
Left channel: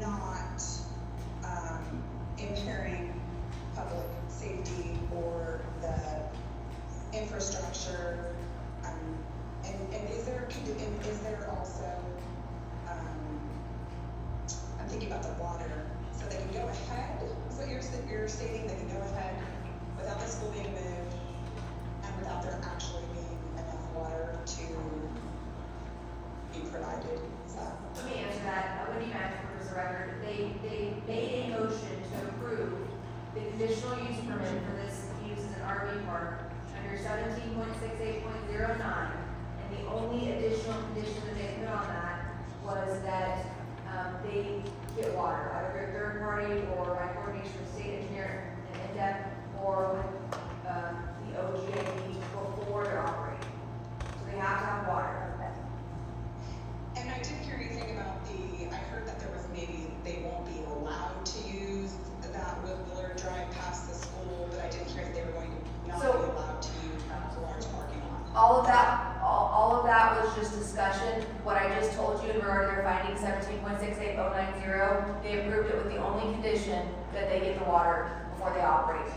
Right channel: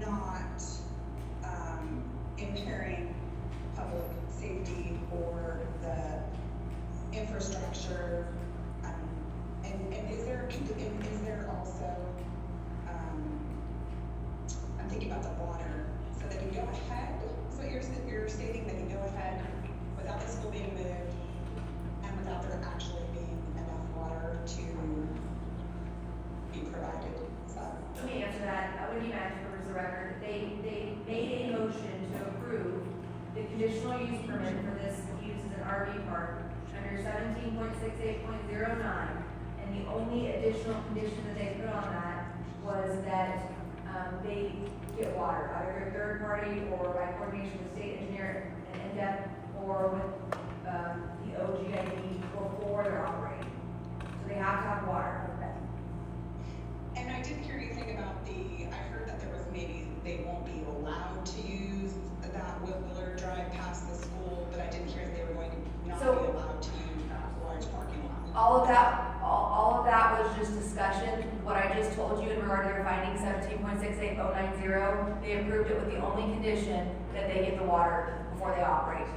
not, impairing public safety or the infrastructure, and is there also, I'm thinking about the water, so they can go ahead, is what you're stating, they can go ahead without the school being moved, and without there actually being enough water to be provided, is that? Let me answer that, Wendy Mack, for the record, they made a motion to approve the conditional use permit for this use as an RV park under 17.68.09, and the only additional condition that they put on that was that, they get water, either a third party or by coordination with state engineer and INDEP, or with, the OGIP before they're operating. So they have to have water. And I didn't hear anything about I heard that there was maybe they won't be allowed to use that Willard Drive past the school, but I didn't hear that they were going to not So- be allowed to use that large parking lot. All of that was just discussion. What I just told you in regard to their finding 17.68090, they approved it with the only condition that they get the water before they operate.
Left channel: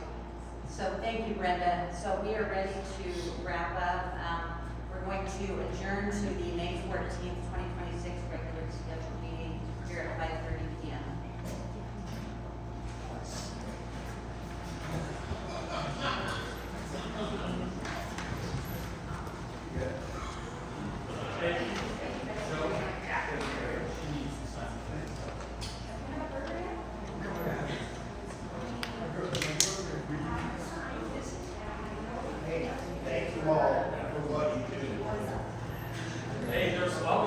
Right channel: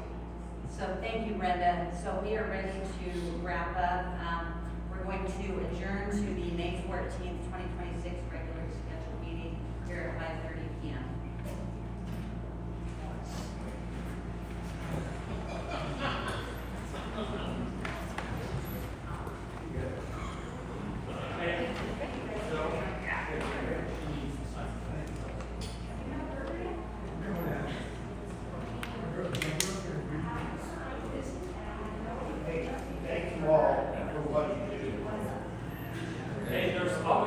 So thank you, Brenda. So we are ready to wrap up. We're going to adjourn to the May 14th, 2026 regular scheduled meeting here at 5:30 p.m.